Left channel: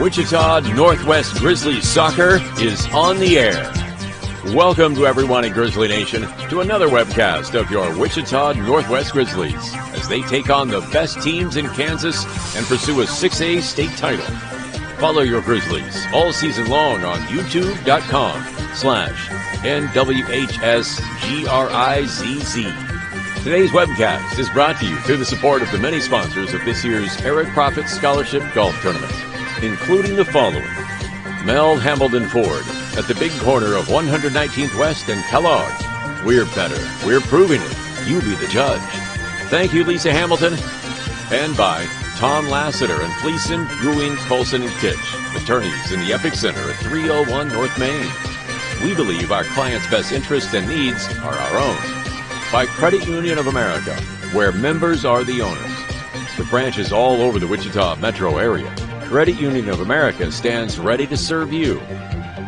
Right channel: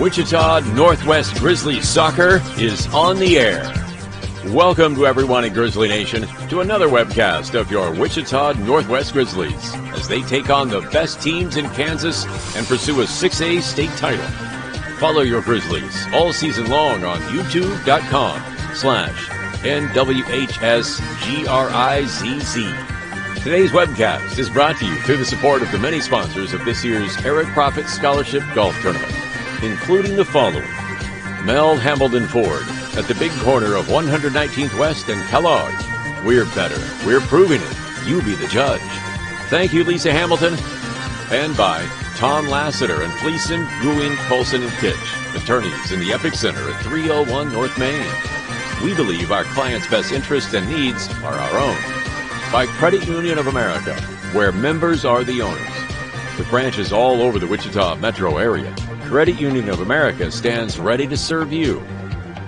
Wichita Northwest Grizzlies soccer is on the air. Welcome to everyone in Grizzly Nation to another webcast of your Wichita Northwest Grizzlies as they take on the best teams in Kansas and pursue a 6A state title. Follow your Grizzlies all season long on youtube.com/NWHSGRIZZ. Today's webcast is brought to you through the support of the many sponsors of this year's Eric Profit Scholarship Golf Tournament, including the following: Mel Hambledon Ford at the big corner of 119th West and Kellogg. We're better. We're proving it. You be the judge. Thank you, Lisa Hamilton. And by Tom Lassiter and Fleeson, Ewing, Colson, and Kitch, attorneys in the Epic Center at 301 North Main. We believe our clients' best interests and needs are our own. By Credit Union of America, where members are the owners. With branches all over the Wichita metro area, Credit Union of America stands ready to serve you.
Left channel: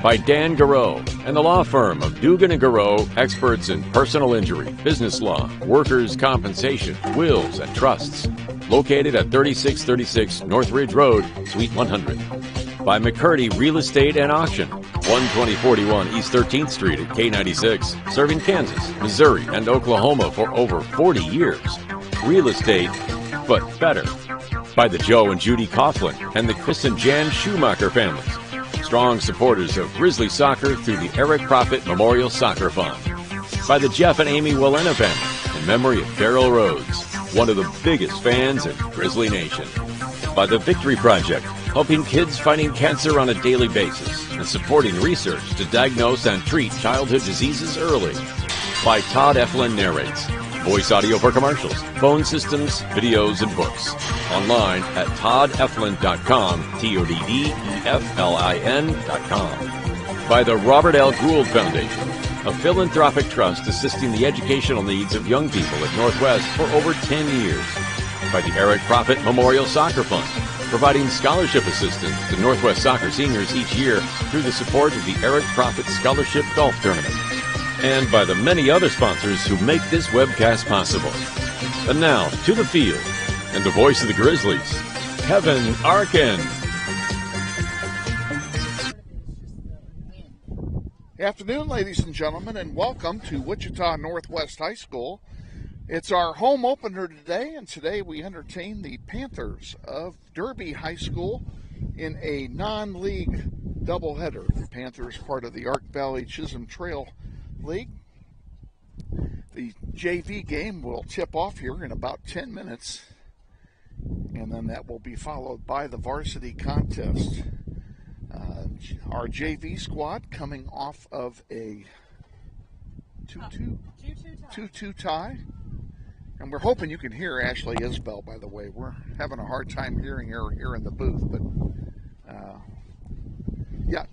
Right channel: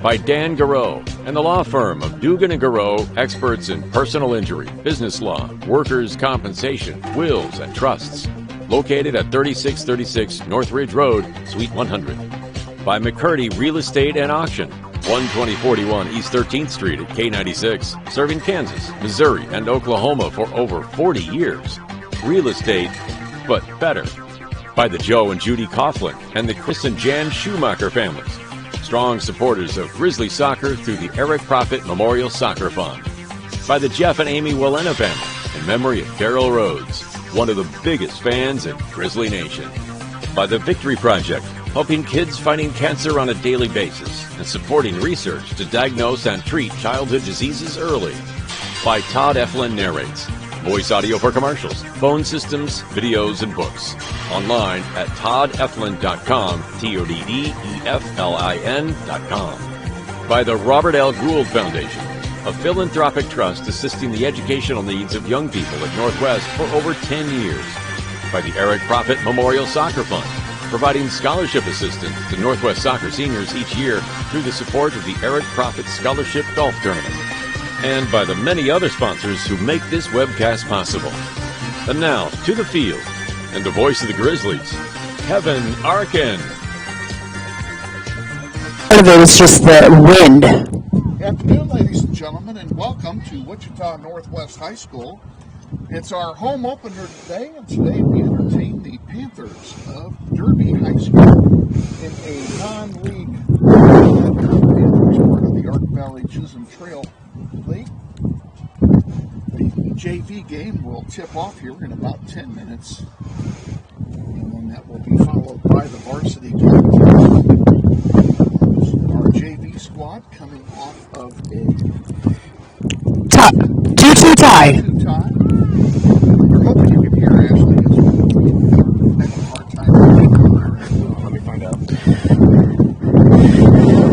By Dan Garreau and the law firm of Dugan & Garreau, experts in personal injury, business law, workers' compensation, wills, and trusts. Located at 3636 North Ridge Road, Suite 100. By McCurdy Real Estate and Auction, 12041 East 13th Street at K96, serving Kansas, Missouri, and Oklahoma for over 40 years. Real estate, but better. By the Joe and Judy Coughlin and the Chris and Jan Schumacher families, strong supporters of Grizzly soccer through the Eric Profit Memorial Soccer Fund. By the Jeff and Amy Willena family, in memory of Daryl Rhodes, one of the biggest fans in Grizzly Nation. By the Victory Project, helping kids fighting cancer on a daily basis and supporting research to diagnose and treat childhood diseases early. By Todd Eflin Narrates, voice audio for commercials, phone systems, videos, and books. Online at toddeflin.com, TODDEFLIN.com. By the Robert L. Gould Foundation, a philanthropic trust assisting the educational needs of young people at Northwest for over 10 years. By the Eric Profit Memorial Soccer Fund, providing scholarship assistance to Northwest soccer seniors each year through the support of the Eric Profit Scholarship Golf Tournament. And by the many other sponsors who make this webcast possible. And now, to the field, and the voice of the Grizzlies, Kevin Arkin. Part of it was just the wind. Good afternoon, ladies and gentlemen, and welcome to Wichita Northwest High School. It's our home opener today, and today we entertain the Panthers of Derby High School in a non-league doubleheader. The Panthers, part of the Ark Valley Chisholm Trail League. The JV game will tip off here in about 10 minutes, and then that will be followed by the varsity contest. Our JV squad coming off of a 2-2 tie. 2-2 tie. We're hoping you can hear Ashley as well. We're having a hard time hearing her there in the booth. Let me find out.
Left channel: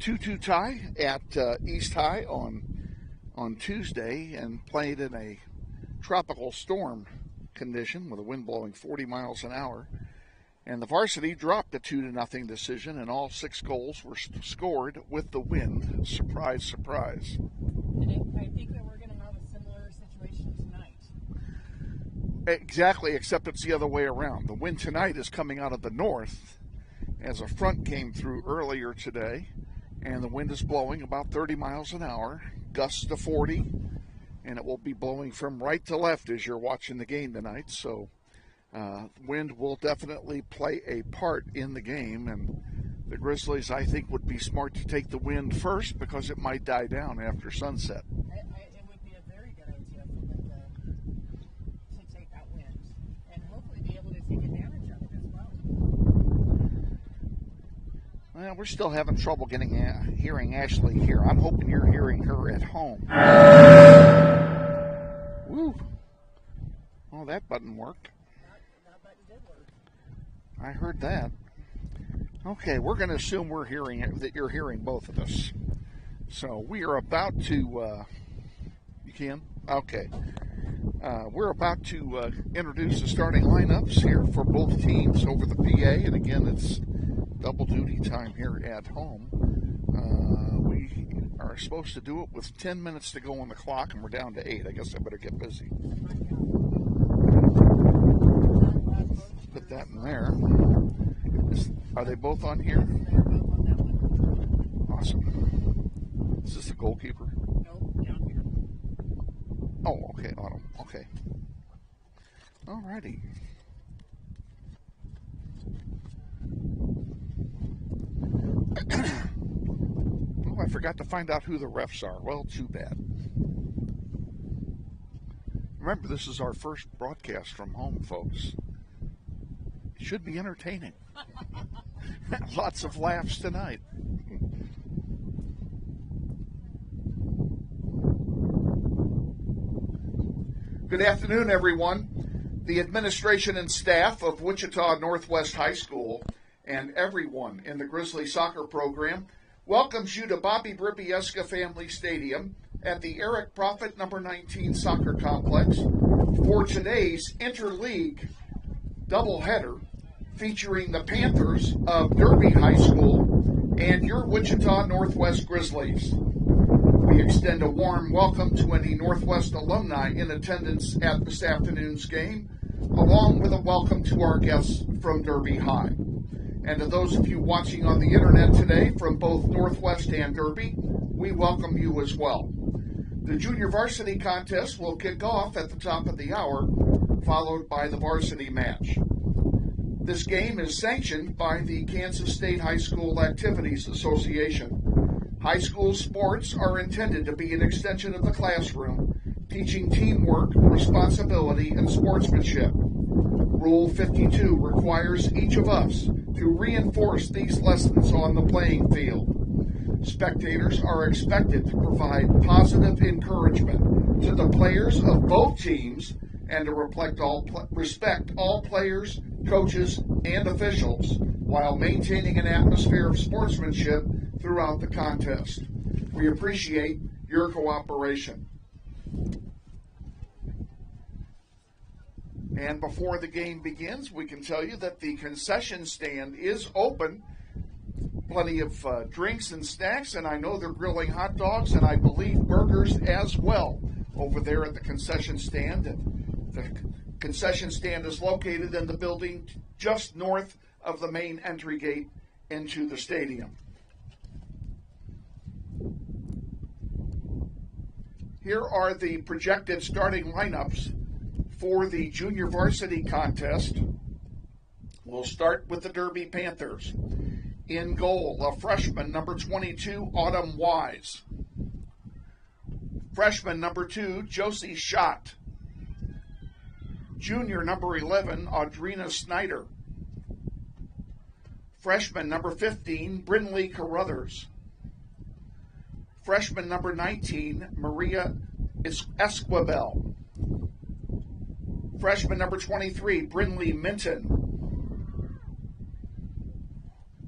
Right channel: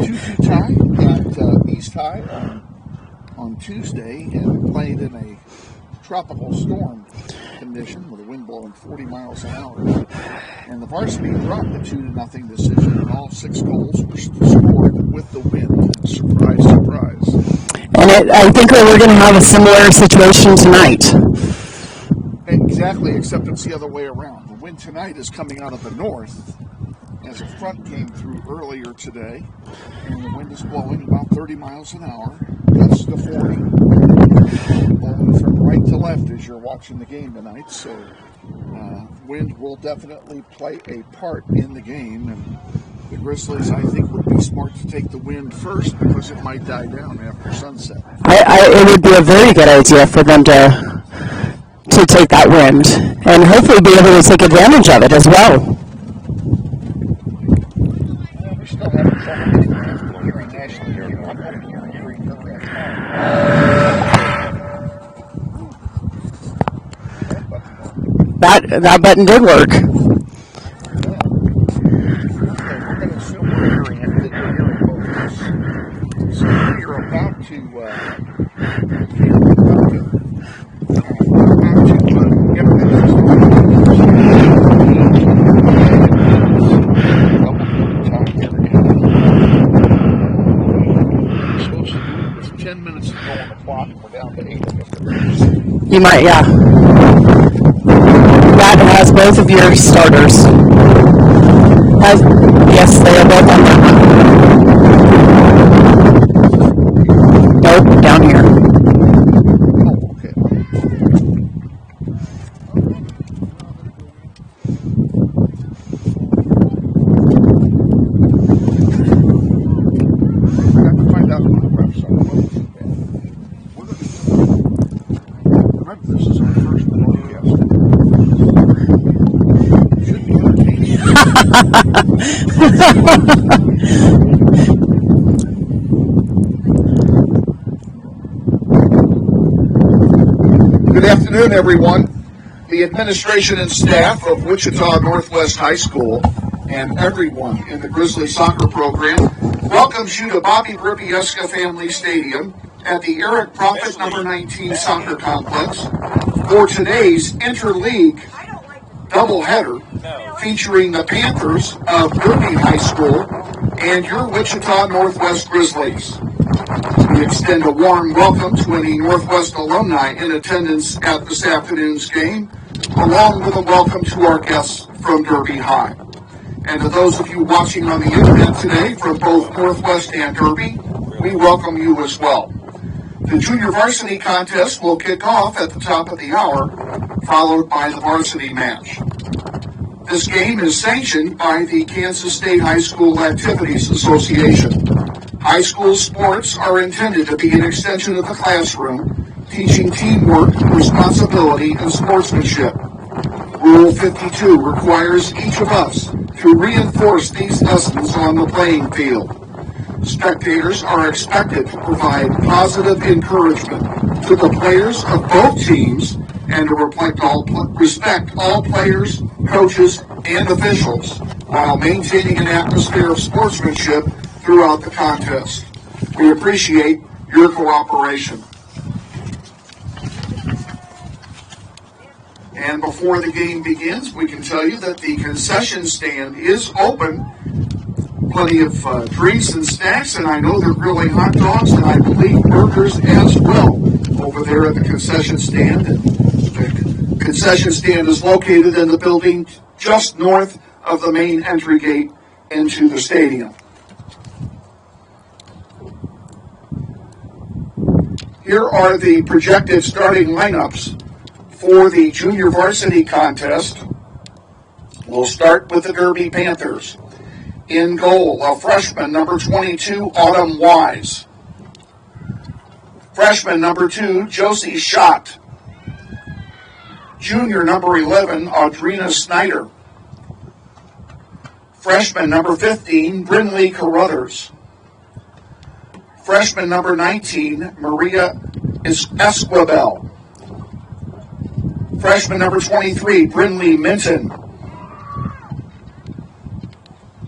2-2 tie at East High on Tuesday, and played in a tropical storm condition with a wind blowing 40 miles an hour. And the varsity dropped a 2-0 decision, and all 6 goals were scored with the wind. Surprise, surprise. And I think we're going to have a similar situation tonight. Exactly, except it's the other way around. The wind tonight is coming out of the north, as a front came through earlier today, and the wind is blowing about 30 miles an hour, gusts to 40, blowing from right to left as you're watching the game tonight. So wind will definitely play a part in the game, and the Grizzlies, I think, would be smart to take the wind first because it might die down after sunset. It would be a very good idea for them to take that wind and hopefully be able to take advantage of it as well. Well, we're still having trouble hearing Ashley here. I'm hoping you're hearing her at home. That button worked. That button did work. I heard that. Okay, we're going to assume we're hearing it, that you're hearing both of us. So we're about to, we're about to introduce the starting lineups. We're supposed to do it with 10 minutes to go on the clock, and we're down to 8, I guess. You might, yeah. That has both of your starters. Yes, they are both on the Nope, down here. Oh, okay. Alrighty. I forgot to find out who the refs are. Well, too bad. Remember, this is our first broadcast. Should be entertaining. Good afternoon, everyone. The administration and staff of Wichita Northwest High School and everyone in the Grizzlies soccer program welcomes you to Bobby Bribieska Family Stadium at the Eric Prophet number 19 soccer complex for today's interleague doubleheader featuring the Panthers of Derby High School and your Wichita Northwest Grizzlies. We extend a warm welcome to any Northwest alumni in attendance at this afternoon's game, along with a welcome to our guests from Derby High. And to those of you watching on the internet today from both Northwest and Derby, we welcome you as well. The junior varsity contest will kick off at the top of the hour, followed by the varsity match. This game is sanctioned by the Kansas State High School Activities Association. High school sports are intended to be an extension of the classroom, teaching teamwork, responsibility, and sportsmanship. Rule 52 requires each of us to reinforce these lessons on the playing field. Spectators are expected to provide positive encouragement to the players of both teams and to respect all players, coaches, and officials while maintaining an atmosphere of sportsmanship throughout the contest. We appreciate your cooperation. And before the game begins, we can tell you that the concession stand is open. Plenty of drinks and snacks, and I know they're grilling hot dogs and I believe burgers as well over there at the concession stand. And the concession stand is located in the building just north of the main entry gate into the stadium. Here are the projected starting lineups for the junior varsity contest. We'll start with the Derby Panthers. In goal, a freshman, number 22, Autumn Wise. Freshman, number 2, Josie Schott. Junior, number 11, Audrina Snyder. Freshman, number 15, Brinley Carruthers. Freshman, number 19, Maria Esquivel. Freshman, number 23, Brinley Minton.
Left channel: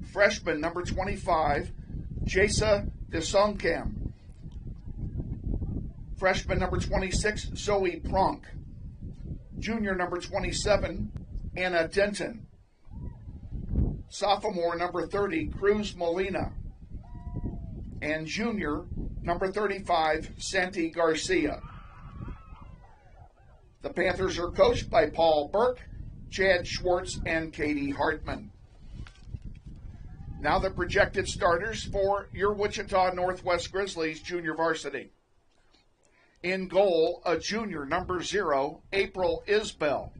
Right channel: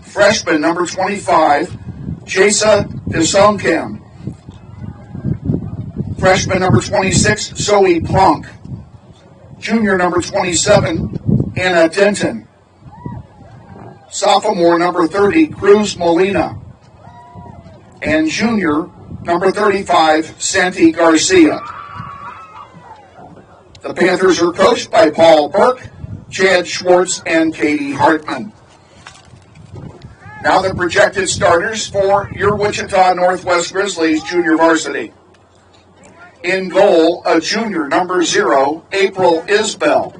Freshman, number 25, Jasa Desonkamp. Freshman, number 26, Zoe Plunk. Junior, number 27, Anna Denton. Sophomore, number 30, Cruz Molina. And junior, number 35, Santi Garcia. The Panthers are coached by Paul Burke, Chad Schwartz, and Katie Hartman. Now the projected starters for your Wichita Northwest Grizzlies junior varsity. In goal, a junior, number 0, April Isbell.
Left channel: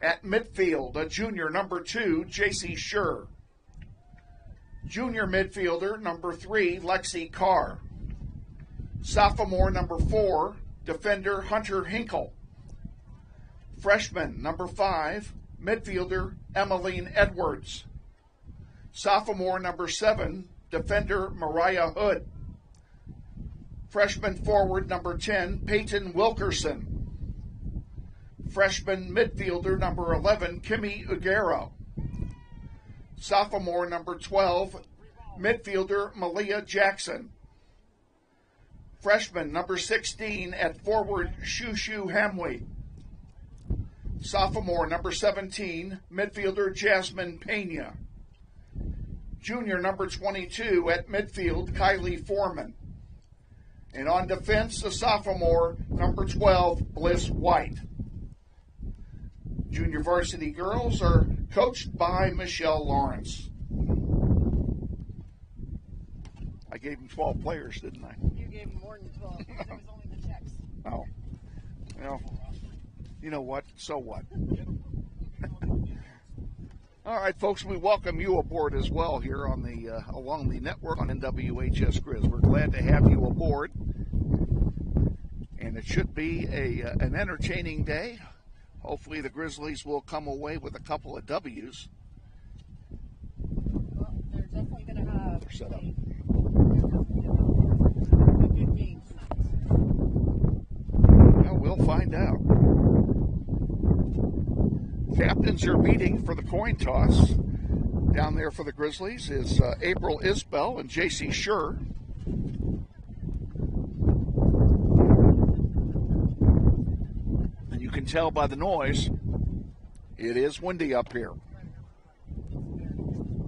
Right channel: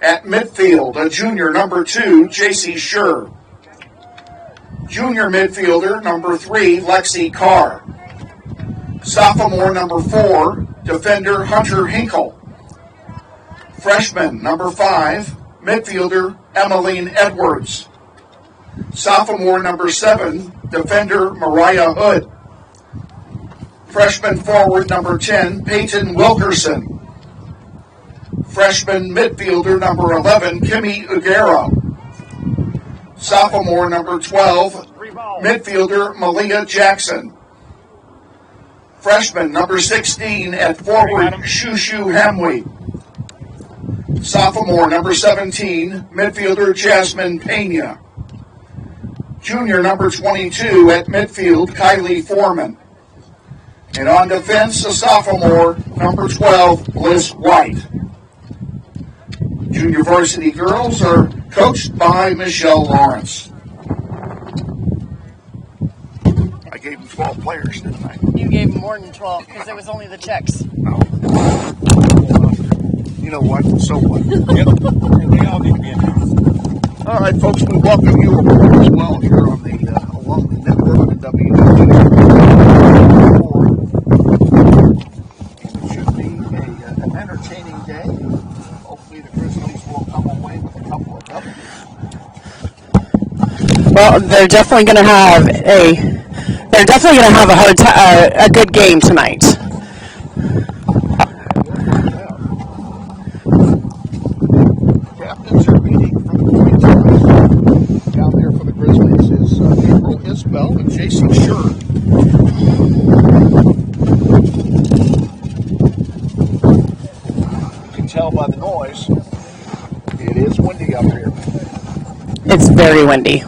At midfield, a junior, number 2, JC Schur. Junior midfielder, number 3, Lexi Carr. Sophomore, number 4, defender Hunter Hinkle. Freshman, number 5, midfielder Emmeline Edwards. Sophomore, number 7, defender Mariah Hood. Freshman forward, number 10, Peyton Wilkerson. Freshman midfielder, number 11, Kimmy Ugera. Sophomore, number 12, midfielder Malia Jackson. Freshman, number 16, at forward, Shushu Hamwi. Sophomore, number 17, midfielder Jasmine Pena. Junior, number 22, at midfield, Kylie Foreman. And on defense, a sophomore, number 12, Liz White. Junior varsity girls are coached by Michelle Lawrence. I gave him 12 players, didn't I? You gave him more than 12 because it was only the checks. Oh. You know what? So what? Yep. They all need to be announced. All right, folks, we welcome you aboard as well here on the along the network on WHG. And it should be an entertaining day. Hopefully the Grizzlies will come away with a couple of W's. Well, they're definitely going to have a good game tonight. We'll find out. Captains are meeting for the coin toss. Down there for the Grizzlies is April Isbell and JC Schur. You can tell by the noise, it is windy up here. It's very windy.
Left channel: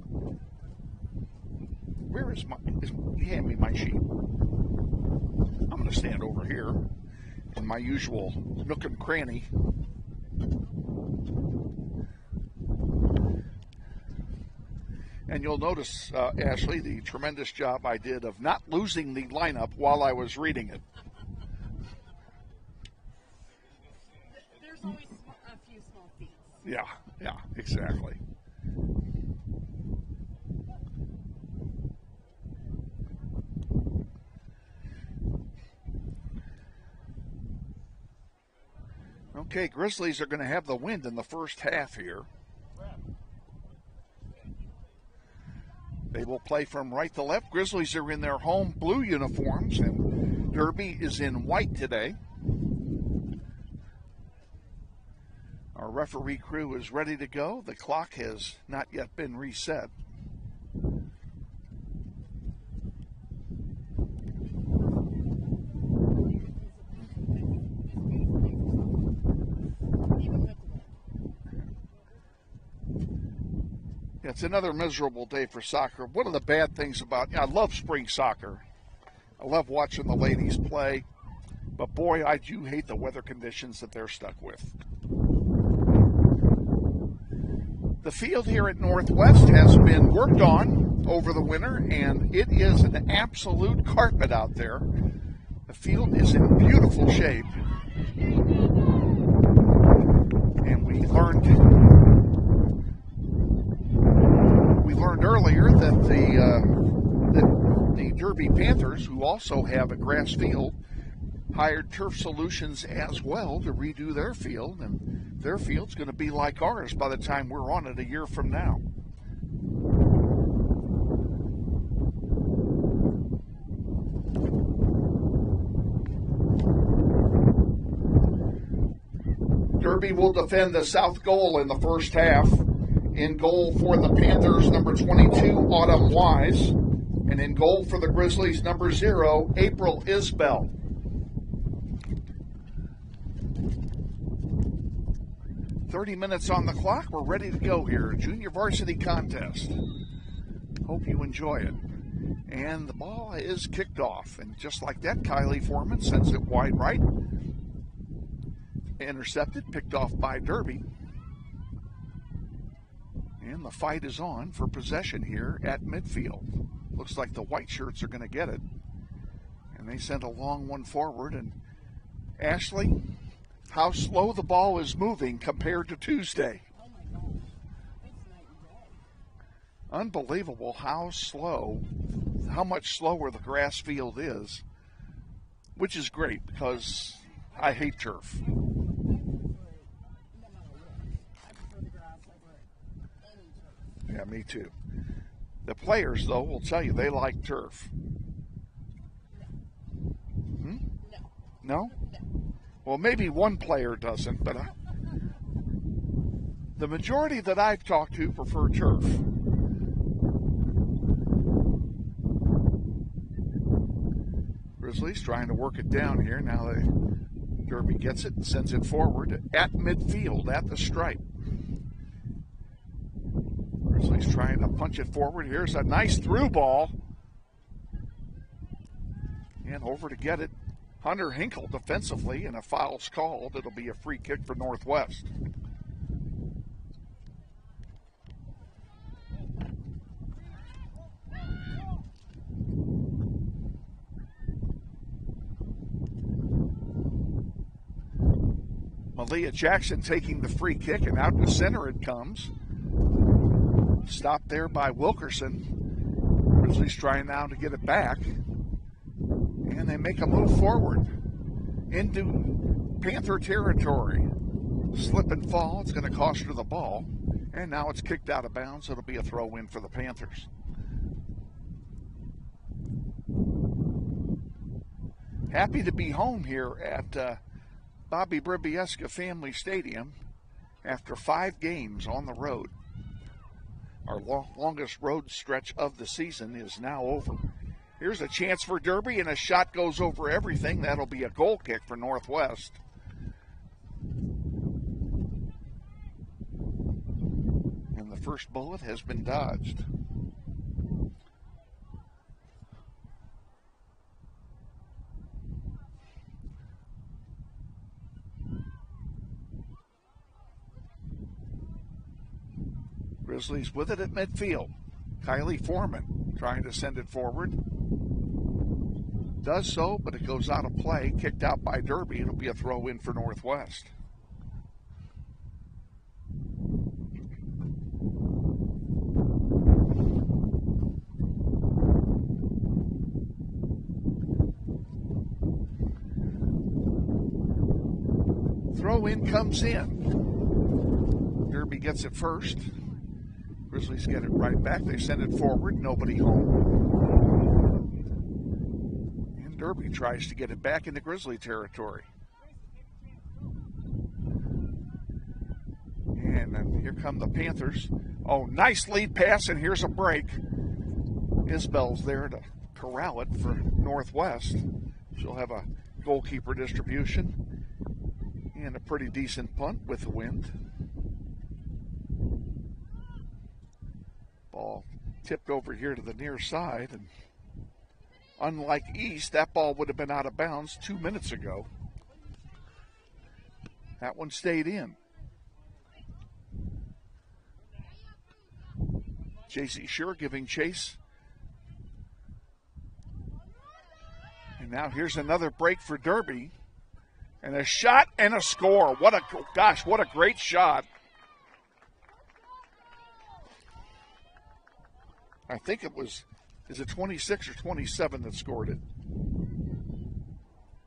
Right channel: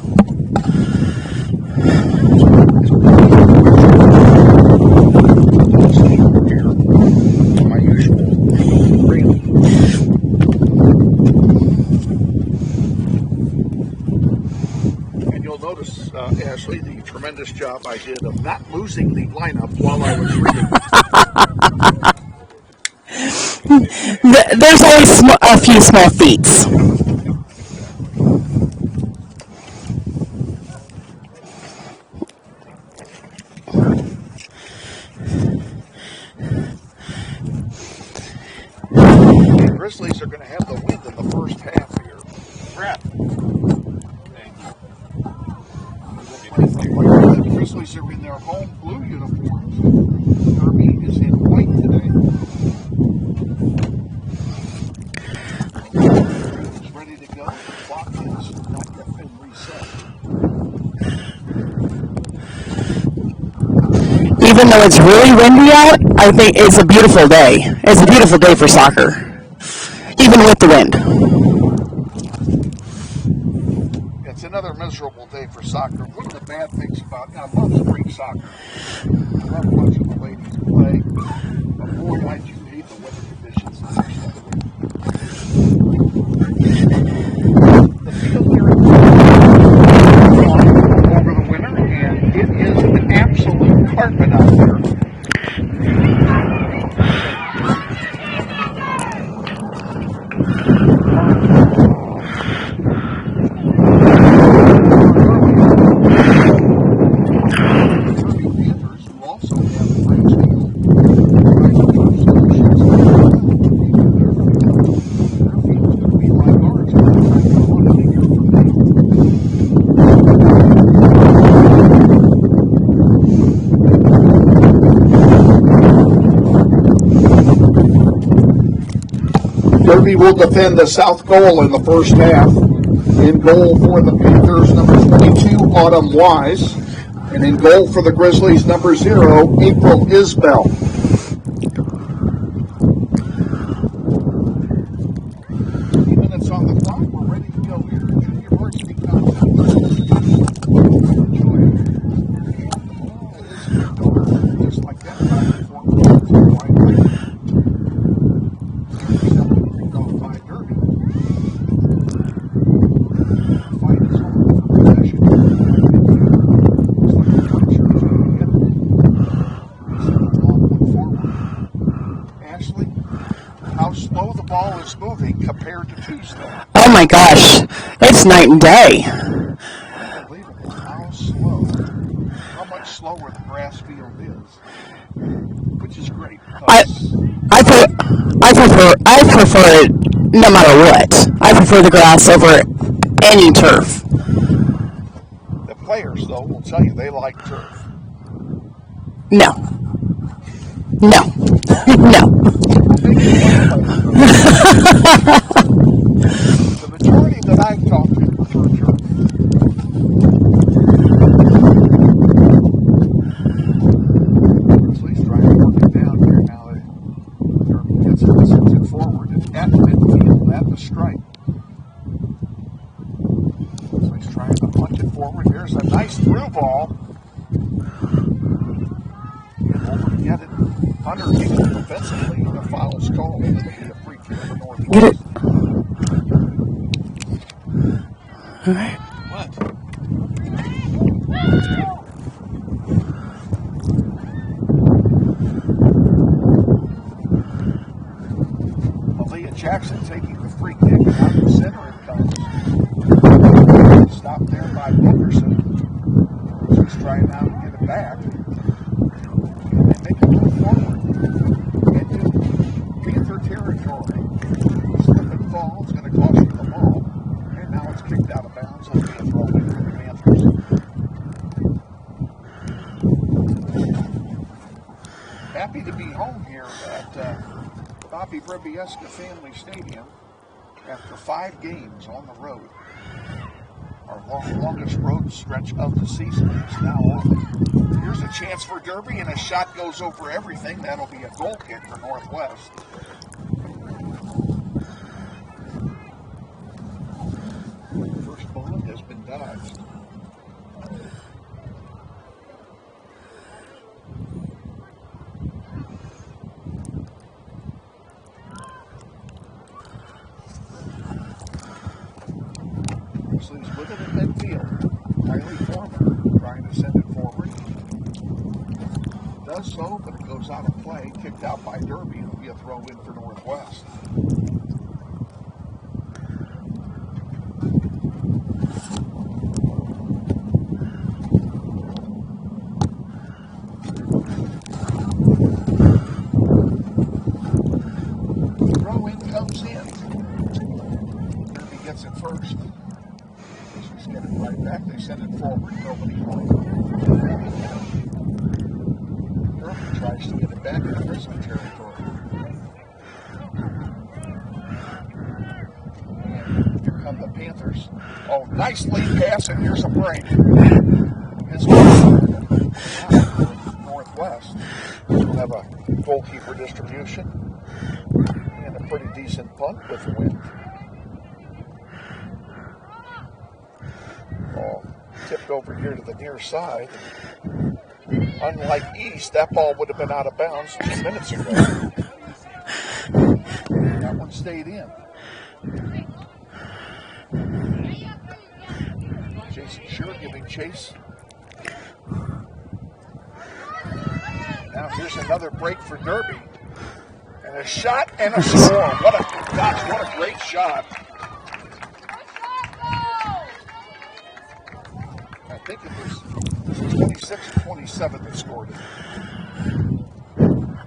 My usual Randy. And you'll notice, Ashley, the tremendous job I did of not losing the lineup while I was reading. There's always a few small feats. Yeah, exactly. The Grizzlies are going to have the wind in the first half here. Crap. They will play from right to left. Grizzlies are in their home blue uniforms, and Derby is in white today. Our crew is ready to go. The clock has not yet been reset. Even though it's really windy out, I think it's a beautiful day. It's a beautiful day for soccer, even with the wind. It's another miserable day for soccer. One of the bad things about, I love spring soccer. I love watching the ladies play, but boy, I do hate the weather conditions that they're stuck with. The field here at has gone over the winter, and it is an absolute carpet out there. It's a beautiful Derby Panthers, who also have a grass field, hired Turf Solutions as well to redo their field. Their field's going to be like ours by the time we're on in a year from now. Derby will defend the south goal in the first half. In goal for the Panthers, number 22, Autumn Wise. And in goal for the Grizzlies, number 0, April Isbell. Minutes on the clock. We're ready to go here. Junior varsity contest. Enjoy it. And the ball is kicked off. Just like that, Kylie Foreman sends it wide right. Intercepted, picked off by Derby. The fight is on for possession here at midfield. Looks like the white shirts are going to get it. They send a long one forward. Ashley, how slow the ball is moving compared to Tuesday. Oh my gosh, it's night and day. Unbelievable how slow, how much slower the grass field is, which is great. I prefer it no matter what. I prefer the grass over any turf. The players, though, will tell you they like turf. No. No. No. Maybe one player does. The majority that I've talked to prefer turf. Grizzlies trying to work it down here now. Derby gets it and sends it forward at midfield at the stripe. Grizzlies trying to punch it forward. Here's a nice through ball. And over to get it. Hunter Hinkle defensively, and a foul's called. It'll be a free kick for Northwest. All right. What? Malia Jackson taking the free kick, and out the center it comes. Stopped there by Wilkerson. Grizzlies trying now to get it back. And they make a move forward into Panther territory. Slip and fall. It's going to cost you the ball. And now it's kicked out of bounds. It'll be a throw in for the Panthers. Happy to be home here at Bobby Bribieska Family Stadium after 5 games on the road. Our longest road stretch of the season is now over. Here's a chance for Derby, and a shot goes over everything. That'll be a goal kick for Northwest. The first bullet has been dodged. Grizzlies with it in midfield. Kylie Foreman trying to send it forward. Does so, but it goes out of play. Kicked out by Derby. It'll be a throw in for Northwest. Throw in comes in. Derby gets it first. Grizzlies get it right back. They send it forward. Nobody home. Derby tries to get it back into Grizzly territory. And here come the Panthers. Oh, nice lead pass, and here's a break. Isbell Northwest will have a goalkeeper distribution and a pretty decent punt with the wind. Ball tipped over here to the near side. Unlike East, that ball would have been out of bounds 2 minutes ago. That one stayed in. JC Sure giving chase. Now here's another break for Derby. And a shot and a score. What a great shot. I think it was 26 or 27 that scored it.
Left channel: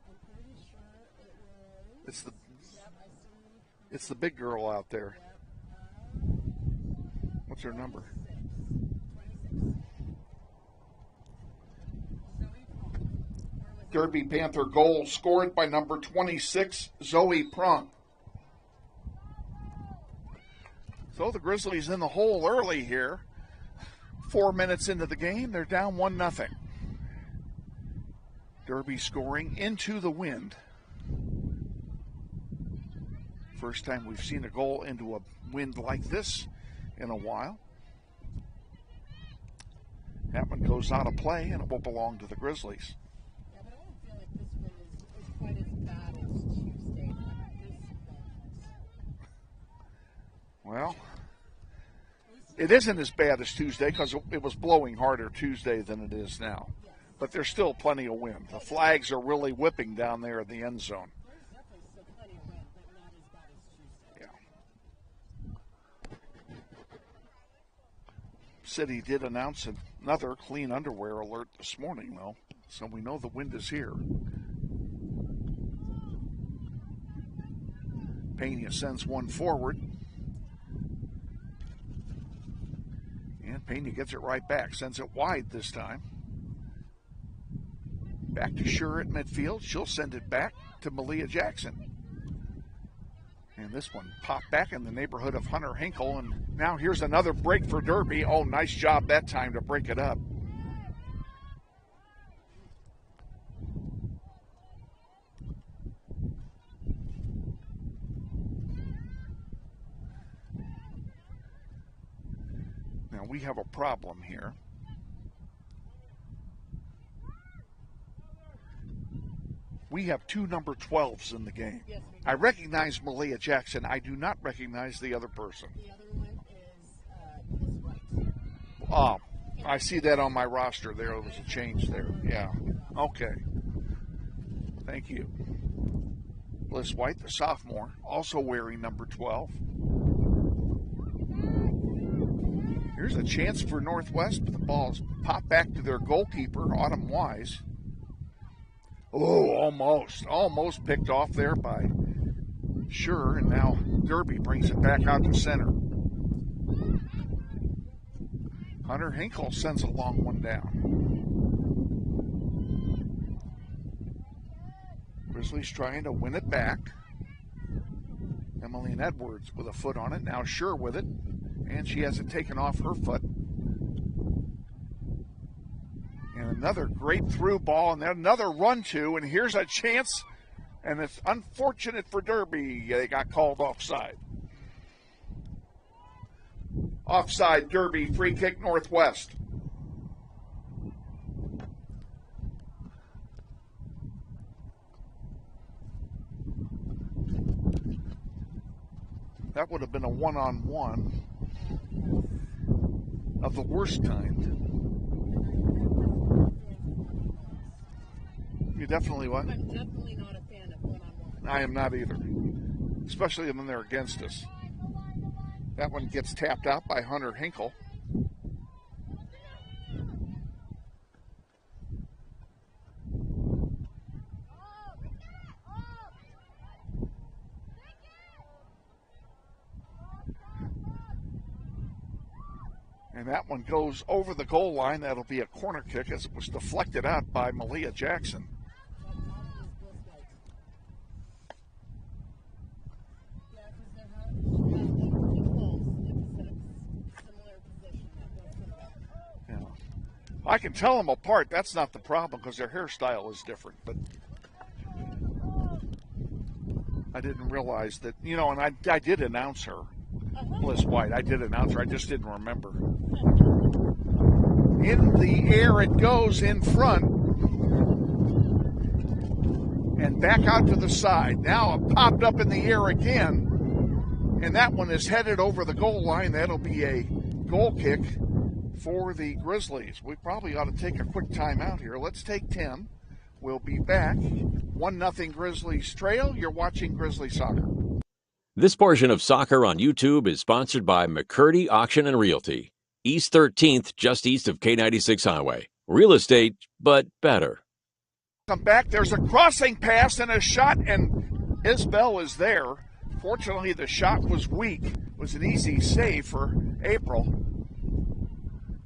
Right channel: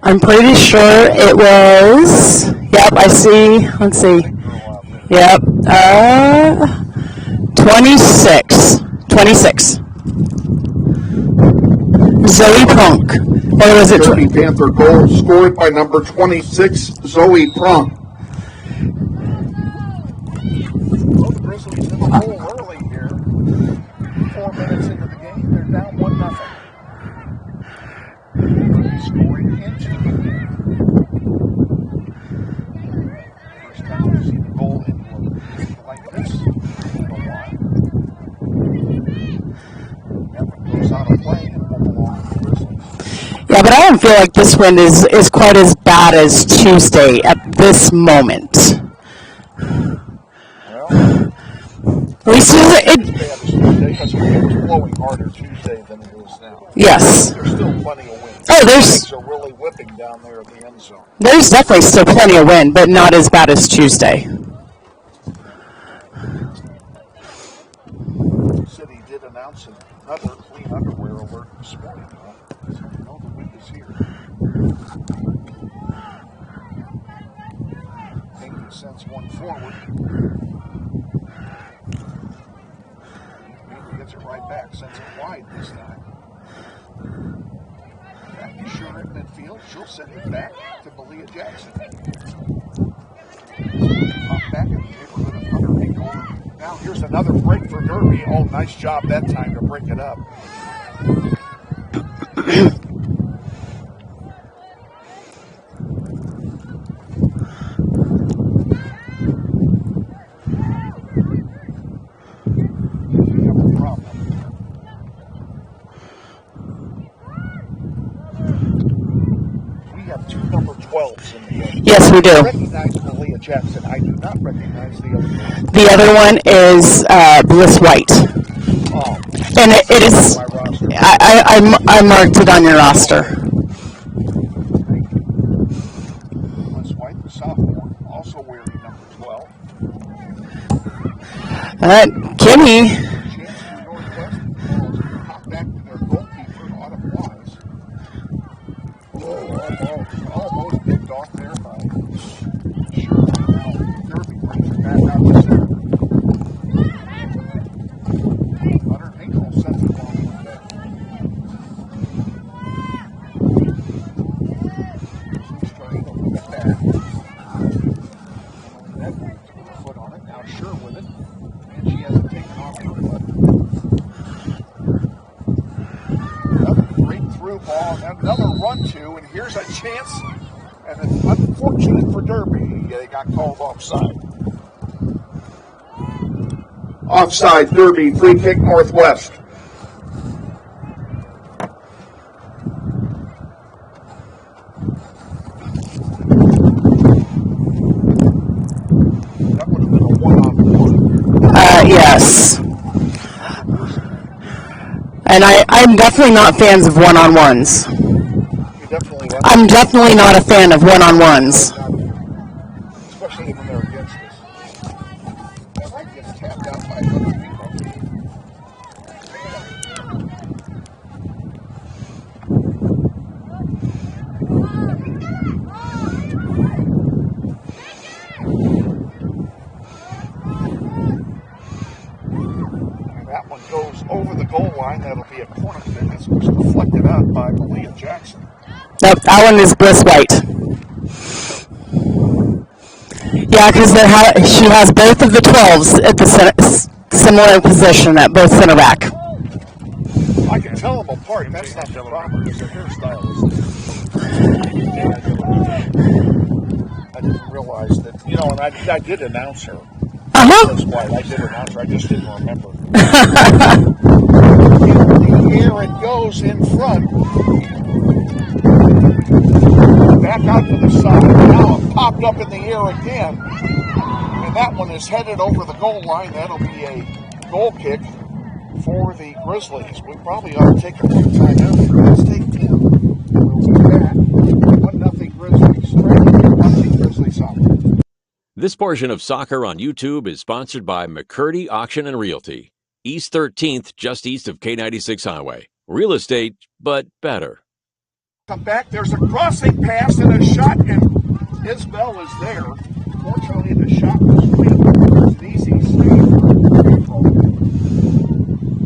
I'm pretty sure it was. Yep, I see. Let's see. Yep. 26. 26. Zoe Prunk. Or was it? Derby Panther goal scored by number 26, Zoe Prunk. Well, the Grizzlies in the hole early here. 4 minutes into the game, they're down 1-0. Derby scoring into the wind. First time we've seen a goal into a wind like this in a while. That one goes out of play and will belong to the Grizzlies. Yeah, but I don't feel like this wind is quite as bad as Tuesday at this moment. Well, At least as bad as Tuesday because it was blowing harder Tuesday than it is now. yes. There's still plenty of wind. Oh, The flags are really whipping down there at the end zone. There's definitely still plenty of wind, but not as bad as Tuesday. The city did announce another clean underwear alert this morning, though, so we know the wind is here. Pena sends one forward. Pena gets it right back, sends it wide this time. Back to Sure at midfield. She'll send it back to Malia Jackson. This one popped back in the neighborhood of Hunter Hinkle. And now here's another break for Derby. Oh, nice job that time to break it up. We have a problem here. We have two number 12s in the game. Yes, we do. I recognize Malia Jackson. I do not recognize the other person. The other one is Bliss White. Oh, And it is, my roster. I marked it on your roster. Thank you. Bliss White, the sophomore, also wearing number 12. Kimmy. Chance for Northwest. Balls pop back to their goalkeeper, Autumn Wise. Oh, almost picked off there by Sure. And now Derby brings it back out to center. Hunter Hinkle sends it long one down. Grizzlies trying to win it back. Emily Edwards with a foot on it. Now Sure with it. And she hasn't taken off her foot. Another great through ball and another run to, and here's a chance. And it's unfortunate for Derby. They got called offside. Offside, Derby, free kick Northwest. That would have been a one-on-one. Yes. And I'm definitely not fans of one-on-ones. You definitely was. I'm definitely not a fan of one-on-ones. Not either. Especially when they're against us. That one gets tapped out by Hunter Hinkle. That one goes over the goal line. That'll be a corner kick. It was deflected out by Malia Jackson. Nope, that one is Bliss White. Yeah, because she has both of the 12s at the similar position at both center back. I can tell them apart. That's not the problem because their hairstyle is different. I didn't realize that, and I did announce her. Bliss White. I did announce her. I just didn't remember. In the air it goes in front. Back out to the side. Now it popped up in the air again. And that one is headed over the goal line. That'll be a goal kick for the Grizzlies. We probably ought to take a quick timeout here. Let's take 10. We'll be back. 1-0 Grizzlies. Trailing. You're watching Grizzly Soccer. This portion of Soccer on YouTube is sponsored by McCurdy Auction and Realty. East 13th, just east of K96 Highway. Real estate, but better. Come back. There's a crossing pass and a shot, and Isbell is there. Fortunately, the shot was weak. It's an easy save for April.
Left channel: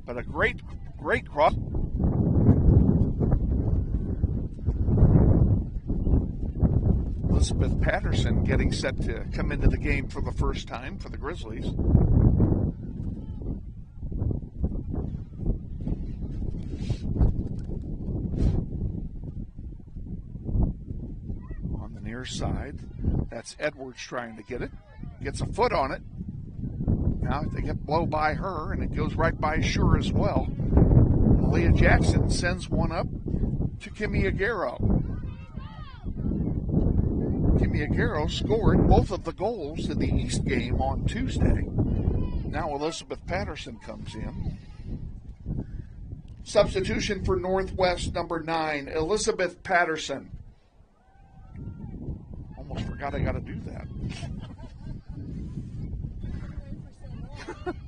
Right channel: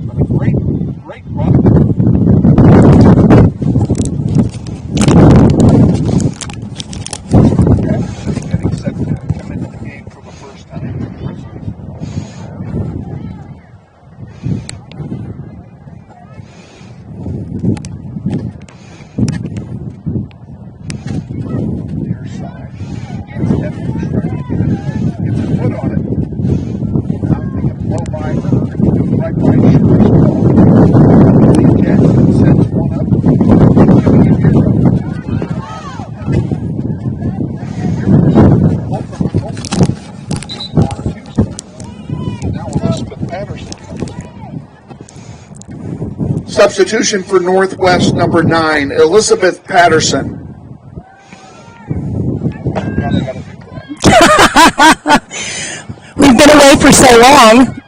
But a great cross. Patterson getting set to come into the game for the first time for the Grizzlies. Near side. That's Edwards trying to get it. Gets a foot on it. Now they can blow by her, and it goes right by Sure as well. Malia Jackson sends one up. Give me a hero. Scored both of the goals in the East game on Tuesday. Now Elizabeth Patterson comes in. Substitution for Northwest, number 9, Elizabeth Patterson. Now they got to do that. We've been away for so long.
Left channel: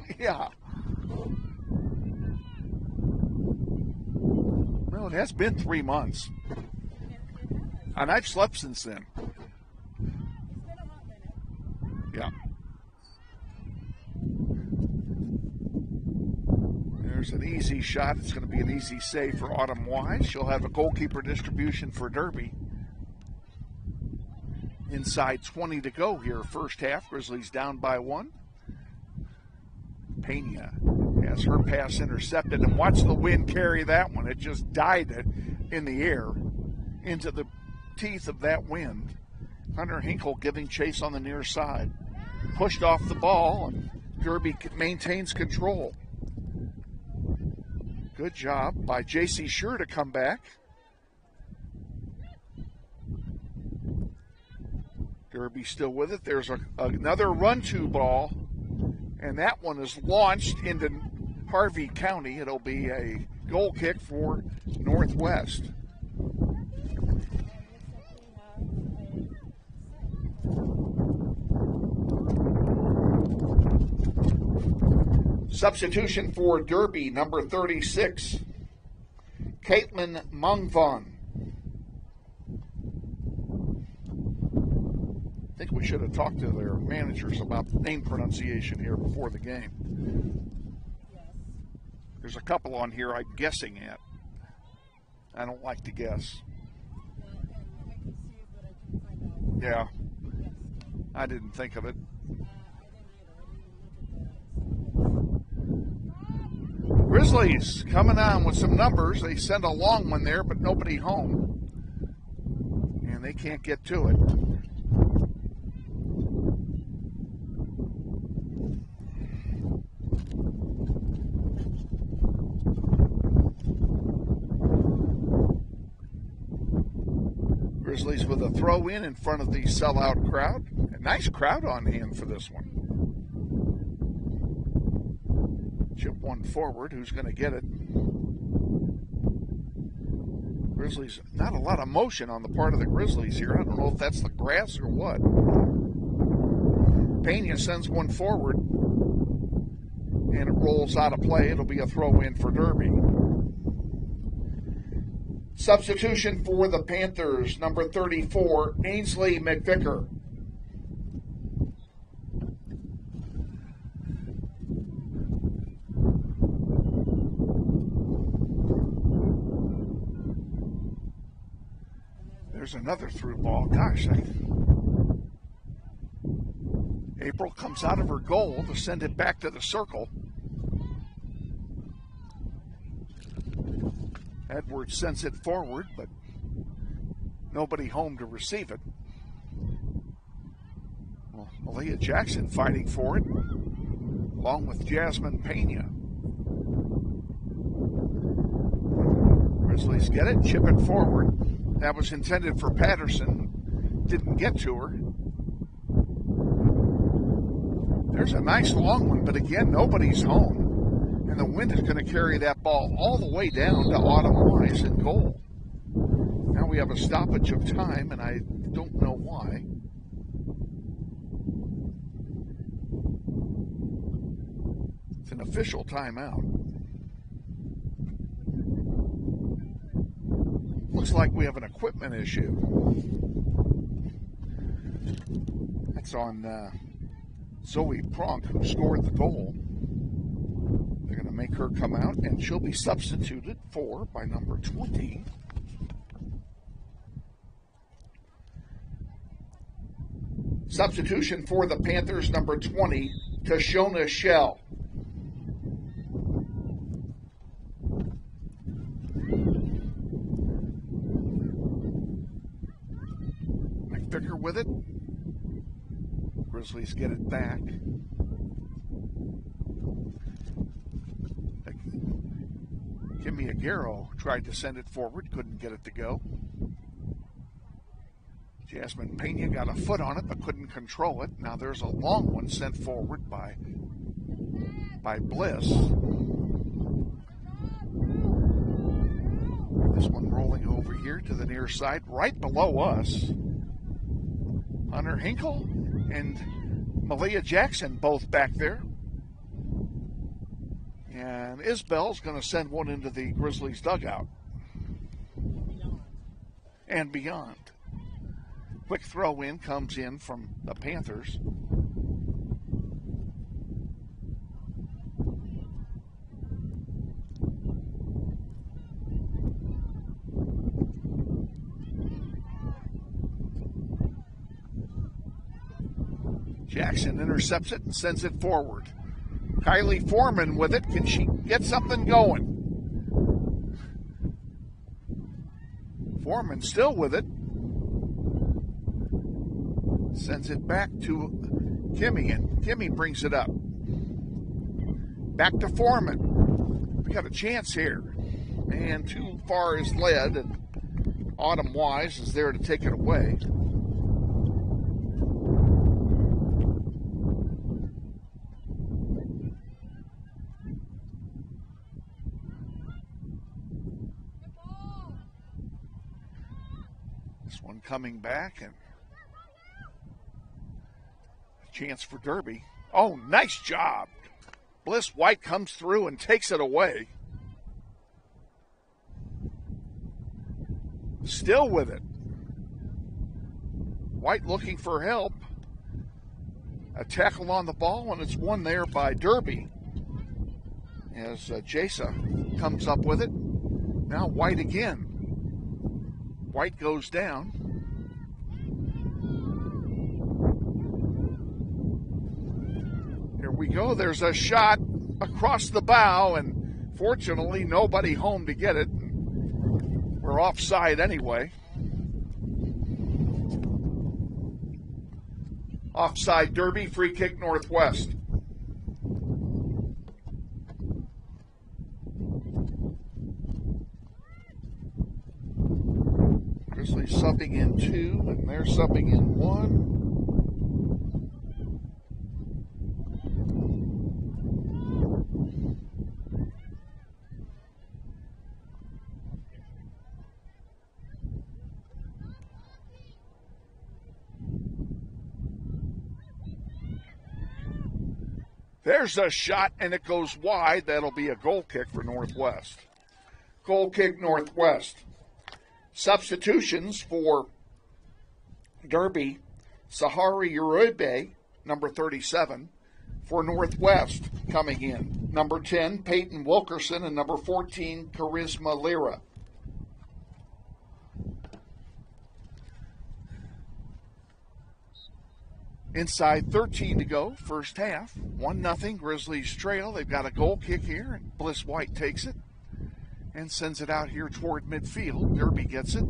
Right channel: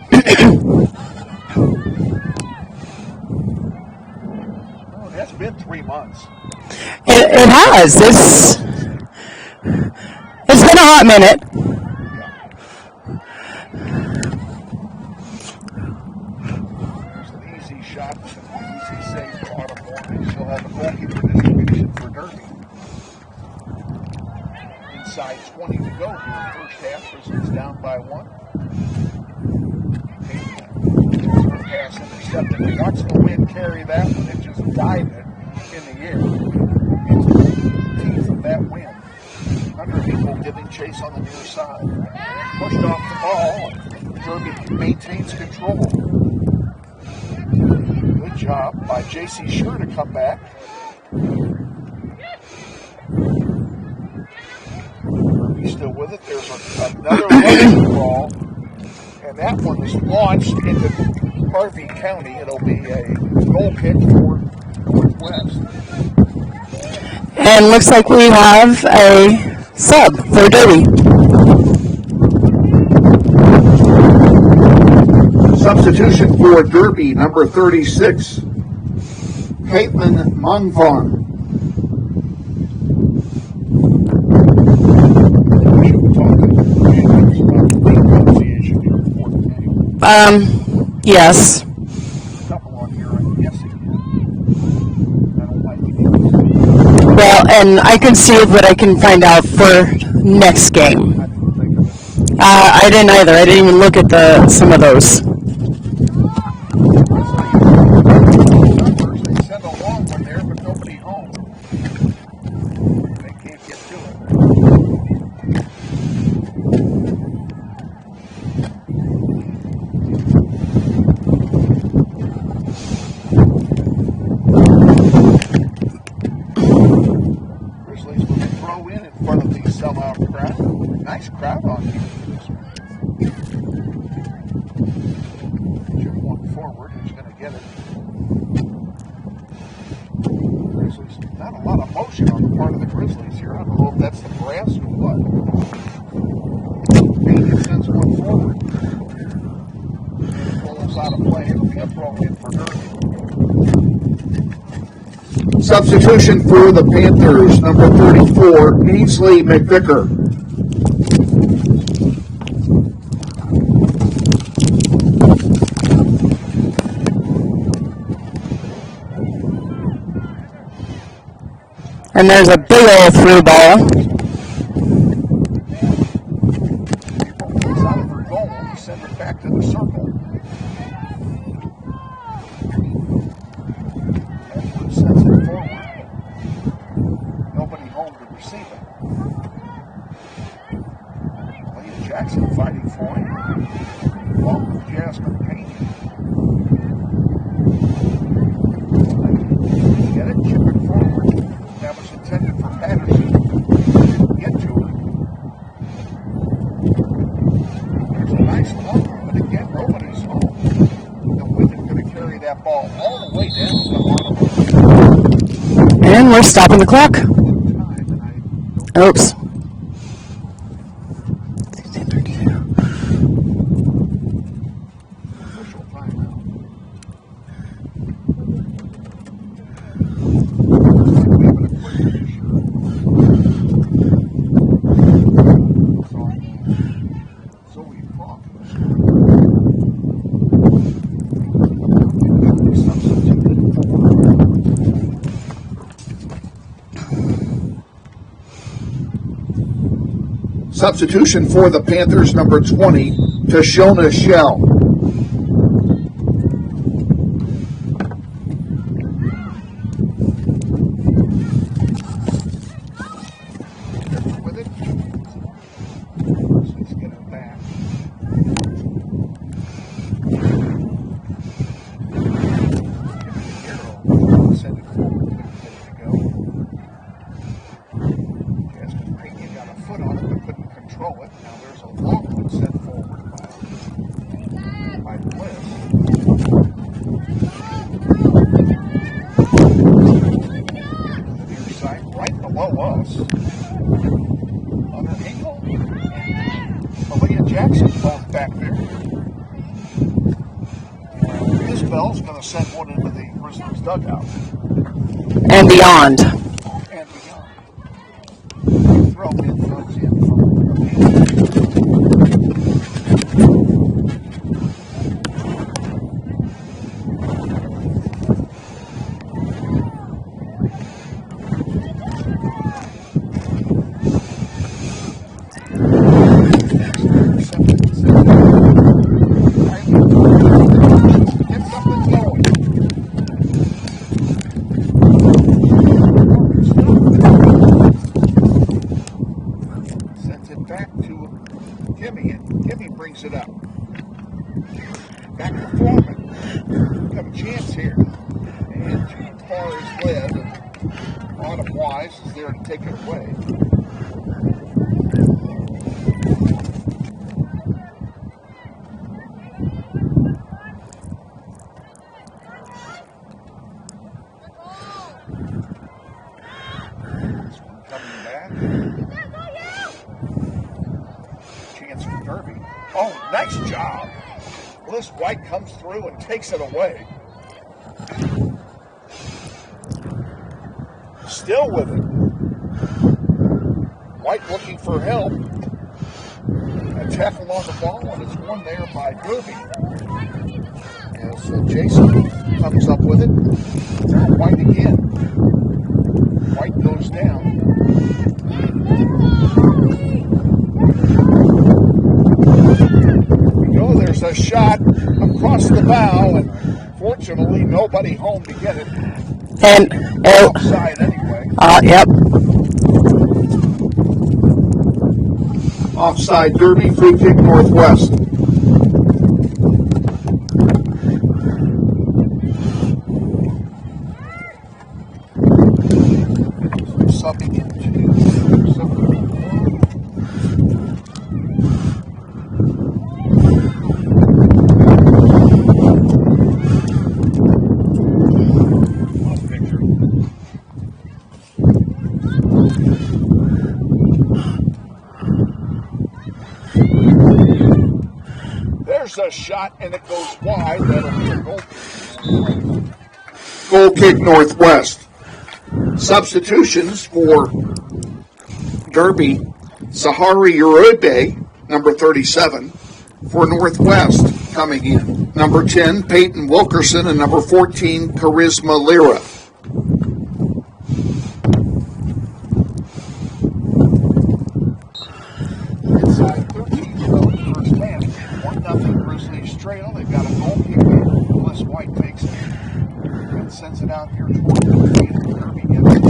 Oh, that's been 3 months. It has. It's been a hot minute. There's an easy shot. It's going to be an easy save for Autumn Wise. She'll have a goalkeeper distribution for Derby. Inside 20 to go here, first half. Grizzlies down by 1. Pena gets her pass intercepted, and watch the wind carry that one. It just dived it in the air into the teeth of that wind. Hunter Hinkle giving chase on the near side. Pushed off the ball. Derby maintains control. Good job by J.C. Sure to come back. Derby still with it. There's another low ball, and that one is launched into Harvey County. It'll be a goal kick for Northwest. And looks like we have a sub for Derby. Substitution for Derby, number 36, Caitlin Mongthon. I think we should talk to the managers about the league pronunciation here before the game. Yes. There's a couple on here I'm guessing at. I don't like to guess. Well, and I can see what I can find out for next game. I didn't think of it. I didn't either. I didn't even look at some of those. Grizzlies, coming out with some numbers. They send a long one there, but nobody home. And they can't get to it. Grizzlies with a throw in front of the sellout crowd. A nice crowd on hand for this one. Forward, who's going to get it. Grizzlies, not a lot of motion on the part of the Grizzlies here. I don't know if that's the grass or what. Pena sends one forward. It rolls out of play. It'll be a throw in for Derby. Substitution for the Panthers, number 34, Ainsley McVicker. And there's a big old through ball. April comes out of her goal to send it back to the circle. Edwards sends it forward. Nobody home to receive it. Leah Jackson fighting for it, along with Jasmine Payne. Please get it, chip it forward. That was intended for Patterson. Didn't get to her. There's a nice long one, but again, nobody's home. And the wind is going to carry that ball all the way down to Autumn. And we're stopping the clock. Much of time, and I don't know Oops. why. It's an official timeout. Looks like we have an equipment issue. It's on Zoe Kronk, who scored the goal. They're going to make her come out, and she'll be substituted for number 20. Substitution for the Panthers, number 20, Tashona Shell. With it. Grizzlies get it back. Give me a hero. Tried to send it forward, couldn't get it to go. Jasmine Pena got a foot on it, but couldn't control it. Now there's a long one sent forward by Bliss. Here to the near side, right below us. Hunter Hinkle and Malia Jackson both back there. And Isbell's going to send one into the Grizzlies dugout. And beyond. And beyond. The throw in comes in from the Panthers. Jackson intercepts it and sends it. Kylie Foreman with it, and she gets something going. Foreman still with it. Sends it back to Kimmy, and Kimmy brings it up. Back to Foreman. Got a chance here. And too far is led, and Autumn Wise is there to take it away. Derby. Oh, nice job. Bliss White comes through and takes it away. Still with it. White looking for help. A tackle on the ball, and it's won there by Derby. As Jason comes up with it. Now White again. White goes down. Here we go. There's a shot across the bow, and fortunately nobody home to get it. And Offside anyway. Yep. Offside Derby, free kick Northwest. So they're subbing in two, they're subbing in one. There's a shot, and it goes wide. That'll be a goal kick Northwest. Goal kick Northwest. Substitutions for Derby. Sahari Uribe, number 37, for Northwest coming in. Number 10, Peyton Wilkerson, and number 14, Charisma Lira. Inside 13 to go in the first half. 1-0 Grizzlies trail. They've got a goal kick here. Bliss White takes it and sends it out here toward midfield. Derby gets it.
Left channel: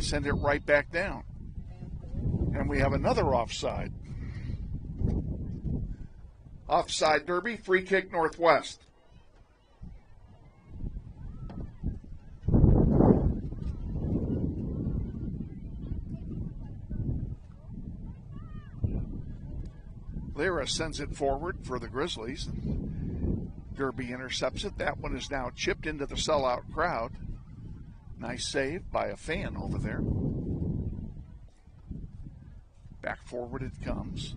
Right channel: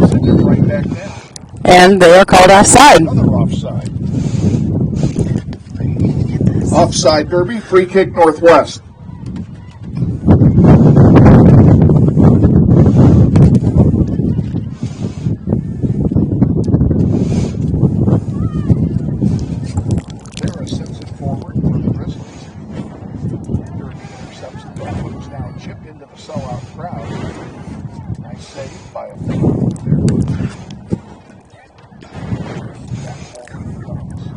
They send it right back down. And they are called offside. Another offside. Offside Derby, free kick Northwest. Sends it forward for the Grizzlies. Derby intercepts it. That one is now chipped into the sellout crowd. Nice save by a fan over there. Back forward it comes.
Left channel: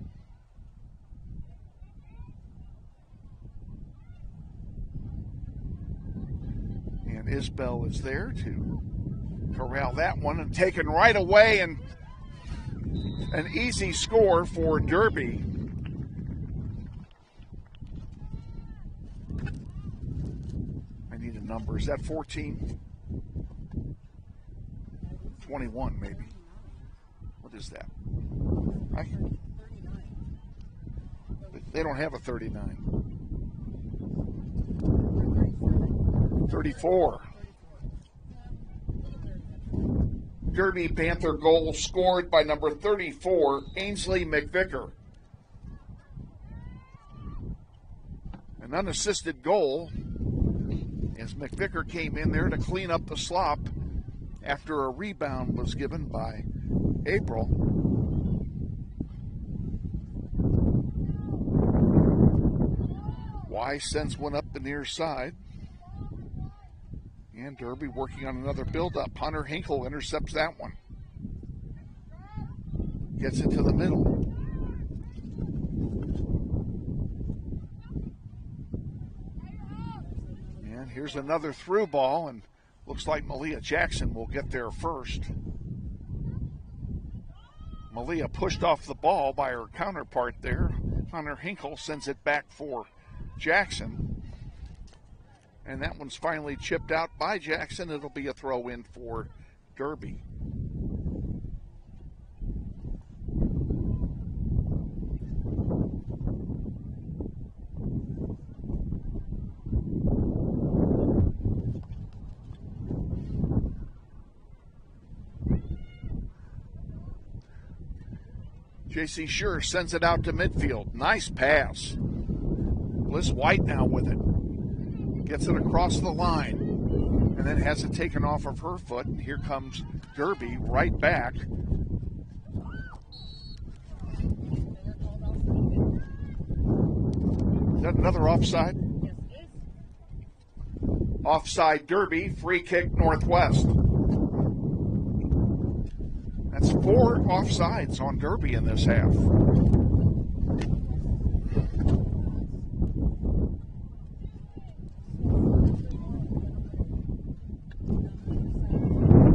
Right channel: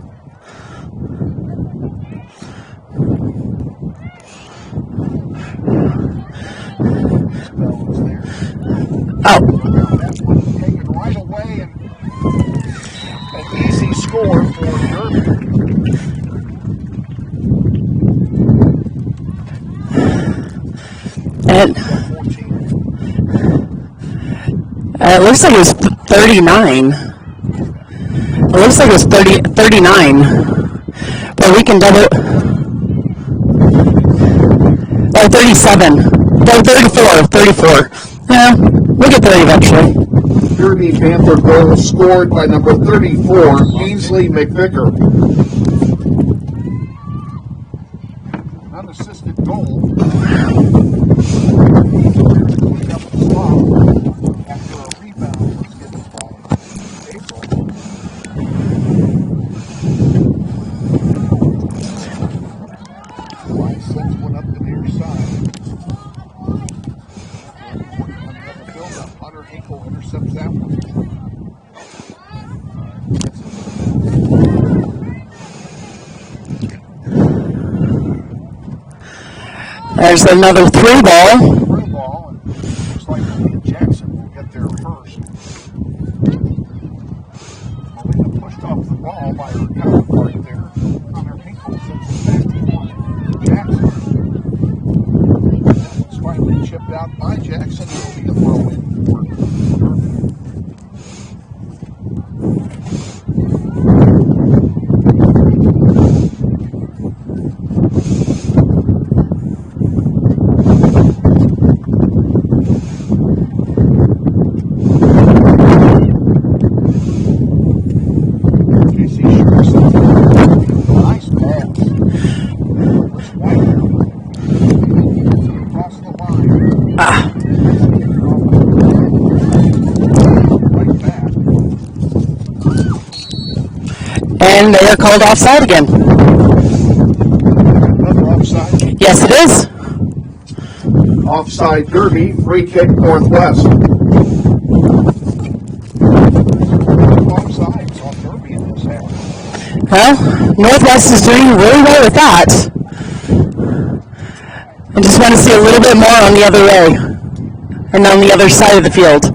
Isbell is there. Oh. Around that one and taken right away, and an easy score for Derby. And it looks like it was 39. It looks like it was 39. But we can double. Oh, 37. No, 34. Yeah, we'll get there eventually. Derby Panther goal scored by number 34, Ainsley McVicker. An unassisted goal. McVicker came in there to clean up the slop after a rebound was given by April. Weiss sends one up the near side. Derby working on another build-up. Hunter Hinkle intercepts that one. Gets it to the middle. There's another through ball. Through ball, and looks like Malia Jackson will get there first. Malia pushed off the ball by her counterpart there. Hunter Hinkle sends it back to Jackson. And that one's finally chipped out by Jackson. It'll be a throw in for Derby. JC Sure sends it out to the field. Nice pass. Bliss White now with it. Gets it across the line. And it hasn't taken off her line. Here comes right back. And they are called offside again. Another offside. Yes, it is. Offside Derby, free kick Northwest. There's both sides on Derby in this half. Well, Northwest is doing really well with that. I just want to see a little bit more on the other way, and on the other side of the field.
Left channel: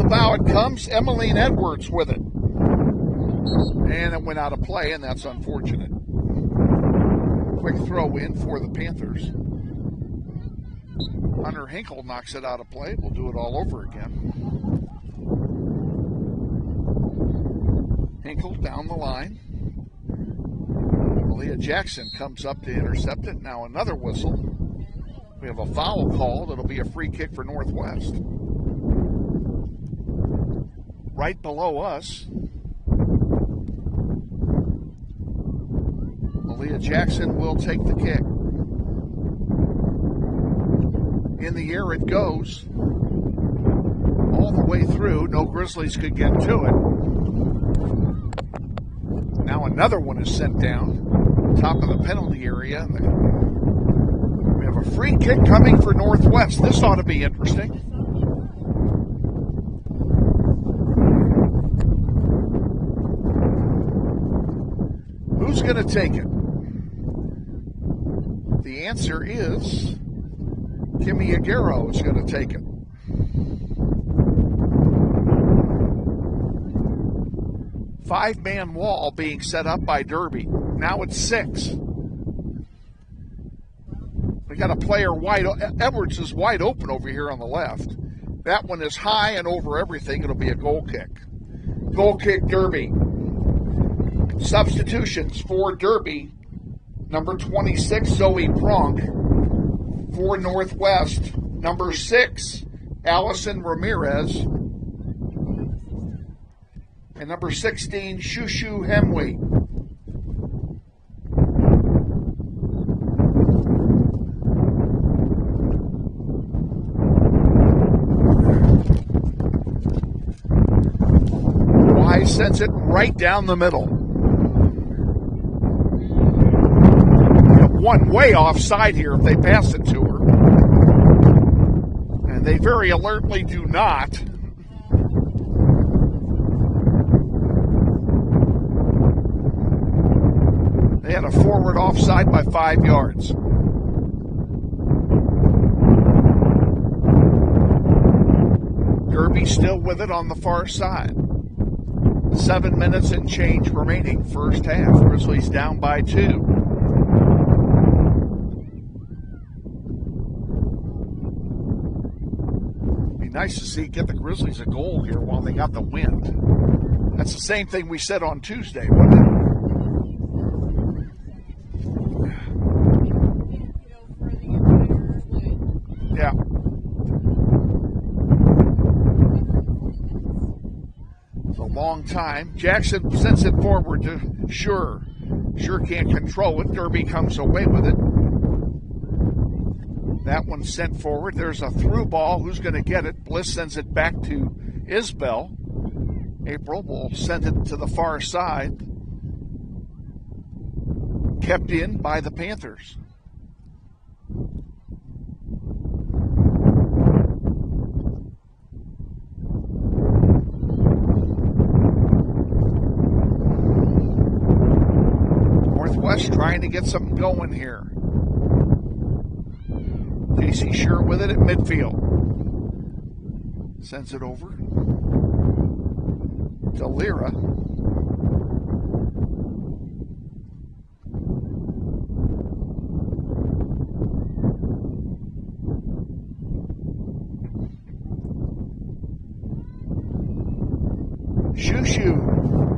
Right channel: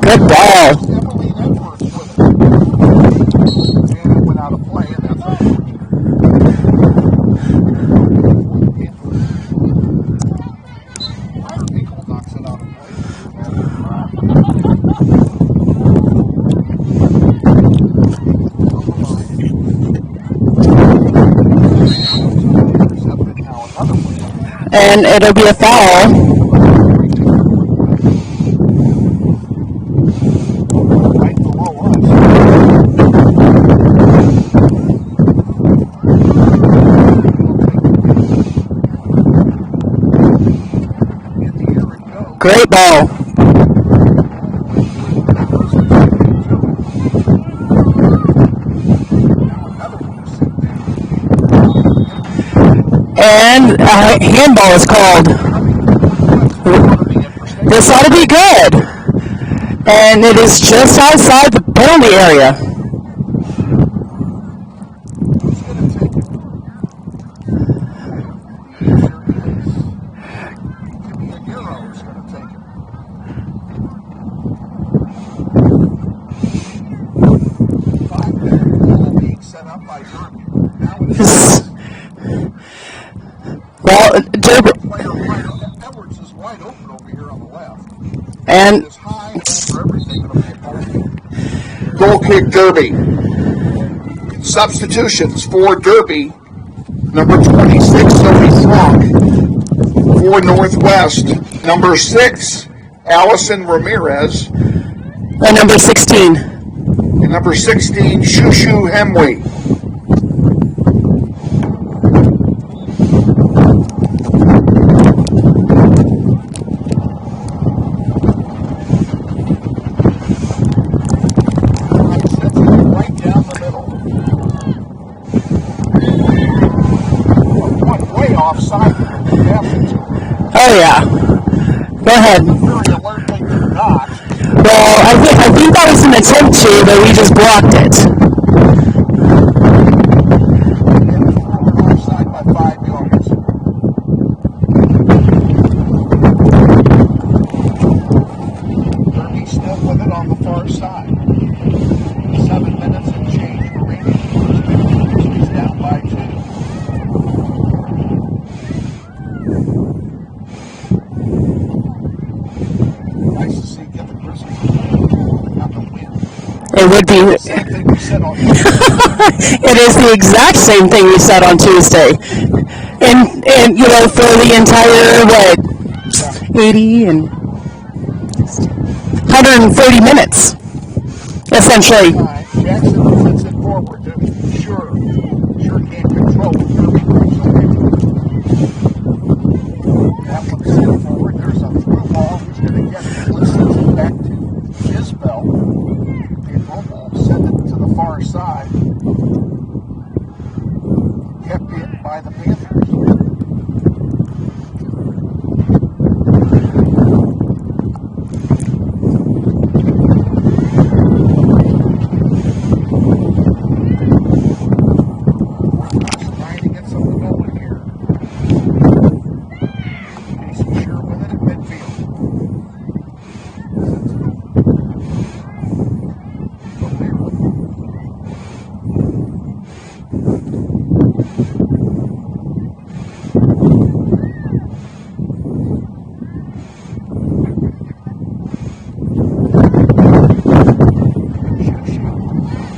Good ball. Emmeline Edwards with it. And it went out of play, and that's unfortunate. Quick throw in for the Panthers. Hunter Hinkle knocks it out of play. We'll do it all over. Hinkle down the line. And Jackson comes up and intercepts it. Now another whistle. And it'll be a foul. Great ball. All the way through. No Grizzlies can get to it. Now another one is set down. Top of the penalty area. And a handball is called. Coming from Northwest. This ought to be interesting. This ought to be good. And it is just outside the penalty area. Who's going to take it? The answer is Kimmy Aguero is going to take it. Five-man ball being set up by Derby. Now it's 6. Well, Derby player Edwards is wide open over here on the left. And it's high and over everything. It'll be a goal kick. Goal kick, Derby. Substitutions for Derby. Number 26, Sophie Flock. For Northwest, number 6, Allison Ramirez. And number 16. And number 16, Shushu Hemway. I sends it right down the middle. One way offside here if they pass it to her. Oh, yeah. Go ahead. They very alertly do not. Well, I think that was an attempt to, but we just blocked it. And a forward offside by 5 yards. Derby still with it on the far side. 7 minutes and change remaining first half. Grizzlies down by 2. Nice to see get the Grizzlies involved. They got the win. It would be the same thing we said on Tuesday. It is the exact same thing we said on Tuesday. And you know, for the entire 80 and 130 minutes. Essentially. Jackson sends it forward to Sure can't control it. Derby comes away with it. That one sent forward. There's a through ball. Who's going to get it? Bliss sends it back to Isbell. April will send it to the far side. Kept in by the Panthers. Northwest trying to get something going here. Casey Sure with it at midfield. Sends it over to Lyra. Shushu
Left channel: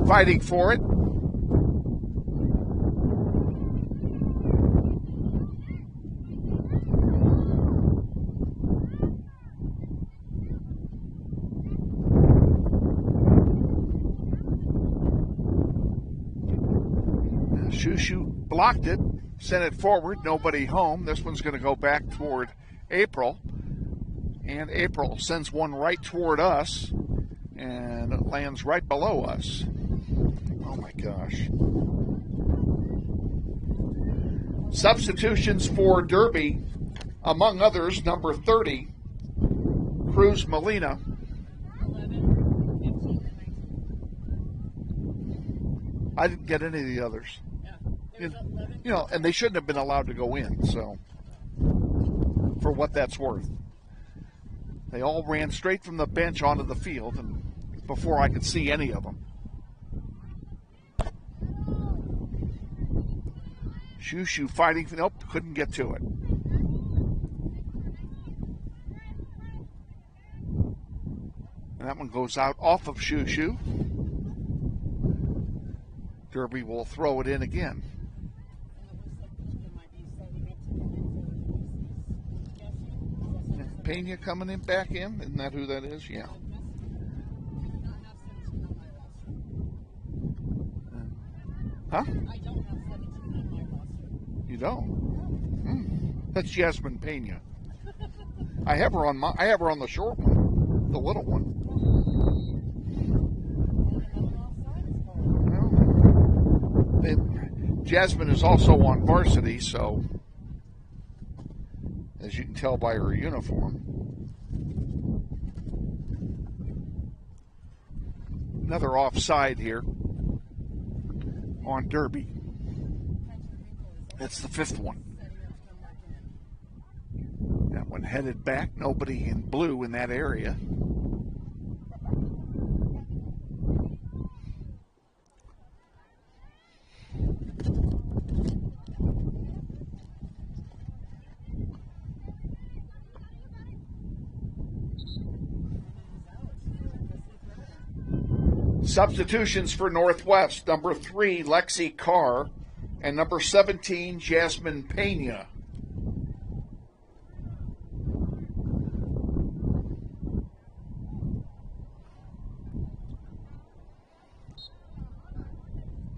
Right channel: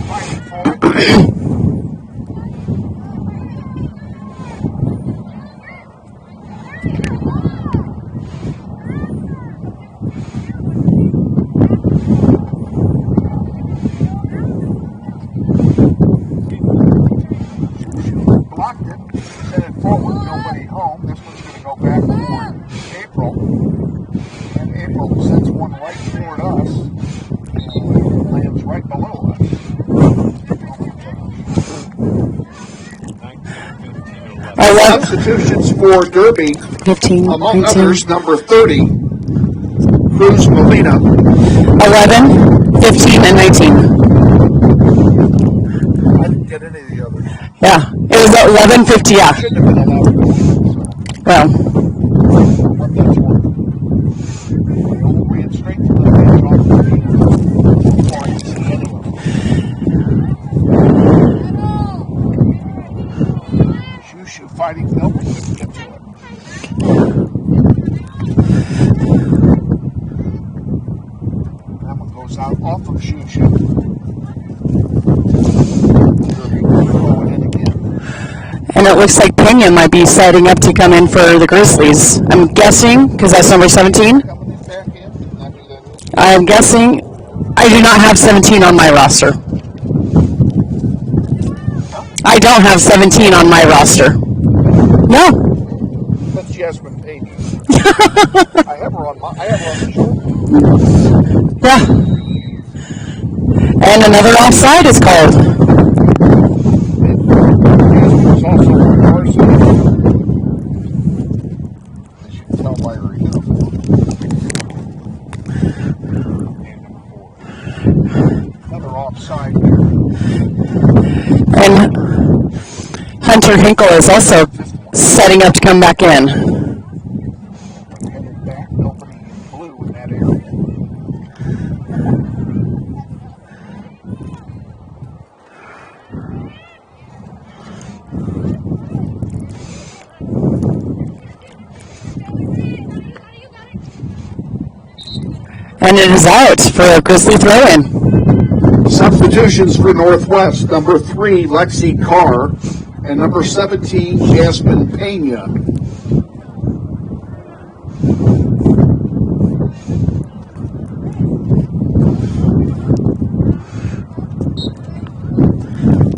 fighting for it. Blocked it, sent it forward, nobody home. This one's going to go back toward April. And April sends one right toward us. And it lands right below us. Oh my gosh. Substitutions for Derby. 15, Among 19, others, number 30, Cruz Molina. 11, 15, and 19. I didn't get any of the others. Yeah, it was 11, 50, yeah. Shouldn't have been allowed to go in, so Well, for what that's worth. They all ran straight from the bench onto the field before I could see any of them. Shoo fighting, nope, couldn't get to it. That one goes out off of Shoo. Derby will throw it in again. and it looks like Pena might be setting up to come in for the Grizzlies. I'm guessing, because that's number 17. Coming in back in, isn't that who that is? I'm guessing I do not have 17 on my roster. Huh? I don't have 17 on my roster. No. That's Jasmine Pena. I have her on the shoulder. Yeah. And another offside is called. Jasmine is also on varsities, as you can tell by her uniform. Another offside here. And Hunter Hinkle is also setting up to come back in. When headed back, nobody in blue in that area. And it is out for a Grizzly throw-in. Substitutions for Northwest, number 3, Lexi Carr, and number 17, Jasmine Pena.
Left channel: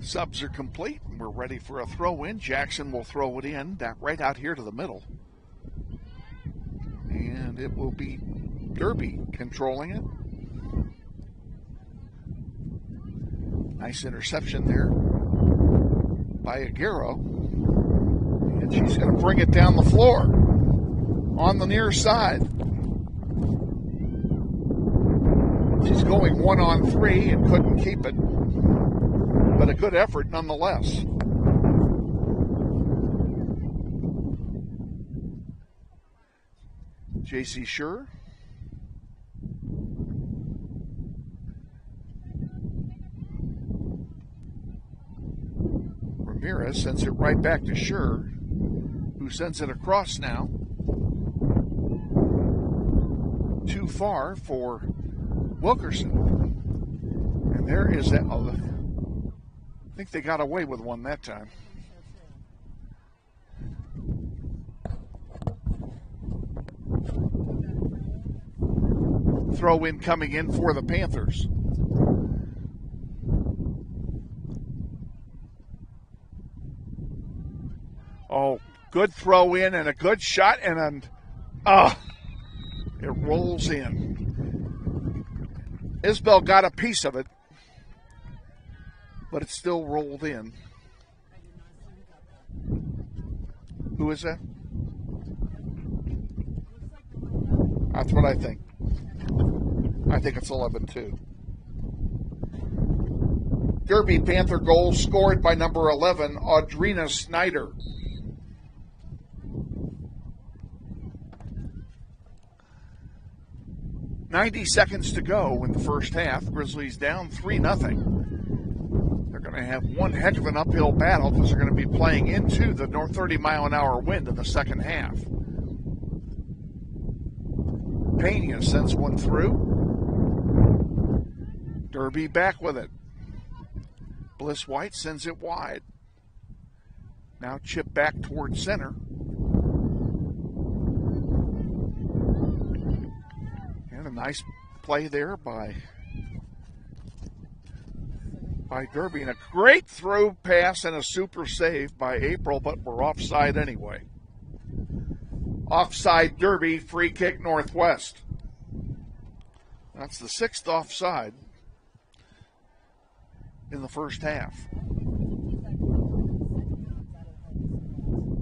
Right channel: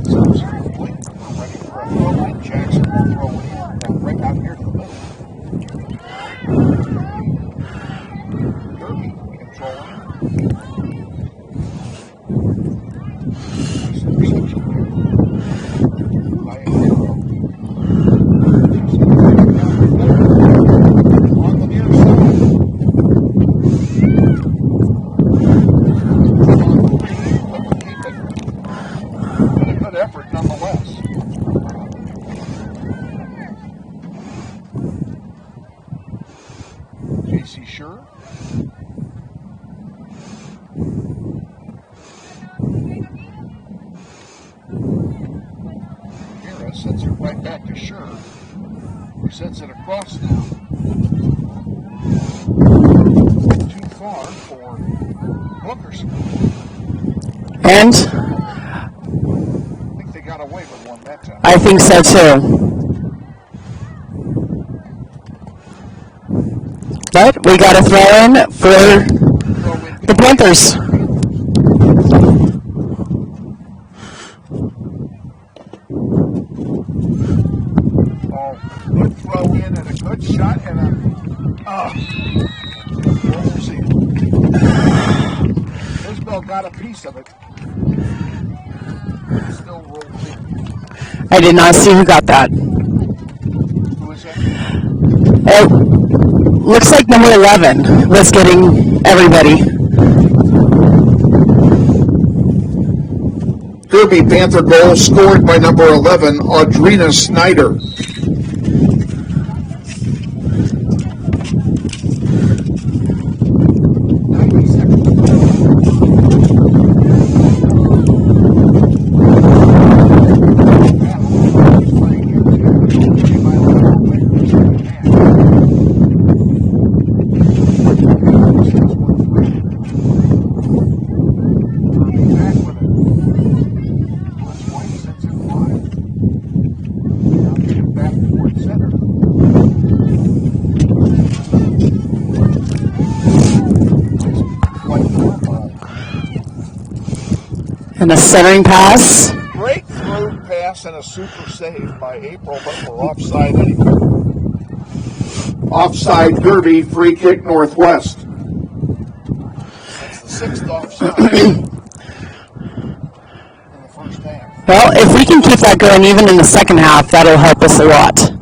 Subs are complete. We're ready for a throw-in. Jackson will throw it in right out here to the middle. And it will be Derby controlling it. Nice interception there by a hero. She's going to bring it down the floor on the near side. She's going 1-on-3 and couldn't keep it. But a good effort nonetheless. JC Sure. Ramirez sends it right back to Sure, who sends it across now. Too far for Wilkerson. And I think they got away with one that time. I think so too. But we got a throw-in for the Panthers. Oh, good throw in and a good shot and a rolls in. Isbell got a piece of it, but it still rolled in. I did not see who got that. Who is that? It looks like number 11 was getting everybody. I think it's 11. Derby Panther goal scored by number 11, Audrina Snyder. Seconds to go in the first half. Grizzlies down 3-0. Heck of an uphill battle. They're going to be playing into the 30-mile-an-hour wind in the second half. Pena sends one through. Derby back with it. Bliss White sends him wide. Now chip back towards center. And a centering pass. Great through pass and a super save by April, but we're offside anyway. Offside Derby, free kick Northwest. That's the 6th offside in the first half. Well, if we can keep that going even in the second half, that'll help us a lot.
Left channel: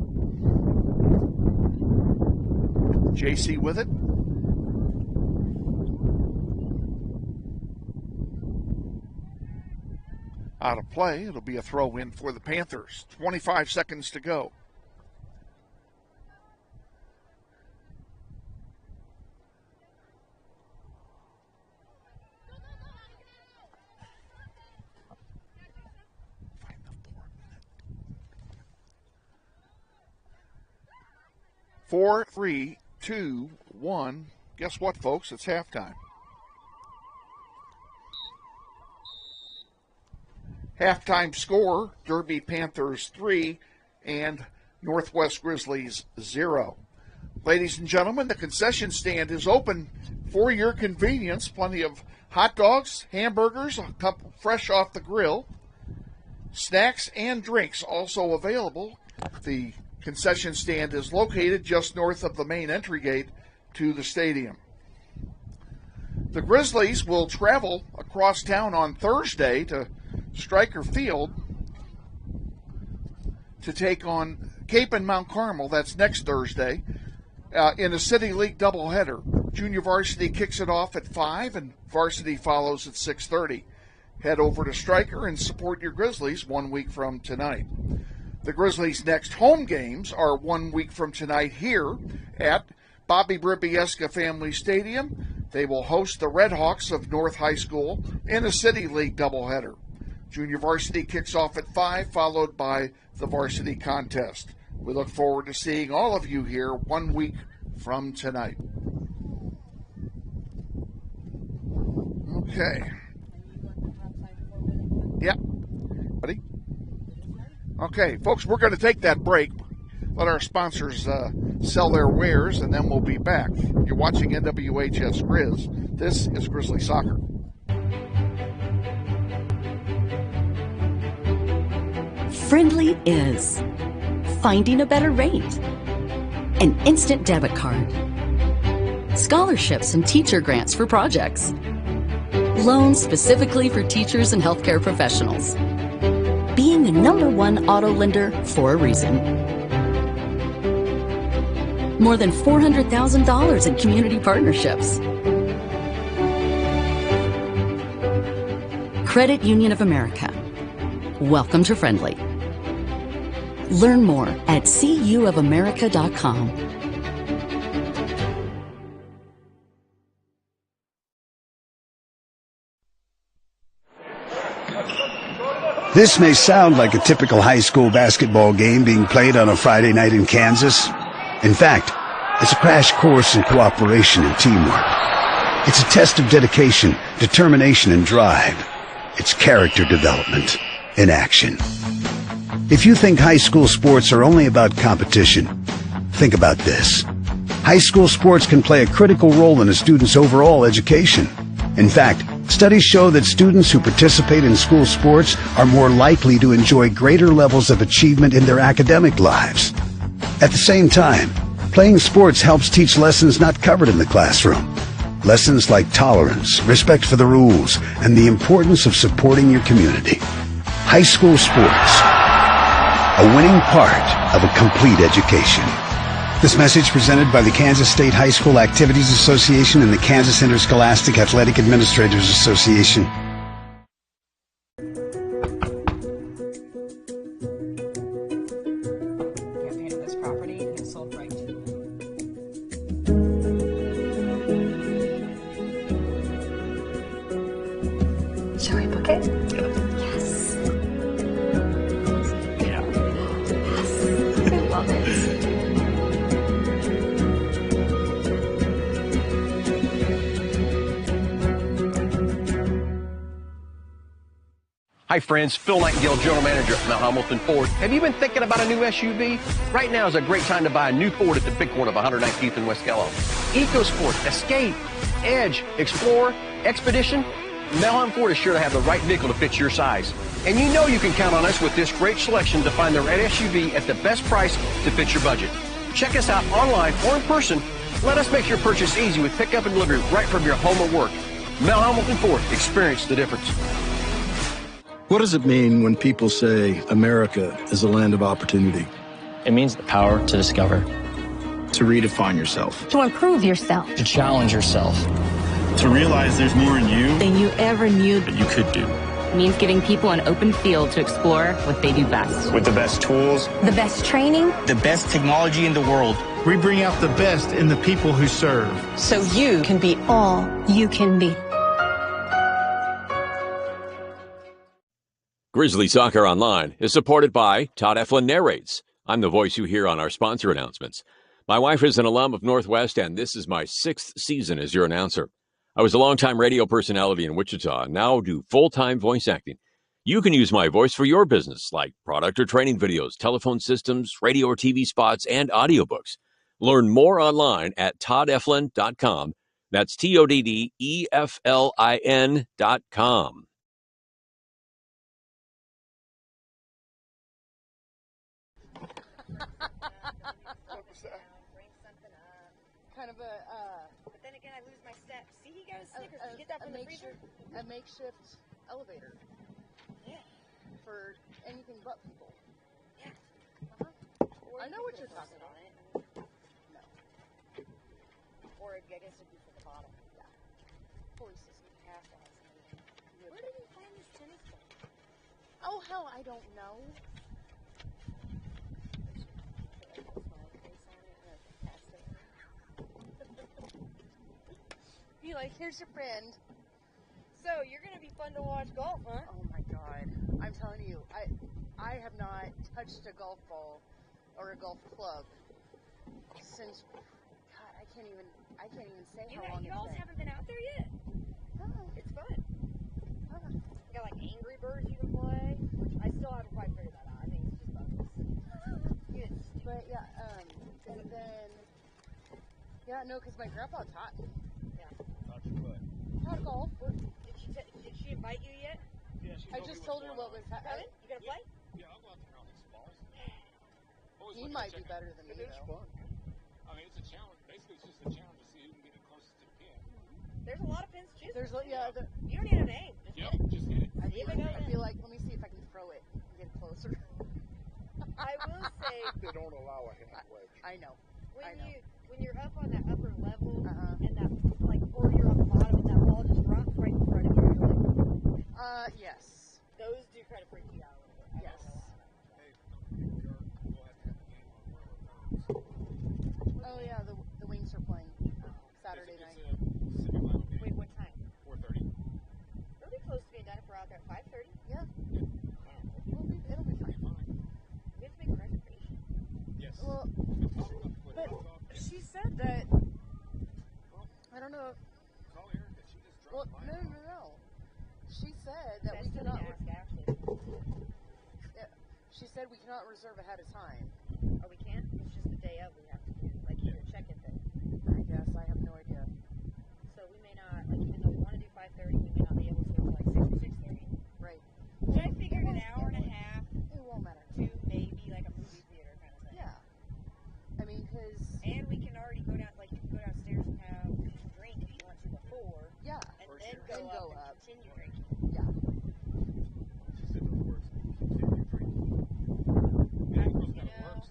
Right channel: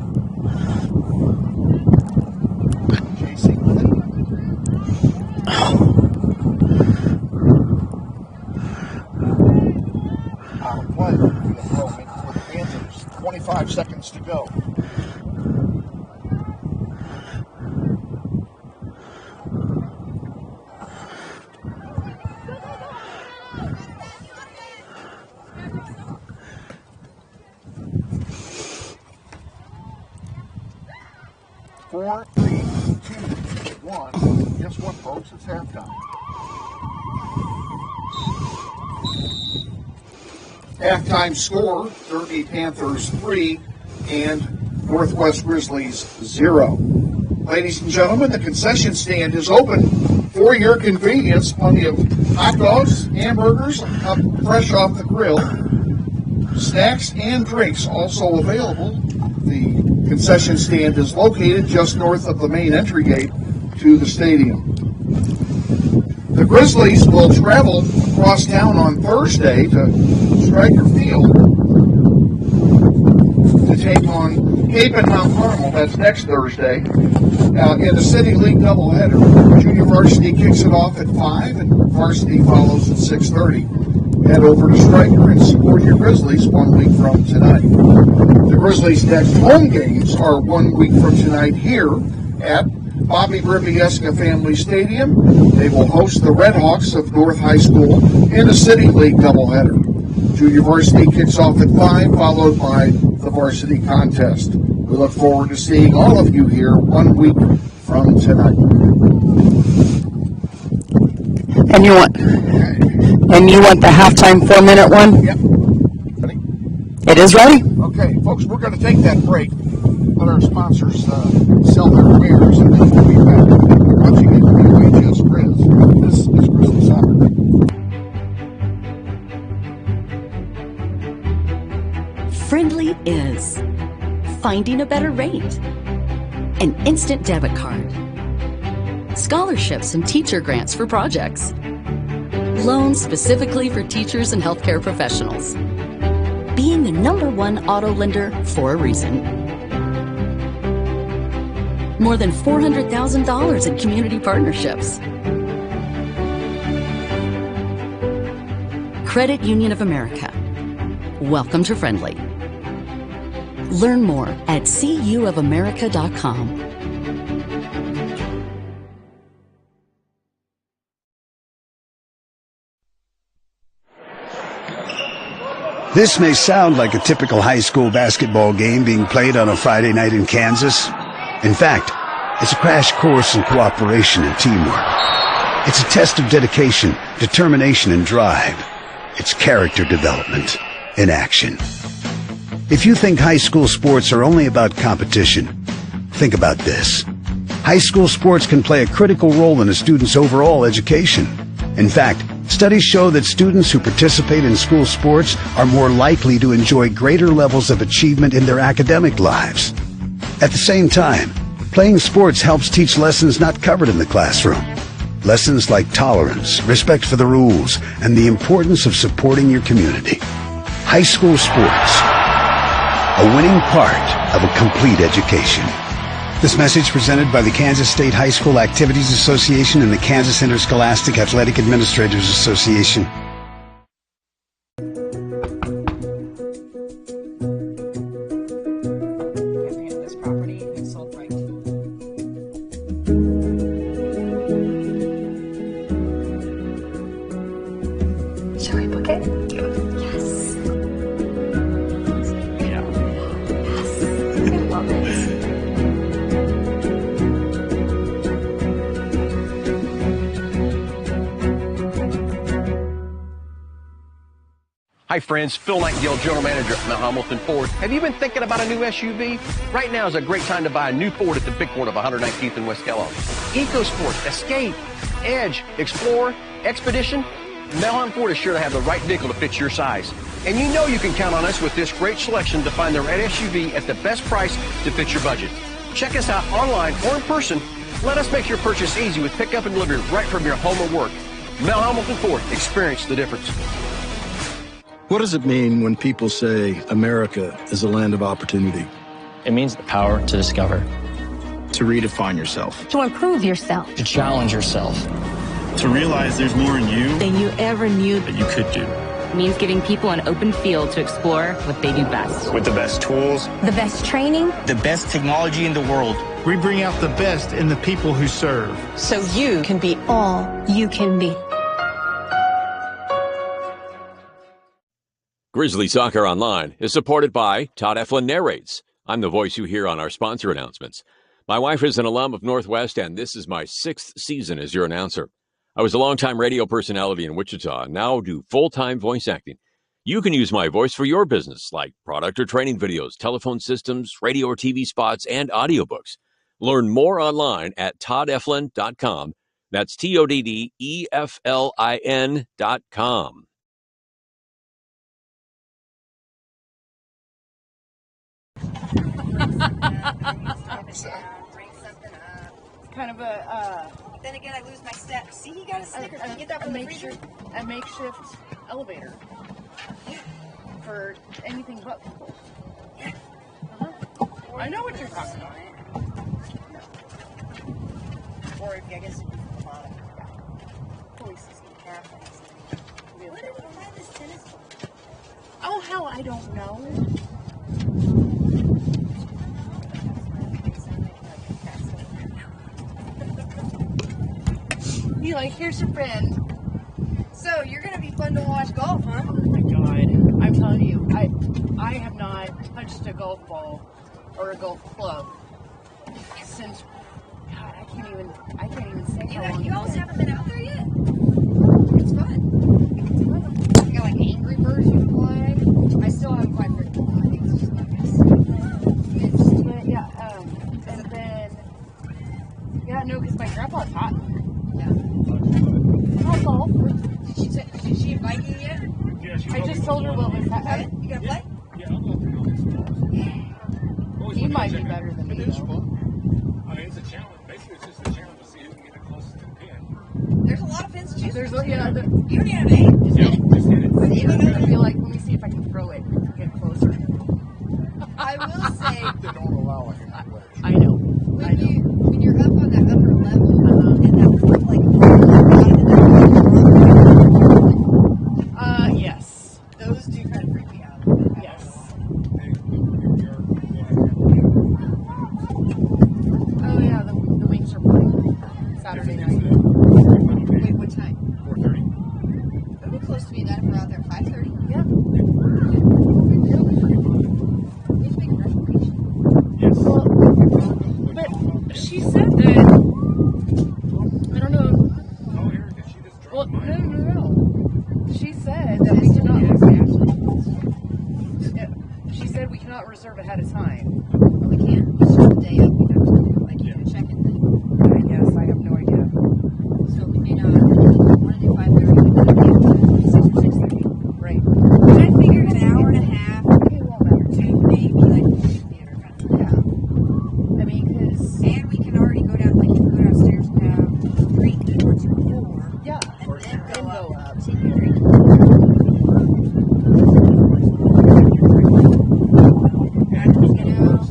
out of play. It'll be a throw in for the Panthers. 25 seconds to go. Four, 3, 2, 1. Guess what, folks? It's halftime. Halftime score, Derby Panthers 3 and Northwest Grizzlies 0. Ladies and gentlemen, the concession stand is open for your convenience. Plenty of hot dogs, hamburgers, fresh off the grill. Snacks and drinks also available. The concession stand is located just north of the main entry gate to the stadium. The Grizzlies will travel across town on Thursday to Stryker Field to take on Cape and Mount Carmel. That's next Thursday in a City League doubleheader. Junior varsity kicks it off at 5 and varsity follows at 6:30. Head over to Stryker and support your Grizzlies 1 week from tonight. The Grizzlies' next home games are 1 week from tonight here at Bobby Berbieska Family Stadium. They will host the Redhawks of North High School in a City League doubleheader. Junior varsity kicks off at 5, followed by the varsity contest. We look forward to seeing all of you here 1 week from tonight. And you want the halftime 4-minute one? Yep. Ready? It is ready? Okay, folks, we're going to take that break. Let our sponsors sell their wares, and then we'll be back. You're watching NWHS Grizz. This is Grizzly Soccer. Friendly is finding a better rate, an instant debit card, scholarships and teacher grants for projects, loans specifically for teachers and healthcare professionals, being the #1 auto lender for a reason. More than $400,000 in community partnerships. Credit Union of America. Welcome to Friendly. Learn more at cuofamerica.com. This may sound like a typical high school basketball game being played on a Friday night in Kansas. In fact, it's a crash course in cooperation and teamwork. It's a test of dedication, determination, and drive. It's character development in action. If you think high school sports are only about competition, think about this. High school sports can play a critical role in a student's overall education. In fact, studies show that students who participate in school sports are more likely to enjoy greater levels of achievement in their academic lives. At the same time, playing sports helps teach lessons not covered in the classroom. Lessons like tolerance, respect for the rules, and the importance of supporting your community. High school sports, a winning part of a complete education. This message presented by the Kansas State High School Activities Association and the Kansas Interscholastic Athletic Administrators Association. This property and it's sold right. Shall we book it? Yes. Yeah. Yes. I love it. Hi friends, Phil Nightingale, General Manager at Mount Hamilton Ford. Have you been thinking about a new SUV? Right now is a great time to buy a new Ford at the big corner of 119th and West Kellogg. EcoSport, Escape, Edge, Explorer, Expedition. Mount Hamilton Ford is sure to have the right vehicle to fit your size. And you know you can count on us with this great selection to find the right SUV at the best price to fit your budget. Check us out online or in person. Let us make your purchase easy with pickup and delivery right from your home or work. Mount Hamilton Ford, experience the difference. What does it mean when people say America is a land of opportunity? It means the power to discover, To redefine yourself. To improve yourself. to challenge yourself. To realize there's more in you Than you ever knew. that you could do. means giving people an open field to explore what they do best. With the best tools, the best training, the best technology in the world. We bring out the best in the people who serve. So you can be all you can be. Grizzly Soccer Online is supported by Todd Eflin Narrates. I'm the voice you hear on our sponsor announcements. My wife is an alum of Northwest, and this is my 6th season as your announcer. I was a longtime radio personality in Wichita and now do full-time voice acting. You can use my voice for your business, like product or training videos, telephone systems, radio or TV spots, and audiobooks. Learn more online at toddeflin.com. That's TODDEFLIN.com. Kind of a, then again, I lose my steps. See, you got a Snickers. You get that from the freezer? A makeshift elevator. Yeah. For anything but people. Yeah. I know what you're talking about. Or, I guess it'd be from the bottom. Holy system cafe. What is this tennis ball? Oh, hell, I don't know. Be like, here's your friend. So, you're going to be fun to watch golf, huh? Oh my God. I'm telling you, I have not touched a golf ball or a golf club since, God, I can't even say how long. You always haven't been out there yet? It's fun. You got like Angry Birds you can play. I still haven't quite figured it out. I think it's just like this. And then, no, because my grandpa taught me. Golf. Did she invite you yet? Yeah, I just told her what was happening. You gonna play? Yeah, I'll go through all these courses. He might be better than me. It is fun. I mean, it's a challenge. Basically, it's just a challenge to see who can get it closest to the pin. There's a lot of pins to choose from. You don't even have eight. Just hit it. Just hit it. I feel like, let me see if I can throw it and get closer. I will say. They don't allow a hand wedge. I know. When you're up on that upper level, and that like yes. Those do kind of freak me out. Yes. Oh yeah, the Wings are playing Saturday night. Wait, what time? 4:30. It'll be close to me then if we're out there at 5:30. Yeah. We need to make a reservation. Yes. Well, but she said that. I don't know. Oh, Eric, did she just drop Well, mine? no. She said that we cannot. She said we cannot reserve ahead of time. Well, we can't. It's just the day up. We have to like keep a check-in thing. I guess I have no idea. So we may not want to do 5:30. 6:30. Right. But I figured an hour and a half. Okay, well, better too. Maybe like movie theater kind of. Yeah. I mean, because. And we can already go down. Like you can go downstairs and have drink towards your floor. Yeah. And then go up. Take your drink. You know,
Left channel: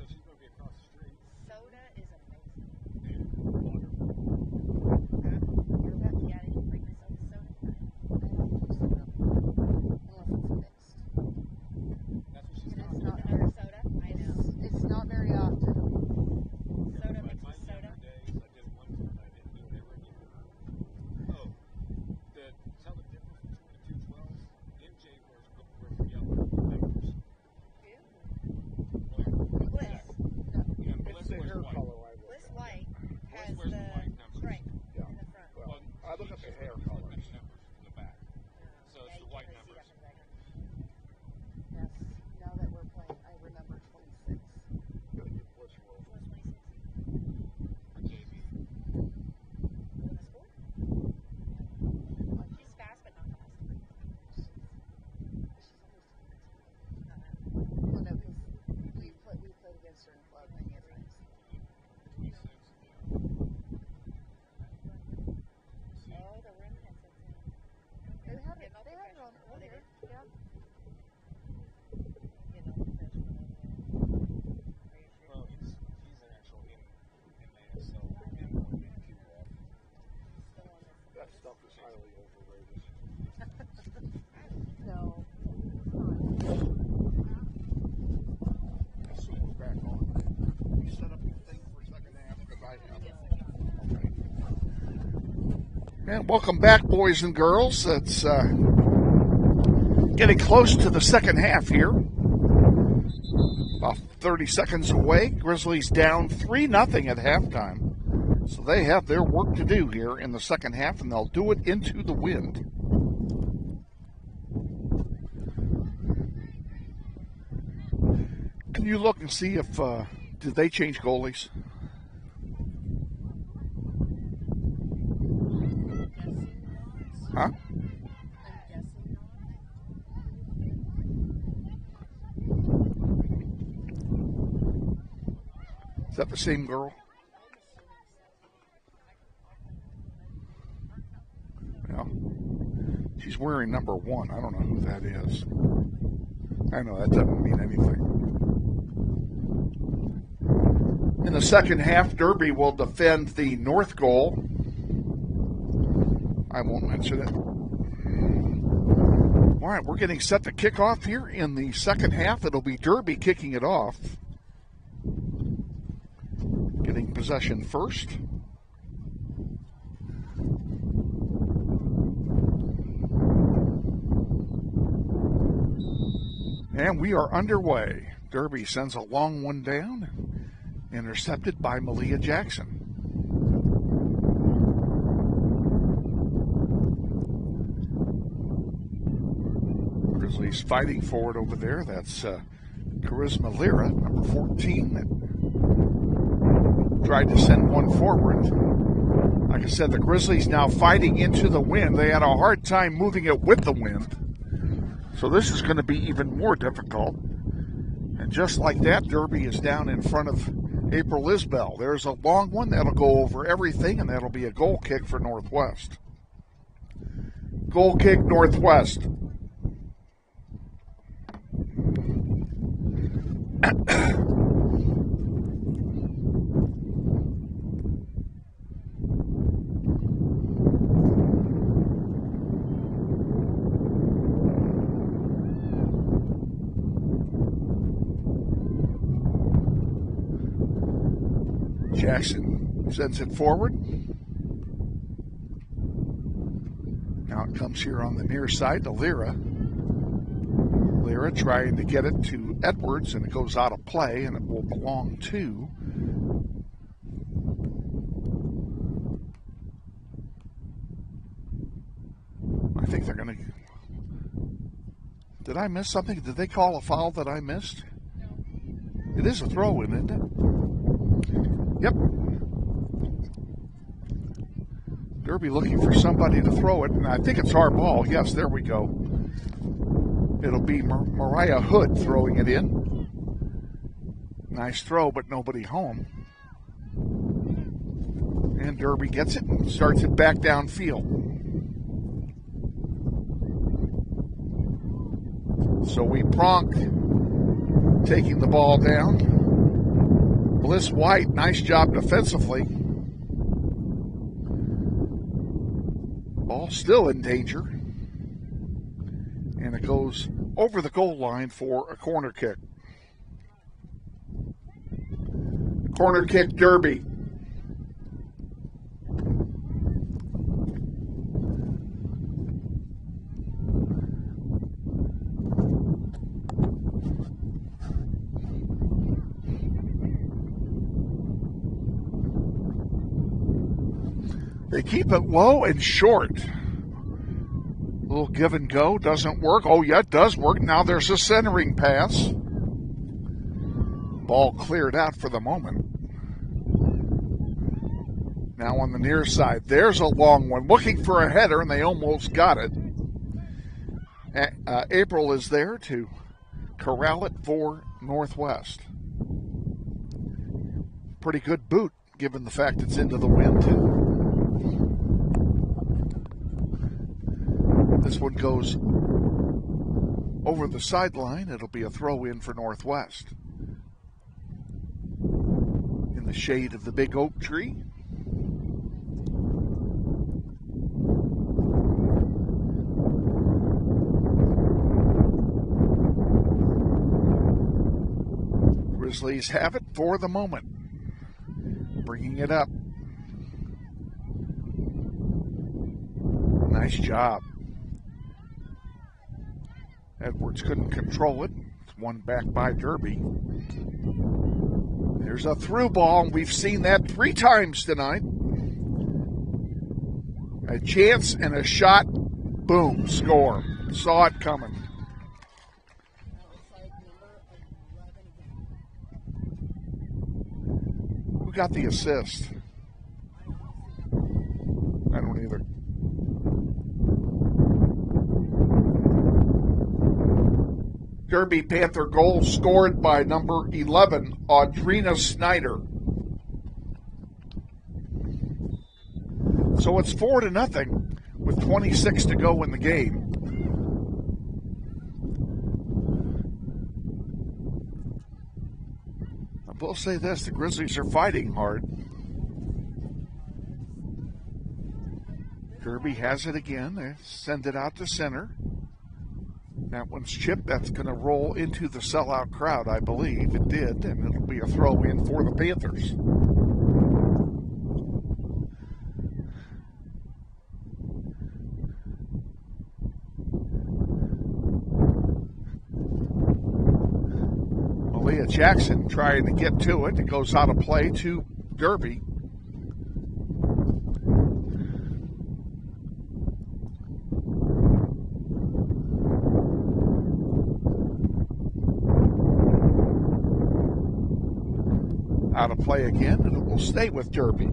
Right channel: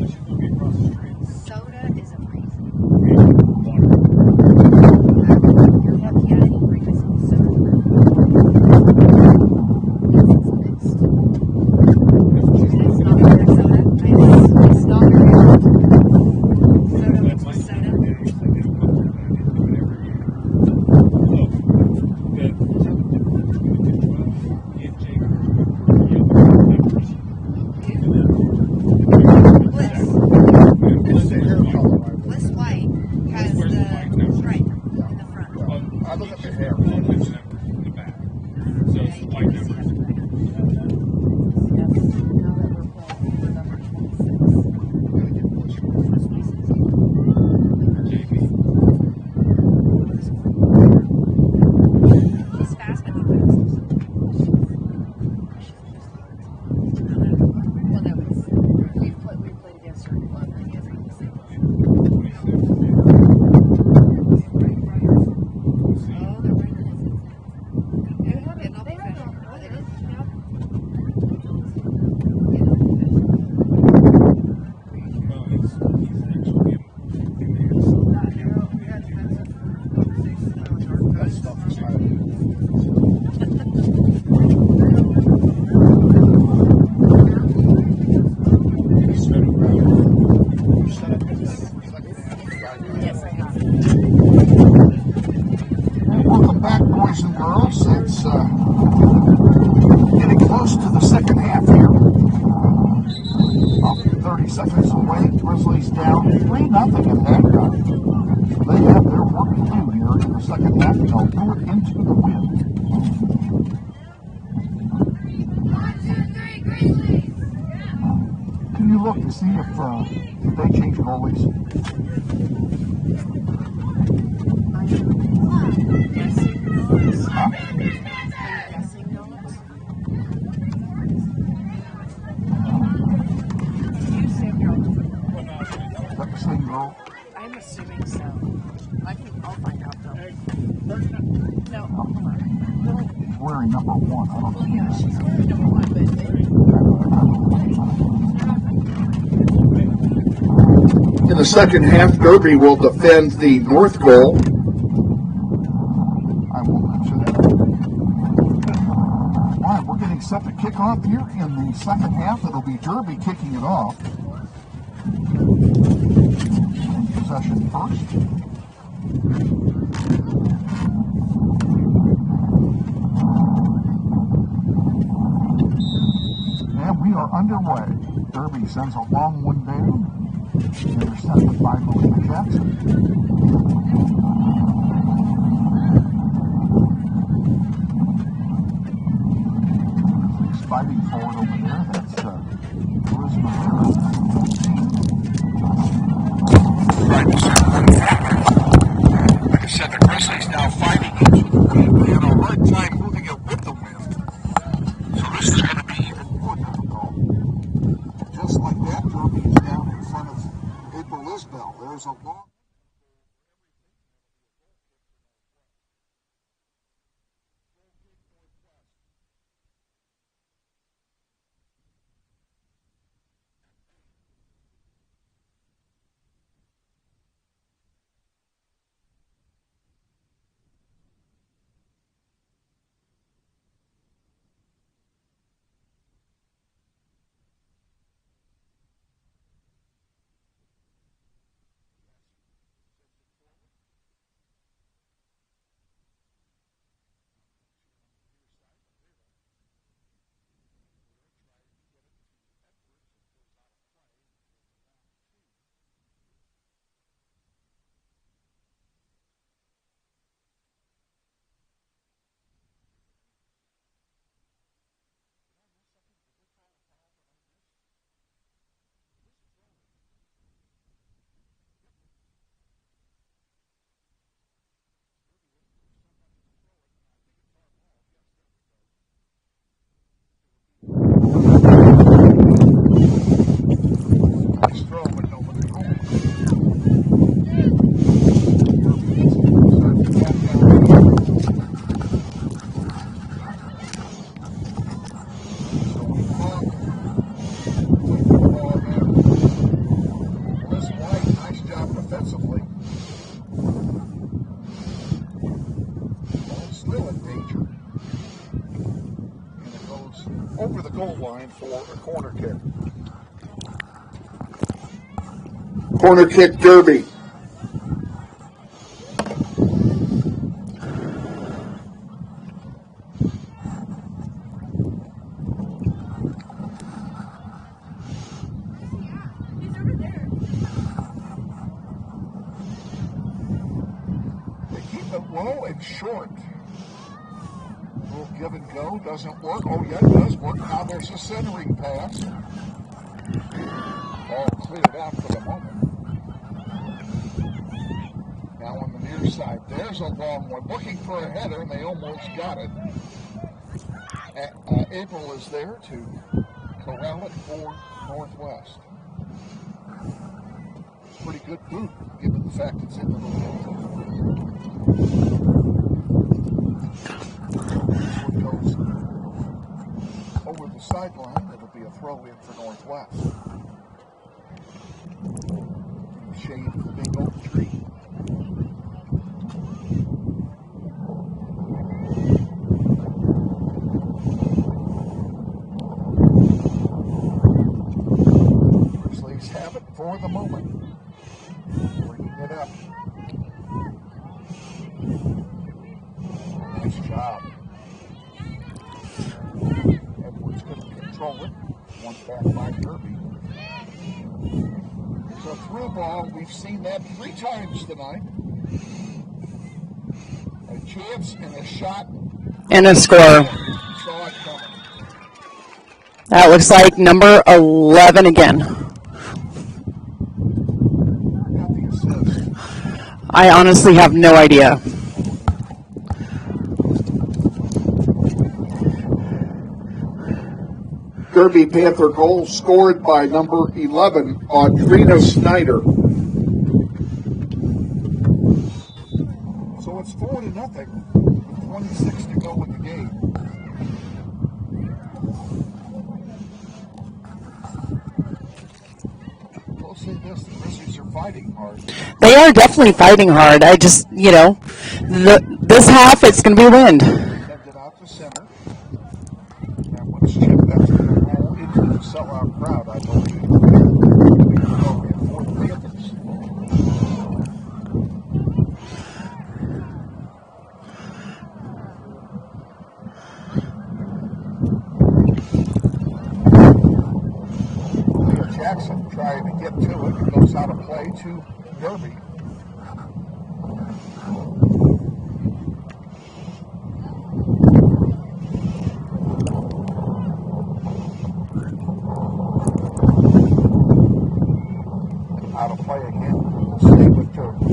close to the second half here. About 30 seconds away. Grizzlies down 3-0 at halftime. So they have their work to do here in the second half, and they'll do it into the wind. 1, 2, 3, Grizzlies! Can you look to see if did they change goalies? Huh? Is that the same girl? I'm assuming so. I'll find out though. No, hold on. She's wearing number 1. I don't know who that is. Number 1, but I know that doesn't mean anything. In the second half, Derby will defend the north goal. I won't answer that. All right, we're getting set to kick off here in the second half. It'll be Derby kicking it off. Getting possession first. And we are underway. Derby sends a long one down. Intercepted by Malia Jackson. Grizzlies fighting forward over there. That's Charisma Lira, team. Tried to send one forward. Like I said, the Grizzlies now fighting into the wind. They had a hard time moving it with the wind. So this is going to be even more difficult. And just like that, Derby is down in front of April Isbell. There's a long one that'll go over everything, and that'll be a goal kick for Northwest. Goal kick, Northwest. Jackson sends it forward. Now it comes here on the near side to Lira. Lira trying to get it to Edwards, and it goes out of play, and it will belong to I think they're going to. Did I miss something? Did they call a foul that I missed? It is a throw in, isn't it? Yep. Derby looking for somebody to throw it, and I think it's our ball. Yes, there we go. It'll be Mariah Miller throwing it in. Nice throw, but nobody home. And Derby gets it, starts it back downfield. So we Pronk taking the ball down. Bliss White, nice job defensively. Ball still in danger. And it goes over the goal line for a corner kick. Corner kick, Derby. They keep it low and short. A little give and go, doesn't work. Oh yeah, it does work. Now there's a centering pass. Ball cleared out for the moment. Now on the near side, there's a long one. Looking for a header, and they almost got it. April is there to corral it for Northwest. Pretty good boot, given the fact it's into the wind, too. This one goes over the sideline. It'll be a throw in for Northwest. In the shade of the big oak tree. Grizzlies have it for the moment. Bringing it up. Nice job. Edwards Edwards couldn't control it. One back by Derby. There's a through ball. We've seen that 3 times tonight. A chance and a shot. And a score. Saw it coming. That looks like number 11 again. Who got the assist? I honestly have no idea. Derby Panther goal scored by number 11, Audrina Snyder. So it's 4-0 with 26 to go in the game. We'll say this, the Grizzlies are fighting hard. They are definitely fighting hard. I just, this half it's going to be wind. Send it out to center. That one's chipped. That's going to roll into the sellout crowd, I believe. It did. That's going to be a throw in for the Panthers. Leah Jackson trying to get to it. It goes out of play to Derby. Out of play again, and it will stay with Derby.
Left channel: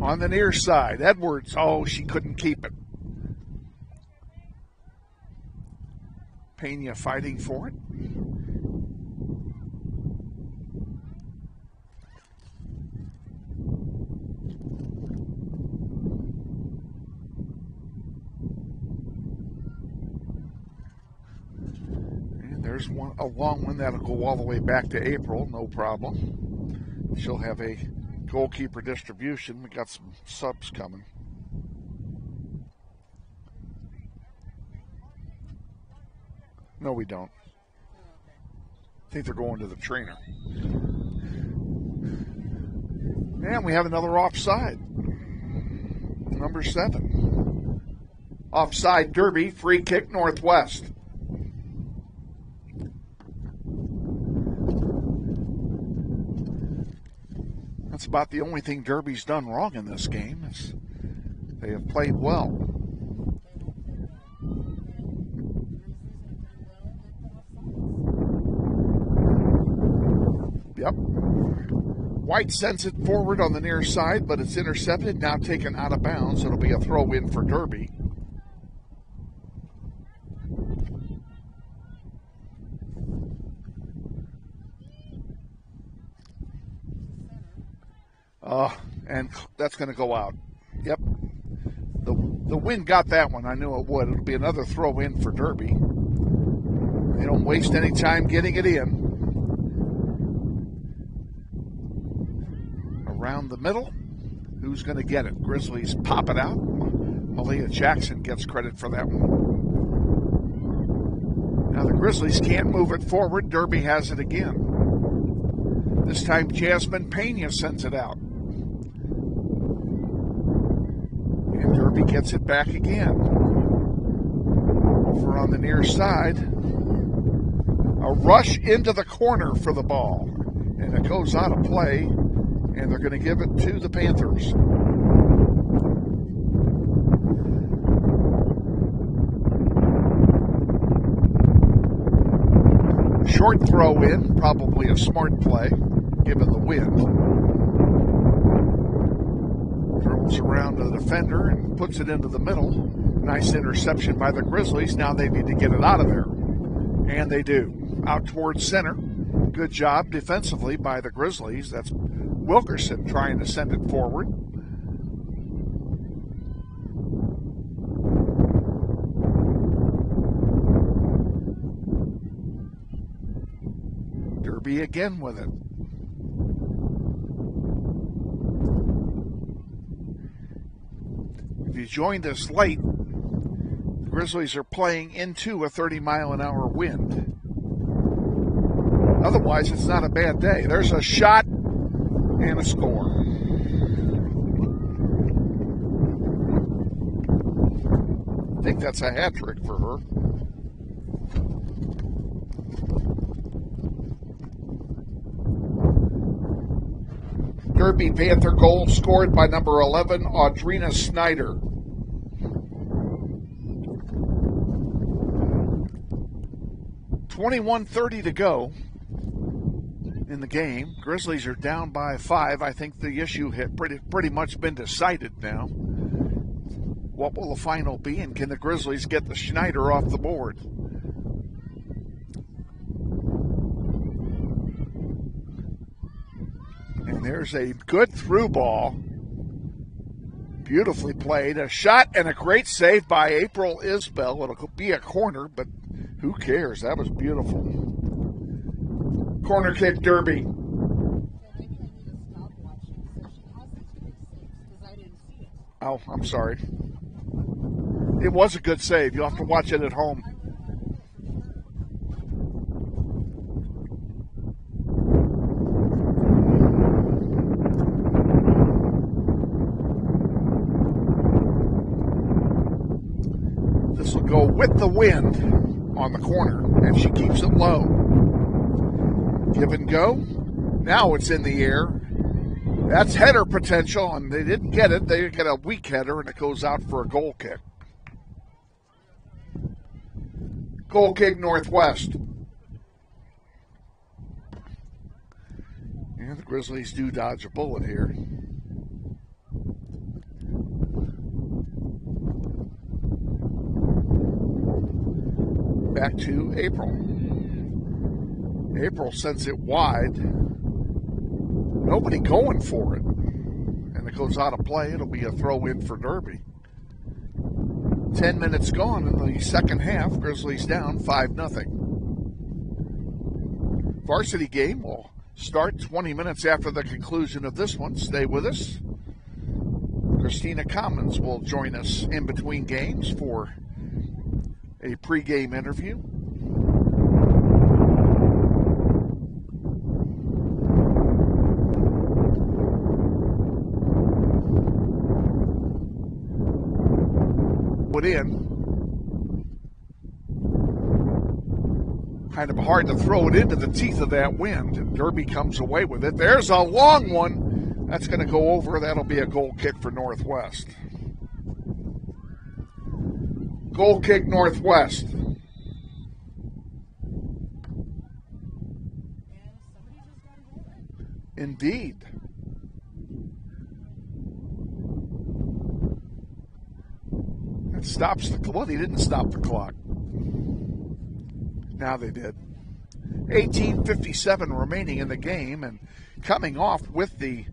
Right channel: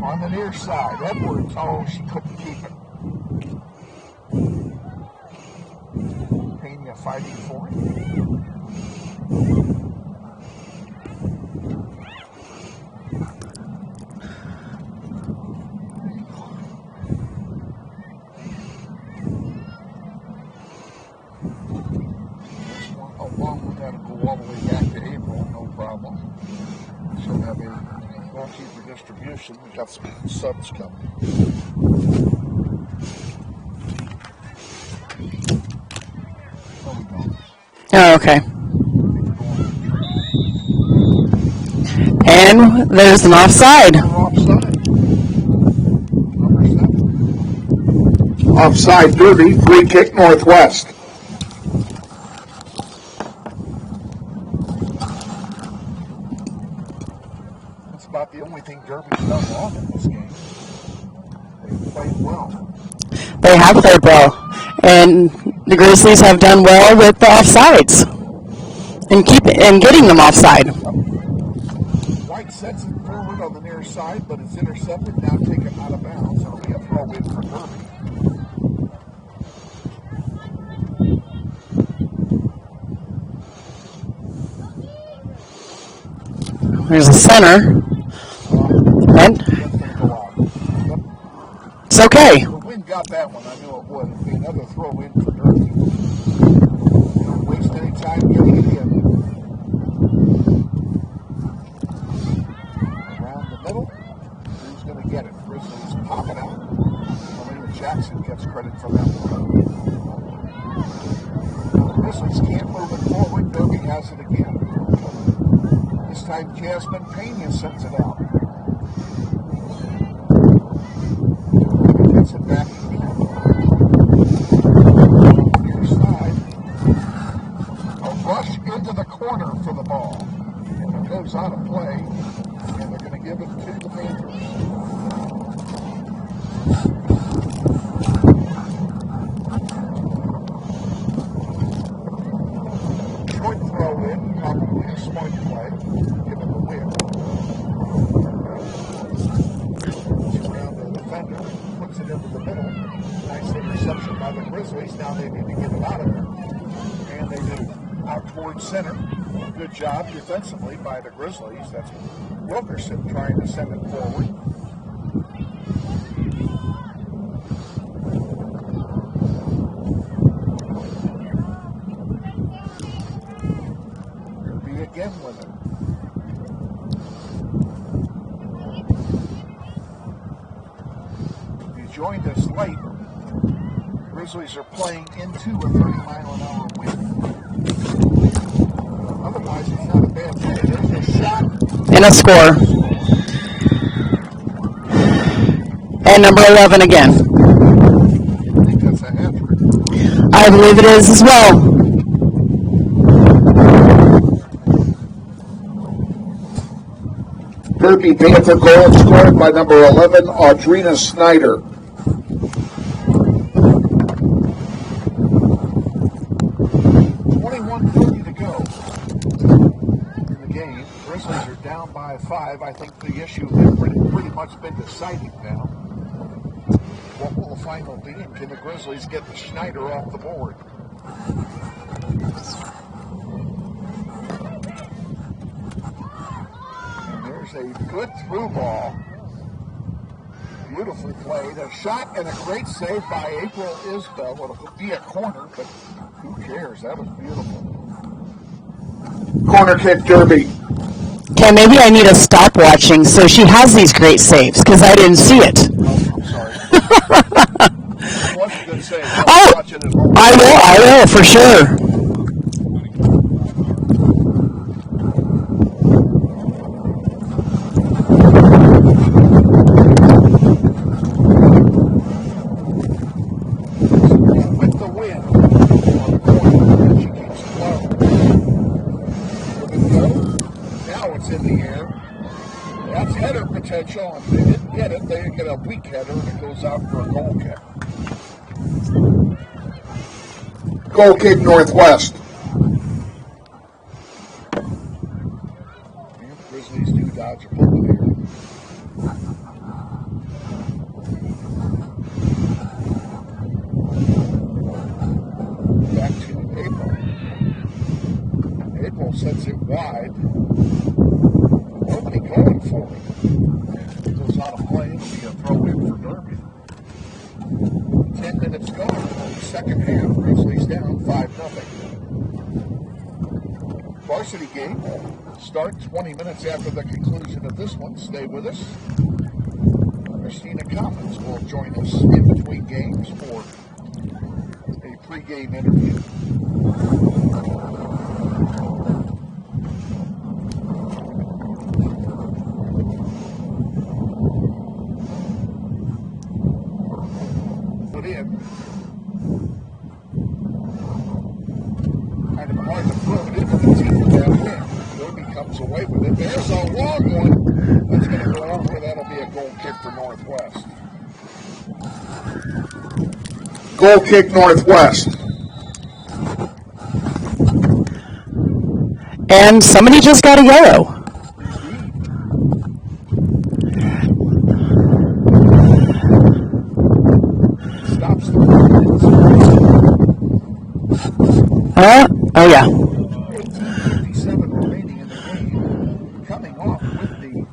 On the near side, Edwards, oh, she couldn't keep it. Pena fighting for it. A long one that'll go all the way back to April, no problem. She'll have a goalkeeper distribution. We've got some subs coming. No, we don't. Oh, okay. I think they're going to the training. And there's an offside. Another offside. Number 7. Offside Derby, free kick Northwest. About the only thing Derby's done wrong in this game. They have played well. They have played well. And the Grizzlies have done well with the offsides. And getting them offside. Yep. White sends it forward on the near side, but it's intercepted, now taken out of bounds. It'll be a throw in for Derby. There's a center. And that's going to go out. Yep. It's okay. The wind got that one. I knew it would. It'll be another throw in for Derby. You don't waste any time getting it in. Around the middle. Who's going to get it? Grizzlies pop it out. Malia Jackson gets credit for that one. Now the Grizzlies can't move it forward. Derby has it again. This time Jasmine Pena sends it out. And Derby gets it back again. On the near side. A rush into the corner for the ball. And it goes out of play. And they're going to give it to the Panthers. Short throw in, probably a smart play, given the wind. Throws around the defender and puts it into the middle. Nice interception by the Grizzlies. Now they need to get it out of there. And they do. Out towards center. Good job defensively by the Grizzlies. That's Wilkerson trying to send it forward. Derby again with it. If you joined us late, Grizzlies are playing into a 30-mile-an-hour wind. Otherwise, it's not a bad day. There's a shot. And a score. And number 11 again. I think that's a hat trick for her. I believe it is as well. Derby Panther goal scored by number 11, Audrina Snyder. .30 to go in the game. Grizzlies are down by 5. I think the issue had pretty much been decided now. What will the final be, and can the Grizzlies get the Schneider off the board? And there's a good through ball. Beautifully played. A shot and a great save by April Isbell. It'll be a corner, but who cares? That was beautiful. Corner kick, Derby. Okay, maybe I need to stop watching so she has these great saves, because I didn't see it. Oh, I'm sorry. It was a good save. I'll watch it at home. I will, for sure. So go with the wind on the corner, and she keeps it low. Give and go. Now it's in the air. That's header potential, and they didn't get it. They get a weak header, and it goes out for a goal kick. Goal kick, Northwest. And the Grizzlies do dodge a bullet here. Back to April. April sends it wide. Nobody going for it. If it goes out of play, it'll be a throw-in for Derby. 10 minutes gone in the second half. Grizzlies down 5-0. Varsity game start 20 minutes after the conclusion of this one. Stay with us. Christina Commons will join us in between games for a pregame interview. Put in. Kind of hard to throw it into the teeth of that wind. Derby comes away with it. There's a long one. That's going to go over. That'll be a goal kick for Northwest. Goal kick, Northwest. And somebody just got a yellow. Indeed. Stops the oh yeah. 18:57 remaining in the game. And coming off with the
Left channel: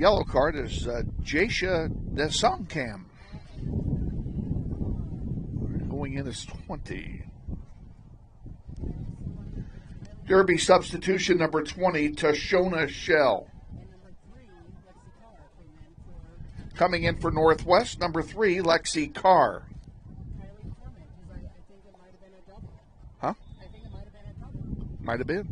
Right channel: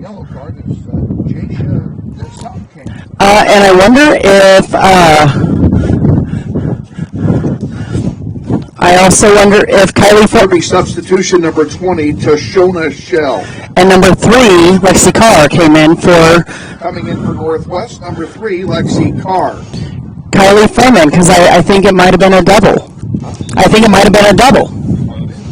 yellow card is Jasha Desamkamp. And I wonder if I also wonder if Kylie Derby substitution number 20, Tashona Shell. And number 3, Lexi Carr came in for. Coming in for Northwest, number 3, Lexi Carr. Kylie Furman, because I think it might have been a double. I think it might have been a double. Might have been.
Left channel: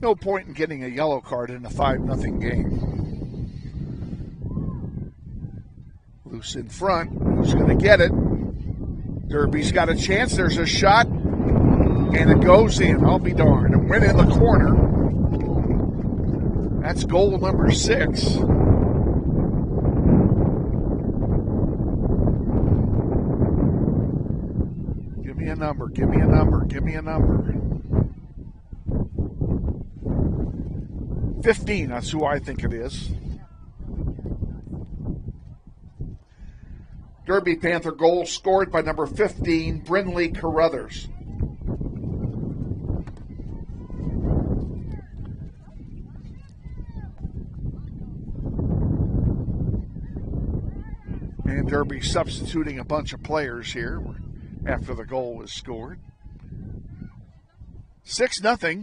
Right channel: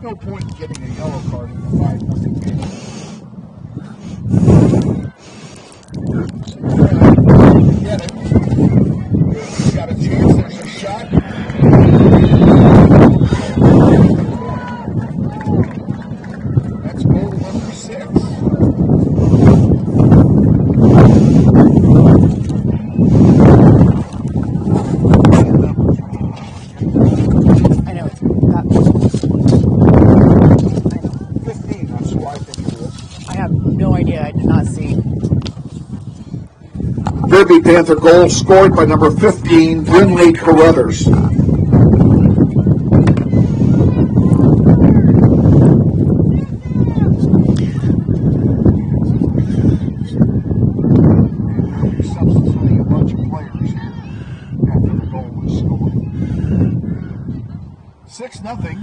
No point in getting a yellow card in a 5-0 game. Loose in front, going to get it. Derby's got a chance. There's a shot, and it goes in. I'll be going right in the corner. That's goal number 6. Give me a number. Give me a number. Give me a number. I know it's 15. That's who I think it is. I have no idea. I did not see. Derby Panther goal scored by number 15, Brinley Carruthers. And Derby substituting a bunch of players here after the goal was scored. 6-0.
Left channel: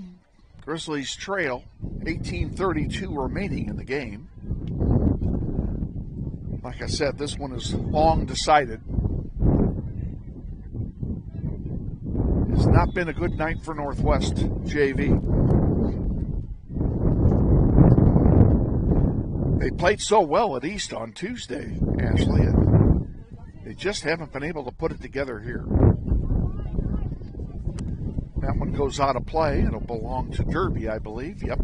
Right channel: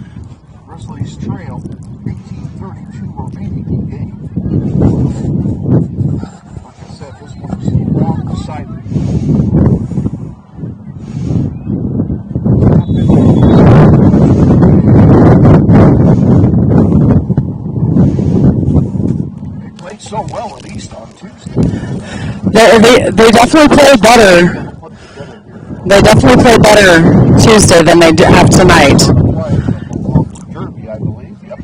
Grizzlies trail. 18:32 remaining in the game. Like I said, this one was long decided. It's not been a good night for Northwest JV. They played so well at East on Tuesday. They definitely played better. Put it together here. They definitely played better Tuesday than they have tonight. On a play that belonged to Derby, I believe. Yep.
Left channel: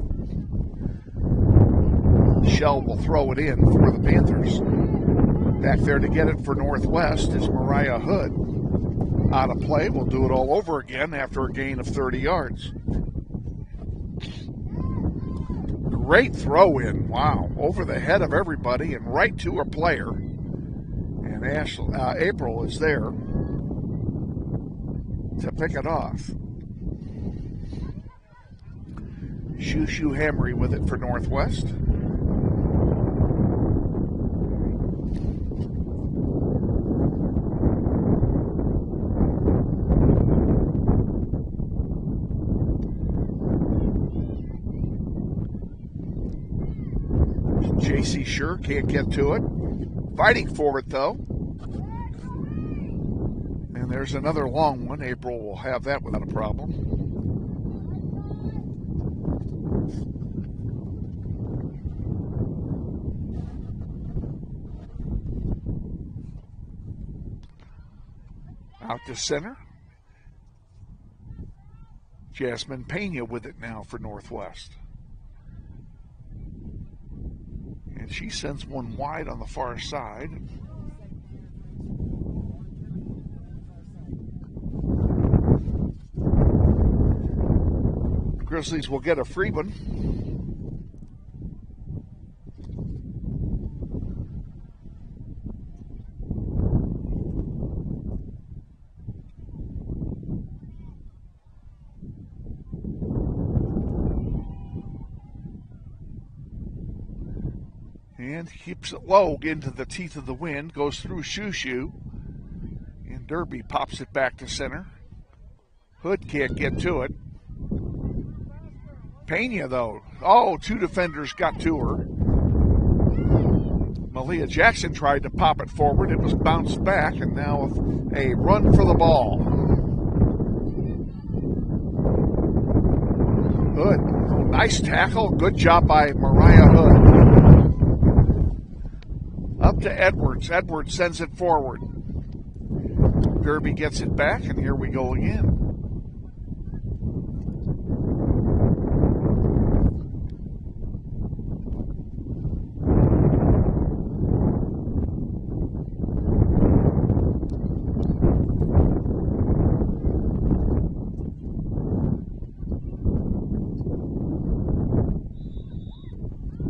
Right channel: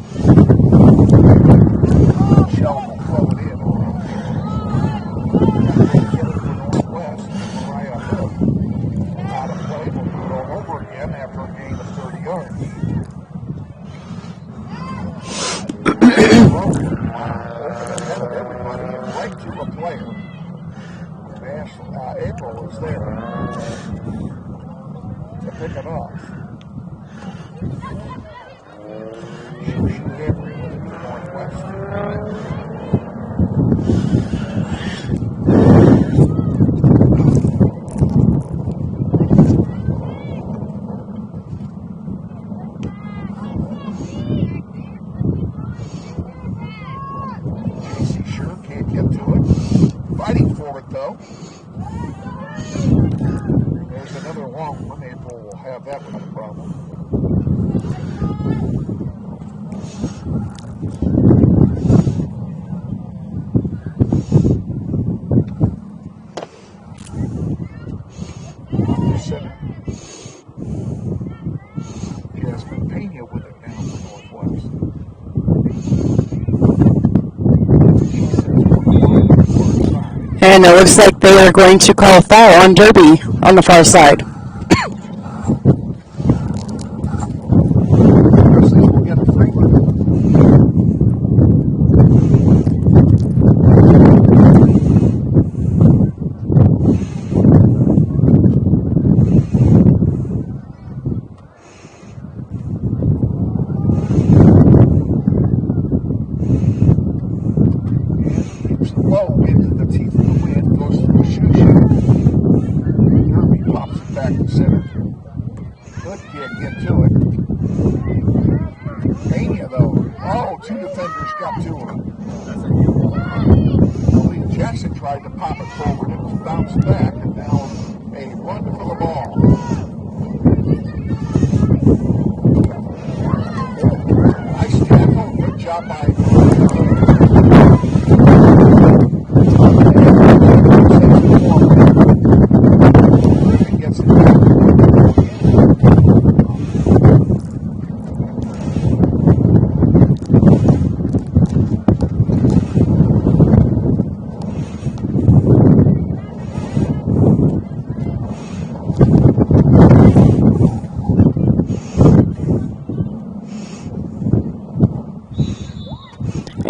Shell will throw it in for the Panthers. Back there to get it for Northwest is Mariah Hood. Out of play, we'll do it all over again after a gain of 30 yards. Great throw in. Wow. Over the head of everybody and right to a player. And April is there to pick it off. Shoo Hamry with it for Northwest. JC Sure can't get to it. Fighting for it though. And there's another long one. April will have that without a problem. Up the center. Jasmine Pena with it now for Northwest. She sends one wide on the far side. And it looks like they are going to call a foul on Derby on the far side. Grizzlies will get a free one. Low into the teeth of the wind, goes through Shoo. Derby pops it back to center. Hood can't get to it. Pena though. Oh, two defenders got to her. Aaliyah Jackson tried to pop it forward. It was bounced back, and now a run for the ball. Good. Nice tackle. Good job by Mariah Hood. Up to Edwards. Edwards sends it forward. Derby gets it back. Derby going in.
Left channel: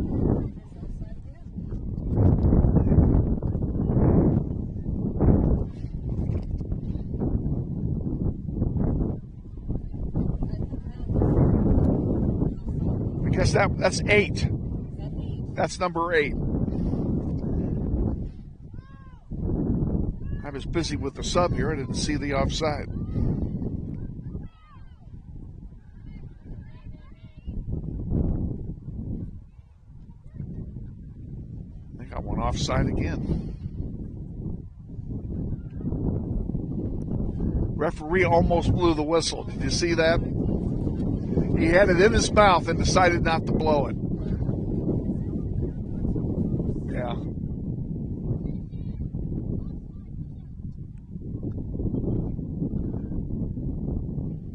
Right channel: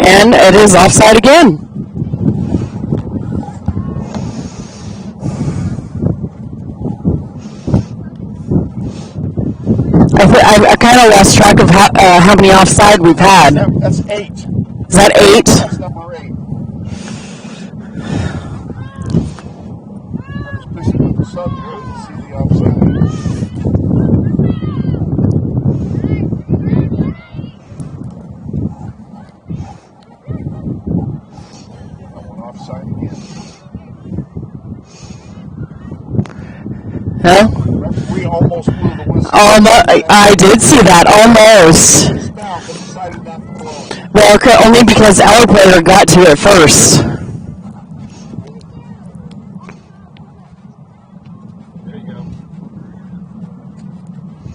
And it is offside again. I kind of lost track of how many offside we've had. That's 8. Is that 8? That's number 8. I was busy with the sub here. I didn't see the offside. Got one offside again. Huh? Referee almost blew the whistle. I did see that, almost. In his mouth and decided not to blow it. Well, only because our player got to it first. There you go.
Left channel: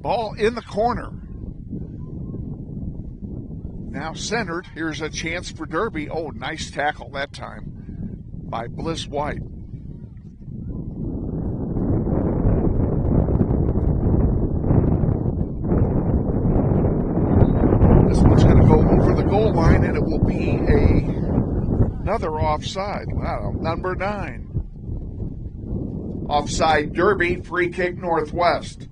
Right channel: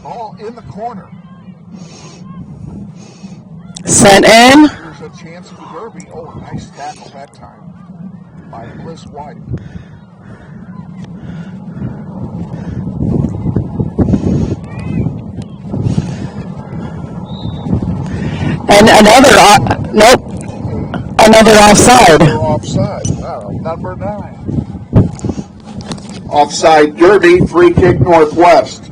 Ball in the corner. Sent in. Here's a chance for Derby. Oh, a nice tackle that time by Bliss White. And another offside. Another offside. Wow, number 9. Offside Derby, free kick Northwest.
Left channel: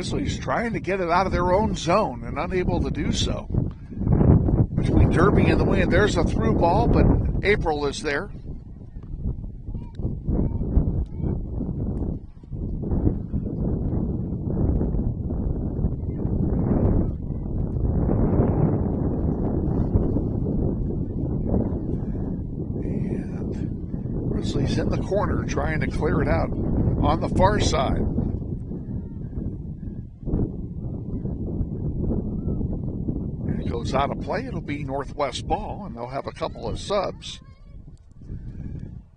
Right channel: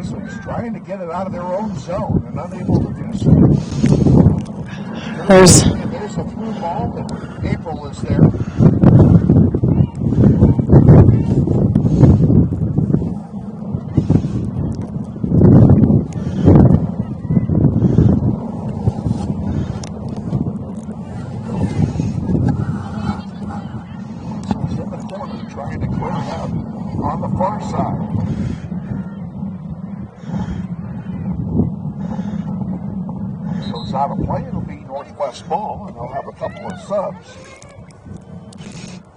Grizzlies trying to get it out of their own zone and unable to do so. There's a through ball, but April is there. So he's in the corner trying to clear it out on the far side. Goes out of play. It'll be Northwest ball, and they'll have a couple of subs.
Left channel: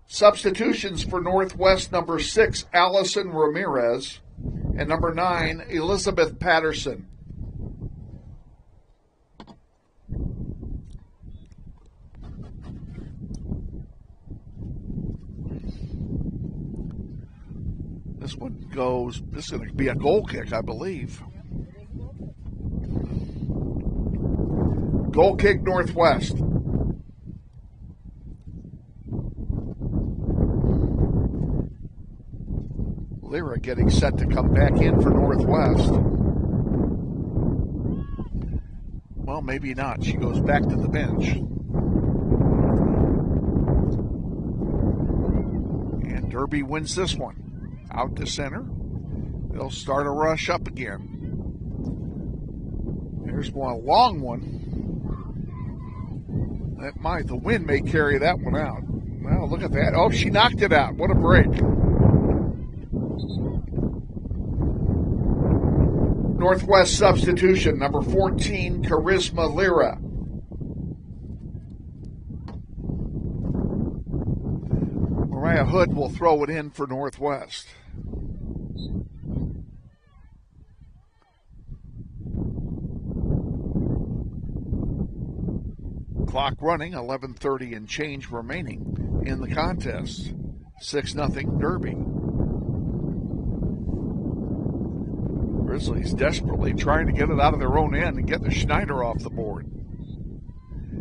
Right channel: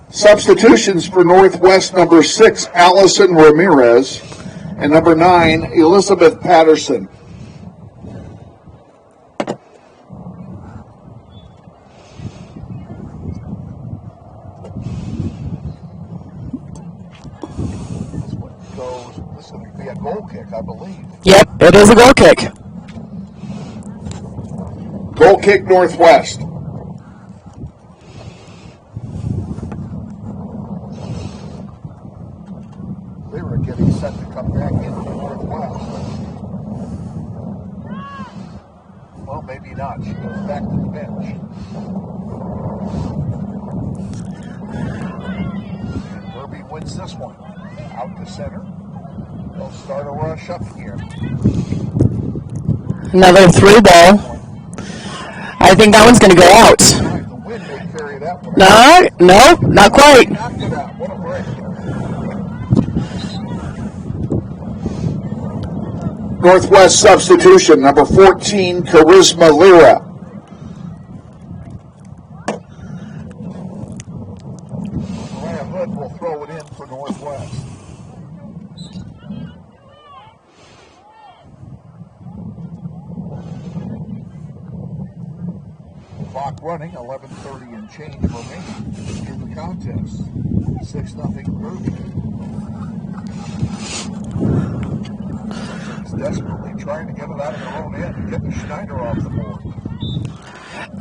Substitutions for Northwest: number 6, Allison Ramirez, and number 9, Elizabeth Patterson. This one goes, this is going to be a goal kick, I believe. Yep, it is a goal kick. Goal kick, Northwest. Lyra getting set to come back in for Northwest. Well, maybe not. She goes back to the bench. And Derby wins this one. Out to center. They'll start a rush up again. Another through ball. I think that one's going to go out. The wind may carry that one. No, not quite. He knocked it out. What a break. Northwest substitution, number 14, Charisma Lyra. Mariah Hood will throw it in for Northwest. Clock running, 11:30 and change remaining in the contest. 6-0 Derby. Grizzlies desperately trying to get it out of their own end and get the Schneider off the board.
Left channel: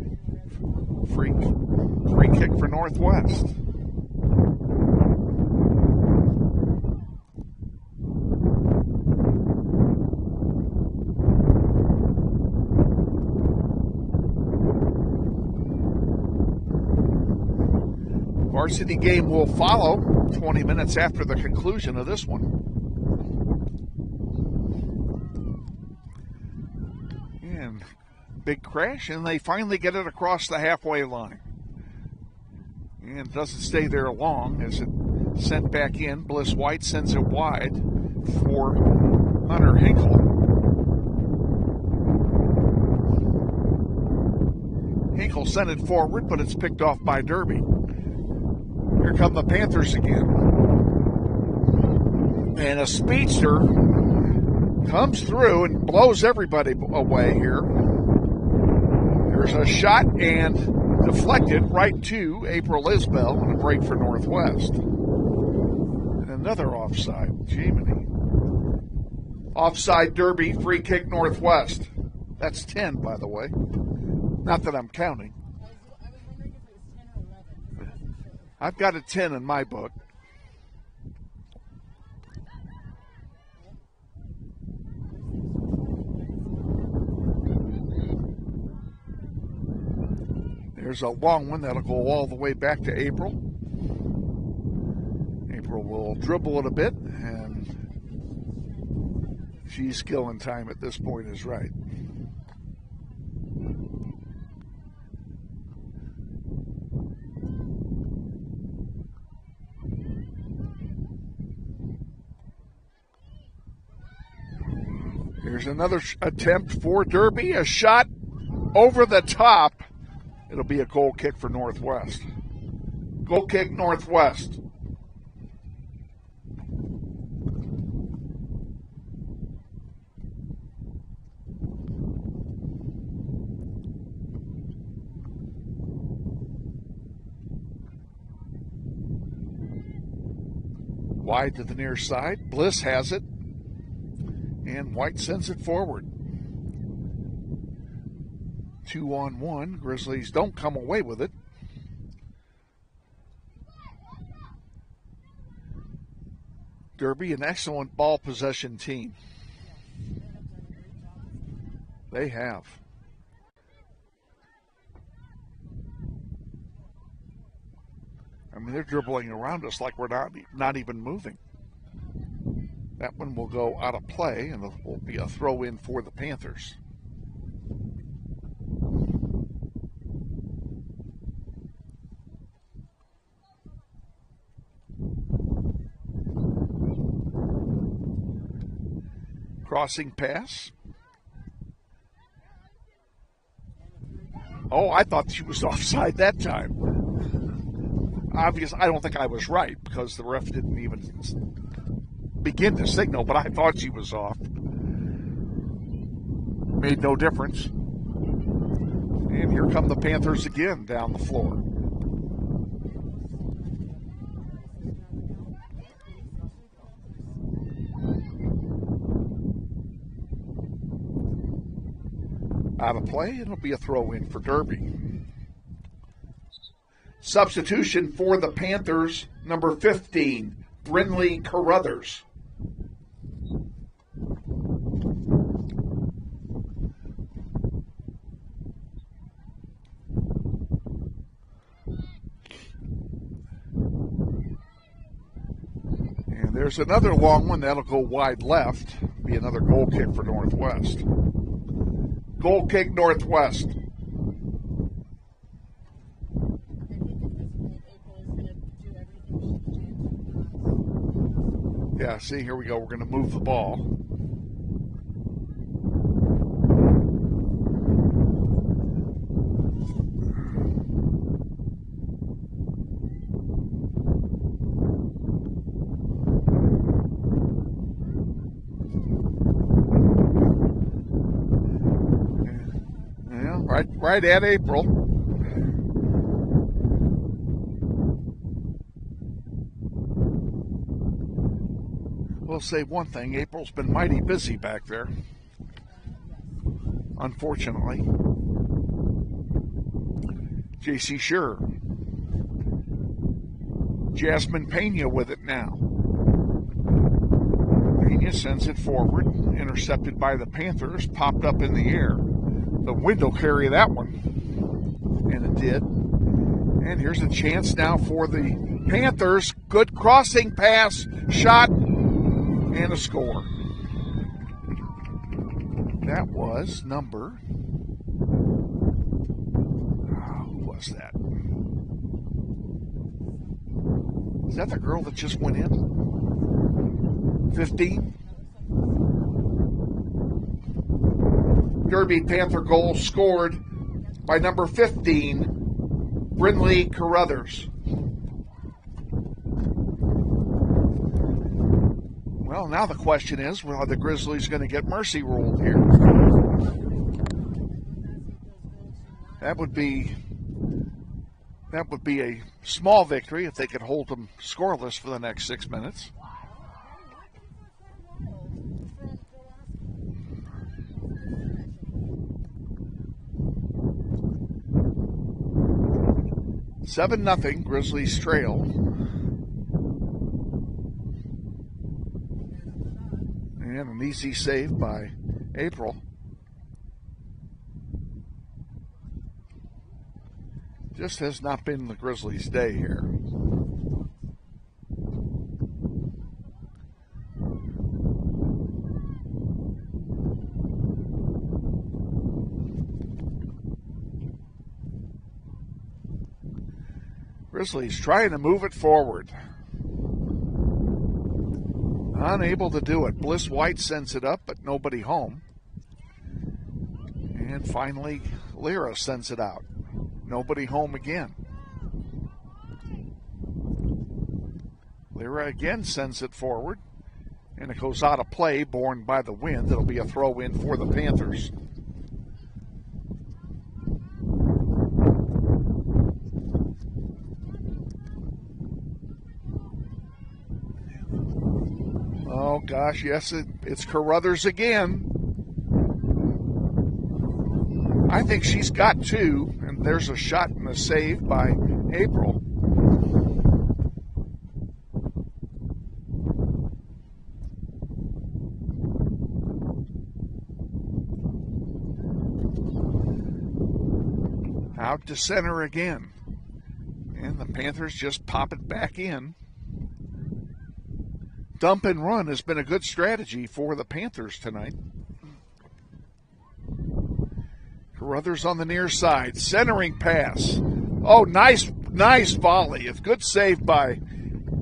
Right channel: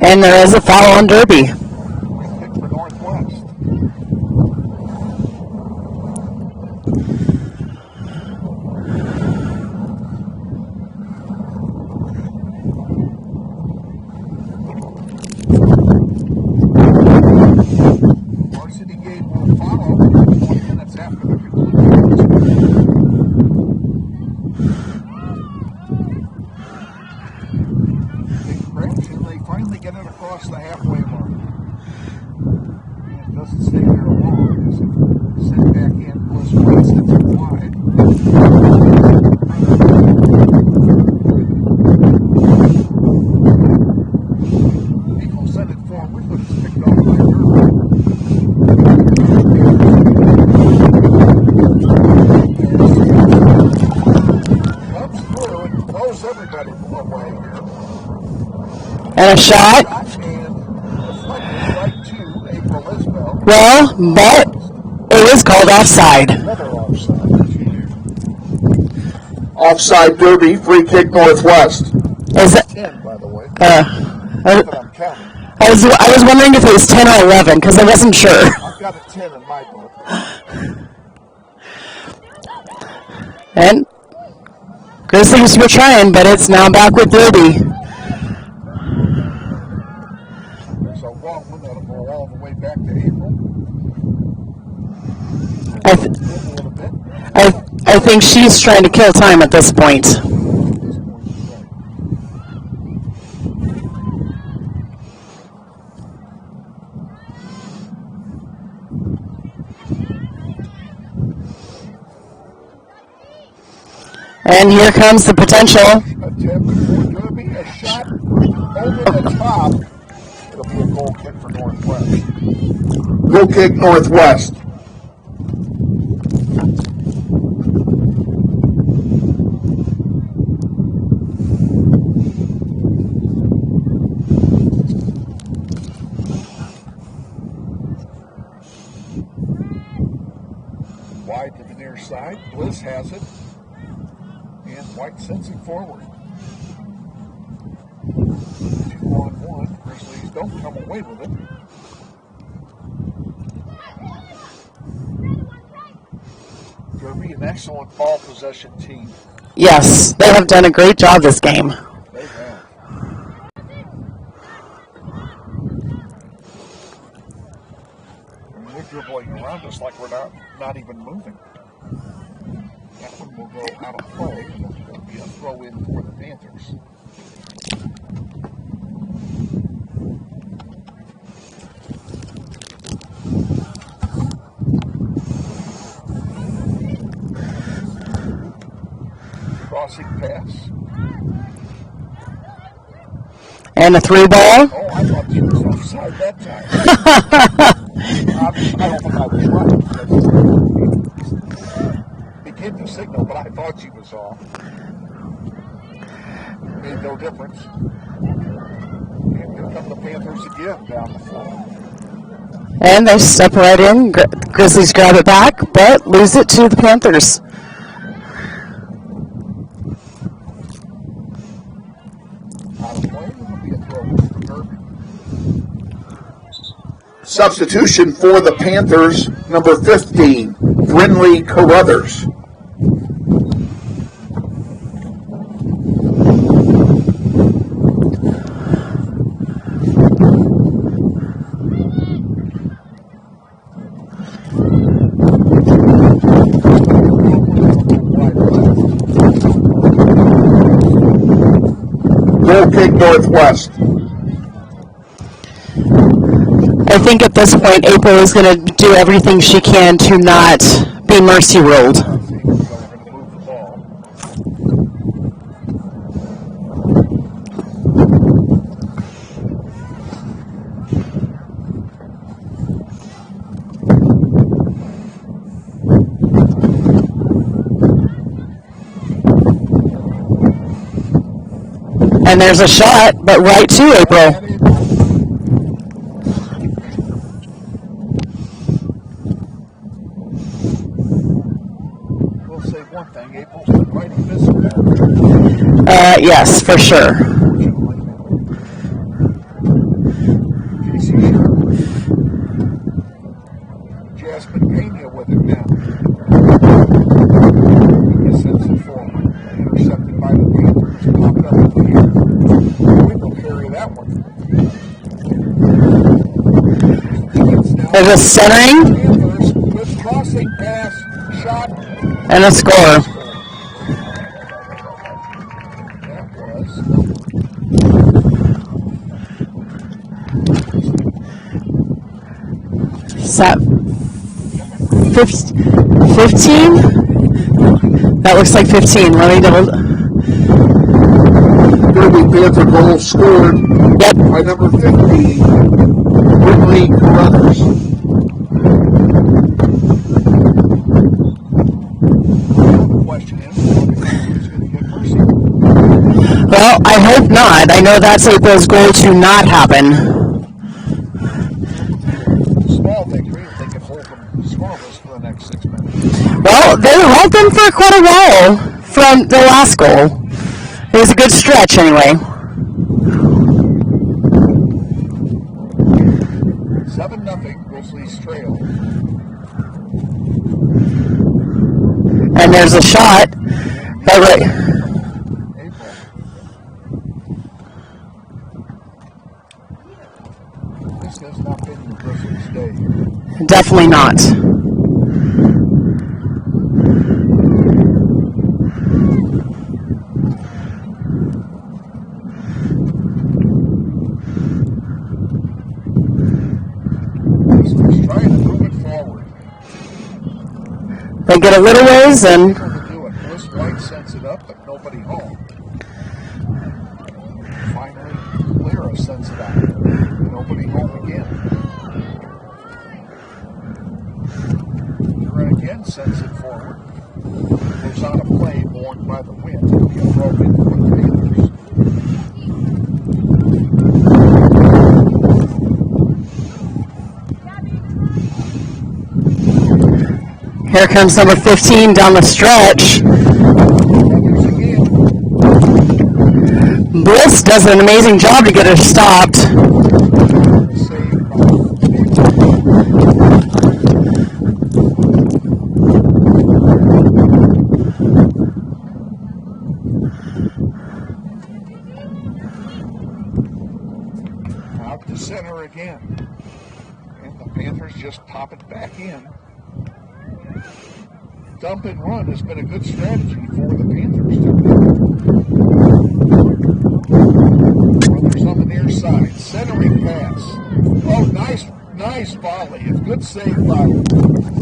And there is a foul on Derby. Free kick for Northwest. Varsity game will follow 20 minutes after the conclusion of this one. And big crash, and they finally get it across the halfway line. And it doesn't stay there long as it sent back in. Bliss White sends it wide. Hunter Hinkle sent it forward, but it's picked off by Derby. Here come the Panthers again. And a speedster comes through and blows everybody away here. And a shot. And deflected right to April Isbell. Well, but it was called offside. Another offside. Offside Derby, free kick Northwest. Is it 10, by the way? Not that I'm counting. I was wondering if it was 10 or 11 because I wasn't sure. I've got a 10 in my book. And Grizzlies were trying, but it's now back with Derby. There's a long one that'll go all the way back to April. April will dribble it a bit. I think she's trying to kill time at this point. Time at this point is right. And here comes the potential. Attempt for Derby, a shot over the top. It'll be a goal kick for Northwest. Goal kick Northwest. Wide to the near side. Bliss has it. And White sends it forward. 2-on-1. Grizzlies don't come away with it. Derby, an excellent ball possession team. Yes, they have done a great job this game. They have. And they're dribbling around us like we're not even moving. That one will go out of play, and it will be a throw in for the Panthers. Crossing pass. And a 3-ball. Oh, I thought she was offside that time. I don't think I was right, because the ref didn't even begin to signal, but I thought she was off. Made no difference. And here come the Panthers again down the floor. And they step right in. Grizzlies grab it back, but lose it to the Panthers. Out of play, it'll be a throw-in for Derby. Substitution for the Panthers, number 15, Brinley Carruthers. There's another long one that'll go wide left. Another goal kick Northwest. I think at this point, April is going to do everything she can to not be mercy ruled. Yeah, see, here we go. We're going to move the ball. And there's a shot, but right to April. Right at April. We'll say one thing, April's been mighty busy back there. Yes, for sure. Unfortunately. J.C. Sure. Jasmine Pena with it now. Pena sends it forward. Intercepted by the Panthers. Popped up in the air. Window carry that one. And it did. And here's a chance now. There's a centering. Panthers. Good crossing pass. Shot. And a score. That was number. What is that? Is that Is that the girl? 15? 15. That looks like 15. Let me double. Derby Panther goal scored by number 15, Brinley Carruthers. Now the question is, are the Grizzlies going to get mercy ruled? Well, I hope not. I know that's April's goal to not happen. That would be a small victory if they could hold them scoreless for the next 6 minutes. Well, they held them for quite a while from the last goal. It was a good stretch anyway. 7-0, Grizzlies trail. And there's a shot. By April. This has not been the Grizzlies' day here. Definitely not. Grizzlies trying to move it forward. They get a little ways and Able to do it. Bliss White sends it up, but nobody home. And finally, Lyra sends it out. Nobody home again. Lyra again sends it forward. Goes out of play, borne by the wind. It'll be a throw-in for the Panthers. here comes number 15 down the stretch. Brothers again. Bliss does an amazing job to get her stopped. There's a shot saved by April. to center again. And the Panthers just pop it back in. Dump and run has been a good strategy for the Panthers tonight. Brothers on the near side. Centering pass. Oh, nice volley. A good save by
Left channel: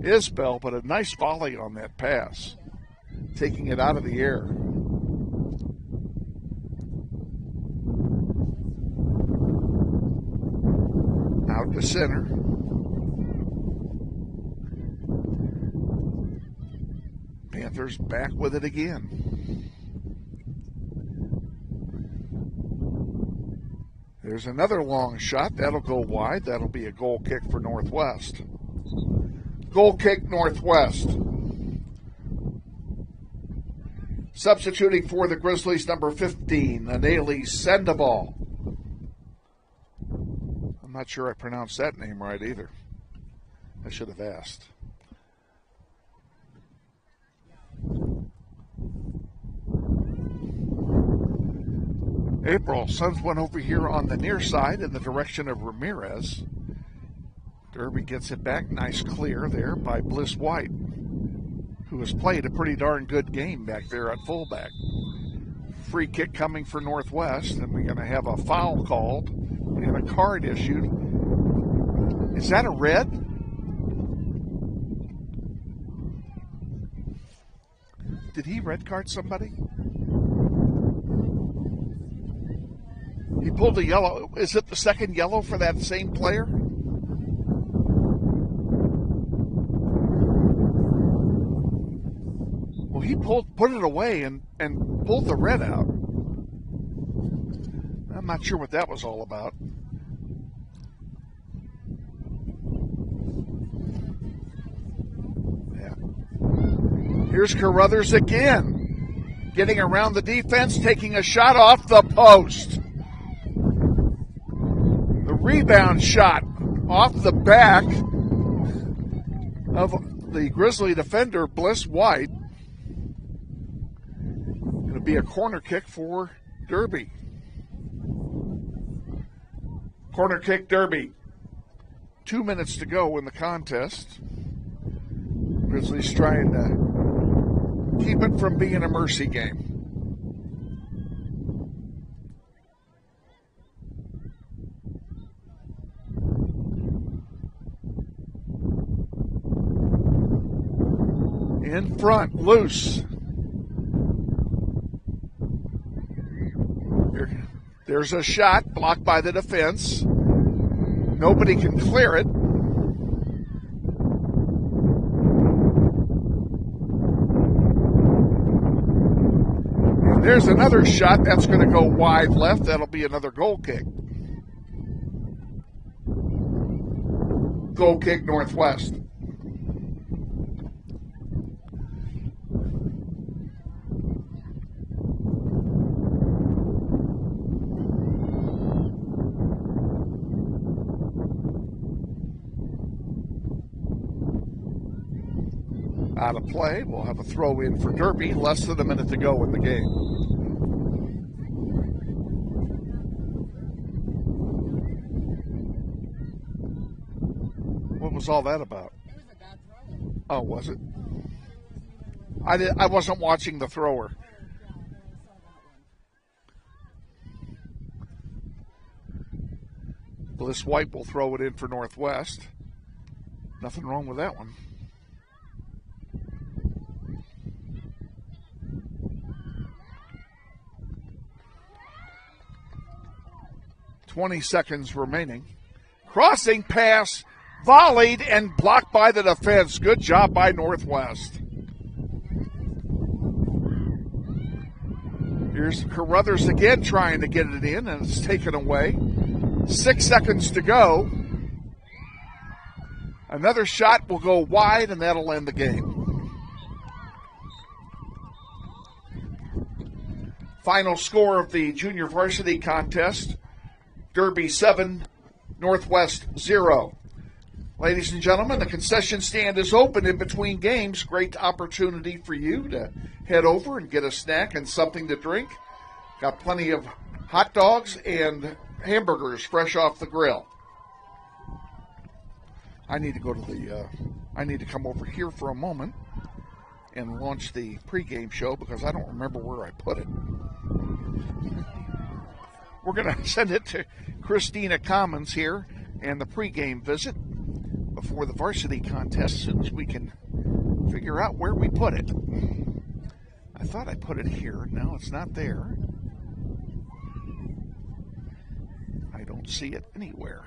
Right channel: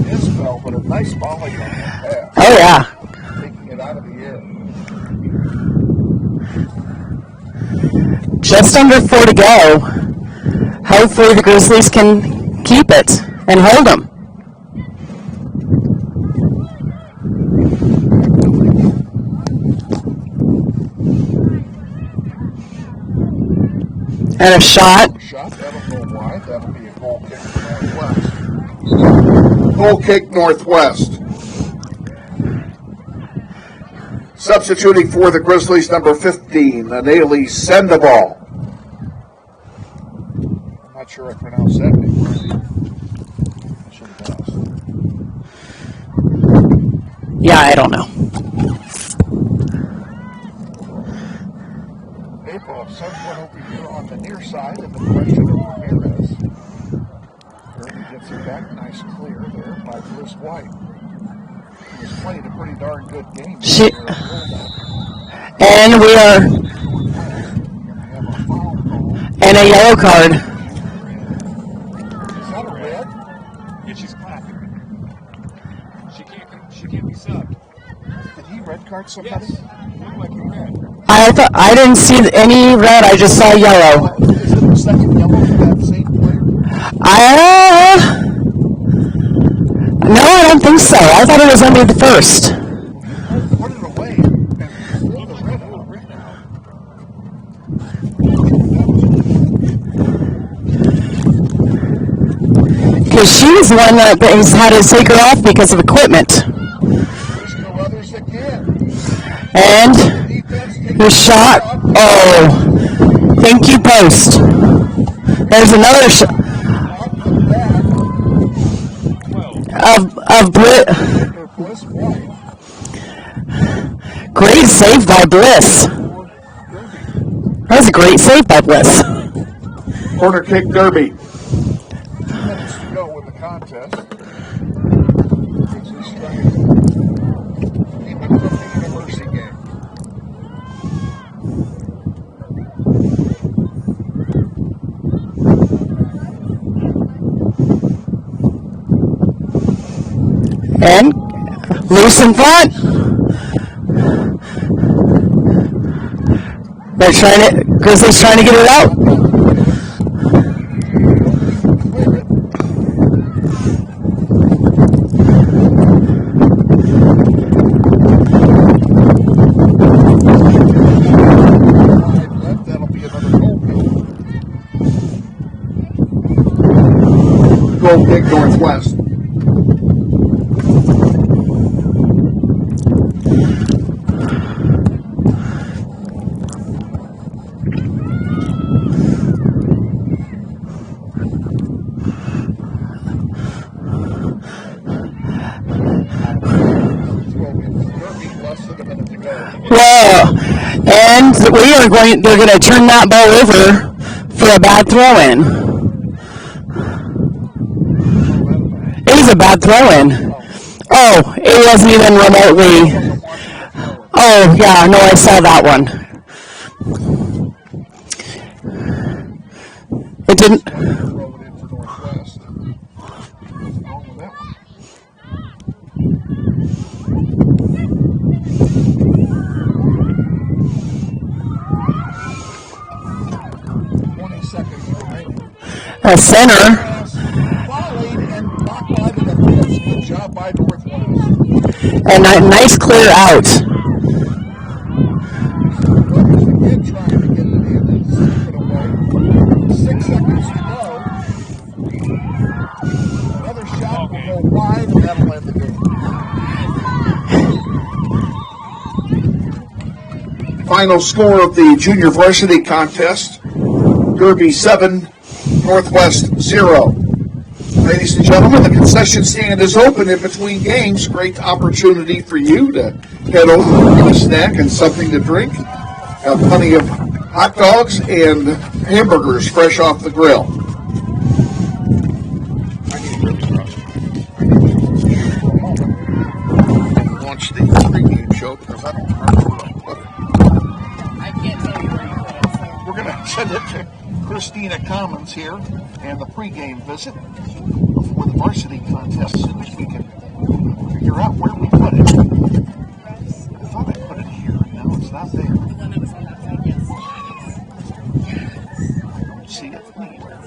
Isbell, but a nice volley on that pass. Oh, yeah. Taking it out of the air. Just under 4 to go. Hopefully the Grizzlies can keep it and hold them. Panthers back with it again. And a shot. That'll go wide. That'll be a goal kick for Northwest. Goal kick, Northwest. Substituting for the Grizzlies, number 15, Anali Sandoval. I'm not sure I pronounced that name right either. I should have asked. Yeah, I don't know. April, Suggs went over here on the near side in the direction of Ramirez. Derby gets it back. Nice clear there by Bliss White, who has played a pretty darn good game there at fullback. And we are for Northwest, and we're going to have a foul call. And a yellow card. Is that a red? Yeah, she's clapping. She can't be subbed. Did he red card somebody? Yes. Looked like a red. I didn't see any red. I just saw yellow. Oh, is it the second yellow for that same player? No, I don't think so. I thought it was only the first. Well, he put it away and pulled the red out. I'm not sure what that was all about. Because she was the one that has had to take her off because of equipment. Here's Carruthers again. And the defense takes the shot. Off the post. Thank you, post. There's another shot. Off the back of Bliss White. Great save by Bliss. Derby. That was a great save by Bliss. Corner kick, Derby. 2 minutes to go in the contest. Grizzlies trying to keep it from being a mercy game. And loose in front. Grizzlies trying to get it out. Blocked by the defense. Nobody can clear it. There's another shot that's going to go wide left. That'll be another goal kick. Goal kick, Northwest. Less than a minute to go. Well, and they're going to turn that ball over for a bad throw-in. What's all that about? It was a bad throw-in. Oh, it wasn't even remotely. I wasn't watching the thrower. Oh, yeah, no, I saw that one. It didn't. White to throw it in for Northwest. Nothing wrong with that one. 20 seconds remaining. A center. Pass volleyed and blocked by the defense. Good job by Northwest. And a nice clear out. Here's the Brothers again trying to get it in, and it's taken away. 6 seconds to go. Another shot will go wide, and that'll end the game. Final score of the junior varsity contest. Derby 7, Northwest 0. Ladies and gentlemen, the concession stand is open in between games. Great opportunity for you to head over, get a snack and something to drink. Have plenty of hot dogs and hamburgers fresh off the grill. I need to come over here for a moment and launch the pregame show because I don't remember where I put it. I can't tell you where you put it. So. We're going to send it to Christina Commons here and the pregame visit before the varsity contest as soon as we can figure out where we put it. I thought I put it here. No, it's not there. I don't see it anywhere.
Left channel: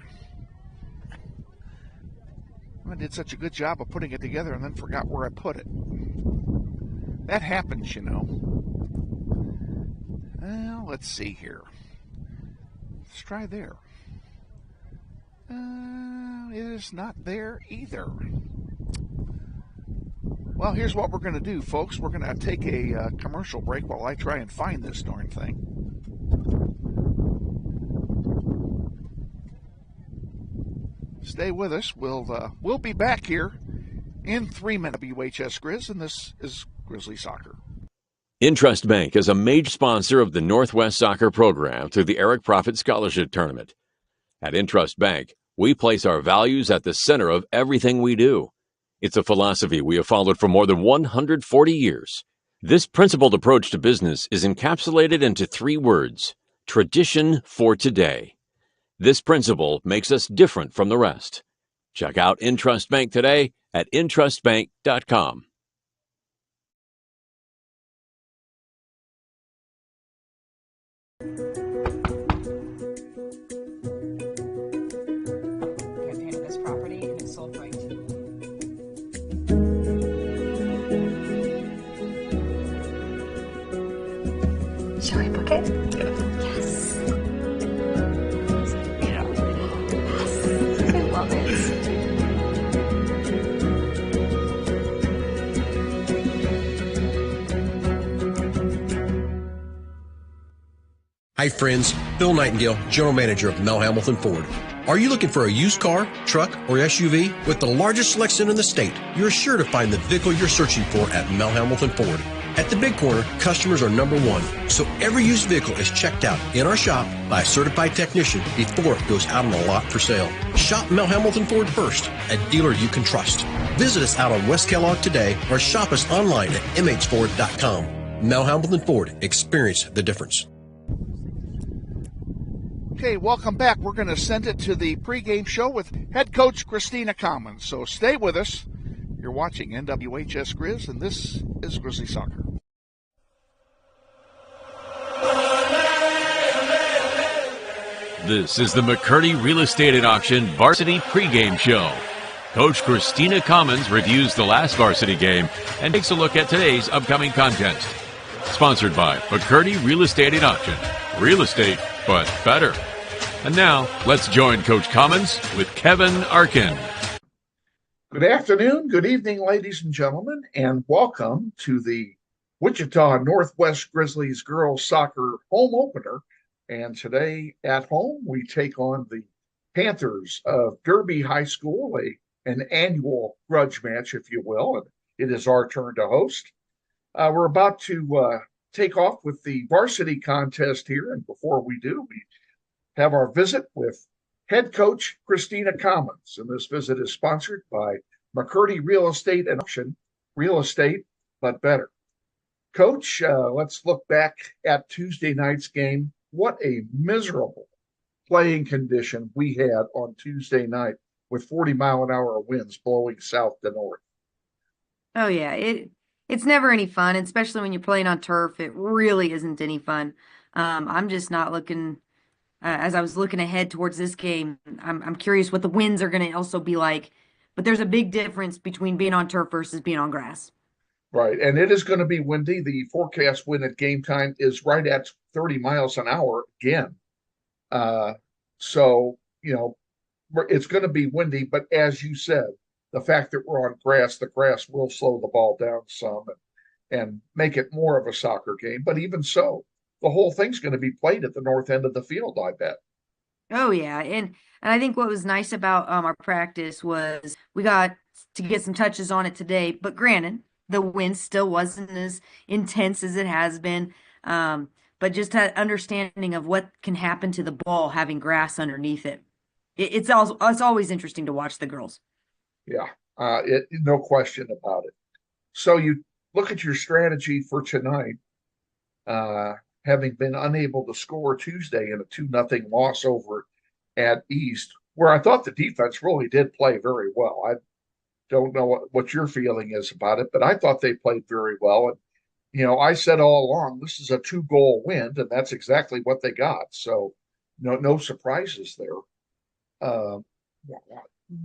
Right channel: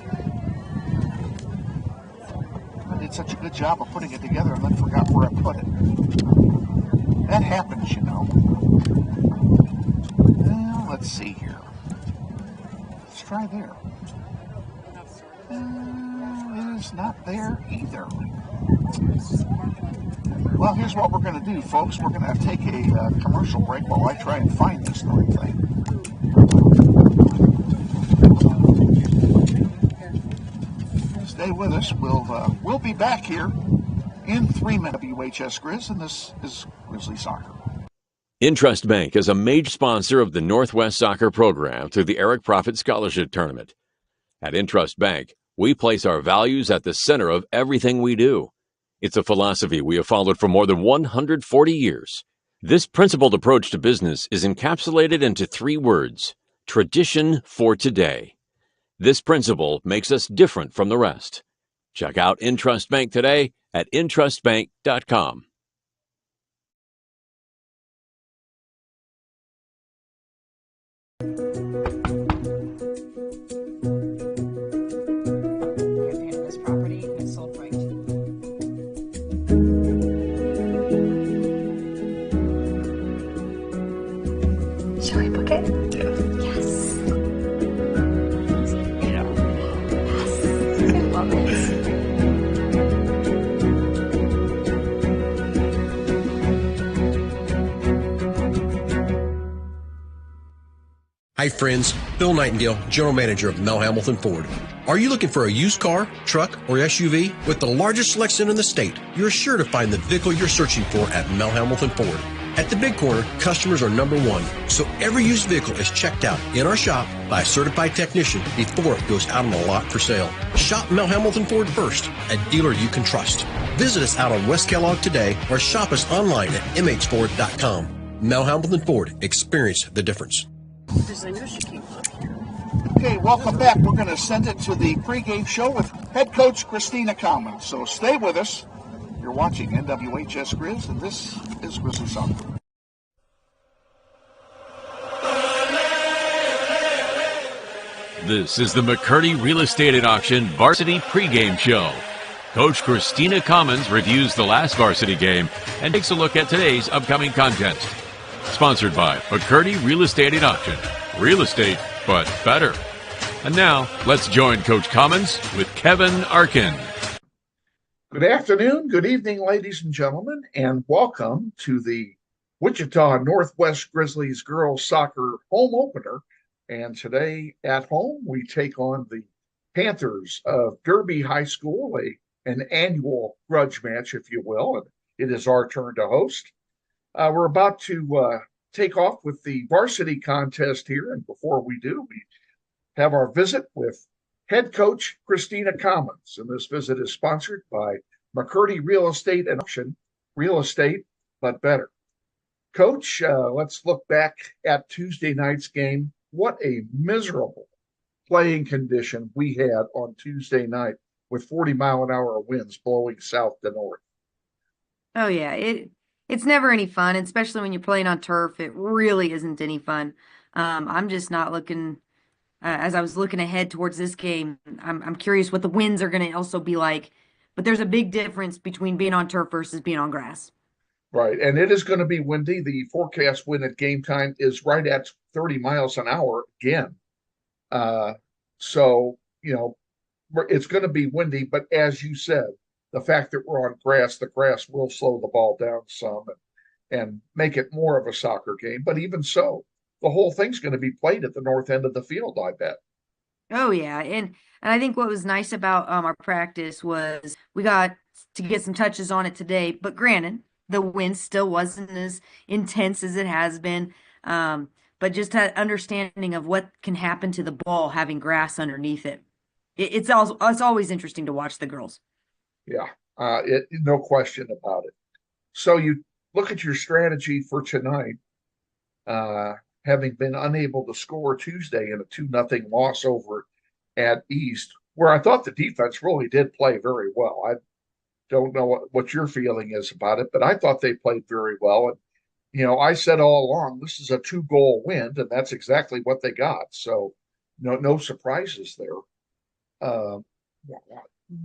I did such a good job of putting it together and then forgot where I put it. That happens, you know. Well, let's see here. Let's try there. It is not there either. Well, here's what we're going to do, folks. We're going to take a commercial break while I try and find this darn thing. Stay with us. We'll be back here in 3 minutes. WHS Grizz, and this is Grizzly Soccer. Intrust Bank is a major sponsor of the Northwest Soccer program through the Eric Profit Scholarship Tournament. At Intrust Bank, we place our values at the center of everything we do. It's a philosophy we have followed for more than 140 years. This principled approach to business is encapsulated into 3 words: tradition for today. This principle makes us different from the rest. Check out Intrust Bank today at intrustbank.com. Shall we book it? Yeah. Yes. Yeah. Yes. I love it. Hi friends, Bill Nightingale, General Manager of Mel Hamilton Ford. Are you looking for a used car, truck, or SUV? With the largest selection in the state, you're sure to find the vehicle you're searching for at Mel Hamilton Ford. At the Big Corner, customers are number one, so every used vehicle is checked out in our shop by a certified technician before it goes out on the lot for sale. Shop Mel Hamilton Ford first, a dealer you can trust. Visit us out on West Kellogg today or shop us online at mhford.com. Mel Hamilton Ford, experience the difference. Okay, welcome back. We're going to send it to the pregame show with head coach Christina Commons. So stay with us. You're watching NWHS Grizz, and this is Grizzly Soccer. This is the McCurdy Real Estate at Auction Varsity Pregame Show. Coach Christina Commons reviews the last varsity game and takes a look at today's upcoming contest. Sponsored by McCurdy Real Estate at Auction. Real estate, but better. And now, let's join Coach Commons with Kevin Arkin. Good afternoon, good evening, ladies and gentlemen, and welcome to the Wichita Northwest Grizzlies girls soccer home opener. And today at home, we take on the Panthers of Derby High School, an annual grudge match, if you will, and it is our turn to host. We're about to take off with the varsity contest here, and before we do, we have our visit with head coach Christina Commons, and this visit is sponsored by McCurdy Real Estate and Auction. Real estate, but better. Coach, let's look back at Tuesday night's game. What a miserable playing condition we had on Tuesday night with 40-mile-an-hour winds blowing south to north. Oh, yeah. It's never any fun, especially when you're playing on turf. It really isn't any fun. I'm just not looking as I was looking ahead towards this game. I'm curious what the winds are going to also be like. But there's a big difference between being on turf versus being on grass. Right, and it is going to be windy. The forecast wind at game time is right at 30 miles an hour again. So, it's going to be windy. But as you said, the fact that we're on grass, the grass will slow the ball down some and make it more of a soccer game. But even so, the whole thing's going to be played at the north end of the field, I bet. Oh, yeah. And I think what was nice about our practice was we got to get some touches on it today. But granted, the wind still wasn't as intense as it has been. But but just an understanding of what can happen to the ball having grass underneath it. It's always interesting to watch the girls. Yeah, no question about it. So you look at your strategy for tonight, having been unable to score Tuesday in a 2-0 loss over at East, where I thought the defense really did play very well. I don't know what your feeling is about it, but I thought they played very well. And, I said all along, this is a 2-goal win, and that's exactly what they got. So no surprises there. Uh,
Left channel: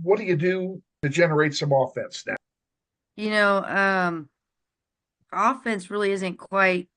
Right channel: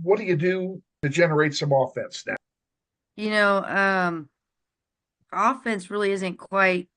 what do you do to generate some offense now? You know, offense really isn't quite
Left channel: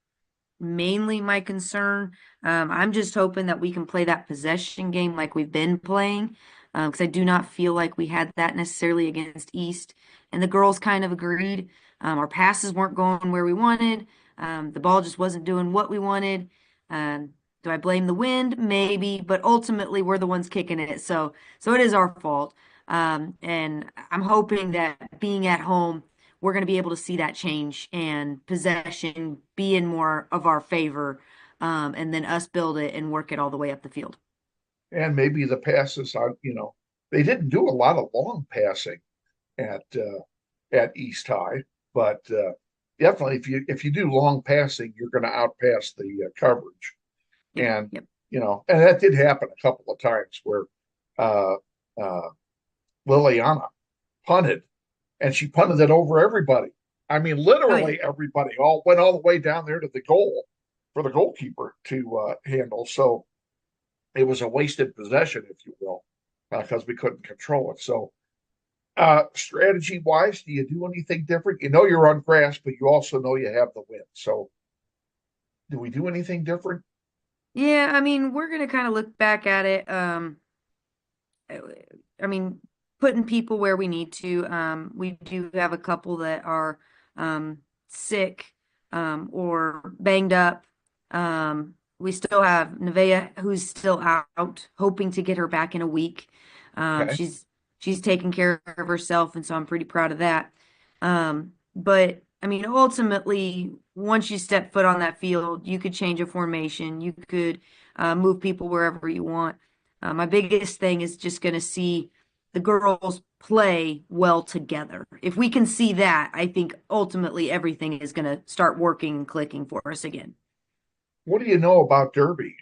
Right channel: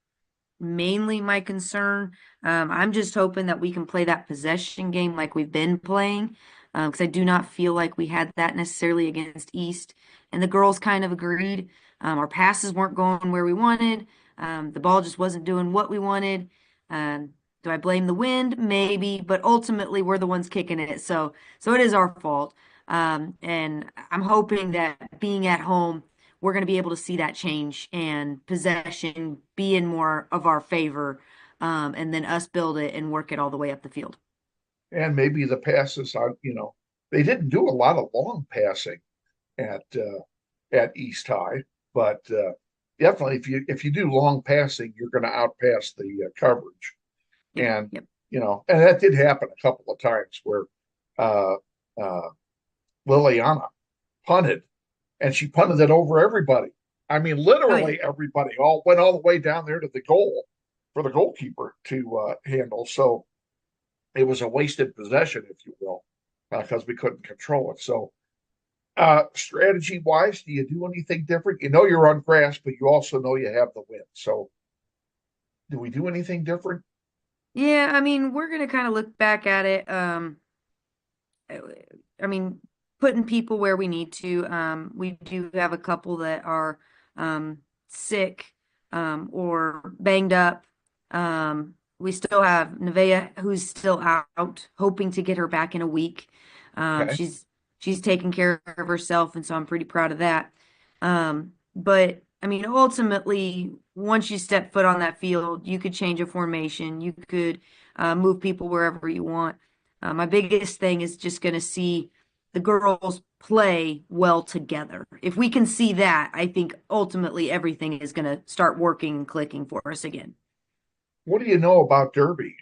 mainly my concern. I'm just hoping that we can play that possession game like we've been playing, because I do not feel like we had that necessarily against East. And the girls kind of agreed. Our passes weren't going where we wanted. The ball just wasn't doing what we wanted. Do I blame the wind? Maybe, but ultimately we're the ones kicking it. So it is our fault. And I'm hoping that being at home, we're going to be able to see that change and possession be in more of our favor, and then us build it and work it all the way up the field. And maybe the passes on, they didn't do a lot of long passing at East High, but definitely if you do long passing, you're going to outpass the coverage. And and that did happen a couple of times where Liliana punted, and she punted it over everybody. I mean, literally everybody went all the way down there to the goal for the goalkeeper to handle. So it was a wasted possession, if you will, because we couldn't control it. So strategy wise, do you do anything different? You're on grass, but you also know you have the wind. So do we do anything different? Yeah, I mean, we're gonna kind of look back at it. I mean, putting people where we need to. We do have a couple that are sick or banged up. We still have Nevaeh, who's still out, hoping to get her back in a week. Okay. She's taking care of herself, and so I'm pretty proud of that. But I mean, ultimately, once you step foot on that field, you could change a formation. You could move people wherever you want. My biggest thing is just going to see the girls play well together. If we can see that, I think ultimately everything is going to start working and clicking for us again. What do you know about Derby?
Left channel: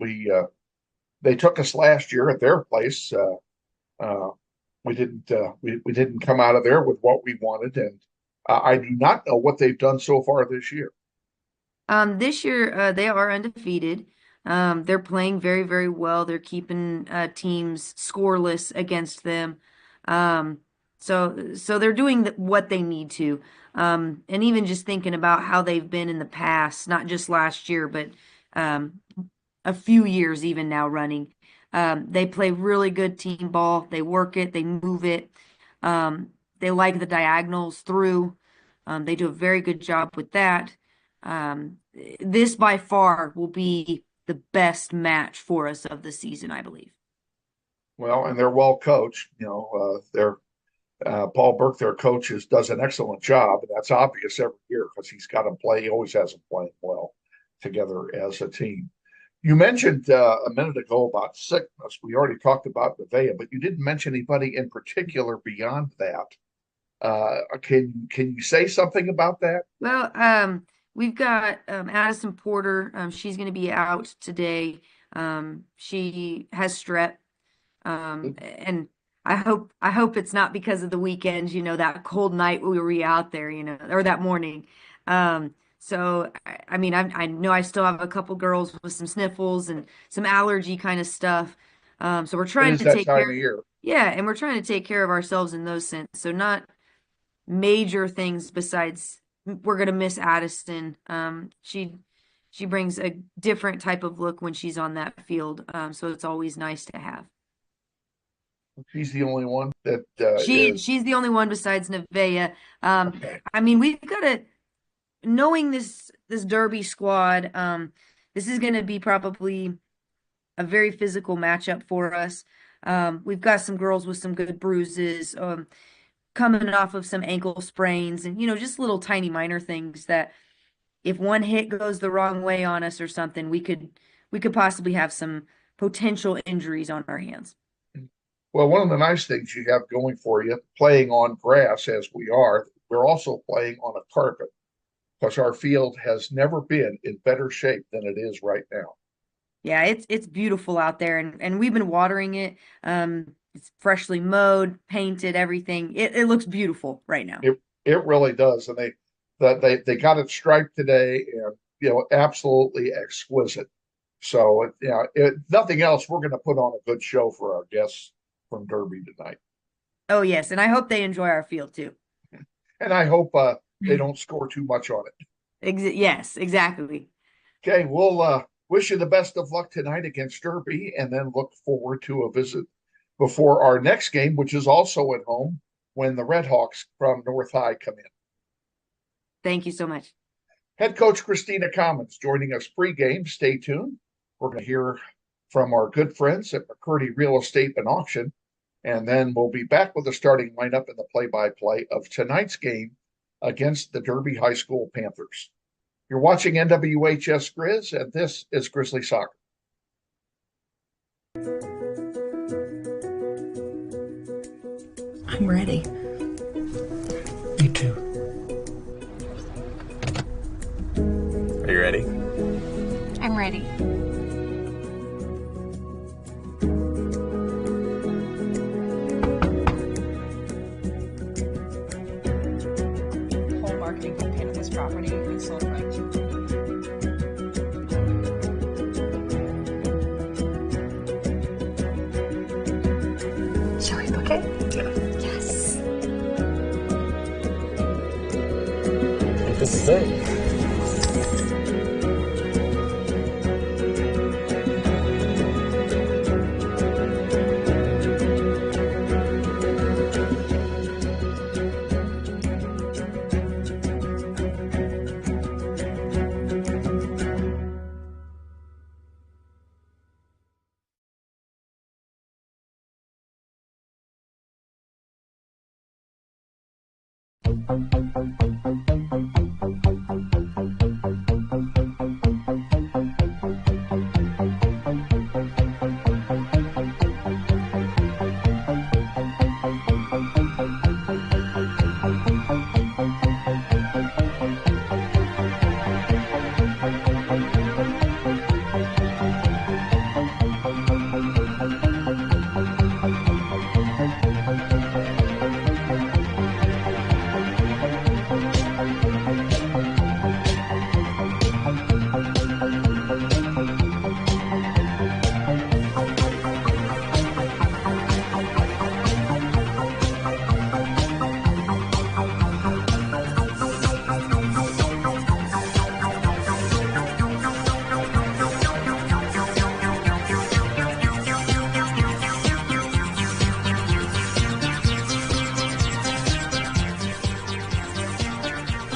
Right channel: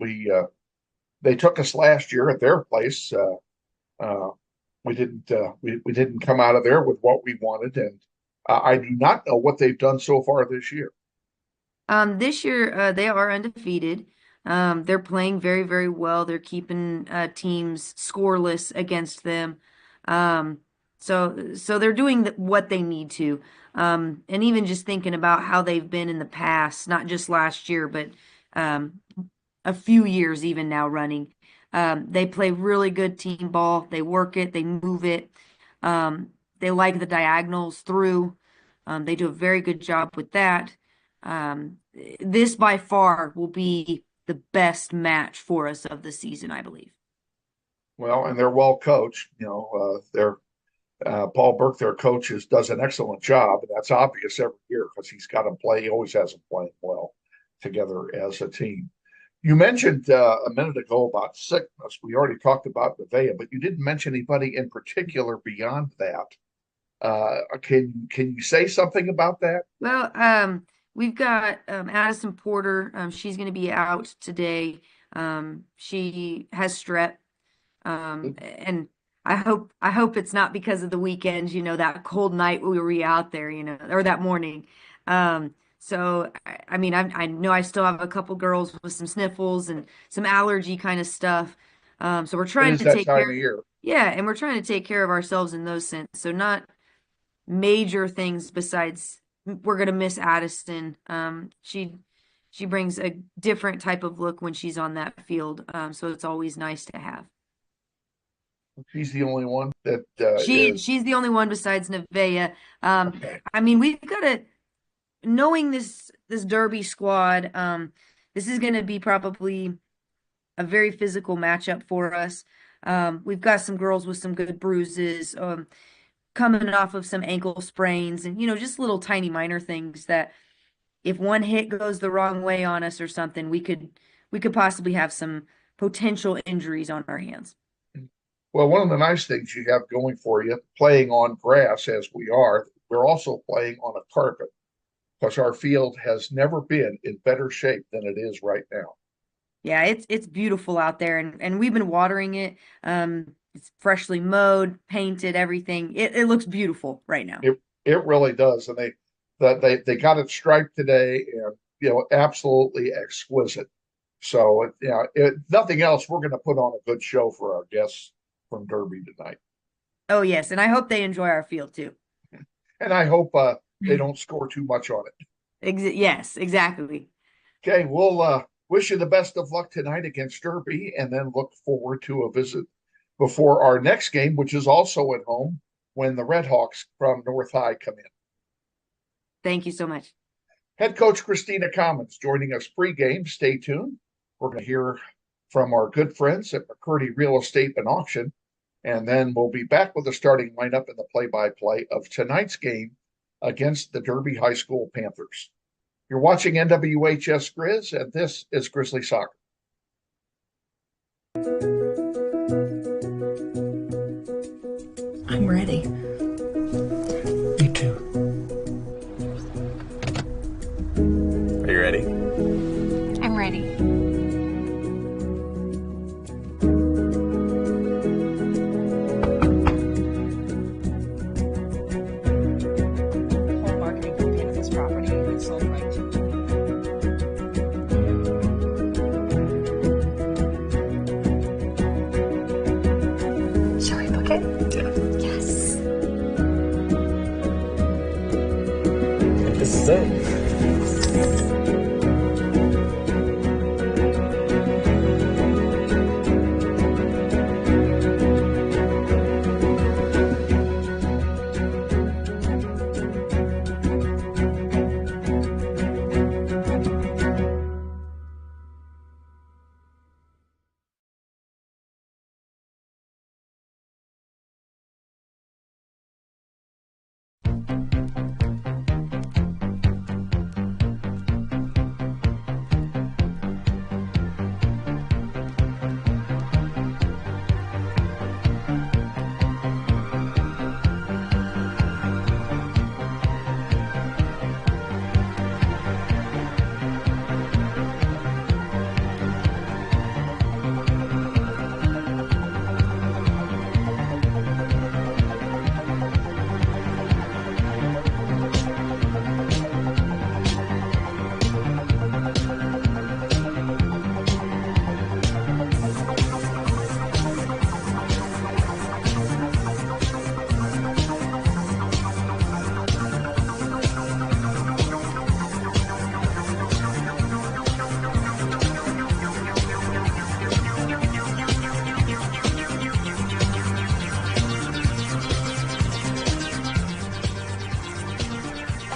We they took us last year at their place. We didn't come out of there with what we wanted, and I do not know what they've done so far this year. This year they are undefeated. They're playing very, very well. They're keeping teams scoreless against them. So they're doing what they need to. And even just thinking about how they've been in the past, not just last year, but a few years even now running. They play really good team ball. They work it, they move it. They like the diagonals through. They do a very good job with that. This by far will be the best match for us of the season, I believe. Well, and they're well coached. They're Paul Burke, their coach, does an excellent job, and that's obvious every year because he's got them play. He always has them playing well together as a team. You mentioned a minute ago about sickness. We already talked about Nevaeh, but you didn't mention anybody in particular beyond that. Can you say something about that? Well, we've got Addison Porter. She's going to be out today. She has strep, and I hope it's not because of the weekends. That cold night we were out there. Or that morning. So I mean, I know I still have a couple girls with some sniffles and some allergy kind of stuff. So we're trying to take care. Yeah, and we're trying to take care of ourselves in those sense. So not major things besides we're gonna miss Addison. She brings a different type of look when she's on that field. So it's always nice to have. She's the only one that she's the only one besides Nevaeh. Okay. I mean, we've got to knowing this Derby squad. This is going to be probably a very physical matchup for us. We've got some girls with some good bruises, coming off of some ankle sprains, and just little tiny minor things that if one hit goes the wrong way on us or something, we could possibly have some potential injuries on our hands. Well, one of the nice things you have going for you, playing on grass as we are, we're also playing on a carpet because our field has never been in better shape than it is right now. Yeah, it's beautiful out there, and we've been watering it. It's freshly mowed, painted, everything. It looks beautiful right now. It really does, and they got it striped today, and absolutely exquisite. So nothing else, we're going to put on a good show for our guests from Derby tonight. Oh yes, and I hope they enjoy our field too. And I hope they don't score too much on it. Yes, exactly. Okay, we'll wish you the best of luck tonight against Derby, and then look forward to a visit before our next game, which is also at home when the Red Hawks from North High come in. Thank you so much. Head coach Christina Commons joining us pregame. Stay tuned. We're going to hear from our good friends at McCurdy Real Estate and Auction, and then we'll be back with the starting lineup and the play-by-play of tonight's game against the Derby High School Panthers. You're watching NWHS Grizz, and this is Grizzly Soccer. I'm ready. Me too. Are you ready? I'm ready. Whole marketing campaign of this property and sold right to Shall we book it? Yeah. Yes. I think this is it.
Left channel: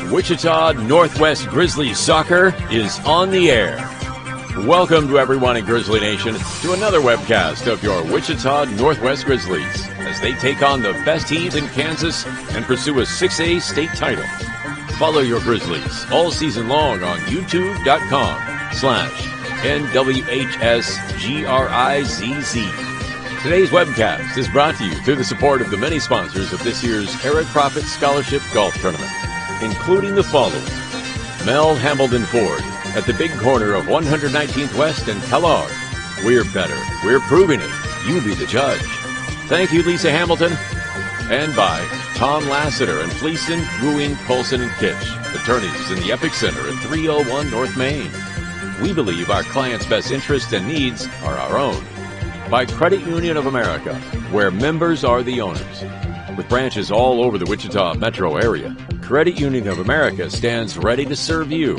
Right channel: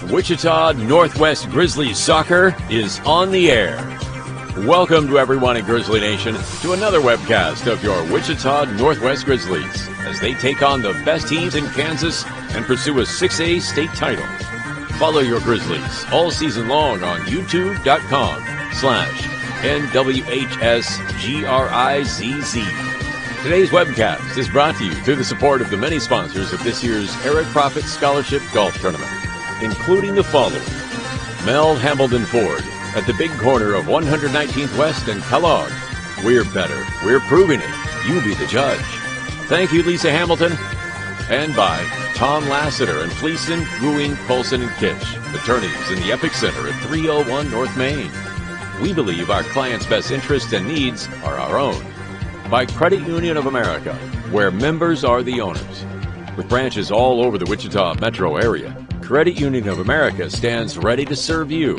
Wichita Northwest Grizzlies soccer is on the air. Welcome to everyone in Grizzly Nation to another webcast of your Wichita Northwest Grizzlies as they take on the best teams in Kansas and pursue a 6A state title. Follow your Grizzlies all season long on youtube.com/NWHSGRIZZ. Today's webcast is brought to you through the support of the many sponsors of this year's Eric Profit Scholarship Golf Tournament, including the following: Mel Hambledon Ford at the big corner of 119th West and Kellogg. We're better. We're proving it. You be the judge. Thank you, Lisa Hamilton. And by Tom Lassiter and Fleeson, Wooing, Colson, and Kitch, attorneys in the Epic Center at 301 North Main. We believe our clients' best interests and needs are our own. By Credit Union of America, where members are the owners. With branches all over the Wichita metro area, Credit Union of America stands ready to serve you.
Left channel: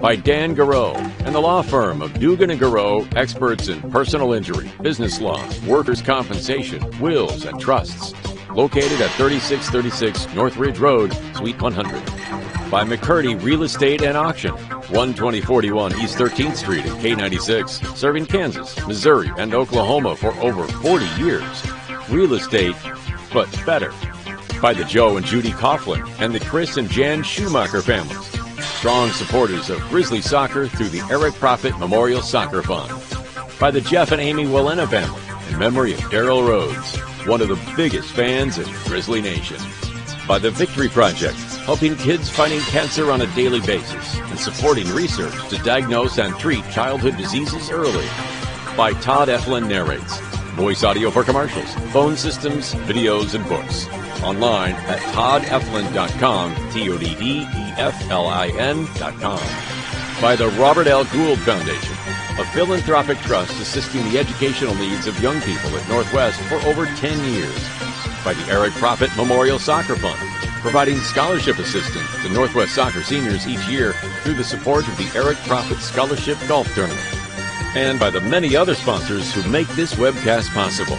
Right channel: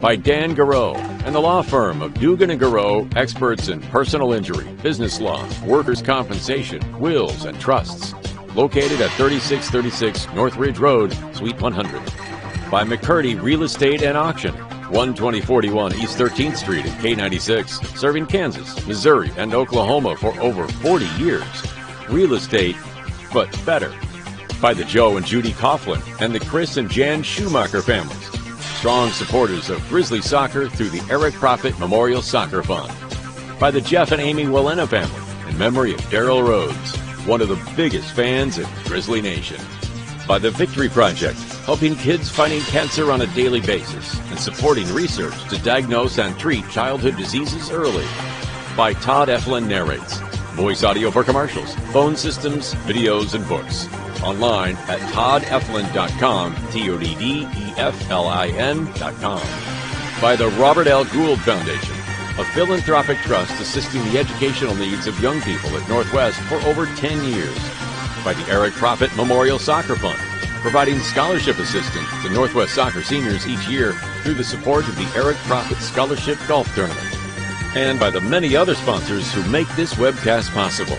By Dan Garreau and the law firm of Dugan & Garreau, experts in personal injury, business law, workers' compensation, wills, and trusts. Located at 3636 Northridge Road, Suite 100. By McCurdy Real Estate and Auction, 12041 East 13th Street at K96, serving Kansas, Missouri, and Oklahoma for over 40 years. Real estate, but better. By the Joe and Judy Coughlin and the Chris and Jan Schumacher families, strong supporters of Grizzly soccer through the Eric Profit Memorial Soccer Fund. By the Jeff and Amy Willena family, in memory of Daryl Rhodes, one of the biggest fans in Grizzly Nation. By the Victory Project, helping kids fighting cancer on a daily basis and supporting research to diagnose and treat childhood diseases early. By Todd Eflin Narrates, voice audio for commercials, phone systems, videos, and books. Online at toddeflin.com, TODDEFLIN.com. By the Robert L. Gould Foundation, a philanthropic trust assisting the educational needs of young people at Northwest for over 10 years. By the Eric Profit Memorial Soccer Fund, providing scholarship assistance to Northwest soccer seniors each year through the support of the Eric Profit Scholarship Golf Tournament. And by the many other sponsors who make this webcast possible.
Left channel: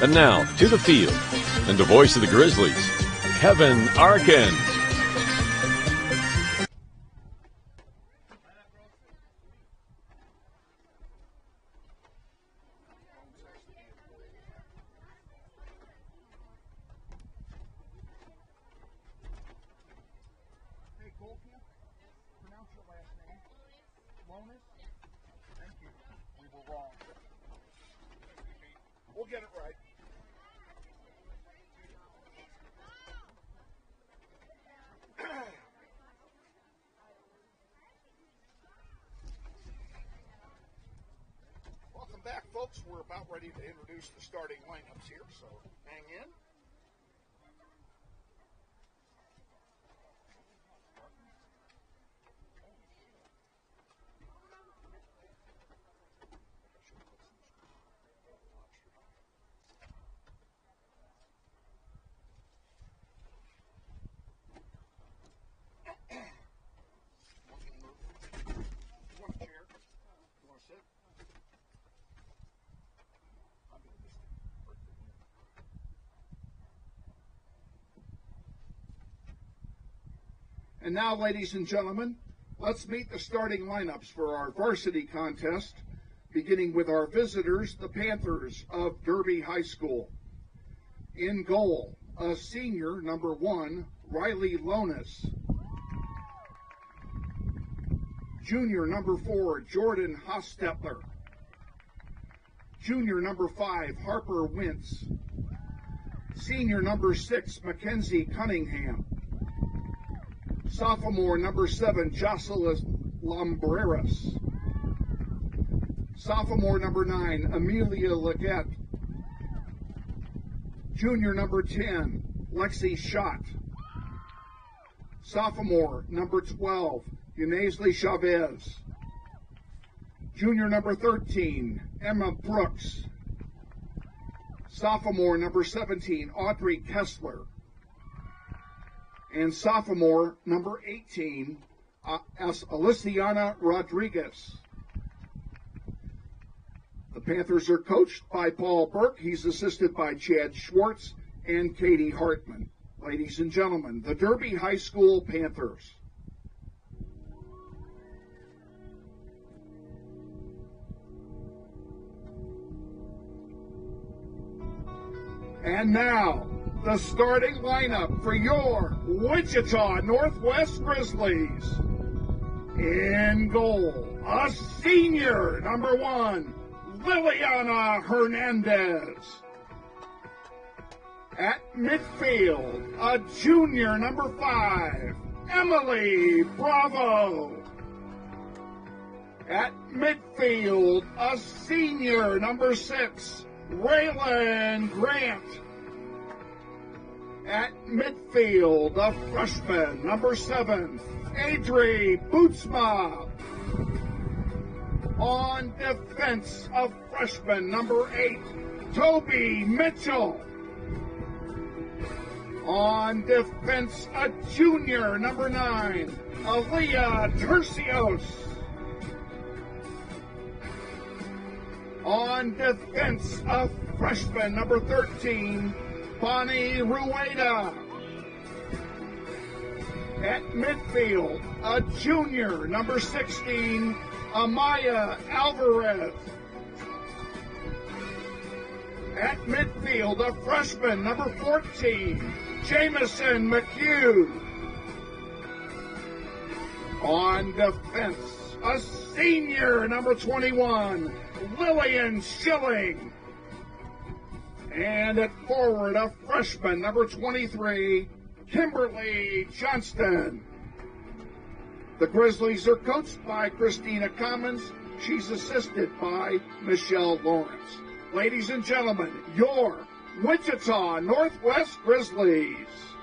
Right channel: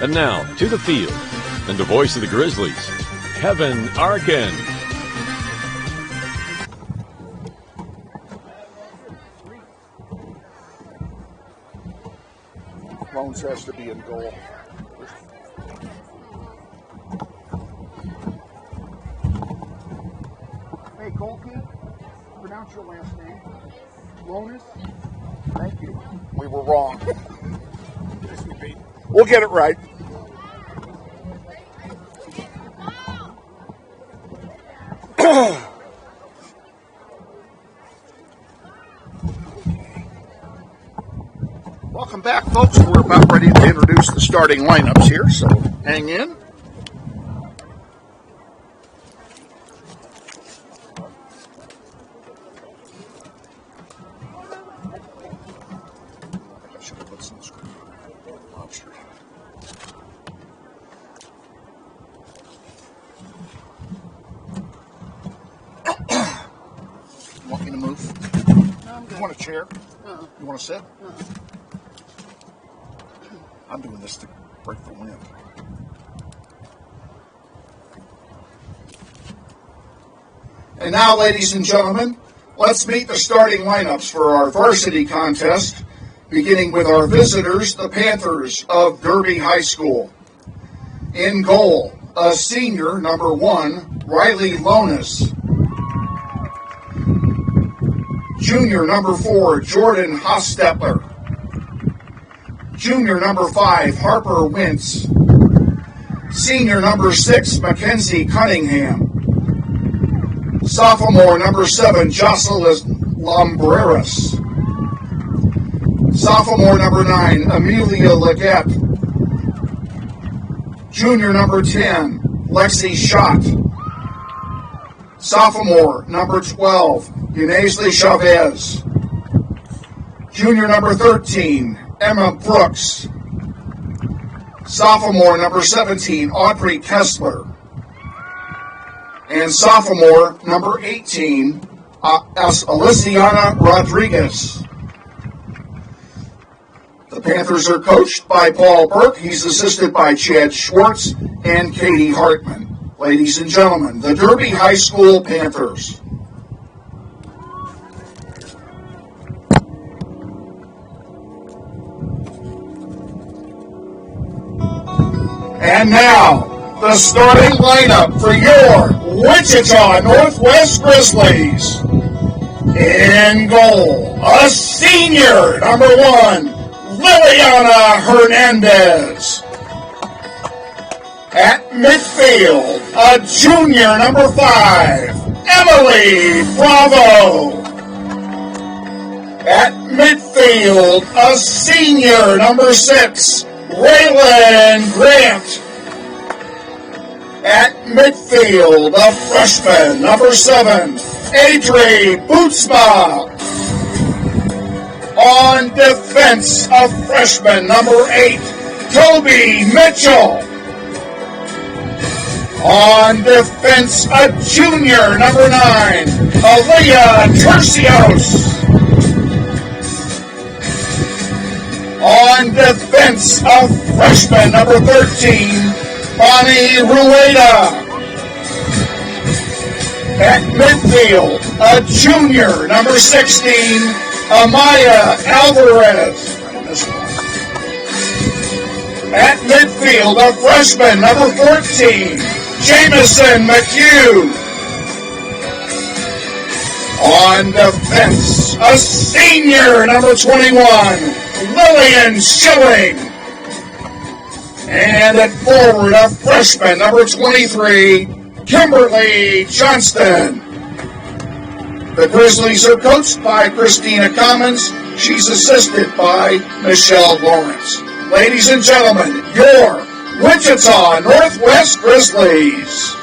And now, to the field, and the voice of the Grizzlies, Kevin Arkin. Bones has to be in goal. Hey, goalkeeper, pronounce your last name. Lonis? Thank you. We were wrong. We'll get it right. Welcome back, folks. We're about ready to introduce the starting lineups here, so hang in. I should have put some lobster. You want me to move? No, I'm good. You want a chair? You want to sit? I'm doing this to break the wind. And now, ladies and gentlemen, let's meet the starting lineups for our varsity contest, beginning with our visitors, the Panthers of Derby High School. In goal, a senior, number 1, Riley Lonis. Junior, number 4, Jordan Hostetler. Junior, number 5, Harper Wentz. Senior, number 6, Mackenzie Cunningham. Sophomore, number 7, Jocelyn Lombreras. Sophomore, number 9, Amelia Leggett. Junior, number 10, Lexi Schott. Sophomore, number 12, Inezli Chavez. Junior, number 13, Emma Brooks. Sophomore, number 17, Audrey Kessler. And sophomore, number 18, Aliciana Rodriguez. The Panthers are coached by Paul Burke. He's assisted by Chad Schwartz and Katie Hartman. Ladies and gentlemen, the Derby High School Panthers. And now, the starting lineup for your Wichita Northwest Grizzlies. In goal, a senior, number 1, Liliana Hernandez. At midfield, a junior, number 5, Emily Bravo. At midfield, a senior, number 6, Raylan Grant. At midfield, a freshman, number 7, Adri Bootsma. On defense, a freshman, number 8, Toby Mitchell. On defense, a junior, number 9, Aaliyah Tercios. On defense, a freshman, number 13, Bonnie Rueda. At midfield, a junior, number 16, Amaya Alvarez. At midfield, a freshman, number 14, Jamison McHugh. On defense, a senior, number 21, Lillian Schilling. And at forward, a freshman, number 23, Kimberly Johnston. The Grizzlies are coached by Christina Commons. She's assisted by Michelle Lawrence. Ladies and gentlemen, your Wichita Northwest Grizzlies.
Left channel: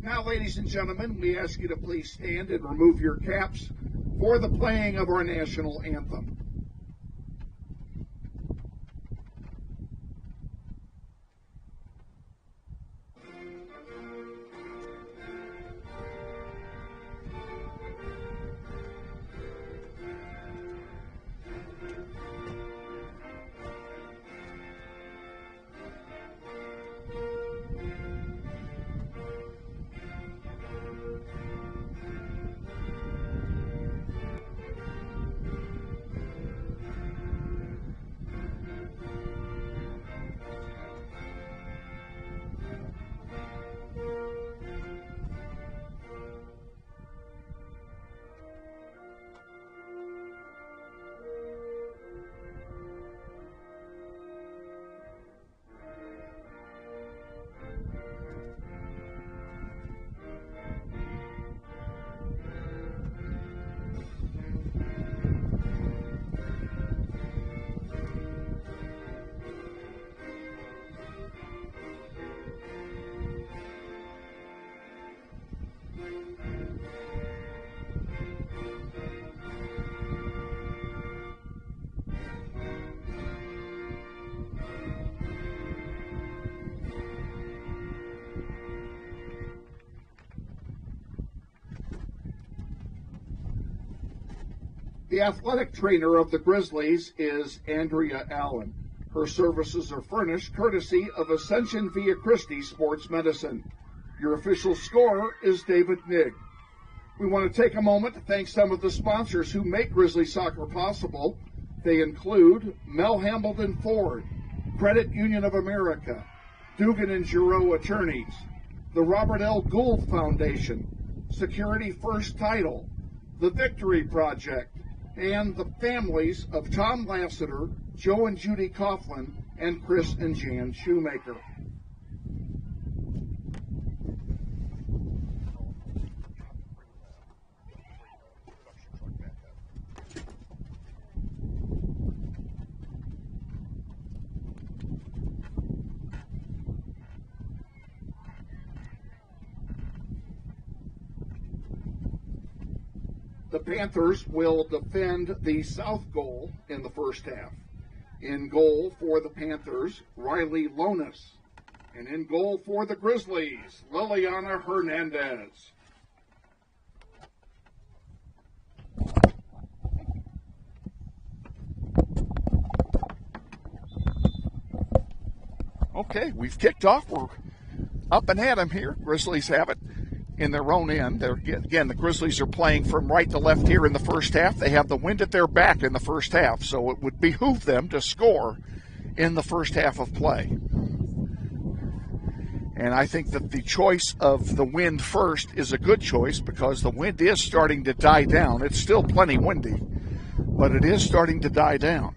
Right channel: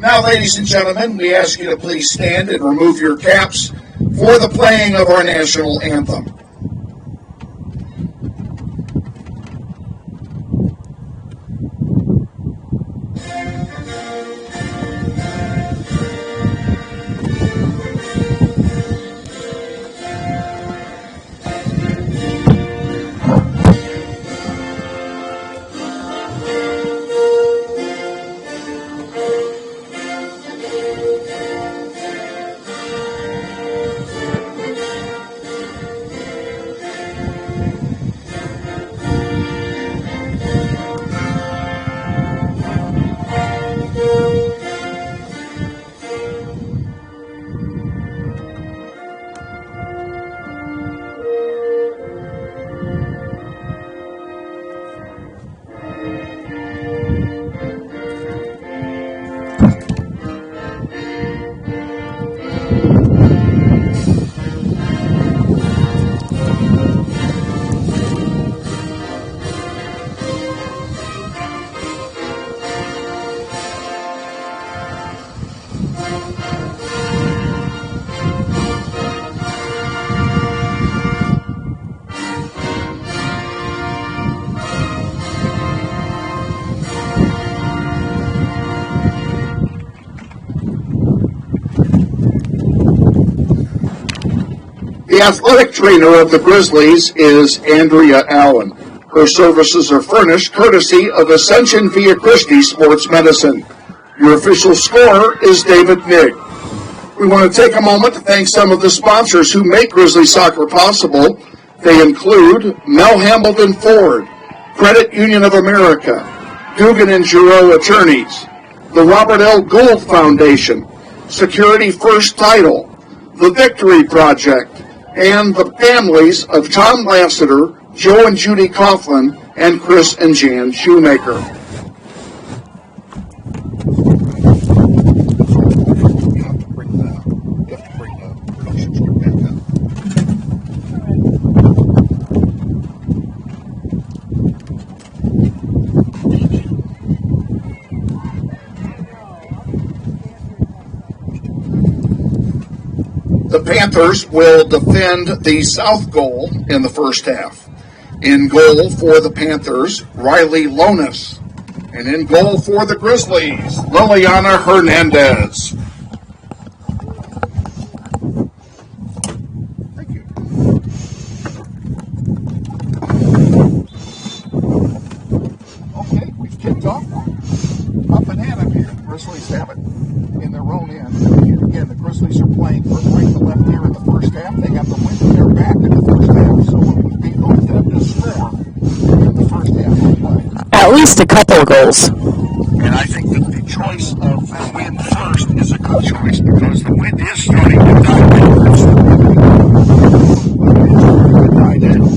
Now, ladies and gentlemen, we ask you to please stand and remove your caps for the playing of our national anthem. The athletic trainer of the Grizzlies is Andrea Allen. Her services are furnished courtesy of Ascension Via Christi Sports Medicine. Your official scorer is David Nigg. We want to take a moment to thank some of the sponsors who make Grizzly Soccer possible. They include Mel Hambleton Ford, Credit Union of America, Dugan and Giroux Attorneys, the Robert L. Gould Foundation, Security First Title, the Victory Project, and the families of Tom Lassiter, Joe and Judy Coughlin, and Chris and Jan Shoemaker. The Panthers will defend the south goal in the first half. In goal for the Panthers, Riley Lonis. And in goal for the Grizzlies, Liliana Hernandez. Thank you. Okay, we've kicked off. We're up and at 'em here. Grizzlies have it in their own end. Again, the Grizzlies are playing from right to left here in the first half. They have the wind at their back in the first half, so it would behoove them to score in the first half of play. At least a couple of goals. And I think that the choice of the wind first is a good choice because the wind is starting to die down. There's still plenty of wind, but it is starting to die down.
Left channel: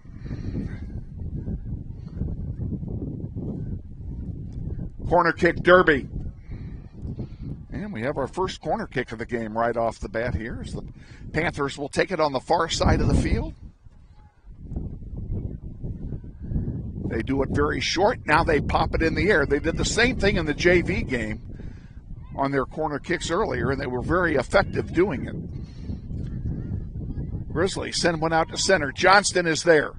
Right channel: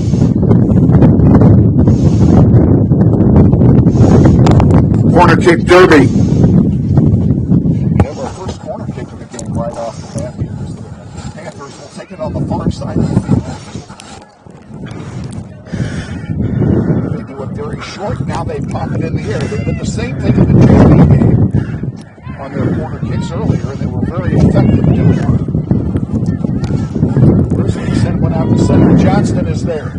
Corner kick derby. First corner kick of the game right off the bat here. The Panthers will take it on the far side of the field. They do it very short. Now they pop it in the air. They did the same thing in the JV game on their corner kicks earlier, and they were very effective doing it. Grizzlies send one out to center. Johnston is there.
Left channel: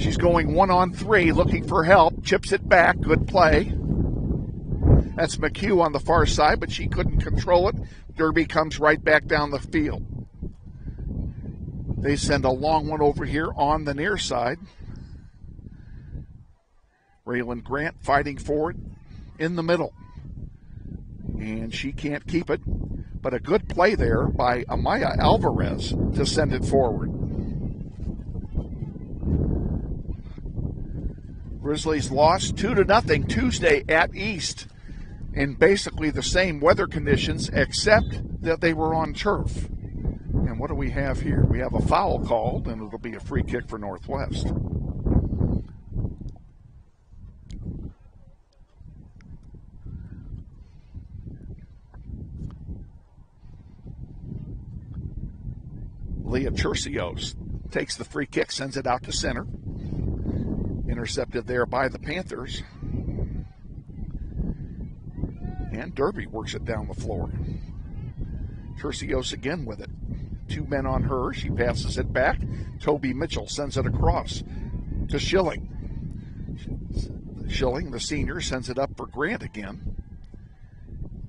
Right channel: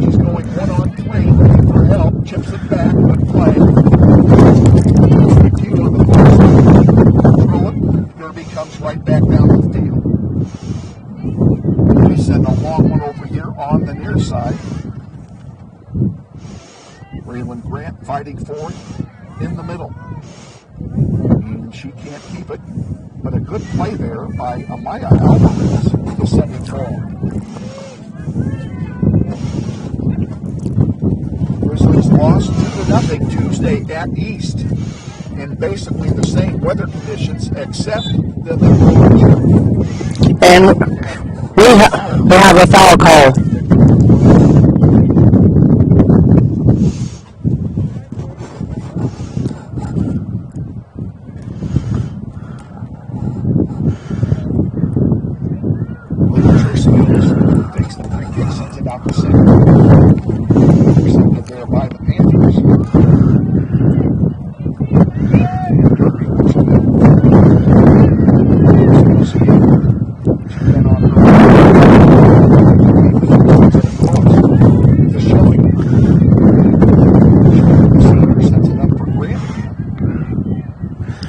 She's going 1-on-3, looking for help. Chips it back. Good play. That's McHugh on the far side, but she couldn't control it. Derby comes right back down the field. They send a long one over here on the near side. Raylan Grant fighting forward in the middle. And she can't keep it, but a good play there by Amaya Alvarez to send it forward. Grizzlies lost 2-0 Tuesday at East. in basically the same weather conditions, except that they were on turf. And we have a foul call. Takes the free kick, sends it out to center. Intercepted there by the Panthers. And Derby works it down. Tercios again with it. 2 men on her. Toby Mitchell sends it across to Schilling. Schilling, the senior, sends it up for Grant again.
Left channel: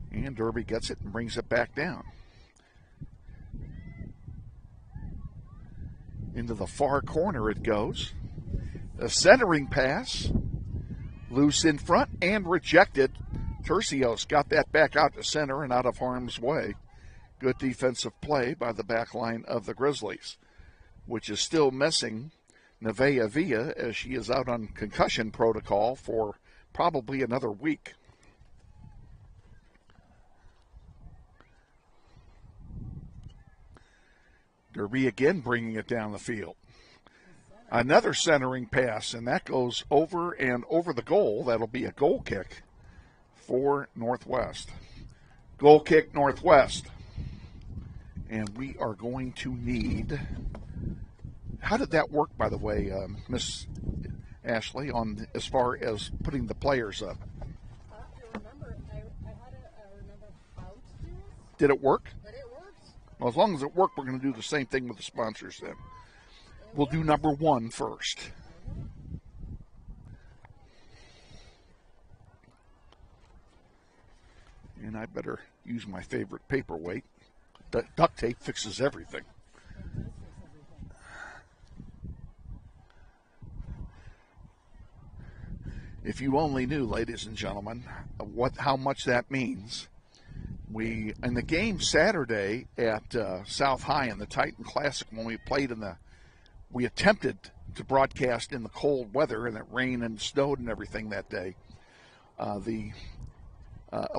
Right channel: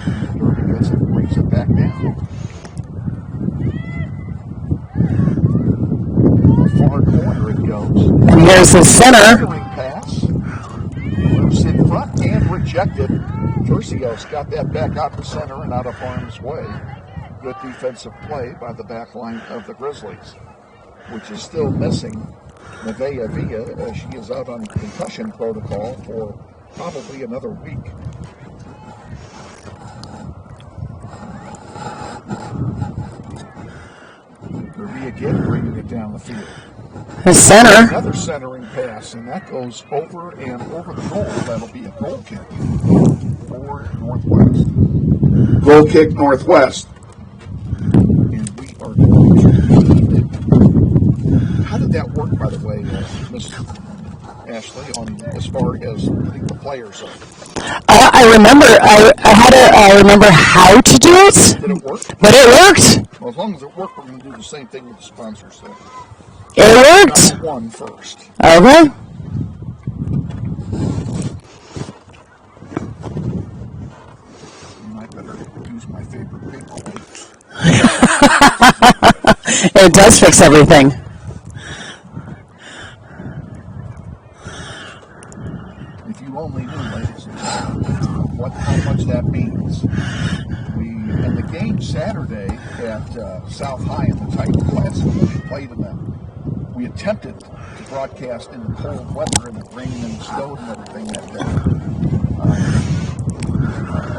And Derby gets it and brings it back down. Far corner it goes. And here's the center. Centering pass. Loose in front and rejected. Tercios got that back out to center and out of harm's way. Good defensive play by the back line of the Grizzlies, which is still missing Nevaeh Villa as she is out on concussion protocol for probably another week. Derby again bringing it down the field. The center. Another centering pass, and that goes over and over the goal. That'll be a goal kick for Northwest. Goal kick Northwest. And we are going to need... How did that work, by the way, Miss Ashley, on as far as putting the players up? I remember. I remember how to do it. Did it work? But it worked. Well, as long as it worked, we're going to do the same thing with the sponsors then. It worked. Number 1 first. Okay. And I better use my favorite paperweight. It does fix everything. If you only knew, ladies and gentlemen, how much that means. In the game Saturday at South High in the Titan Classic, when we played in them, we attempted to broadcast in the cold weather, and it rained and snowed and everything that day.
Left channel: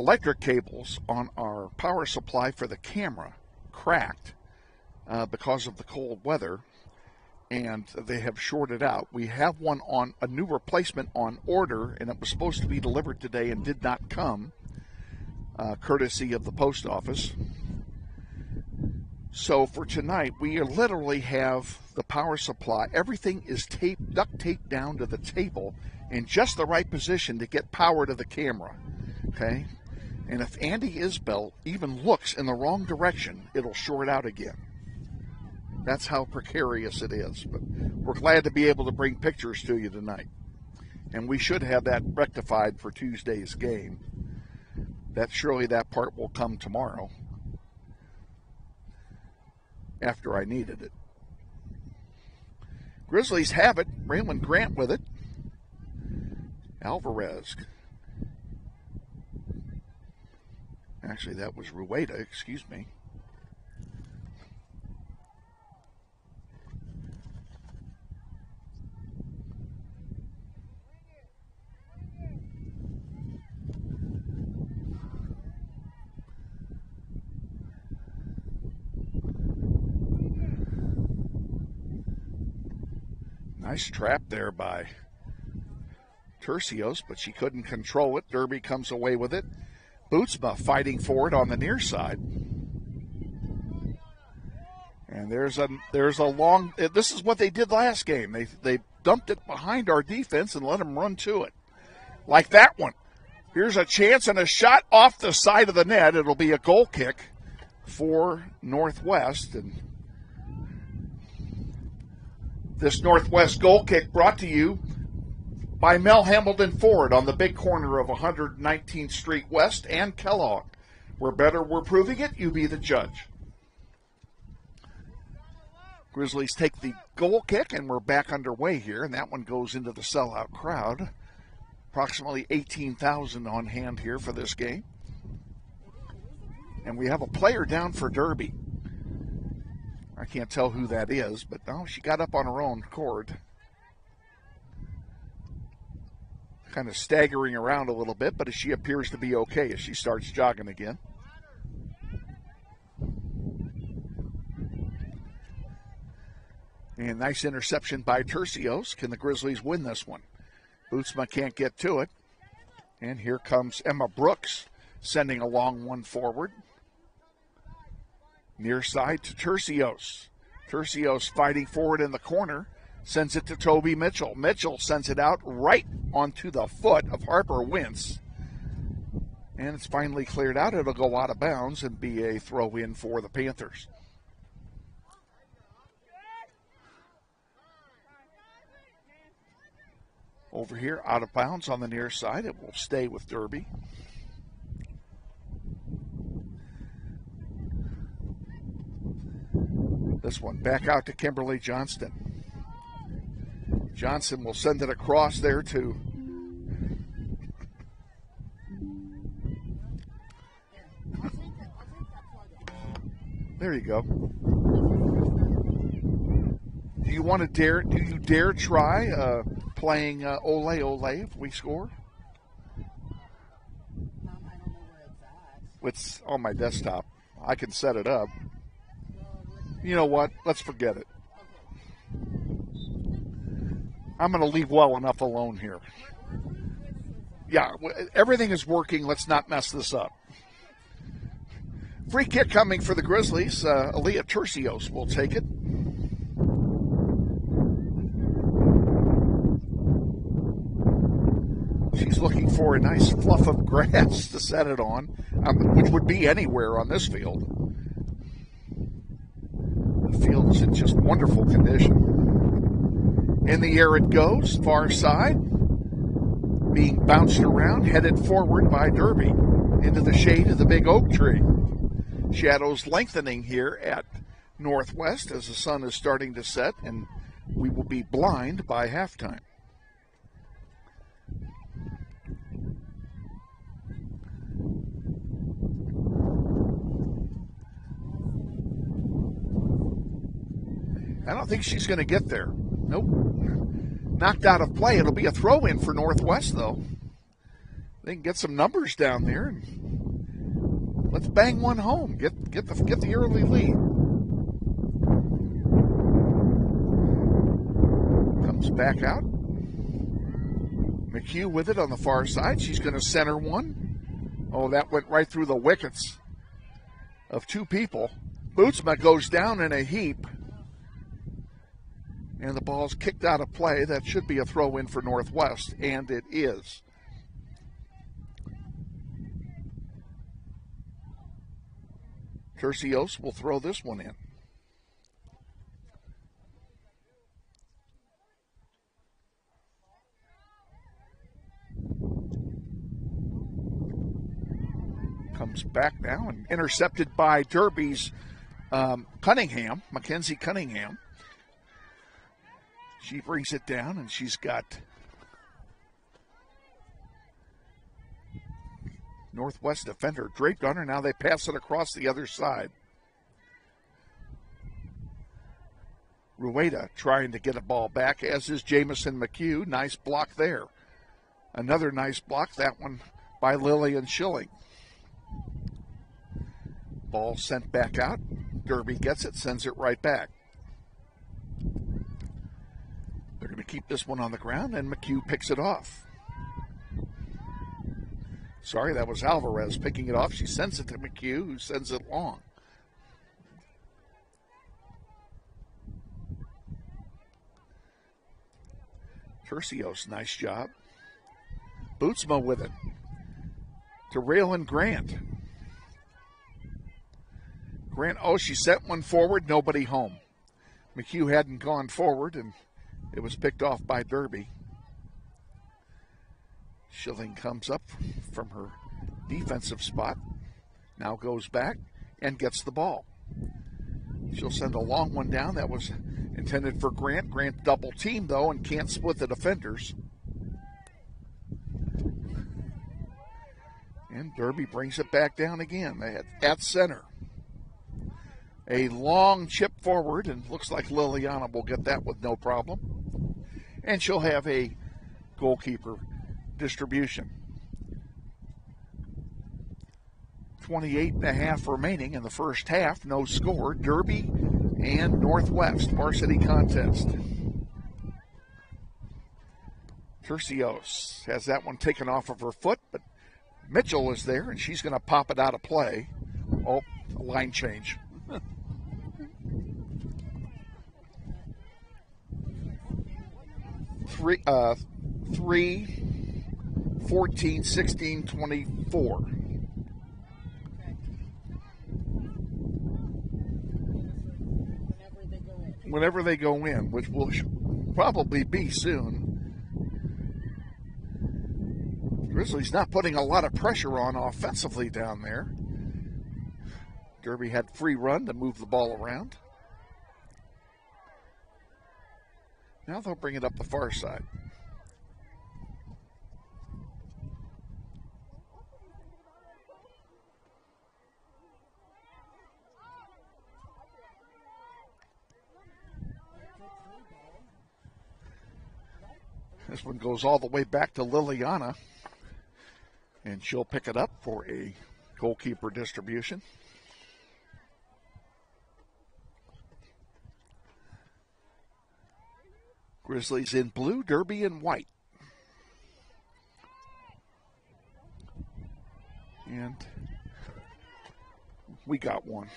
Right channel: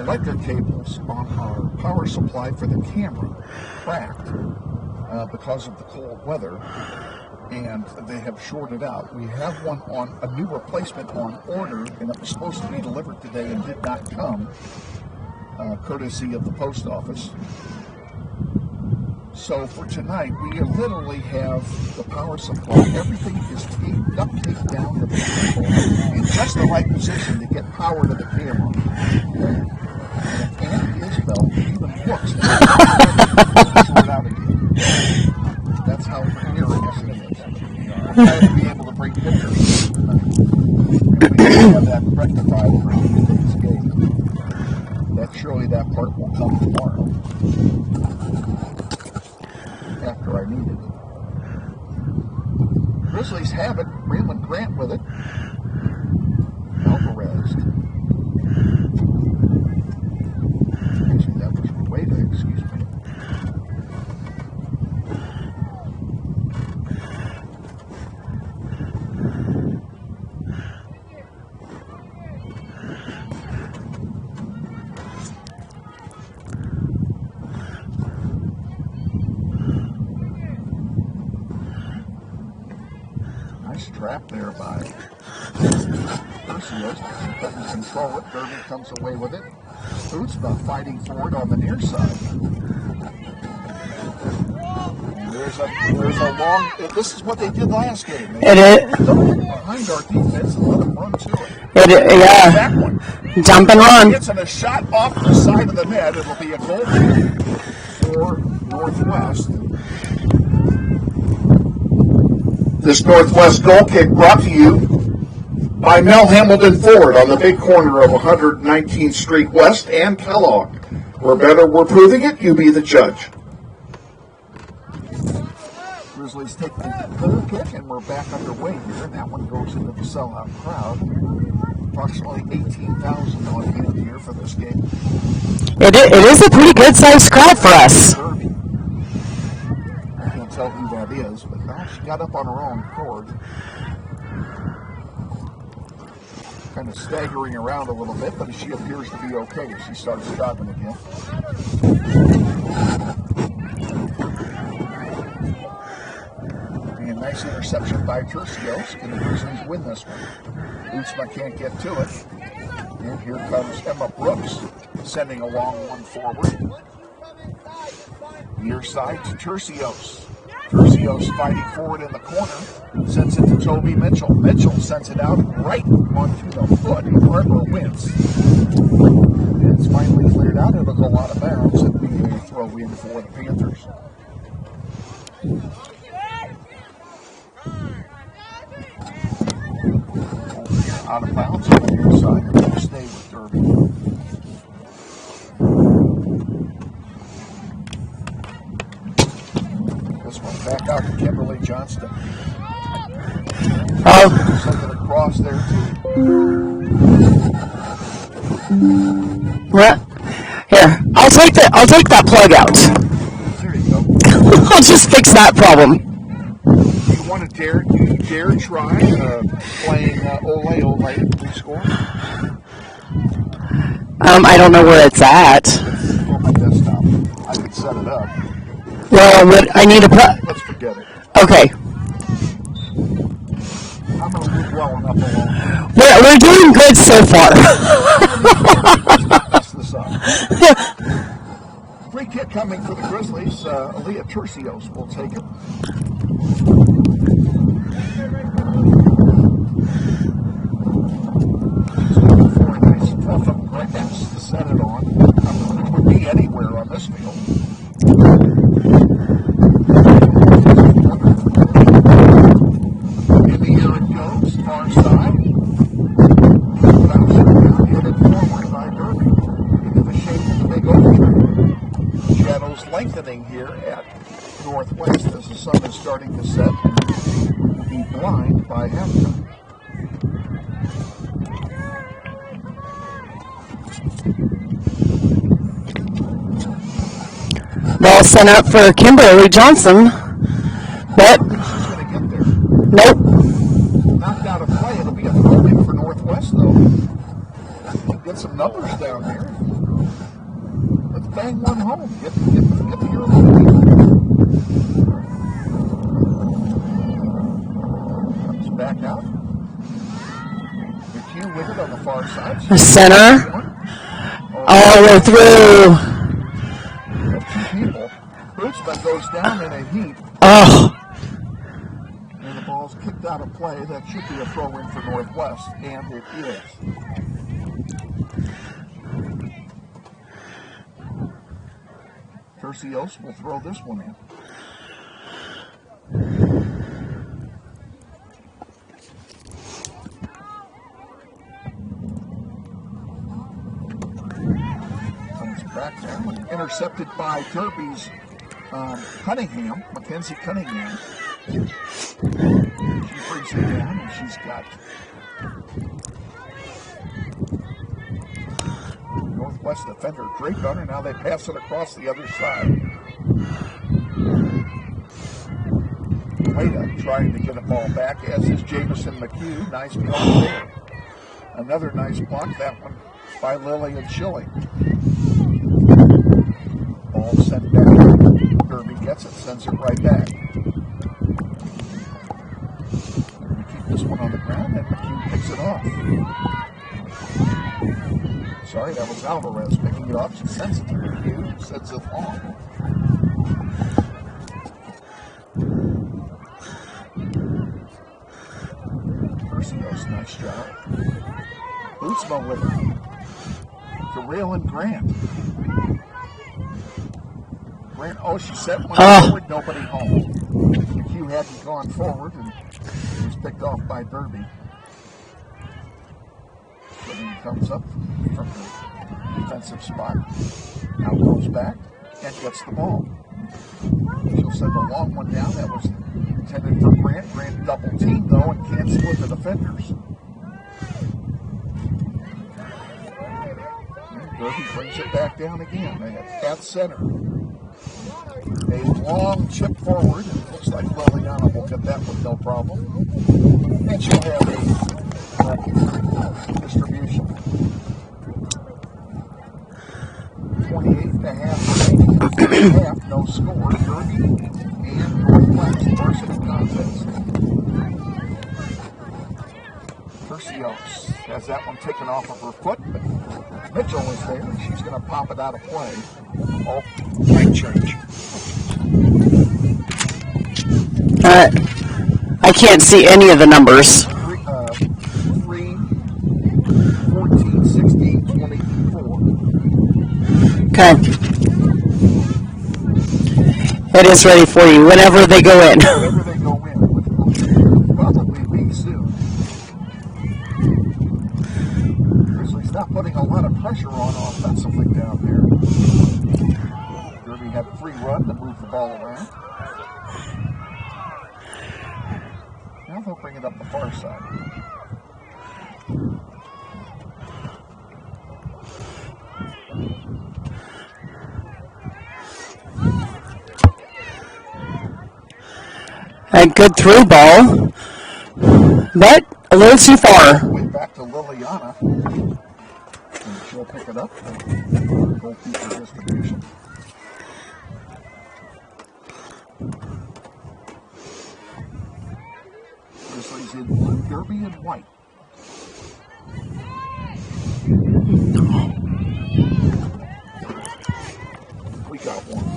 Electric cables on our power supply for the camera cracked because of the cold weather, and they have shorted out. We have a new replacement on order, and it was supposed to be delivered today and did not come, courtesy of the post office. So for tonight, we literally have the power supply. Everything is duct taped down to the table in just the right position to get power to the camera. Okay? And if Andy Isbell even looks, it'll short out again. That's how precarious it is. We're glad to be able to bring pictures tonight. And we can have that rectified for Tuesday's game. Surely that part will come tomorrow. After I needed it. Grizzlies have it. Raymond Grant with it. Alvarez. Actually, that was Rueda, excuse me. Nice trap there by Tercios, but she couldn't control it. Derby comes away with it. Bootsma fighting for it on the near side. And there's a long. This is what they did last game. They dumped it behind our defense and let them run to it. Yeah. That one. Jump and run. Gets in a shot off the side of the net. It'll be a goal kick for Northwest. This Northwest goal kick brought to you by Mel Hamilton Ford on the big corner of 119th Street West and Kellogg. We're better, we're proving it. You be the judge. Grizzlies take the goal kick, and we're back underway here. That one goes into the sellout crowd. Approximately 18,000 on hand here for this game. It is a pretty good-sized crowd for us. Derby. I can't tell who that is, but now she got up on her own accord. kind of staggering around a little bit, but she appears to be okay as she starts jogging again. And nice interception by Tercios. Can the Grizzlies win this one? Bootsma can't get to it. And here comes Emma Brooks, sending a long one forward. Near side to Tercios. Tercios fighting forward in the corner, sends it to Toby Mitchell. Mitchell sends it out right onto the foot of Harper Wentz. And it's finally cleared out. It'll go out of bounds and be a throw-in for the Panthers. Over here, out of bounds on the near side. It will stay with Derby. This one back out to Kimberly Johnston. Johnston sends it across there to... What? Here, I'll take that plug out. There you go. I'll just fix that problem. Do you dare try playing Ole if we score? I don't know where it's at. It's on my desktop. I could set it up. Well, I need a Let's forget it. Okay. I'm going to leave well enough alone. We're doing good so far. Let's not mess this up. Free kick coming for the Grizzlies. Aaliyah Tercios will take it. She's looking for a nice fluff of grass to set it on, which would be anywhere on this field. Just wonderful condition. In the air it goes, far side. Being bounced around, headed forward by Derby into the shade of the big oak tree. Shadows lengthening here at Northwest as the sun is starting to set and we will be blind by halftime. Ball sent up for Kimberly Johnson. But I don't think she's going to get there. Nope. Knocked out of play. It'll be a throw-in for Northwest, though. I think get some numbers down there. Let's bang one home. Get the early lead. Comes back out. McHugh with it on the far side. The center. All the way through. Of two people. Bootsma goes down in a heap. Oh. And the ball's kicked out of play. That should be a throw-in for Northwest, and it is. Tercios will throw this one in. Comes back down, intercepted by Derby's Cunningham, Mackenzie Cunningham. She brings it down, and she's got Northwest defender draped on her. Now they pass it across the other side. Wada trying to get a ball back, as is Jamison McHugh. Nice block there. Another nice block, that one by Lillian Schilling. Ball sent back out. Derby gets it, sends it right back. They're going to keep this one on the ground, and McHugh picks it off. Sorry, that was Alvarez picking it off. She sends it to McHugh, who sends it long. Tercios, nice job. Bootsma with it. To Raylan Grant. Grant, she sent one forward, nobody home. McHugh hadn't gone forward, and it was picked off by Derby. Schilling comes up from the defensive spot. Now goes back and gets the ball. She'll send a long one down. That was intended for Grant. Grant double team, though, and can't split the defenders. And Derby brings it back down again at center. A long chip forward, and it looks like Liliana will get that with no problem. And she'll have a goalkeeper. Distribution. 28.5 remaining in the first half. No score. Derby and Northwest varsity contest. Tercios has that one taken off of her foot, but Mitchell is there, and she's going to pop it out of play. Oh, might change. I can't see any of the numbers. 3, 14, 16, 24. Okay. It is ready for you whenever they go in. Whenever they go in, which will probably be soon. Grizzlies not putting a lot of pressure on offensively down there. Derby had free run to move the ball around. Now they'll bring it up the far side. A good through ball, but a little too far. Way back to Liliana. And she'll pick it up for goalkeeper distribution. Grizzlies in blue, Derby in white. We got one.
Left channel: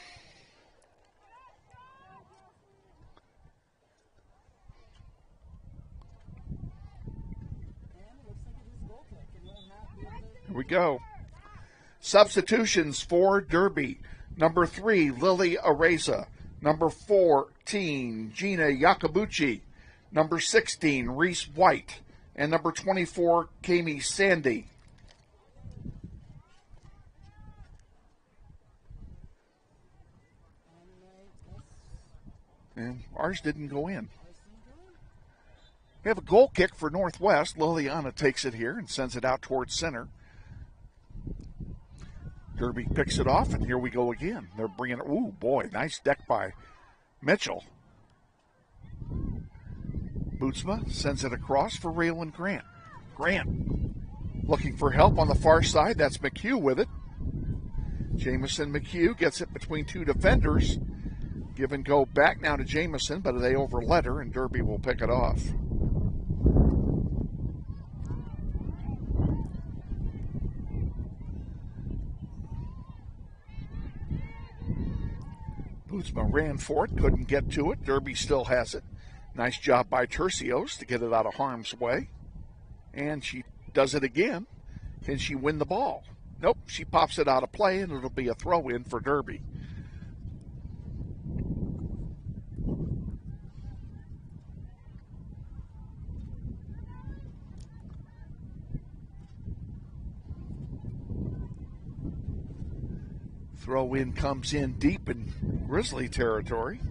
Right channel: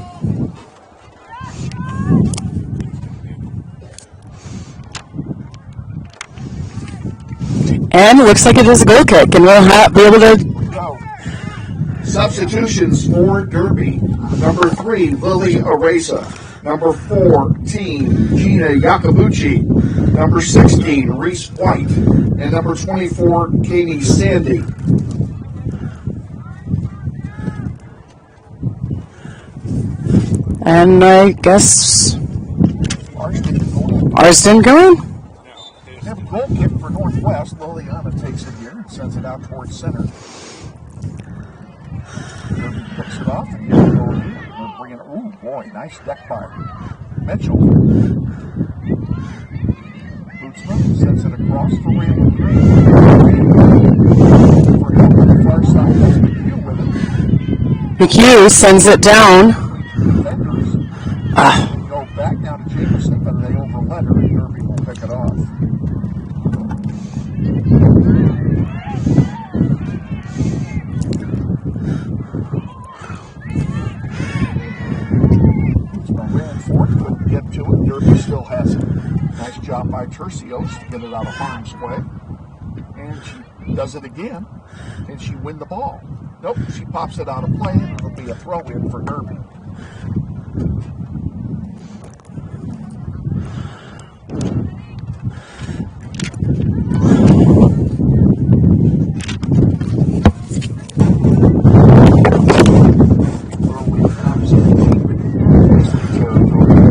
And it looks like it is a goal kick, and we'll be able to... Here we go. Substitutions for Derby. Number 3, Lily Areza. Number 14, Gina Yakabuchi. Number 16, Reese White. And number 24, Katie Sandy. And I guess... Ours didn't go in. Ours didn't go in? We have a goal kick for Northwest. Liliana takes it here and sends it out towards center. Derby picks it off, and here we go again. We're bringing it. Ooh, boy, nice deck by Mitchell. Bootsman sends it across for Raylan Grant. For help on the far side, that's McHugh with it. McHugh sends it down. Between two defenders. And go back now to Jameson, but they overlet her, and Derby will pick it off. Ran for it, couldn't get to it. Derby still has it. Nice job by Tercios to get it out of harm's way. And she does it again. Can she win the ball? Nope, she pops it out of play, and it'll be a throw-in for Derby. Throw-in comes in deep in Grizzly territory.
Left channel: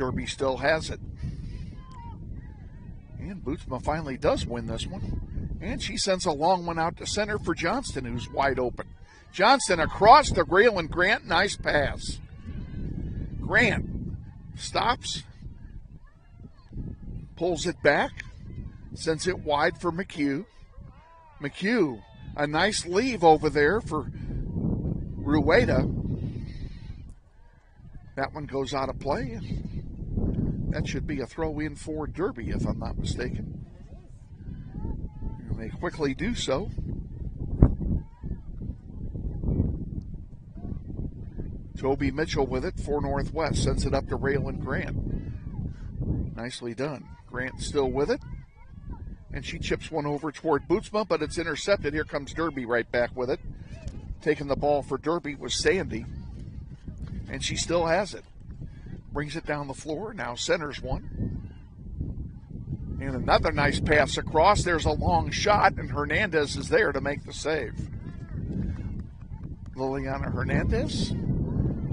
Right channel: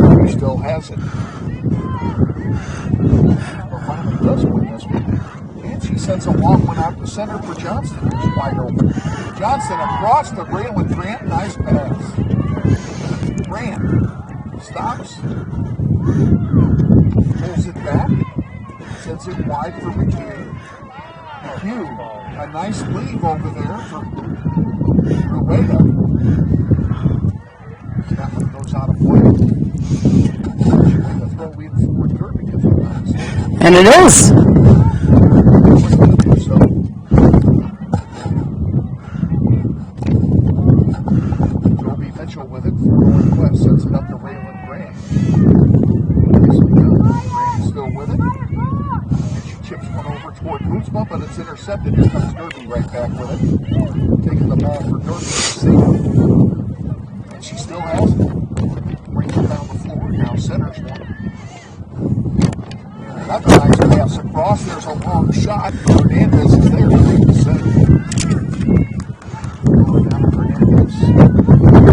Derby still has it. Well, finally does win this one. And she sends a long one out to center for Johnston, who's wide open. Johnston across the rail and Grant, nice pass. Grant stops, pulls it back, sends it wide for McHugh. McHugh, a nice leave over there for Rueda. That one goes out of play. That should be a throw-in for Derby, if I'm not mistaken. And it is. Quickly do so. Toby Mitchell with it for Northwest. Sends it up to Raylan Grant. Nicely done. Grant is still with it. And she chips one over toward Bootsma, but it's intercepted. Here comes Derby right back with it. Taking the ball for Derby is Sandy. And she still has it. Brings it down the floor. Now centers one. And another nice pass across. There's a long shot. Hernandez is there to make the save. Liliana Hernandez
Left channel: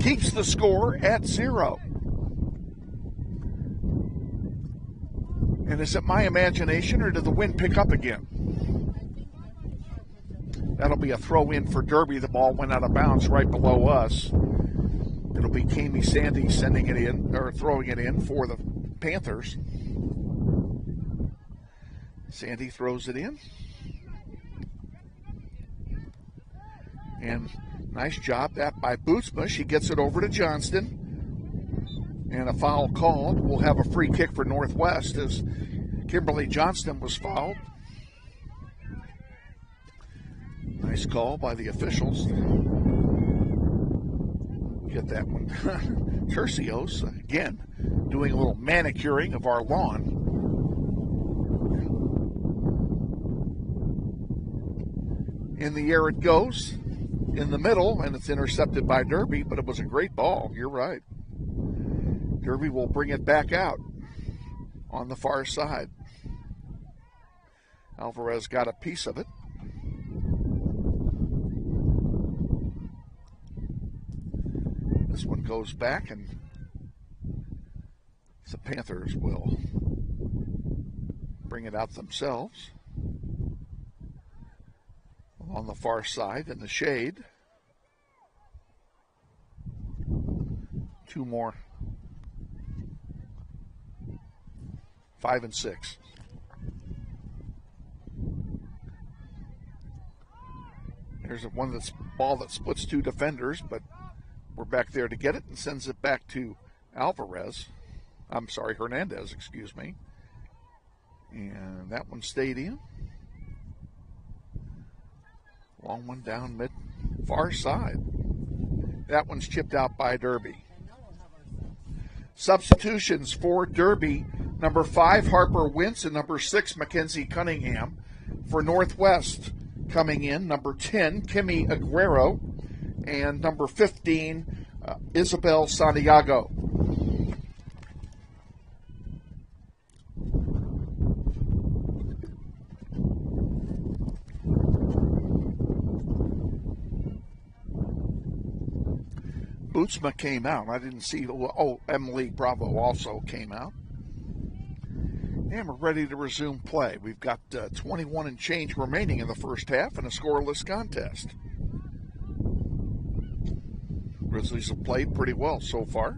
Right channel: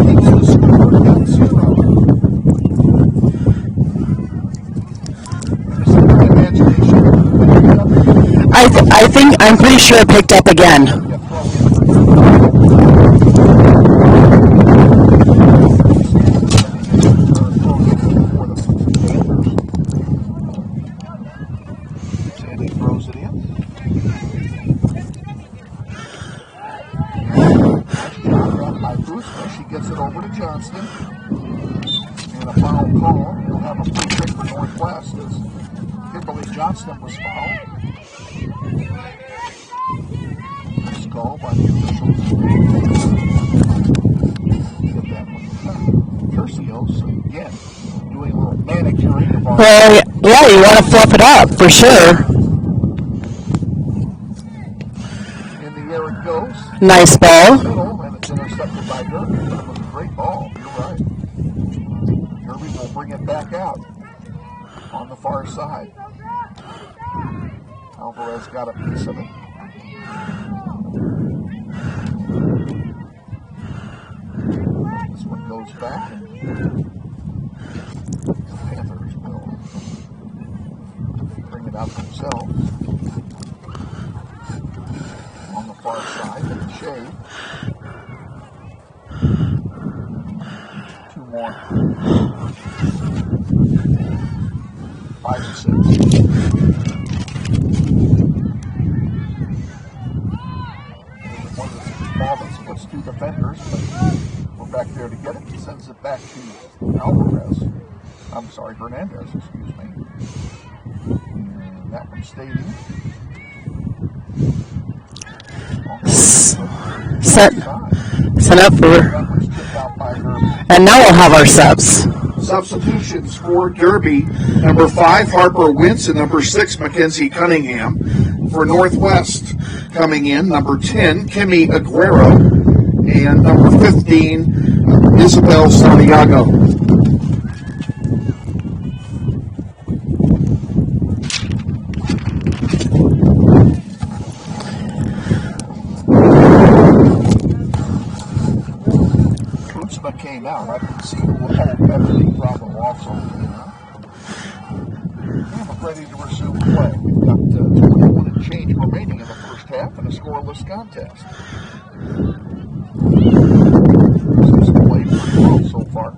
keeps the score at 0. And is it my imagination, or did the wind pick up again? I think, I'm pretty sure it picked up again. It'll be a throw in for Derby. Sandy sending it in, or throwing it in for the Panthers. Isbell. She gets it over to Johnston. And a foul call. We'll have a free kick for Northwest as Kimberly Johnston was fouled. Nice call by the officials. Get that one. Tercios, again, doing a little manicuring of our... Well, yeah, you want to fluff it up, for sure. In the air it goes. Nice ball. Middle, and it's intercepted by Derby, but it was a great ball. You're right. Derby will bring it back out on the far side. Alvarez got a piece of it. This one goes back, and the Panthers will bring it out themselves. On the far side, in the shade. Two more. 5 to 6. There's one that's ball that splits two defenders, but we're back there to get it. He sends it back to Hernandez, excuse me. And that one stayed in. Set up for... That one's tipped out by Derby. And now we'll have our subs. Substitutions for Derby. Number 5, Harper Wentz, and number 6, Mackenzie Cunningham. For Northwest, coming in, number 10, Kimmy Aguero, and number 15, Isabel Santiago. Came out. I didn't see who. Oh, Emily Bravo also came out. And we're ready to resume play. We've got 21 and change remaining in the first half in a scoreless contest. Grizzlies have played pretty well so far.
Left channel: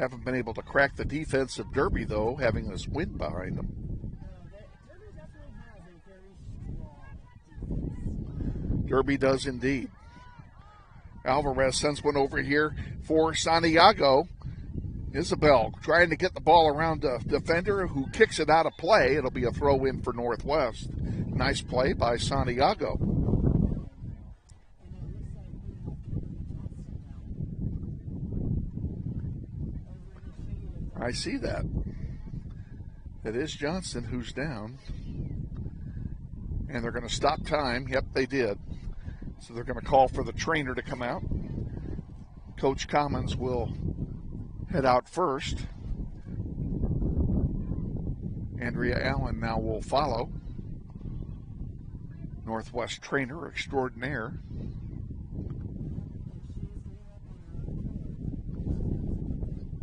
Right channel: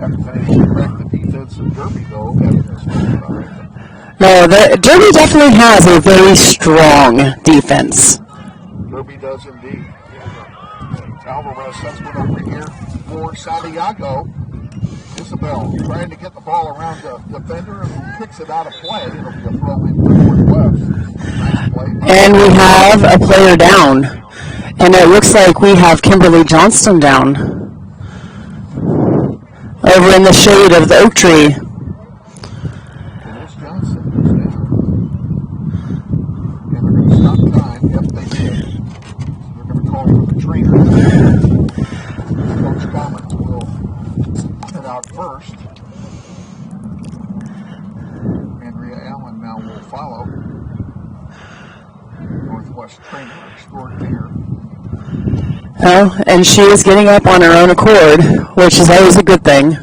Haven't been able to crack the defense of Derby, though, having this week about it. No, Derby definitely has a very strong defense. Derby does indeed. Alvarez sends one over here for Santiago. Isabel trying to get the ball around the defender who kicks it out of play. It'll be a throw in for Northwest. Nice play. And we have a player down. And it looks like we have Kimberly Johnston down. Over in the shade of the oak tree. It is Johnson who's down. And they're going to stop time. Yep, they did. Call for the trainer. Coach Commons will head out first. Andrea Allen now will follow. Northwest trainer extraordinaire. Oh, and she is getting up on her own accord, which is always a good thing.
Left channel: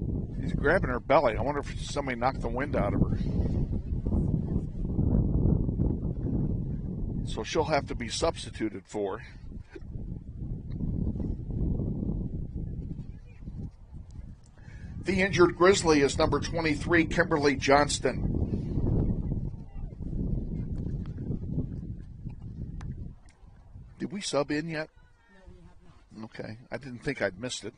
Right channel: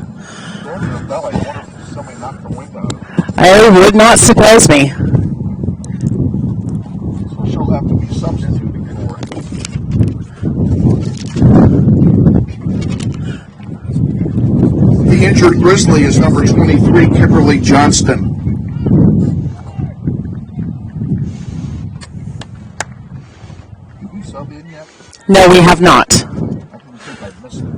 Grabbing her belly. I wonder if somebody knocked the wind out of her. It would not surprise me. So she'll have to be substituted for. The injured Grizzly is number 23, Kimberly Johnston. Did we sub in yet? No, we have not. I didn't think I'd missed it.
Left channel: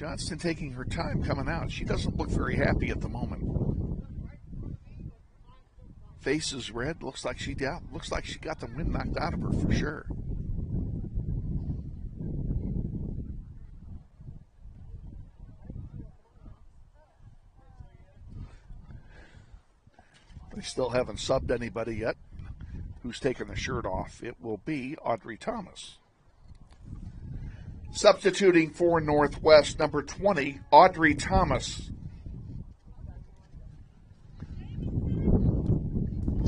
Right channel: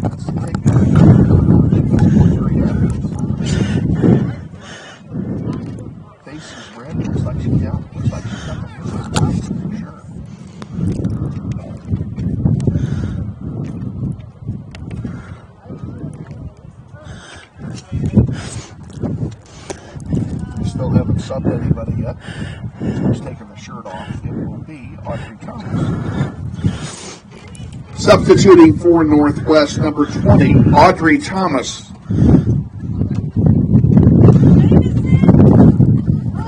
Johnston taking her time coming out. She doesn't look very happy at the moment. Face is red. Looks like she's down. Looks like she's got the flu on top of her for sure. We still haven't subbed anybody yet. Who's taking the shirt off? It will be Audrey Thomas. Substituting for Northwest, number 20, Audrey Thomas.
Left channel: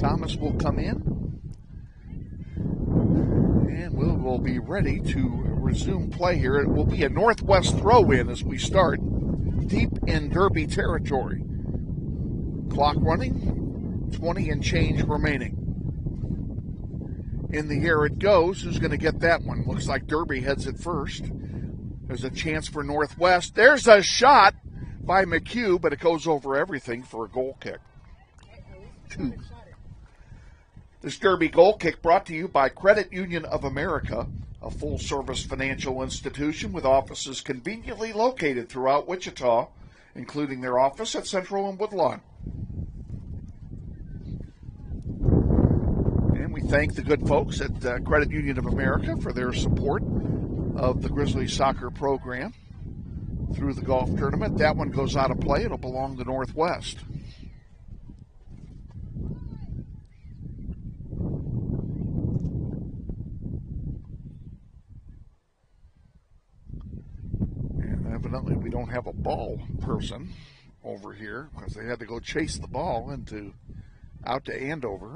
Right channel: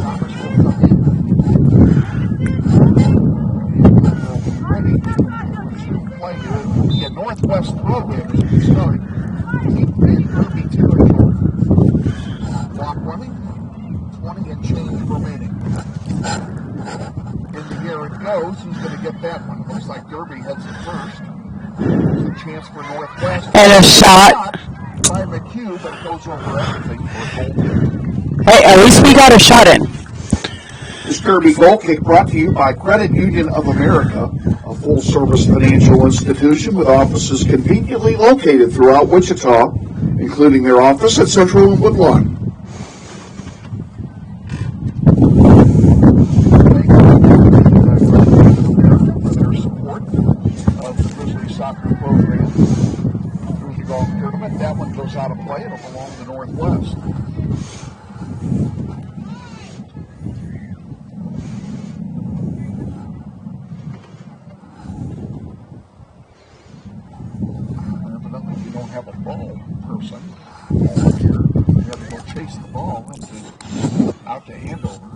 Thomas will come in. And we'll be ready to resume play here. It will be a Northwest throw-in as we start deep in Derby territory. Clock running, 20 and change remaining. In the air it goes. Who's going to get that one? Looks like Derby heads it first. There's a chance for Northwest. And a shot by McHugh, but it goes over everything for a goal kick. Hey, at least we got a shot in. This Derby goal kick brought to you by Credit Union of America, a full-service financial institution with offices conveniently located throughout Wichita, including their office at Central and Woodlawn. Thank you to those at Credit Union of America for their support of the Grizzlies soccer program through the golf tournament. That one goes out of play. It'll belong to Northwest. Evidently, we don't have a ball person over here. They had to go chase the ball out to Andover.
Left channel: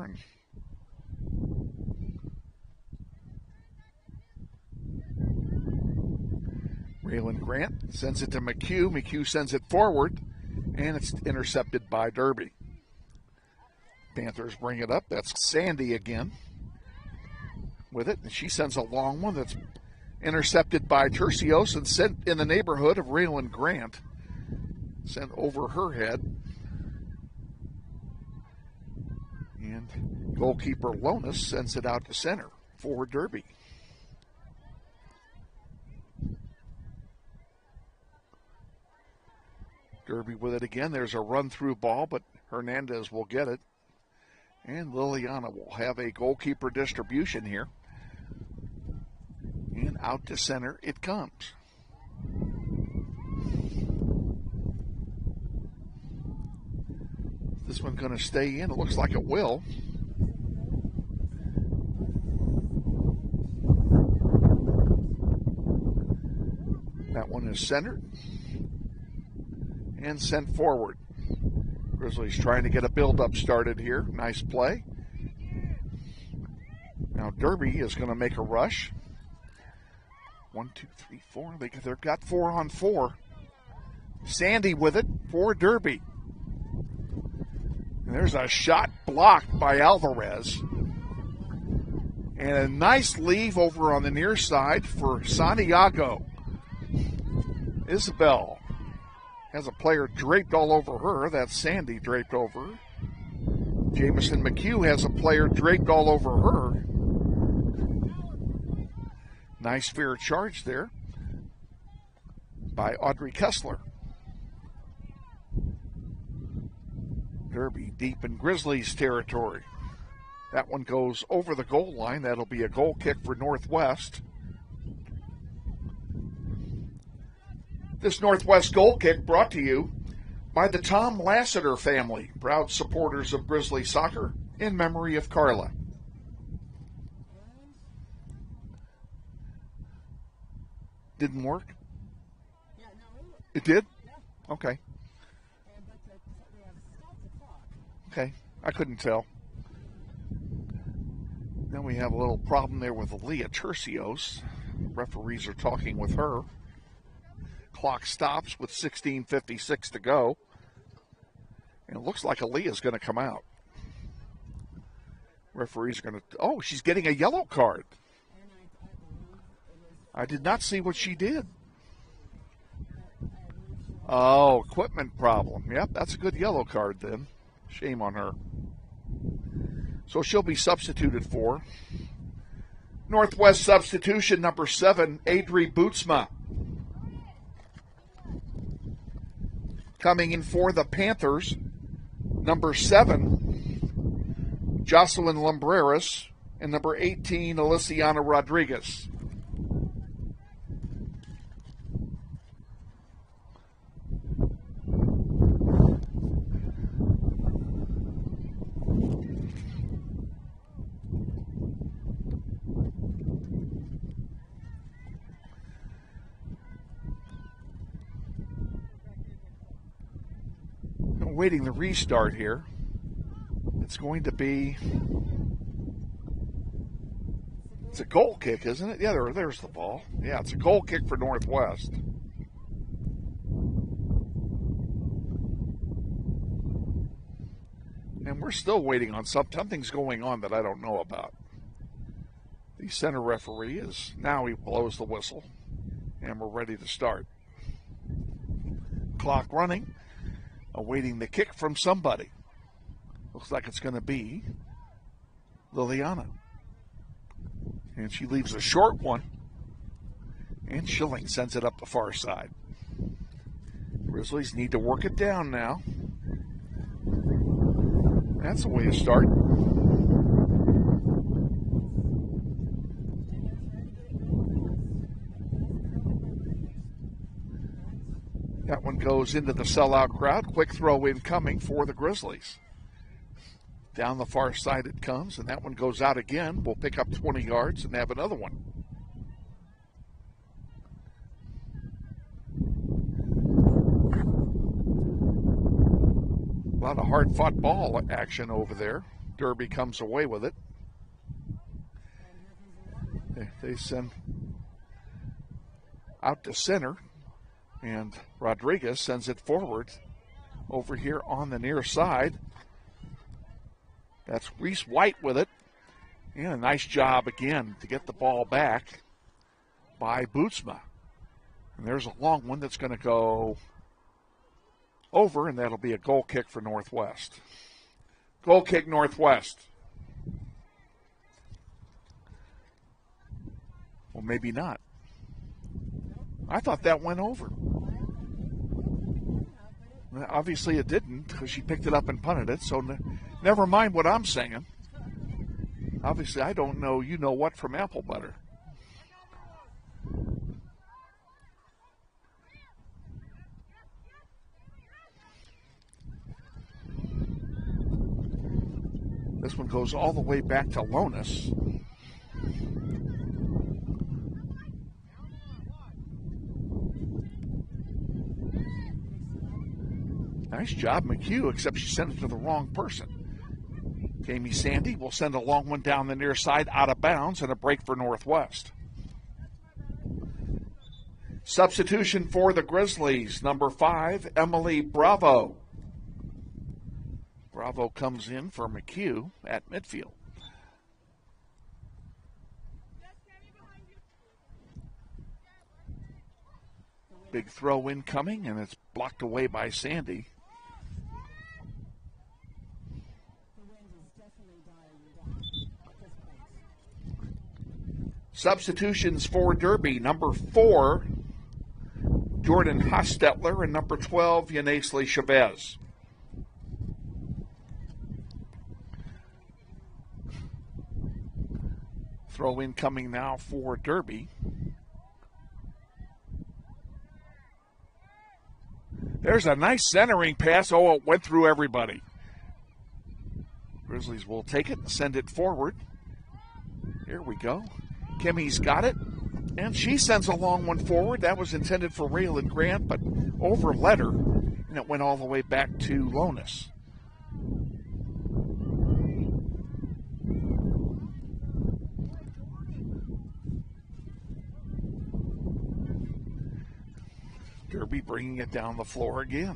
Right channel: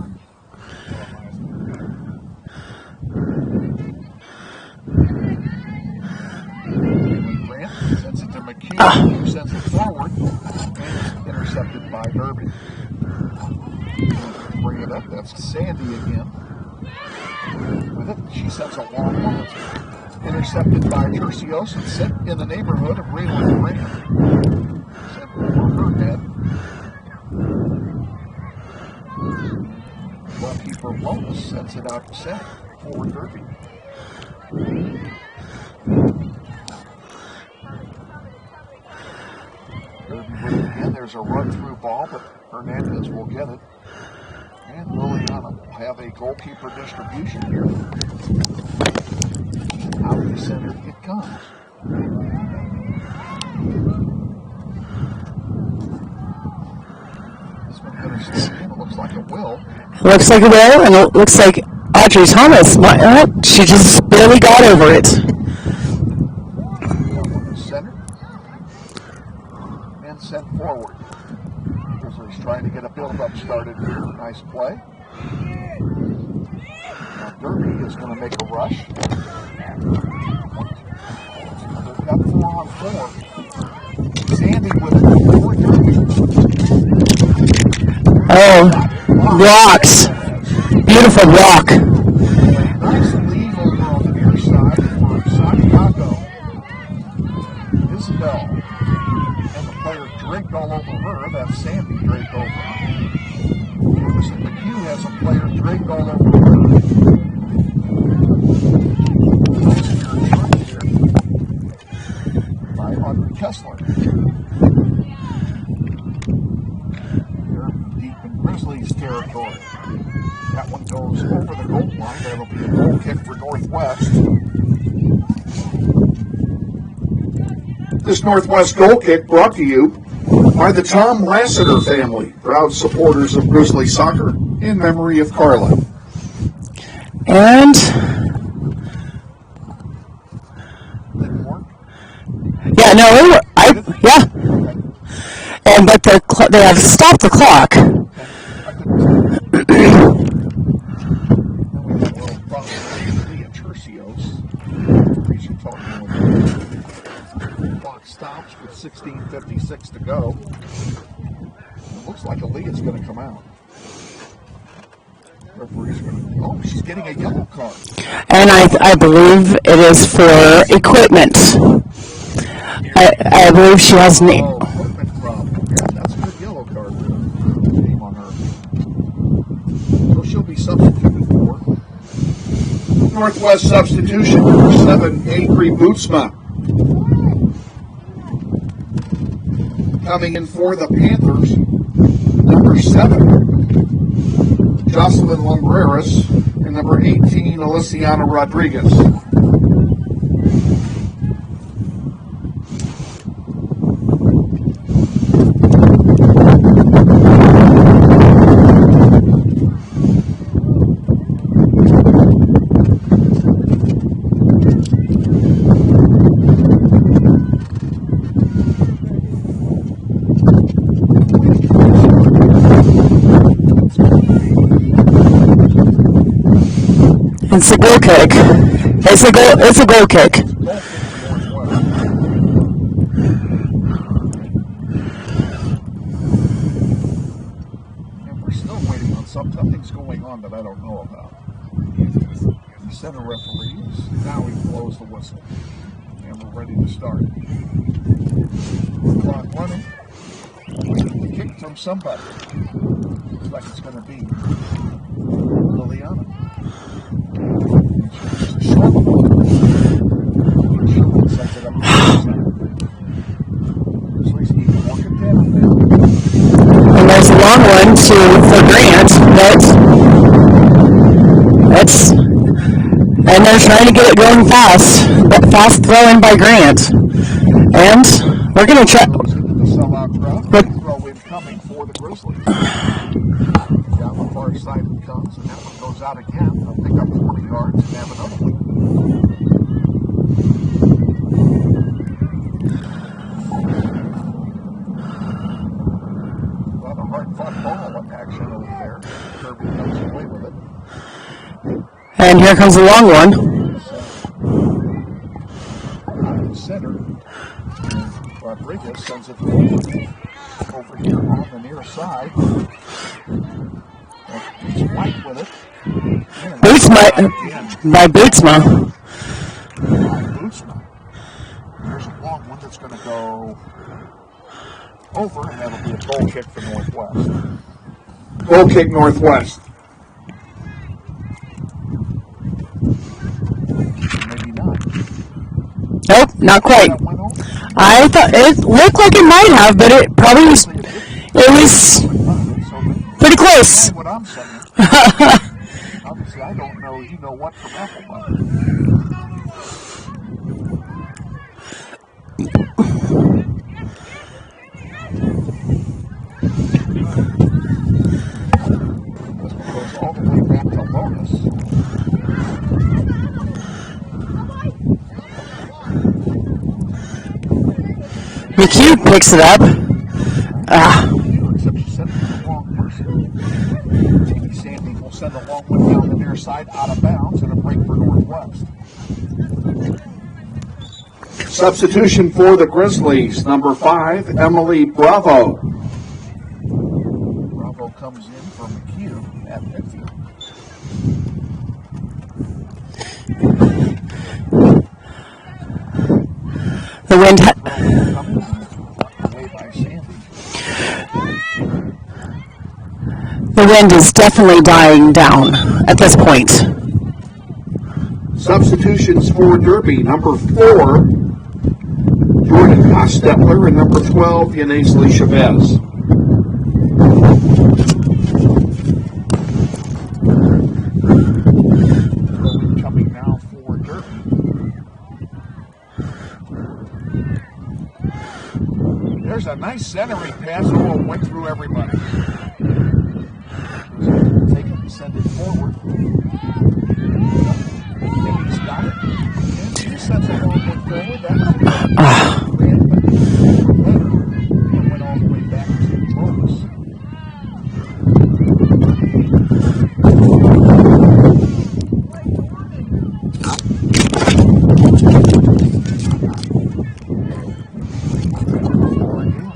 Grant sends it to McHugh. McHugh sends it forward, and it's intercepted by Derby. Panthers bring it up. That's Sandy again with it. She sends a long one. It's intercepted by Tercios and sit in the neighborhood of Raylan Grant. Sent over her head. And goalkeeper Wellness sends it out to center for Derby. Derby with it again. There's a run-through ball, but Hernandez will get it. And Liliana will have a goalkeeper distribution here. Out to center it comes. This one's going to stay in. It looks like it will. Looks like it will, and it looks like Audrey Thomas, she just barely got over it. That one to center. And sent forward. Grizzlies trying to get a build-up started here. Nice play. Now Derby is going to make a rush. They've got 4-on-4. Sandy with it for Derby. Rocks. Beautiful rock. Nice lead over on the near side for Santiago. Isbell has a player draped all over her. That's Sandy draped over her. Jamison McHugh has a player draped all over her. Nice fair charge there by Audrey Kessler. Derby deep in Grizzlies territory. That one goes over the goal line. That'll be a goal kick for Northwest. This Northwest goal kick brought to you by the Tom Lassiter family, proud supporters of Grizzly soccer in memory of Carla. And didn't work. Yeah, no, it worked. Yeah. Okay. And but they have stopped the clock. Okay. I couldn't tell. Then we had a little problem with Leah Tercios. Referees are talking with her. The clock stops with 16:56 to go. It looks like Aaliyah's going to come out. Referees are going to. Oh, she's getting a yellow card. And I believe it is for equipment. I believe she has an equipment problem. Yeah, that's a good yellow card. Shame on her. So she'll be substituted for. Northwest substitution number 7, Angry Bootsma. Coming in for the Panthers, number 7, Jocelyn Lumbreras, and number 18, Aliciana Rodriguez. It's a goal kick. It's a goal kick. It's a goal kick for Northwest. And we're still waiting on something's going on that I don't know about. The center referee is now he blows the whistle. And we're ready to start. Clock running. Waiting the kick from somebody. Looks like it's going to be Liliana. And she moves a short one. And Schilling sends it up the other side. Grizzlies need to work it down now. And there's a long one for Grant, and they're trying to get it going fast. That fast throw in by Grant. And we're going to try. Goes into the sellout crowd. Quick throw in coming for the Grizzlies. Down the far side it comes, and that one goes out again. We'll pick up 20 yards and have another one. A lot of hard-fought ball action over there. Derby comes away with it. And here comes the long one. Out to center. And Rodriguez sends it forward. Over here on the near side. Reese White with it. Bootsma. By Bootsma. By Bootsma. There's a long one that's going to go over, and that'll be a goal kick for Northwest. Goal kick Northwest. Maybe not. Nope, not quite. I thought it looked like it might have, but it probably was. It was pretty close. Mind what I'm saying. Obviously, I don't know. You know what from apple butter. This one goes all the way back to Lonis. McHugh picks it up. McHugh, except she sent it to the wrong person. Amy Sandy will send a long one down the near side out of bounds and a break for Northwest. Substitution for the Grizzlies, number 5, Emily Bravo. Bravo comes in for McHugh at midfield. The wind coming, and it's blocked away by Sandy. The wind is definitely dying down at this point. Substitutions for Derby, number 4, Jordan Hostetler, and number 12, Yanaisley Chavez. Throw in coming now for Derby. There's a nice centering pass. Oh, it went through everybody. Grizzlies will take it and send it forward. Kimmy's got it. And she sends a long one forward. That was intended for Grant, but overled her and went all the way back to Lotus. Bringing it down the floor again.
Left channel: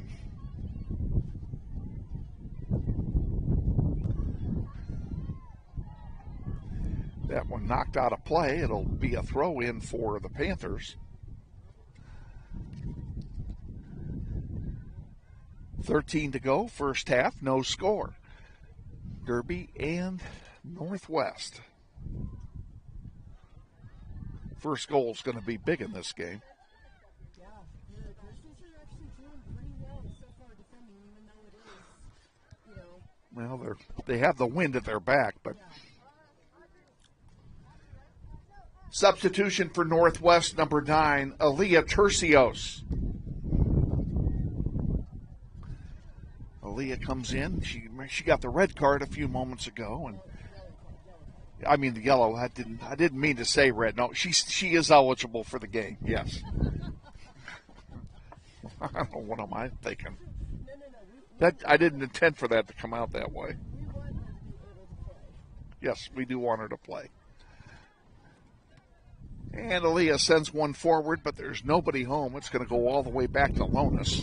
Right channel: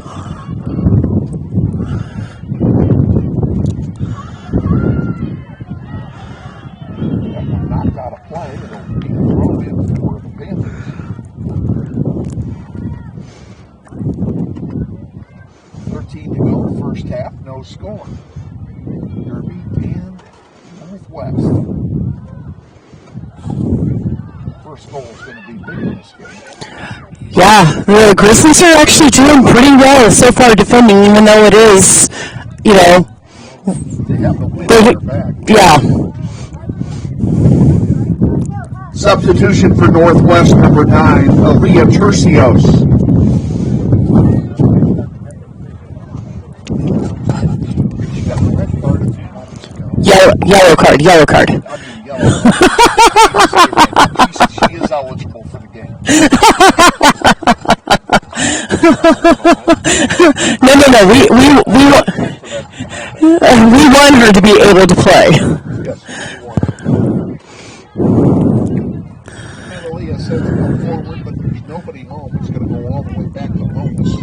That one knocked out of play. It'll be a throw in for the Panthers. 13 to go, first half, no score. Derby and Northwest. First goal is going to be big in this game. Yeah, the Grizzlies are actually doing pretty well so far defending, even though it is, you know. They have the wind on their back. Yeah. Substitution for Northwest, number 9, Aaliyah Tercios. Aaliyah comes in. She got the red card a few moments ago. Yellow card. I mean, yellow card. She is eligible for the game. No. We want her to be able to play. Yes, we do want her. And Aaliyah sends one forward, but there's nobody home. It's going to go all the way back to Lonis.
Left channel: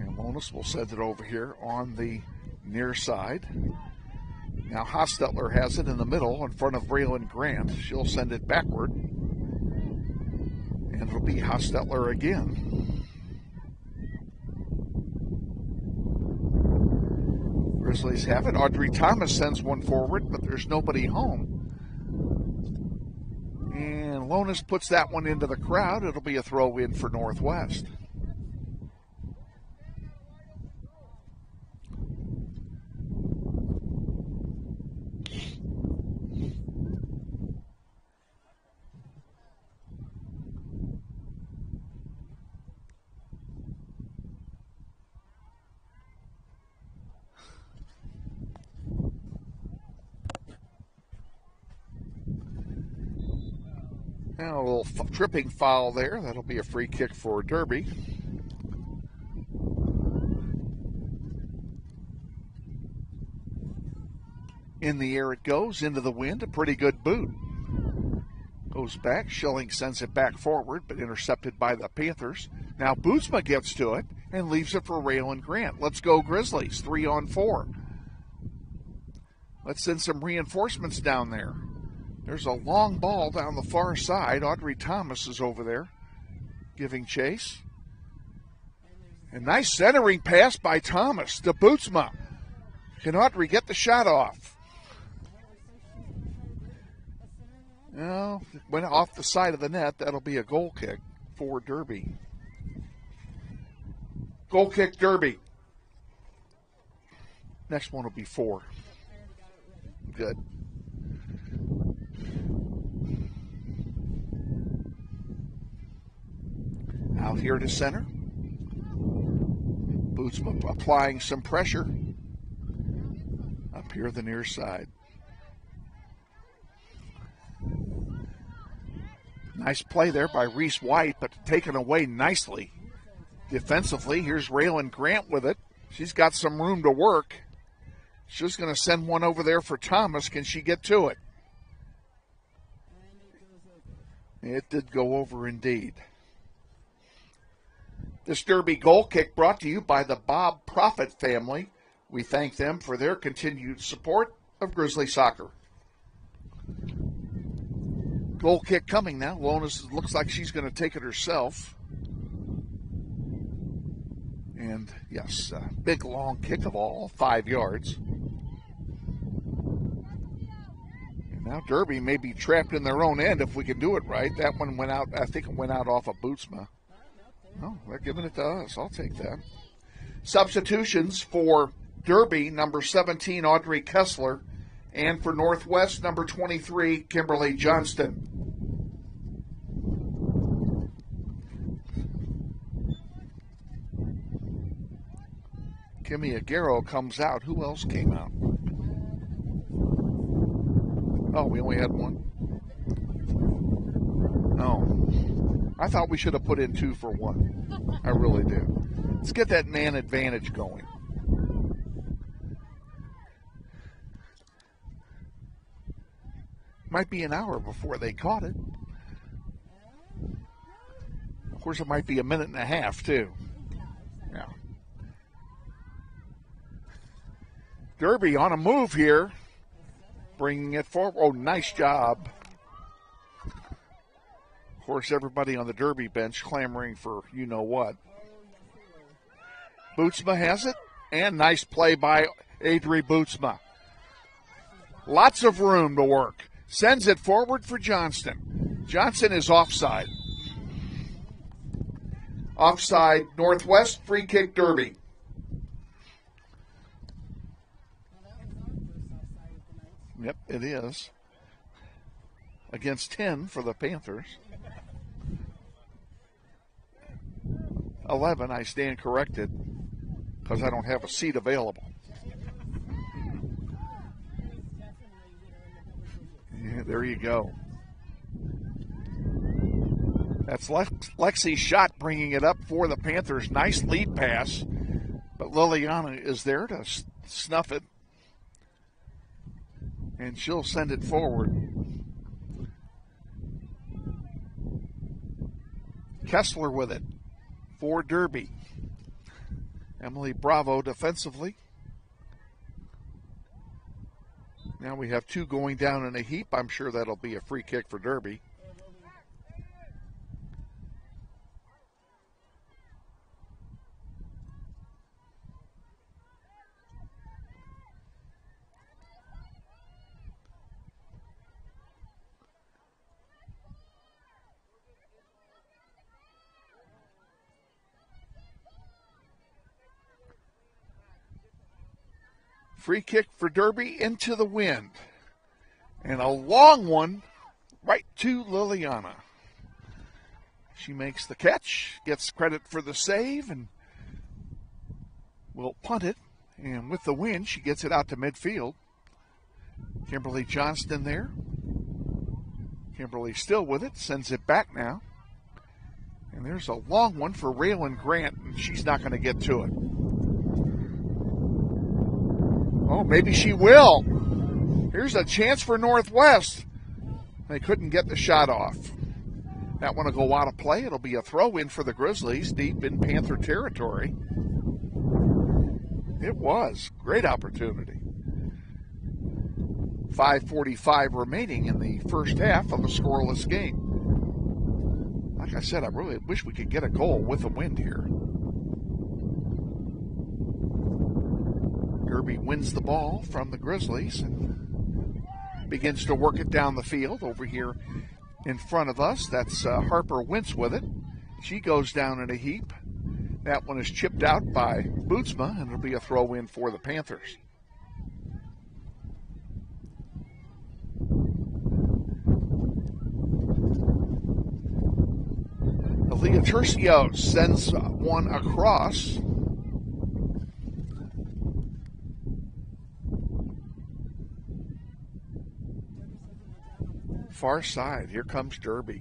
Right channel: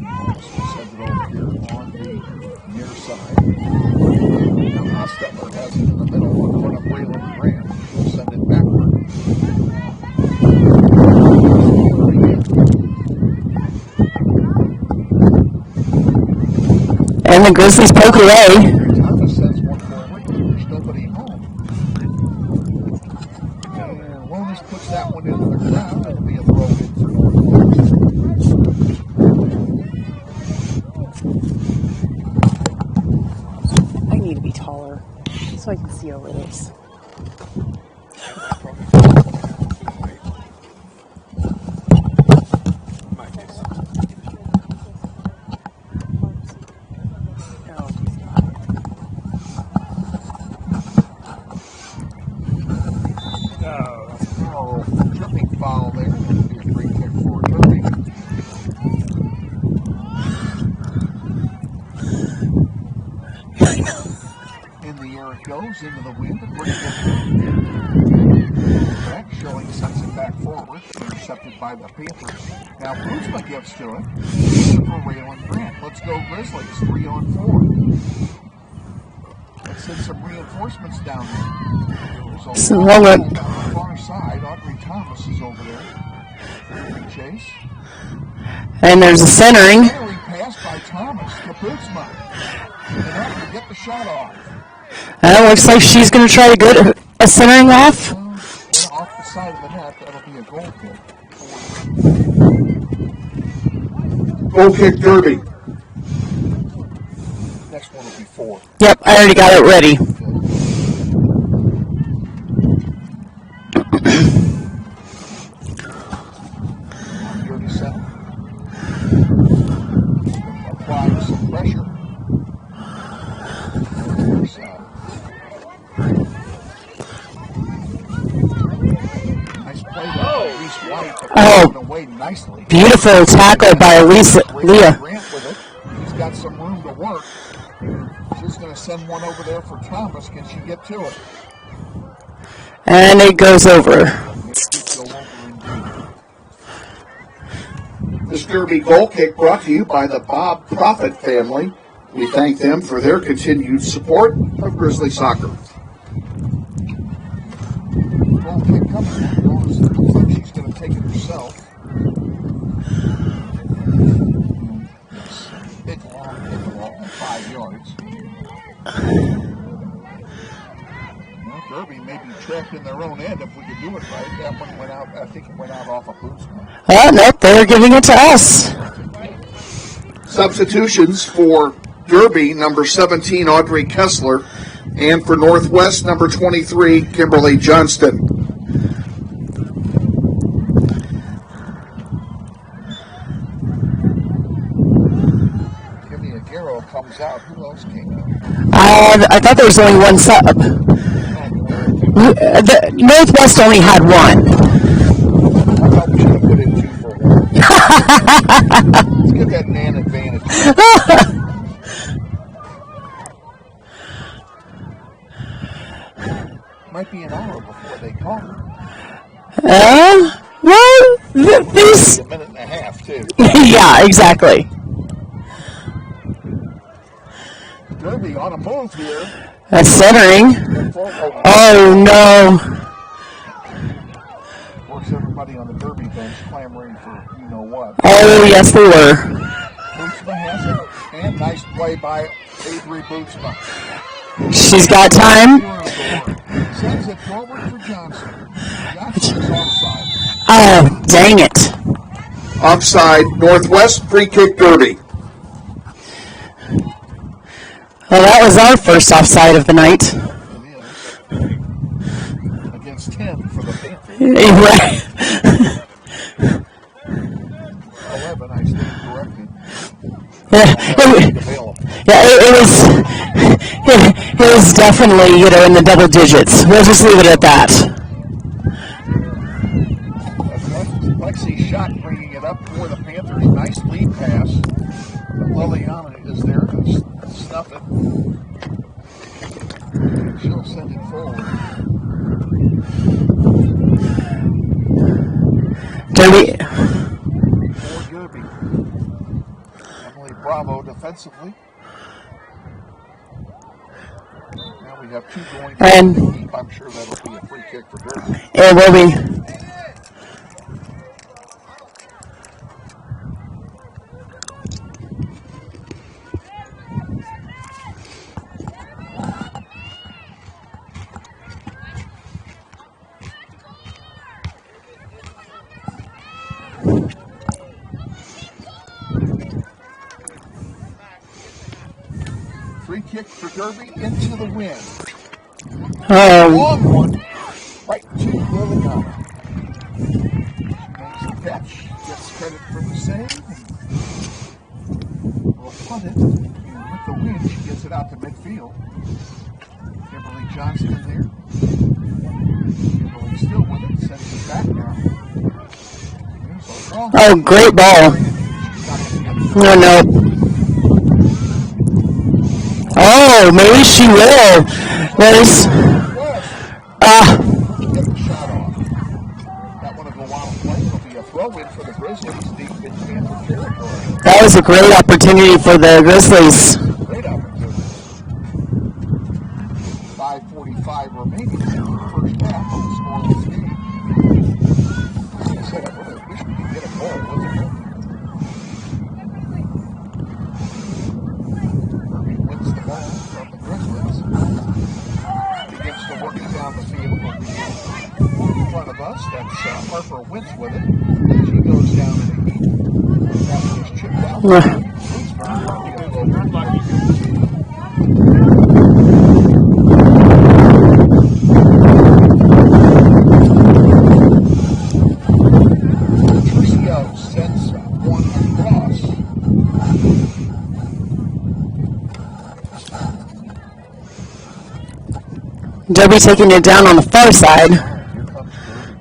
Lonis will send it over here on the near side. Now Hostetler has it in the middle in front of Braylon Grant. She'll send it backward. Hostetler again. And the Grizzlies poke away. Thomas sends one forward, but there's Lonis puts that one into the crowd. It'll be a throw in for Northwest. I need to be taller so I can see over this. Tripping foul there. That'll be a free kick for Derby. In the air it goes, into the wind, a pretty good boot. Moves back, Schilling sends it back forward, but intercepted by the Panthers. Now Bootsma gets to it, and leaves it for Raylan Grant. Let's go Grizzlies, 3-on-4. Let's send some reinforcements down there. There's a long ball down the far side. Audrey Thomas is over there giving chase. And there's a centering. Centering pass by Thomas to Bootsma. And Audrey get the shot off. Looks like she's going to try to get a centering off. Went off the side of the net. That'll be a goal kick for Derby. Goal kick Derby. Next one will be 4. Yep, I already got it ready. Good. Now here to center. Bootsman applying some pressure. To the near side. Nice play there by Reese White, but moving away nicely. Beautiful tackle by Leah. Grant with it. She's got some room to work. She's going to send one over there for Thomas. Can she get to it? And it goes over. It did go over indeed. This Derby goal kick brought to you by the Bob Profit family. We thank them for their continued support of Grizzly soccer. Goal kick coming now. Lonis looks like she's going to take it herself. And it's a big long kick ball, 5 yards. Well, Derby may be trapped in their own end if we could do it right. That one went out, I think it went out off a Bootsman. Oh, nope, they're giving it to us. Substitutions for Derby, number 17, Audrey Kessler, and for Northwest, number 23, Kimberly Johnston. Kimmy Aguero comes out. Who else came out? I thought there was only one sub. Oh, we only had 2. Northwest only had 1. I thought we should have put in 2 for 1. Let's give that man advantage. Might be an hour before they call her. Well, this... A minute and a half, too. Yeah, exactly. Derby on a move here. That's centering. Oh, no. Of course, everybody on the Derby bench clamoring for you-know-what. Oh, yes, they were. Bootsma has it. And nice play by Adri Bootsma. She's got time. Room to work. Sends it forward for Johnston. Johnston is offside. Oh, dang it. Offside, Northwest, free kick Derby. Well, that was our first offside of the night. It is. Against 10 for the Panthers. Right. 11, I stand corrected. It was definitely, in the double digits. We'll just leave it at that. That's Lexi's shot bringing it up for the Panthers. Nice lead pass. But Liliana is there to snuff it. And she'll send it forward. Derby. For Derby. Emily Bravo defensively. Now we have 2 going down the heap. I'm sure that'll be a free kick for Derby. It will be. kick for Derby into the wind. Oh. Long one, right to Liliana. She makes the catch, gets credit for the save, and will punt it. And with the wind, she gets it out to midfield. Kimberly Johnston there. Kimberly still with it, sends it back now. There's a long great ball. She's not going to get to it. No. Oh, maybe she will. Nice. Northwest. They couldn't get the shot off. That one will go out of play. It'll be a throw-in for the Grizzlies deep in Panther territory. That was a great opportunity for the Grizzlies. Great opportunity. 5:45 remaining in the first half of a scoreless game. Like I said, I really wish we could get a goal with the wind here. Derby wins the ball from the Grizzlies. Begins to work it down the field over here in front of us. That's Harper Wentz with it. She goes down in a heap. That one is chipped out by Bootsma. It'll be a throw for the Panthers. Tercio sends one across. Derby taking it down on the far side. Here comes Derby.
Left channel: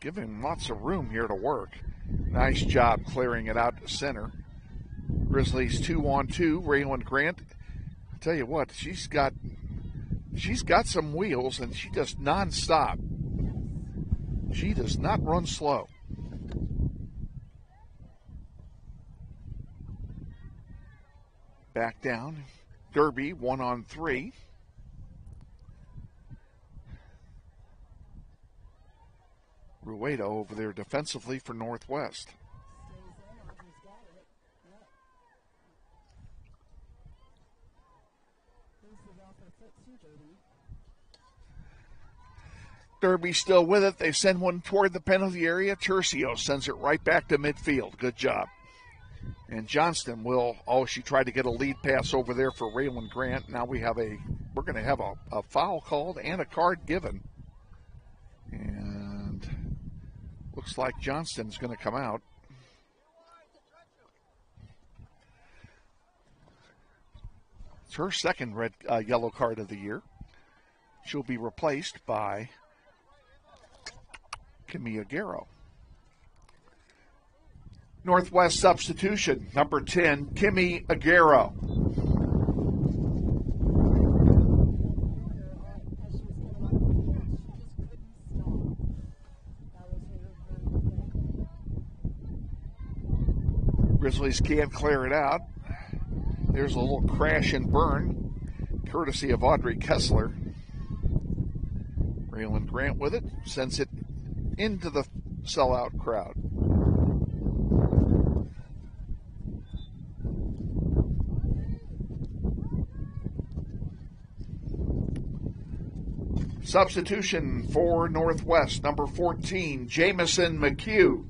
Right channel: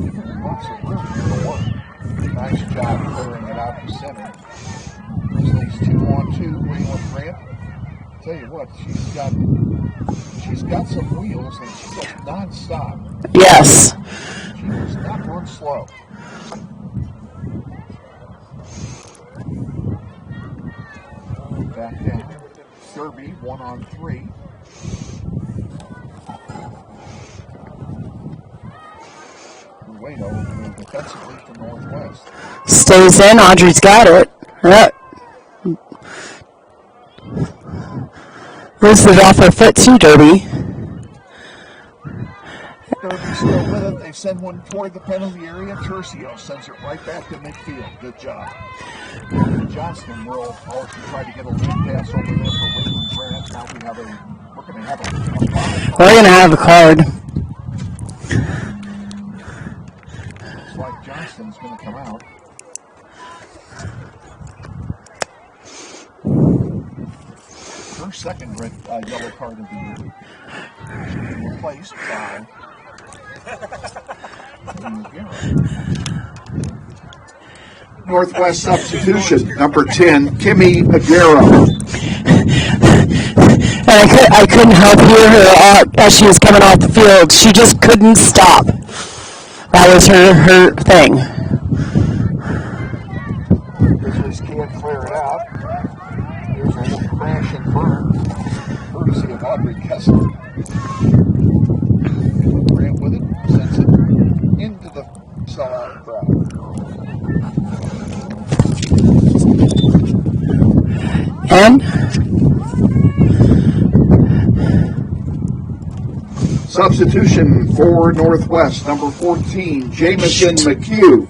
Giving lots of room here to work. Nice job clearing it out to center. Grizzlies 2-on-2. Raylan Grant. Tell you what, she's got some wheels and she does non-stop. Yes. She does not run slow. Back down. Derby 1-on-3. Ruedo over there defensively for Northwest. Stays in. Audrey's got it. Moves it off her foot too, Derby. Derby still with it. They send one toward the penalty area. Tercio sends it right back to midfield. Good job. And Johnston will, she tried to get a lead pass over there for Raylan Grant. Now we're going to have a foul. We're going to have a card. Looks like Johnston's going to come out. Her second red yellow card of the year. She'll be replaced by Kimmy Aguero. Northwest substitution, number 10, Kimmy Aguero. And I couldn't help hear her as she was coming off the field. She just couldn't stop. That was her thing. Grizzlies can't clear it out. There's a little crash and burn, courtesy of Audrey Kessler. Raylan Grant with it, sends it into the sellout crowd. And substitution for Northwest, number 14, Jamison McHugh.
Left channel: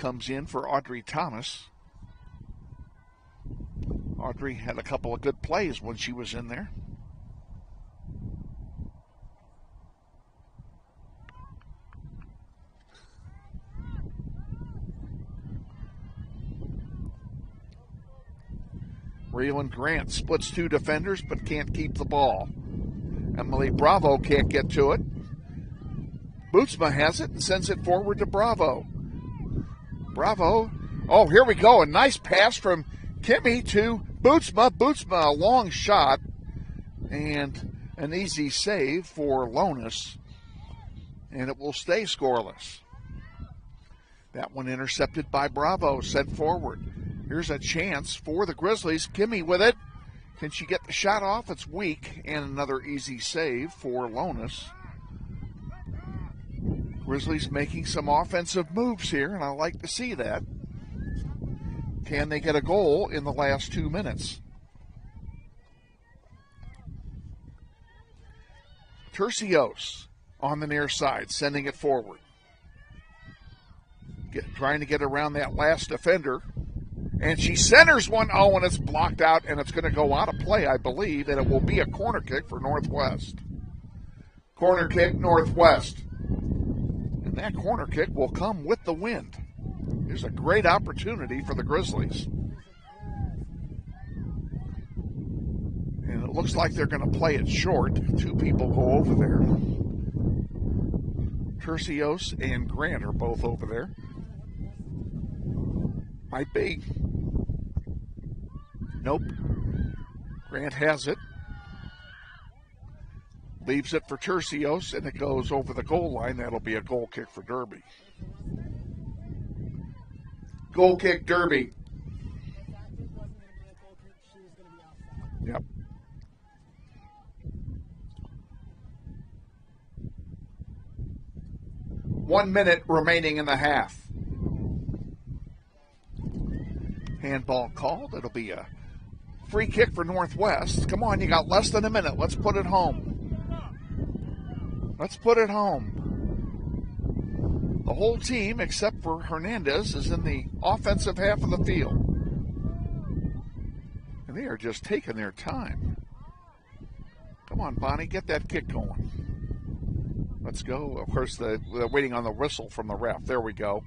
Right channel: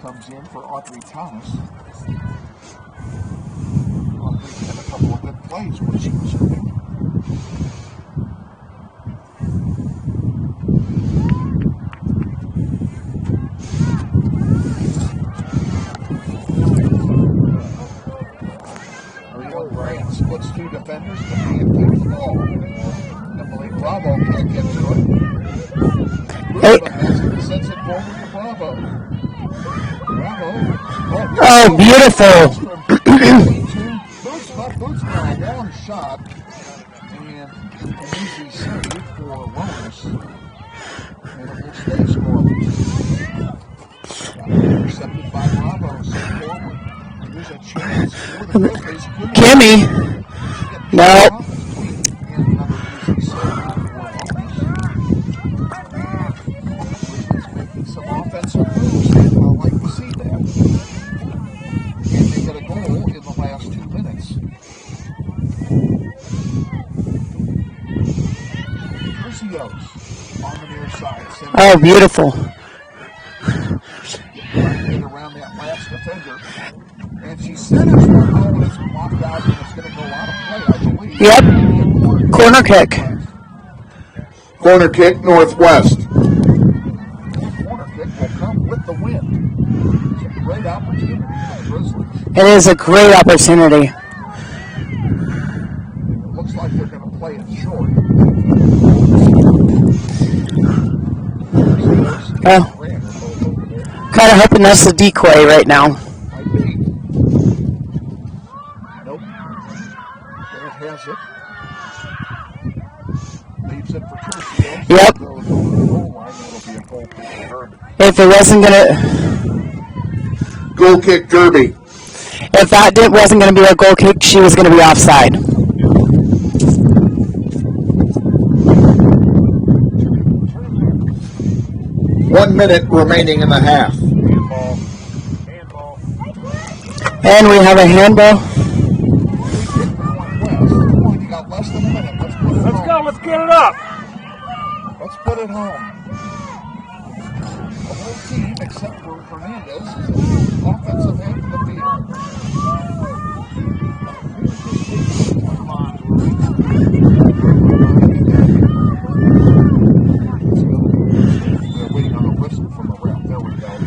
Comes in for Audrey Thomas. Audrey had a couple of good plays when she was in there. Raylan Grant splits two defenders but can't keep the ball. Emily Bravo can't get to it. Bootsma has it and sends it forward to Bravo. Bravo. Here we go. Beautiful. From Kimmy to Bootsma. Bootsma, a long shot. And an easy save for Lonis. And it will stay scoreless. That one intercepted by Bravo, set forward. Here's a chance for the Grizzlies. Kimmy. Can she get the shot off? It's weak. And another easy save for Lonis. Grizzlies making some offensive moves here, and I like to see that. And they get a goal in the last 2 minutes. Tercios on the near side. Beautiful. trying to get around that last defender. And she centers one. Oh, and it's blocked out, and it's going to go out of play, I believe. Yep. It'll be a Corner kick. Northwest. Corner kick, Northwest. That corner kick will come with the wind. It's a great opportunity for the Grizzlies. It is a great opportunity. And it looks like they're going to play it short. Two people Oh. Grant are both over there. Kind of hoping that's the decoy right now. I'd be. Nope. Grant has it. Leaves it for Tercio. So Yep. It goes over the goal line. That'll be a goal kick for Derby. If it wasn't gonna, Goal kick, Derby. if that wasn't gonna be a goal kick, she was gonna be offside. 1 minute remaining in the half. And we have a handball. Free kick for Northwest. Come on, you got less than a minute. Let's put it home. Let's go. Let's get it up. Let's put it home. The whole team, except for Hernandez, is in the offensive half of the field. They are just taking their time. Come on, Bonnie, get that kick. Let's go. They're waiting on the whistle from the ref. There we go.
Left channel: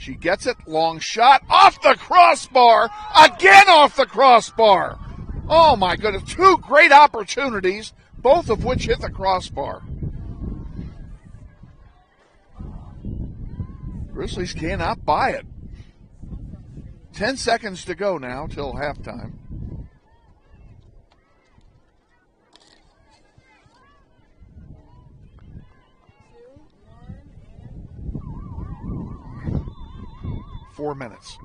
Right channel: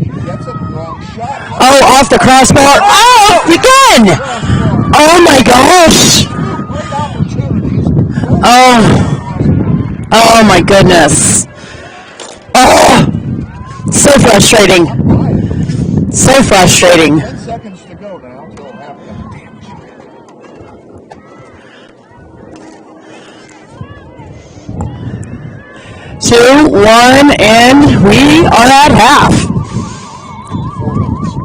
She gets it. Long shot. Oh, off the crossbar. Oh, again! Crossbar. Oh my gosh! Two great opportunities. Both Oh. crossbar. Oh my goodness. Oh, so frustrating. Not by it. So frustrating. 10 seconds to go now till halftime. 2, 1, and we are at half. 4 minutes.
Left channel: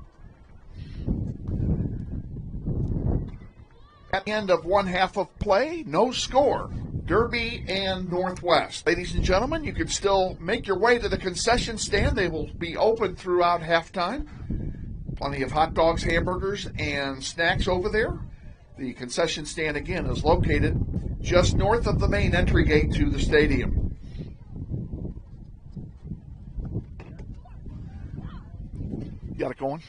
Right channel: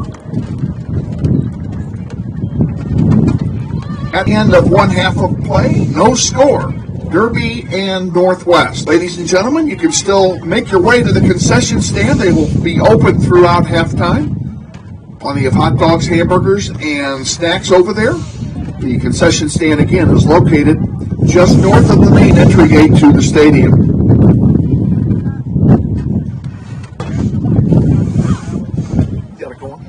At the end of one half of play, no score. Derby and Northwest. Ladies and gentlemen, you can still make your way to the concession stand. They will be open throughout halftime. Plenty of hot dogs, hamburgers, and snacks over there. The concession stand, again, is located just north of the main entry gate to the stadium. Got it going?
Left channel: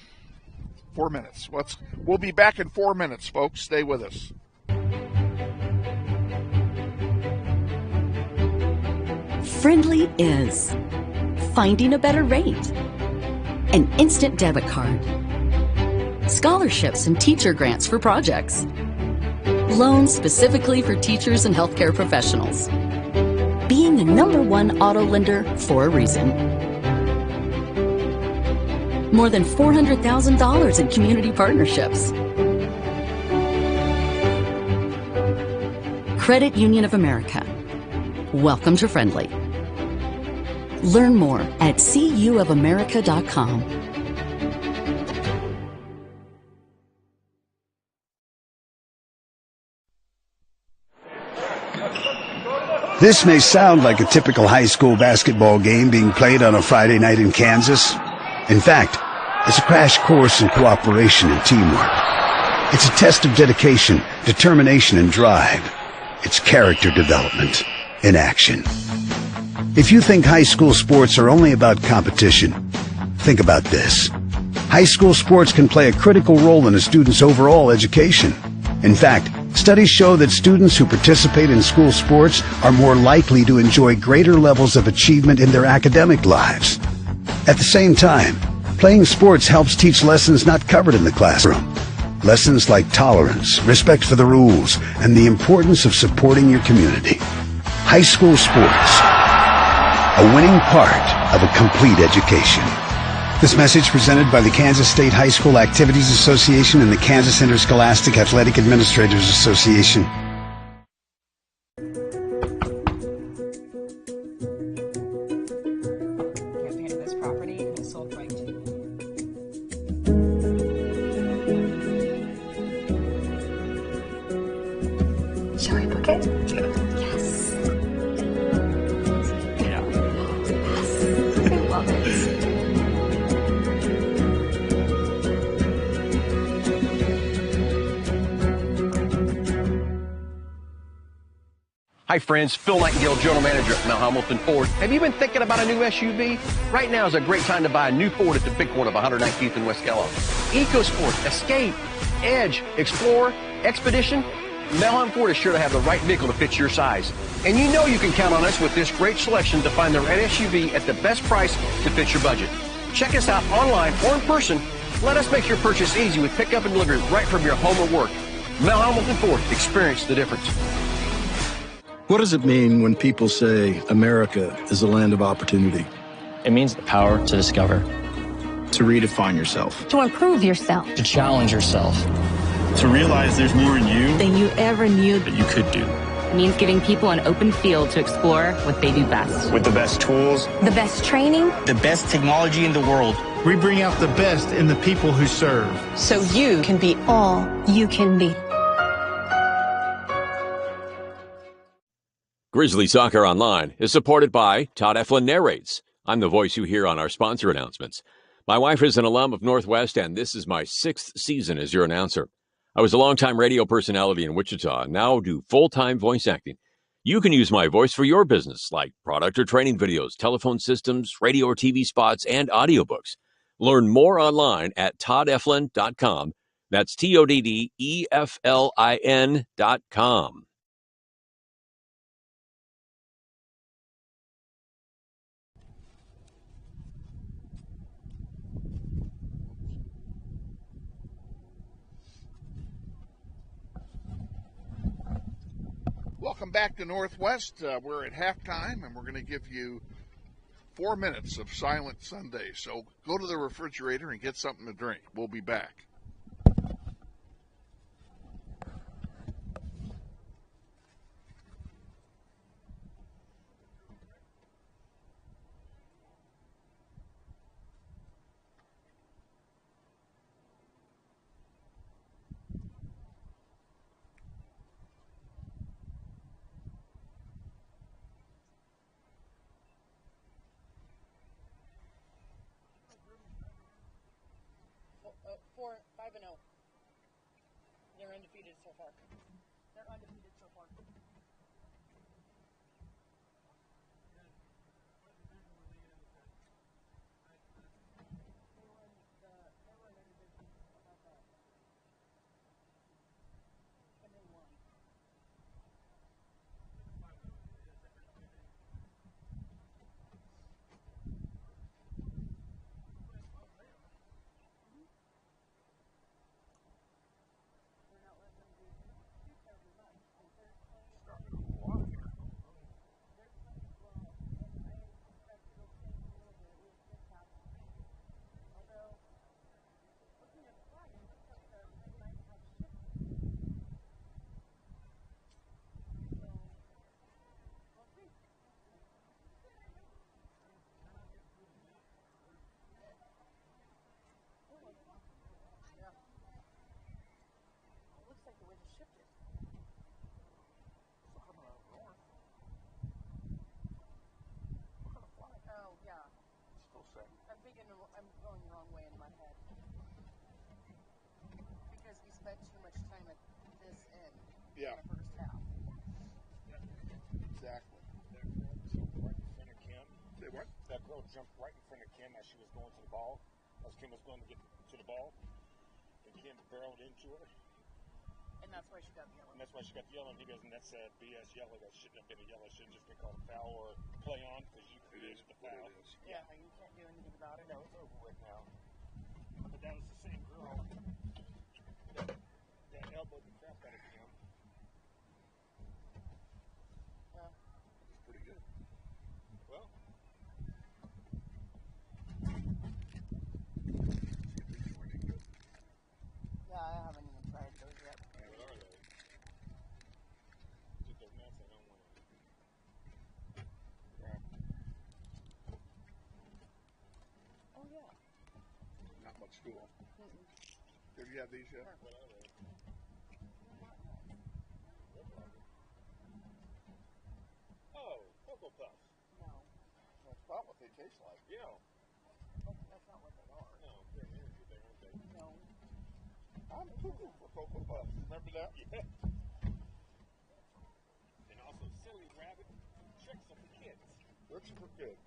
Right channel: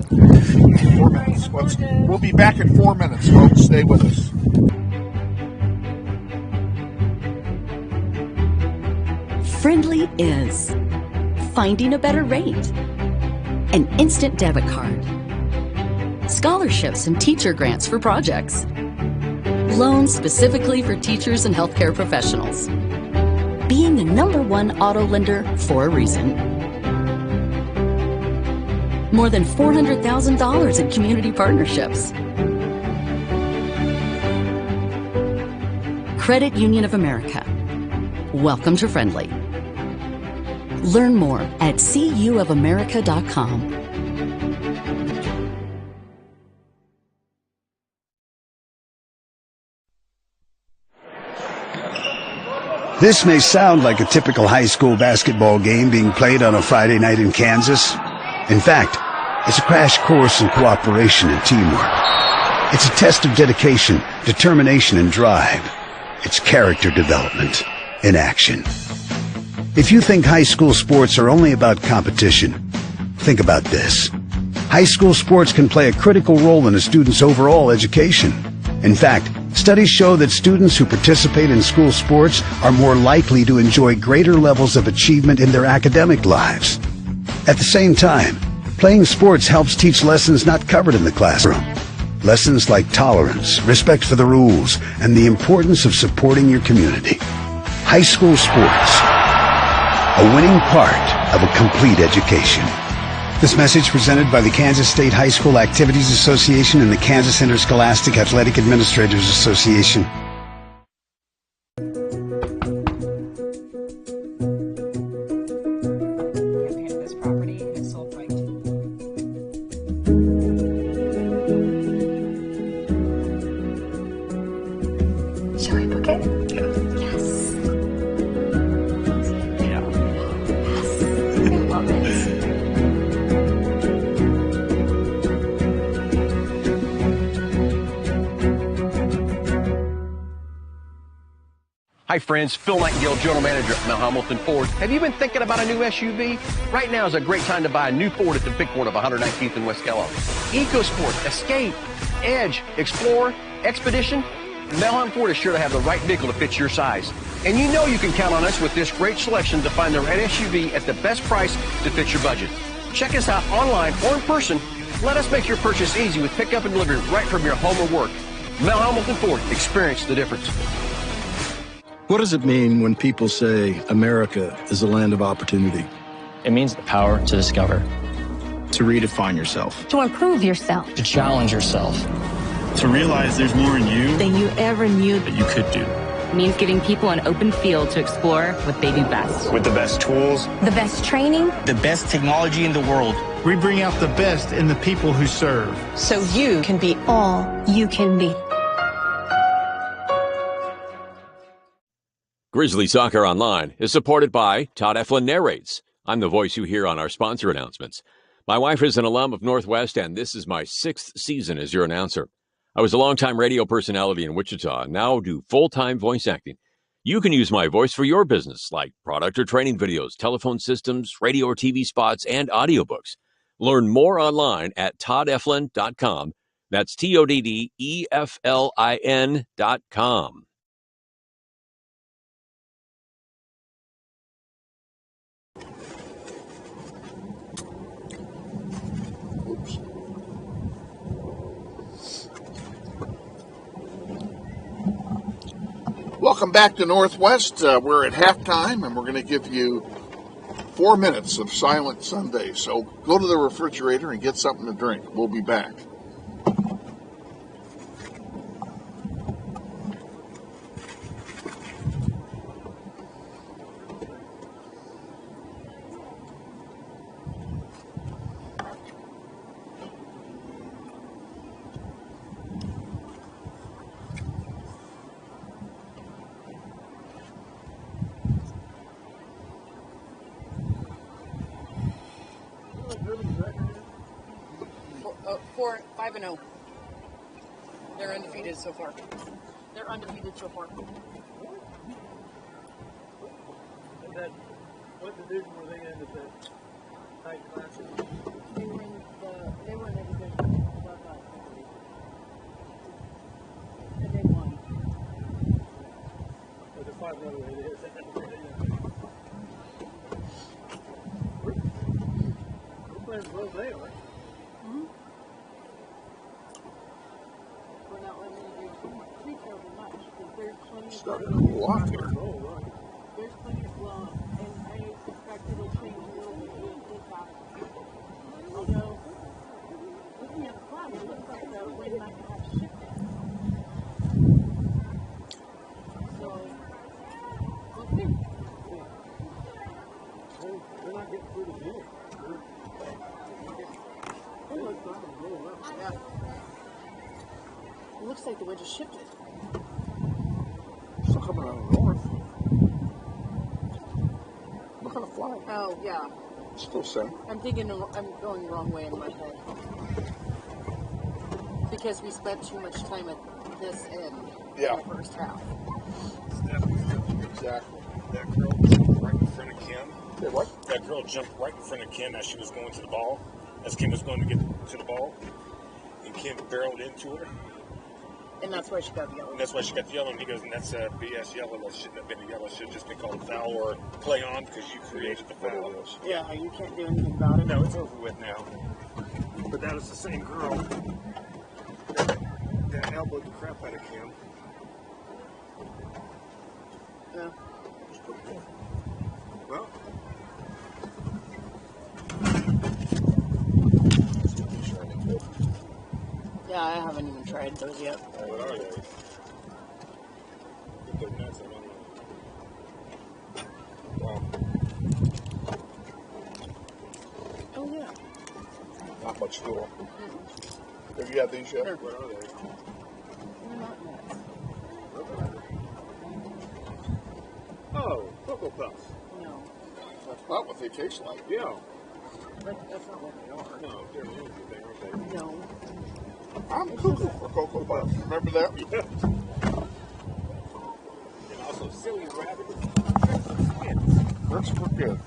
4 minutes. We'll be back in 4 minutes, folks. Stay with us. Friendly is finding a better rate, an instant debit card, scholarships and teacher grants for projects, loans specifically for teachers and healthcare professionals, being the #1 auto lender for a reason. More than $400,000 in community partnerships. Credit Union of America. Welcome to Friendly. Learn more at cuofamerica.com. This may sound like a typical high school basketball game being played on a Friday night in Kansas. In fact, it's a crash course in cooperation and teamwork. It's a test of dedication, determination, and drive. It's character development in action. If you think high school sports are only about competition, think about this. High school sports can play a critical role in a student's overall education. In fact, studies show that students who participate in school sports are more likely to enjoy greater levels of achievement in their academic lives. At the same time, playing sports helps teach lessons not covered in the classroom. Lessons like tolerance, respect for the rules, and the importance of supporting your community. High school sports, a winning part of a complete education. This message presented by the Kansas State High School Activities Association and the Kansas Interscholastic Athletic Administrators Association. Shall we book it? Yes. Yeah. I love it. Hi friends, Phil Nightingale, General Manager at Mel Hamilton Ford. Have you been thinking about a new SUV? Right now is a great time to buy a new Ford at the big corner of 119th and West Kellogg. EcoSport, Escape, Edge, Explorer, Expedition. Mel Hamilton Ford is sure to have the right vehicle to fit your size. And you know you can count on us with this great selection to find the right SUV at the best price to fit your budget. Check us out online or in person. Let us make your purchase easy with pickup and delivery right from your home or work. Mel Hamilton Ford, experience the difference. What does it mean when people say America is a land of opportunity? It means the power to discover, To redefine yourself. To improve yourself. to challenge yourself. To realize there's more in you Than you ever knew. that you could do. It means giving people an open field to explore what they do best. With the best tools, The best training. the best technology in the world. We bring out the best in the people who serve. So you can be All you can be. Grizzly Soccer Online is supported by Todd Eflin Narrates. I'm the voice you hear on our sponsor announcements. My wife is an alum of Northwest, and this is my 6th season as your announcer. I was a longtime radio personality in Wichita and now do full-time voice acting. You can use my voice for your business, like product or training videos, telephone systems, radio or TV spots, and audiobooks. Learn more online at toddeflin.com. That's TODDEFLIN.com. Welcome back to Northwest. We're at halftime, and we're going to give you 4 minutes of Silent Sunday. So go to the refrigerator and get something to drink. We'll be back. Four, 5-0. They're undefeated so far. They're undefeated so far. What division were they in at that tight classes? They were in the division above us. And they won. Or the 5-0 it is. We're playing as well as they are. We're not letting them do too terribly much because there's plenty Started a little off here. there's plenty of well, and I suspect it'll change a little bit when this happens. Although, looking at the flag, it looks like the wind might have shifted. So, we'll see. They're not getting through the deal. Yeah. It looks like the wind has shifted. Still coming out of the north. Look at the flag. Oh, yeah. Still same. I'm going the wrong way in my head. Because we spent too much time at this end in the first half. Exactly. That girl jumped right in front of Kim. Say what? That girl jumped right in front of Kim as she was going to the ball. As Kim was going to get to the ball. And Kim barreled into her. And that's why she got the yellow. And that's why she got the yellow. And he goes, and that's a BS yellow. That shouldn't have been a yellow. It should have just been called a foul or play on because you created the foul. Yeah, you can't do anything about it. No, it's over with now. But that was the same girl that elbowed the crap out of Kim. Yeah. Well, Yeah, I haven't even tried those yet. what are they? Get their nuts, I don't know. Wow. Oh, yeah. Not much to them. Have you had these yet? What are they? They're not nuts. Oh, Cocoa Puffs. No. That's not what they taste like. Yeah. That's not what they are. No, they're an energy thing, aren't they? No. I'm cuckoo for Cocoa Puffs. Remember that? And also silly rabbit. Looks pretty good.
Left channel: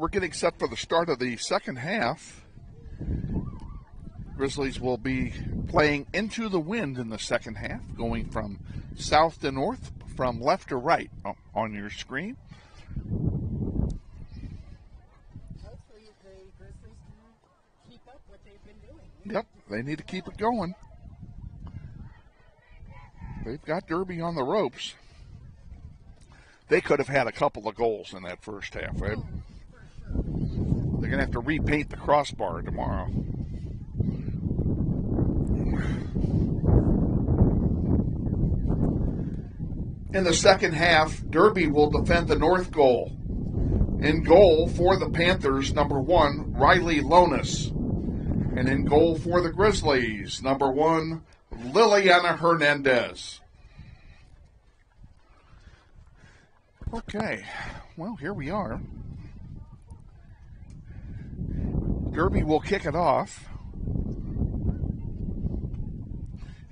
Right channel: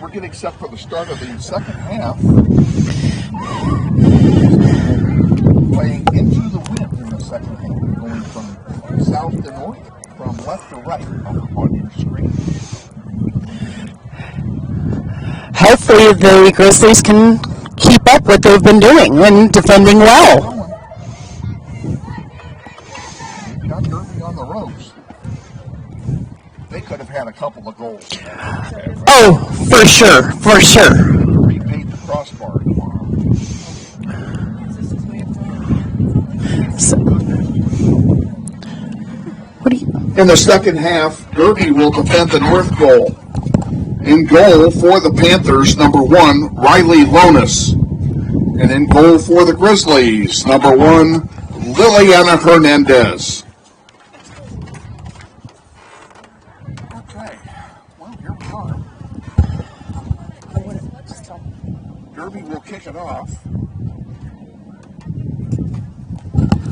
We're getting set for the start of the second half. We'll be playing into the wind in the second half, going from south to north, from left to right on your screen. Hopefully the Grizzlies can keep up what they've been doing and defending well. They've got Derby on the ropes. They could have had a couple of goals in that first half. Right? Oh, for sure, for sure. They're going to have to repaint the crossbar tomorrow. In the second half, Derby will defend the north goal. In goal for the Panthers, number 1, Riley Lonis. And in goal for the Grizzlies, number 1, Liliana Hernandez. Okay, well, here we are. Derby will kick it off.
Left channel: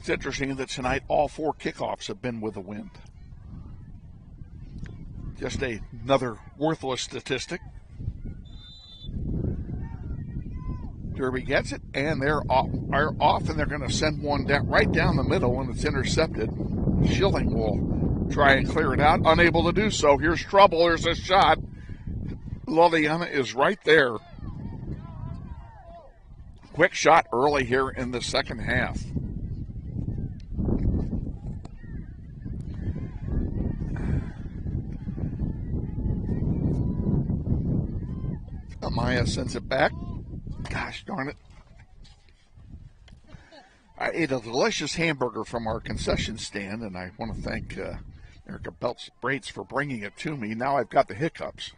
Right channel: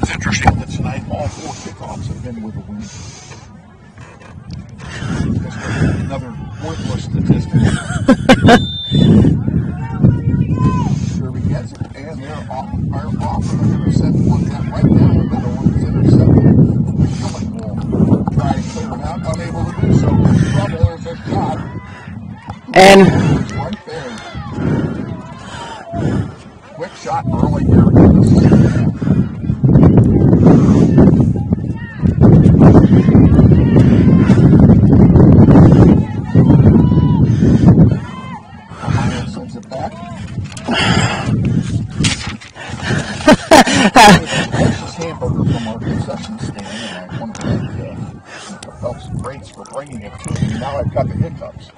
It's interesting that tonight all 4 kickoffs have been with a win. Just another worthless statistic. Derby gets it, and they're off, and they're going to send one right down the middle when it's intercepted. Schilling will try and clear it out, unable to do so. Here's trouble. There's a shot. And it's right there. Quick shot early here in the second half. Maya sends it back. A delicious hamburger from our concession stand, and I want to thank Phelps Braids for bringing it to me. Now I've got the hiccups.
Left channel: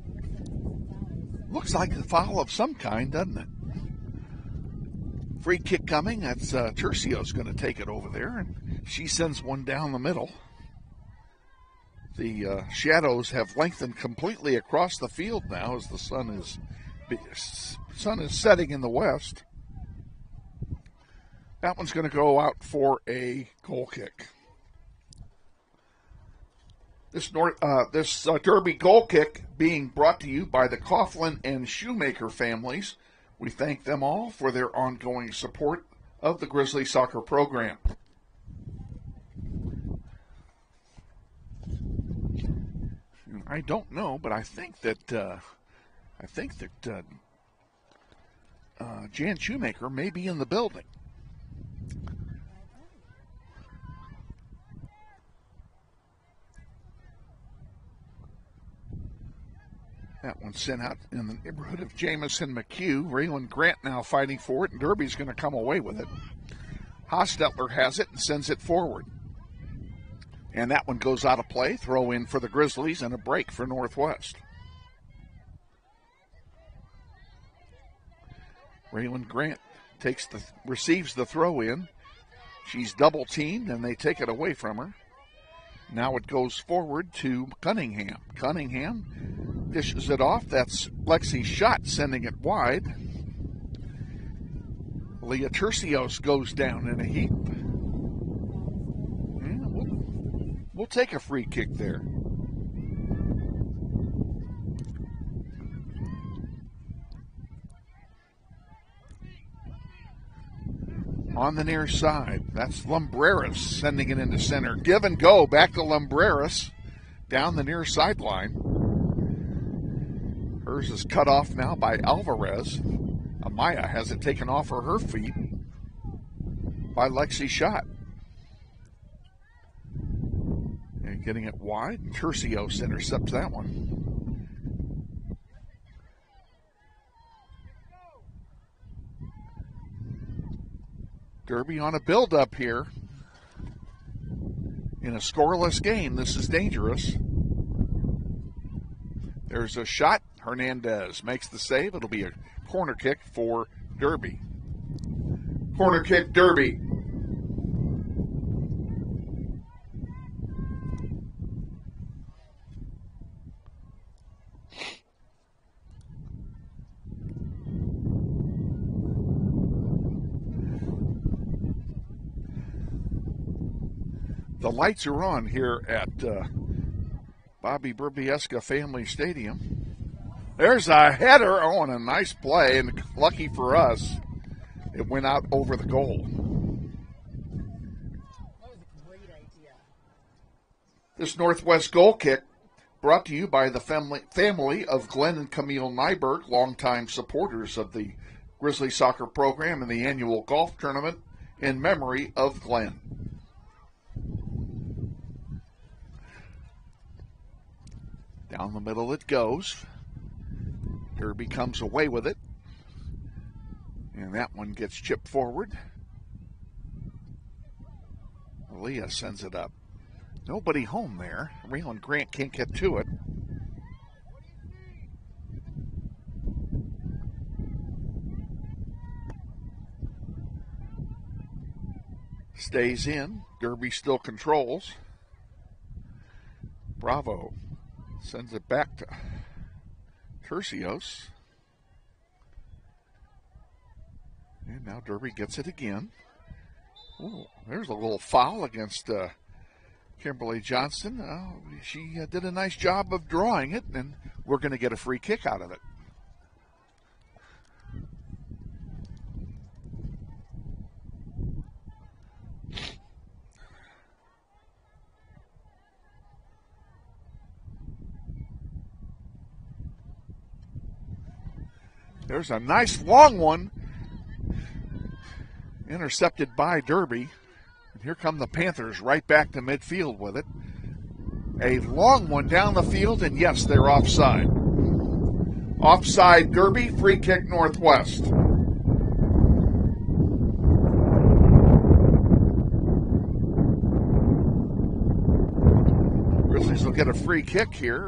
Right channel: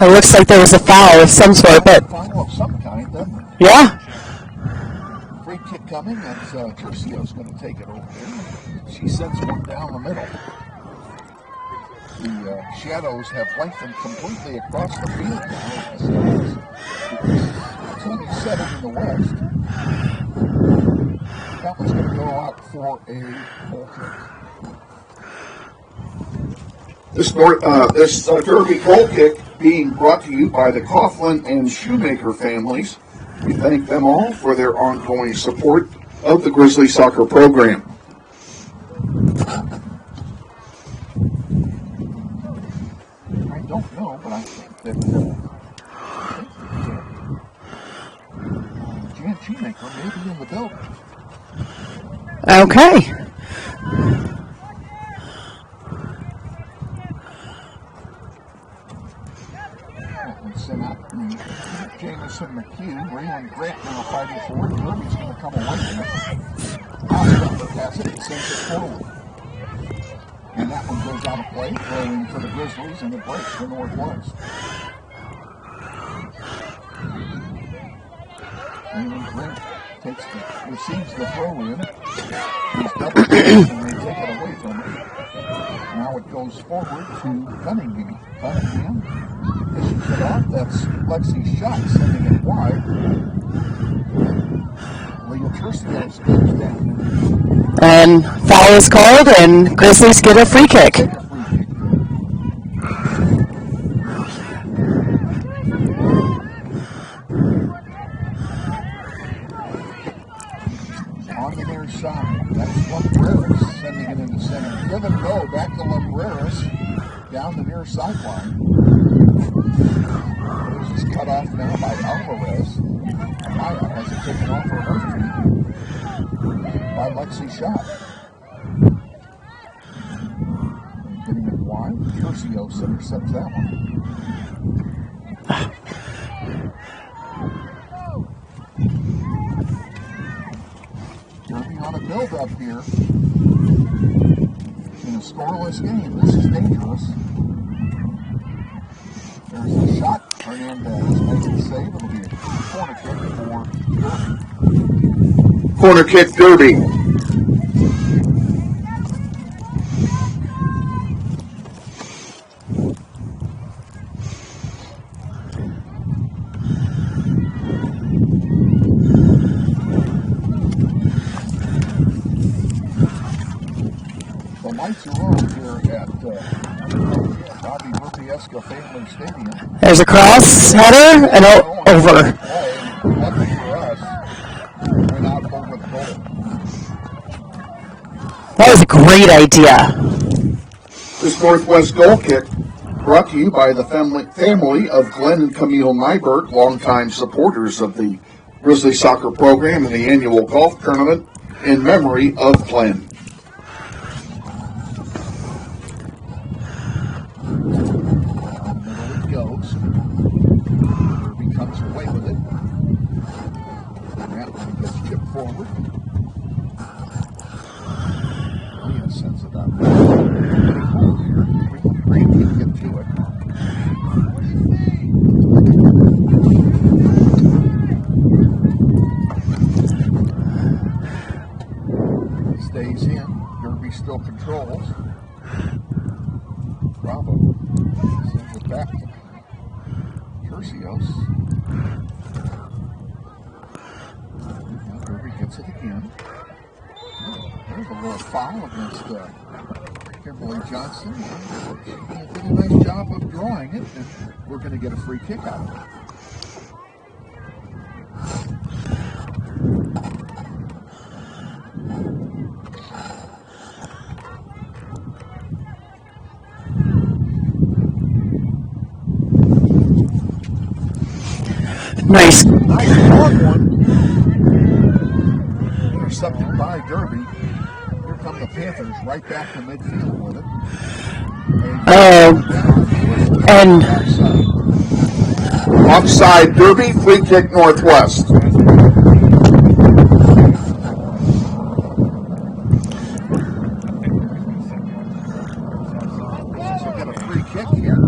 it looks like there was a foul of some sort, but Foul of some kind, doesn't it? yeah. Free kick coming. That's Tercio's going to take it over there. She sends one down the middle. The shadows have lengthened completely across the field now as the sun is setting in the west. That one's going to go out for a goal kick. This Derby goal kick being brought to you by the Coughlin and Shoemaker families. We thank them all for their ongoing support of the Grizzly soccer program. I don't know, but I think that Jan Shoemaker may be in the building. Okay. That one sent out Jamison McHugh. Raylan Grant now fighting for it. Derby's going to come away with it. Osdumper has it and sends it forward. And that one goes out of play. Throw in for the Grizzlies and a break for Northwest. Raylan Grant receives the throw in. She's double teamed and they take it away from her. Now it goes forward to Cunningham. Cunningham dishes it off. That's Lexi's shot, sending it wide. Leah Tercios goes down and foul is called, and Grizzlies get a free kick. Take a free kick there. On the near side, that's Lumbreras sending it into center. Give and go back to Lumbreras down the near sideline. This is cut off now by Alvarez. Maya has it taken off of her feet by Lexi Schott. And getting it wide, Tercios intercepts that one. Derby on a build-up here in a scoreless game. This is dangerous. There's a shot. Hernandez makes the save. It'll be a corner kick for Derby. Corner kick, Derby. The lights are on here at Bobby Rupieska Family Stadium. There's a cross header and over. Play, and lucky for us, went out over the goal. That was a great idea. This Northwest goal kick brought to you by the family of Glenn and Camille Nyberg, longtime supporters of the Grizzly soccer program and the annual golf tournament in memory of Glenn. Down the middle it goes. Derby comes away with it. And that one gets chipped forward. Leah sends it up. Nobody home there. Raylan Grant can't get to it. Stays in. Derby still controls. Bravo sends it back to Tercios. And now Derby gets it again. There's a little foul against Kimberly Johnson. She did a nice job of drawing it, and we're going to get a free kick out of it. Nice. Nice long one. Intercepted by Derby. Here come the Panthers right back to midfield with it. Went down the field and yet offside. Offside, Derby, free kick Northwest. Grizzlies will get a free kick here.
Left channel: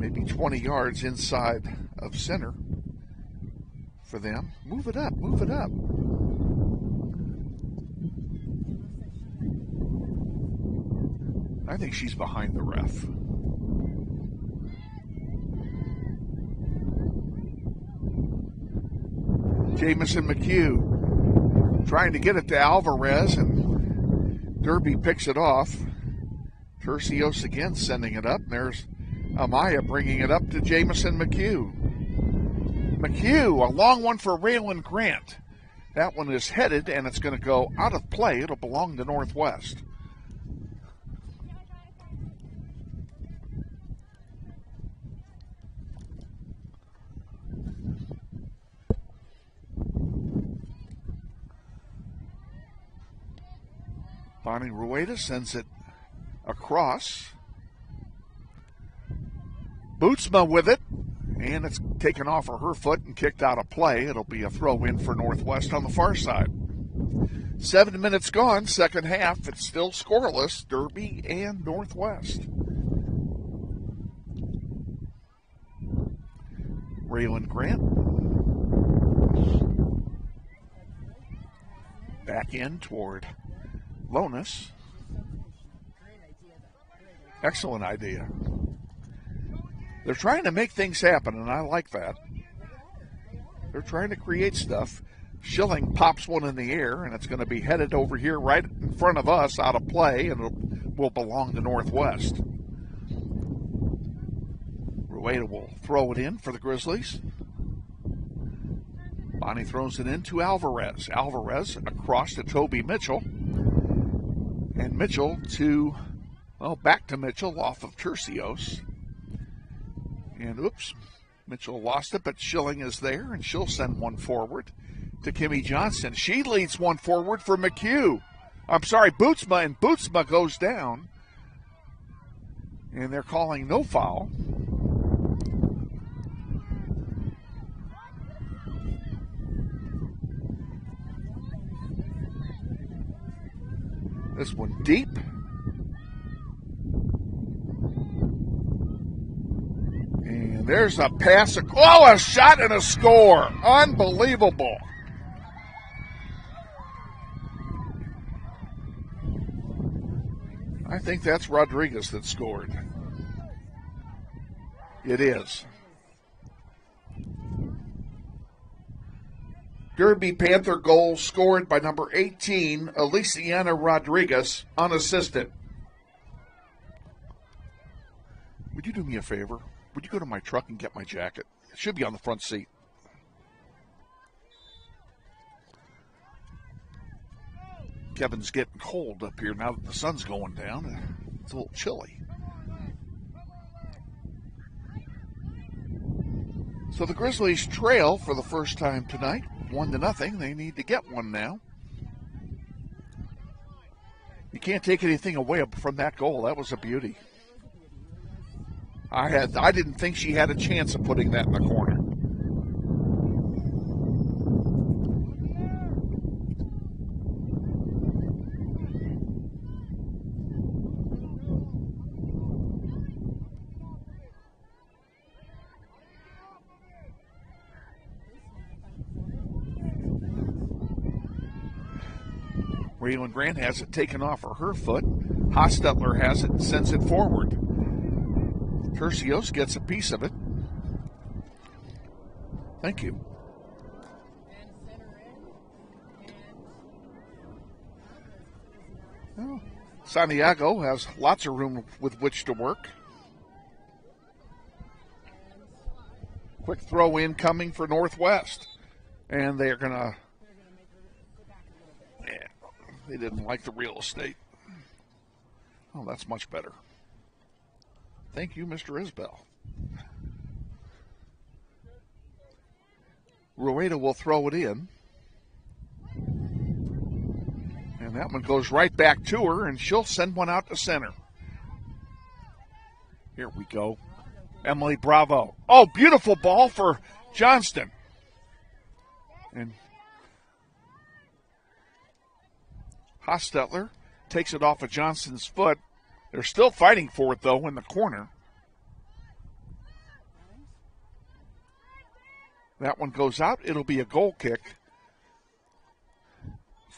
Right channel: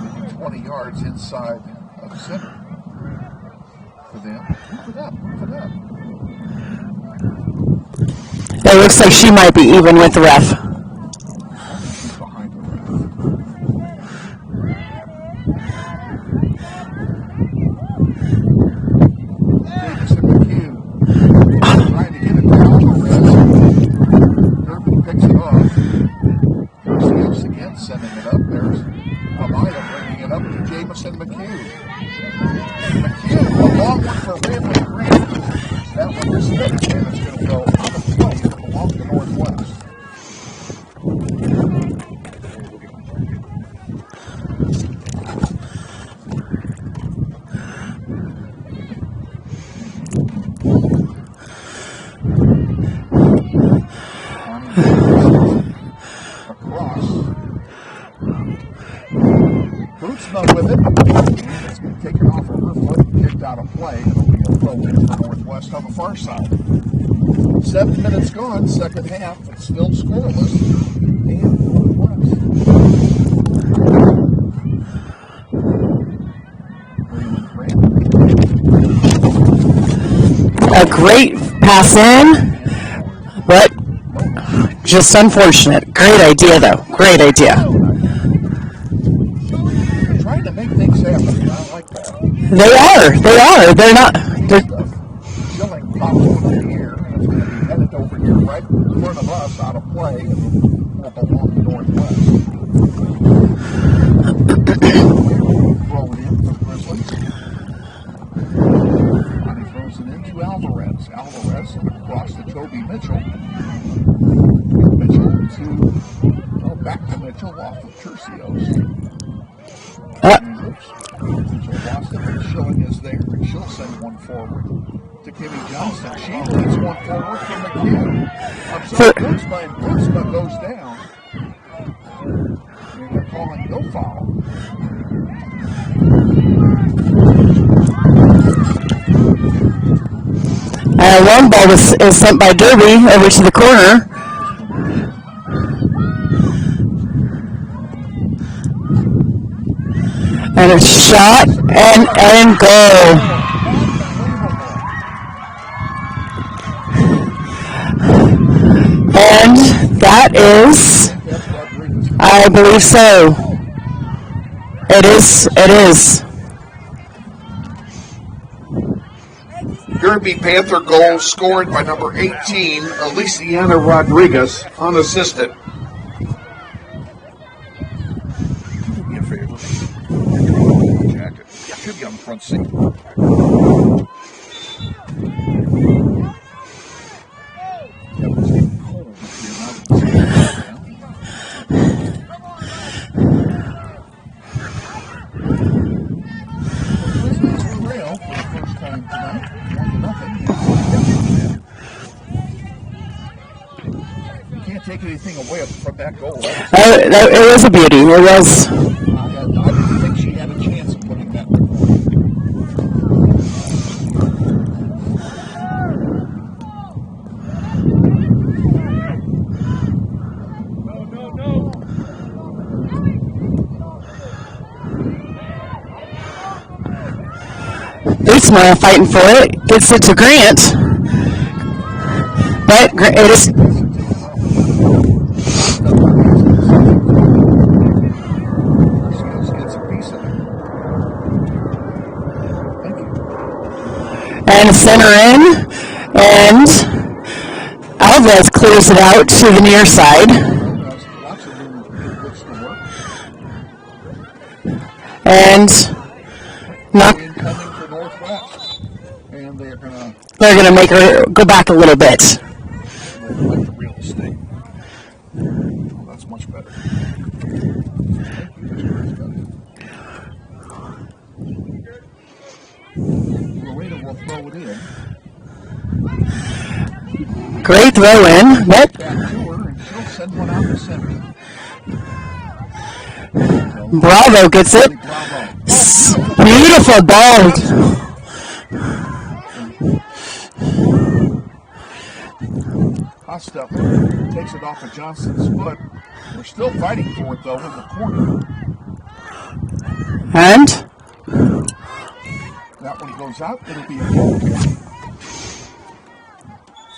Maybe 20 yards inside of center for them. Move it up, move it up. It looks like she might be even with the ref. I think she's behind the ref. Jamison McHugh trying to get it to Alvarez. Derby picks it off. Tercios again sending it up. There's Amaya bringing it up to Jamison McHugh. McHugh, a long one for Raylan Grant. That one is headed and it's going to go out of play. It'll belong to Northwest. Sends it across. Isbell with it, and it's taken off of her foot and kicked out of play. It'll be a throw-in for Northwest on the far side. 7 minutes gone, second half. It's still scoreless, Derby and Northwest. Raylan Grant. A great pass in, but just unfortunate. Great idea, though. Great idea. They're trying to make things happen, and I like that. They are. They're not. Schilling pops one in the air, and it's going to be headed over here right in front of us out of play. It will belong to Northwest. We'll throw it in for the Grizzlies. Bonnie throws it into Alvarez. Alvarez across to Toby Mitchell. And Mitchell back to Mitchell off of Tercios. Oops. Mitchell lost it, but Schilling is there, and she'll send one forward to Kimmy Johnson. She leads one forward for McHugh. I'm sorry, Bootsma, and Bootsma goes down. And they're calling no foul. Long ball is sent by Derby over to the corner. This one deep. And a shot and goal. Unbelievable. And that is, I think that's Rodriguez. I believe so. It is. Derby Panther goal scored by number 18, Aliciana Rodriguez, unassisted. Could you do me a favor? Would you go to my truck and get my jacket? It should be on the front seat. Kevin's getting cold up here now that the sun's going down. The Grizzlies trail for the first time tonight, 1-0. They're going to get one now. You can't take anything away from that goal. It was a beauty. It was. I didn't think she had a chance of putting that in the corner. Bootsma fighting for it. Gets it to Grant. But it is. It hasn't taken off her foot. Hostetler has it, sends it forward. Tercios gets a piece of it. Thank you. And center in. And Alvarez clears it out to the near side. Yeah, no, has lots of room with which to work. And not incoming for Northwest. And they're gonna make her go back a little bit. They didn't like the real estate. Well, that's much better. Thank you, Mr. Isbell. Rowena will throw it in. Great throw in. Right back to her, and she'll send one out to center. Bravo gets it. Bravo. Oh, beautiful ball. Hostetler takes it off of Johnson's foot. They're still fighting for it, though, in the corner. And? That one goes out. It'll be a goal kick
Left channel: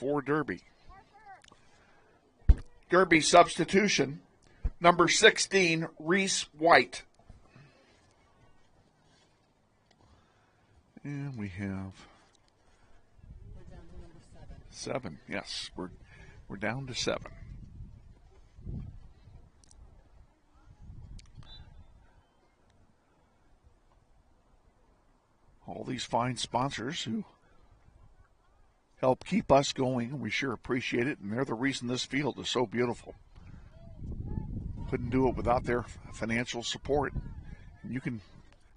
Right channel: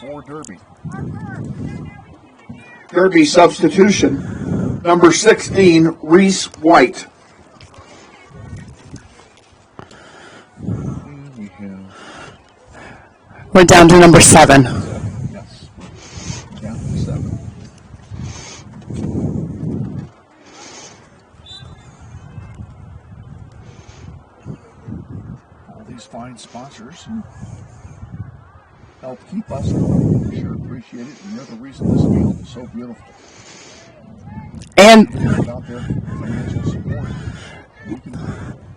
for Derby. Derby substitution. Number 16, Reese White. And we're down to number 7. Yes, we're down to 7. All these fine sponsors who help keep us going. We sure appreciate it, and they're the reason this field is so beautiful. And do it without their financial support. You can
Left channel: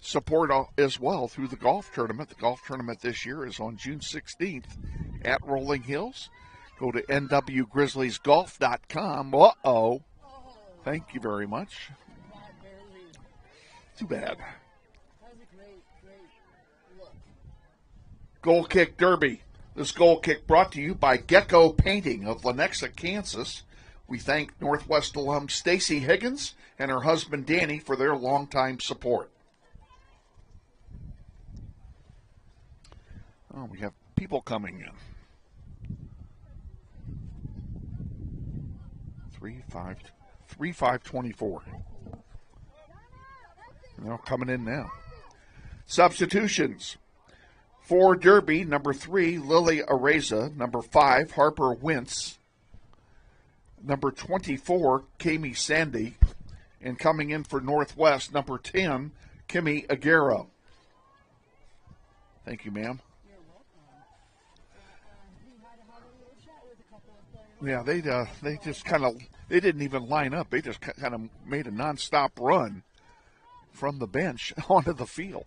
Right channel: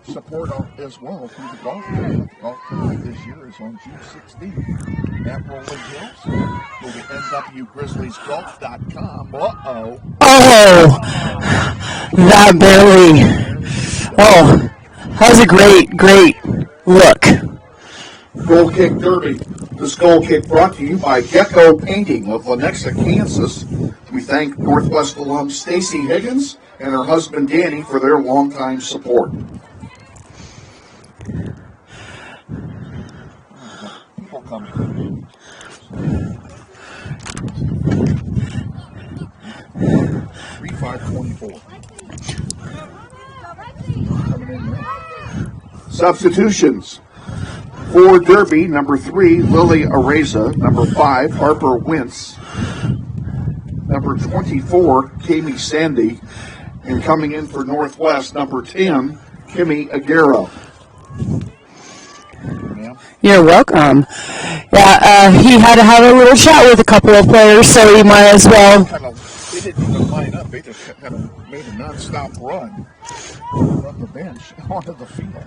support as well through the golf tournament. The golf tournament this year is on June 16th at Rolling Hills. Go to nwgrizzliesgolf.com. Oh, that barely. Oh, that was a great look. Goal kick derby. This goal kick brought to you by Gecko Painting of Lenexa, Kansas. We thank Northwest alum Stacy Higgins and her husband Danny for their longtime support. People coming. 3-5-24. Coming in now. Substitutions. For Derby, number 3, Lily Areza. Number 5, Harper Wentz. Number 24, Kami Sandy. And coming in for Northwest, number 10, Kimmy Aguero. Thank you, ma'am. You're welcome. Yeah, he had to have a little chat with a couple of players, so he might as well. They didn't even line up. They just kind of made a non-stop run from the bench onto the field.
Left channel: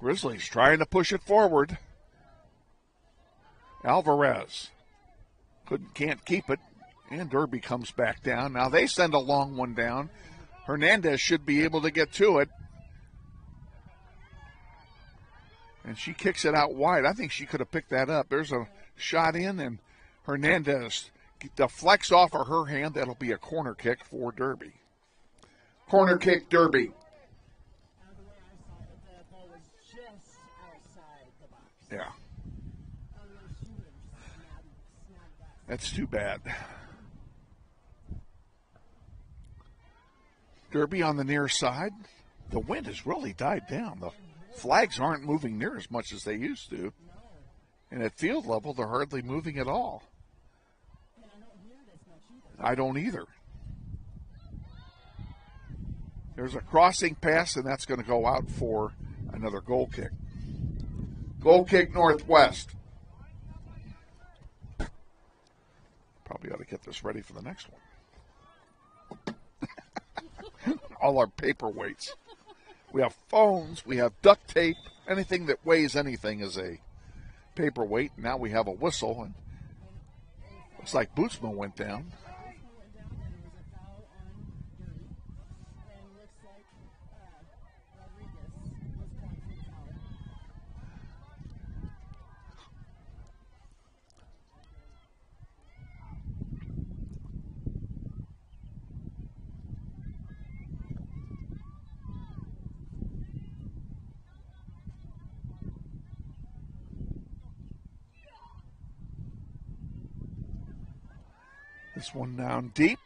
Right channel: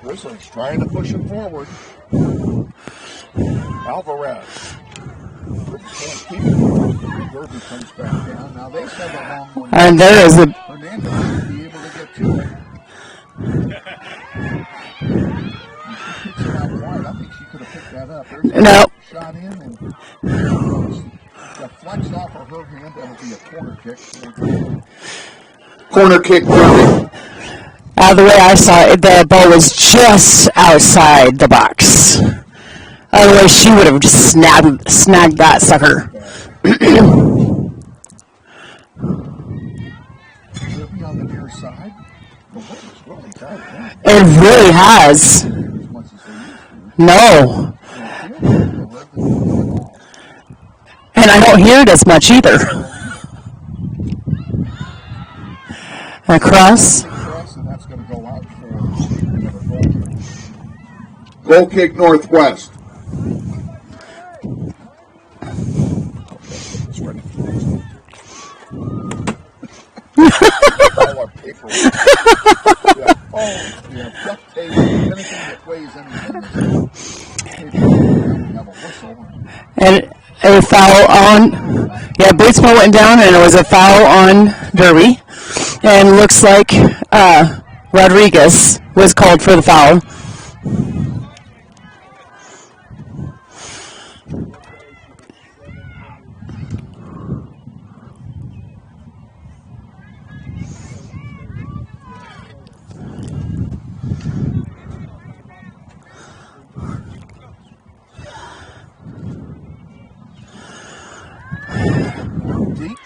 Grizzlies trying to push it forward. Alvarez. But can't keep it. Derby comes back down. Now they send a long one. And there is a... Hernandez should be able to get to it. She kicks it out wide. I think she could have picked that up. There's a shot in, and Hernandez deflects off of her hand. That'll be a corner kick for Derby. Corner kick, Derby. The way I saw it, the ball was just outside the box. Otherwise, she would have just snagged that sucker. Derby on the near side. The wind has really died down. It really has. Near as much as they used to. No. And the field people are hardly moving at all. And I don't hear it as much either. I don't either. Across. Crossing pass, and that's going to go out for another goal kick. Goal kick Northwest. Just ready for the next one. All our paperwork. We have phones, we have duct tape, anything that weighs anything is paperweight. Now we have a whistle. And a foul on, Batesman went down and it was a foul on Derby. And looks like Rodriguez was called for the foul. Deep.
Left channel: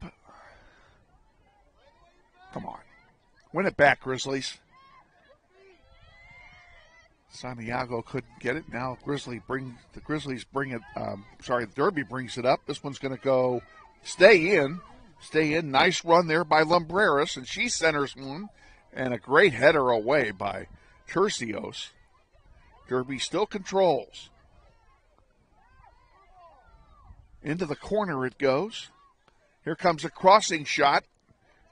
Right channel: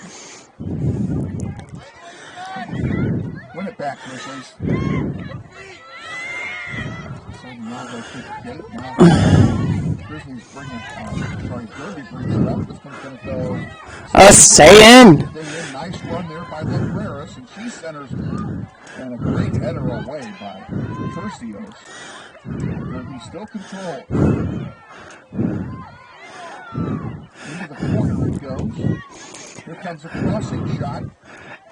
Win it back, Grizzlies. Santiago couldn't get it. Now Grizzlies bring it. Derby brings it up. This one's going to go. Stay in. Stay in. Nice run there by Lumbreras, and she centers one. And a great header away by Tercios. Derby still controls. Into the corner it goes. Here comes a crossing shot.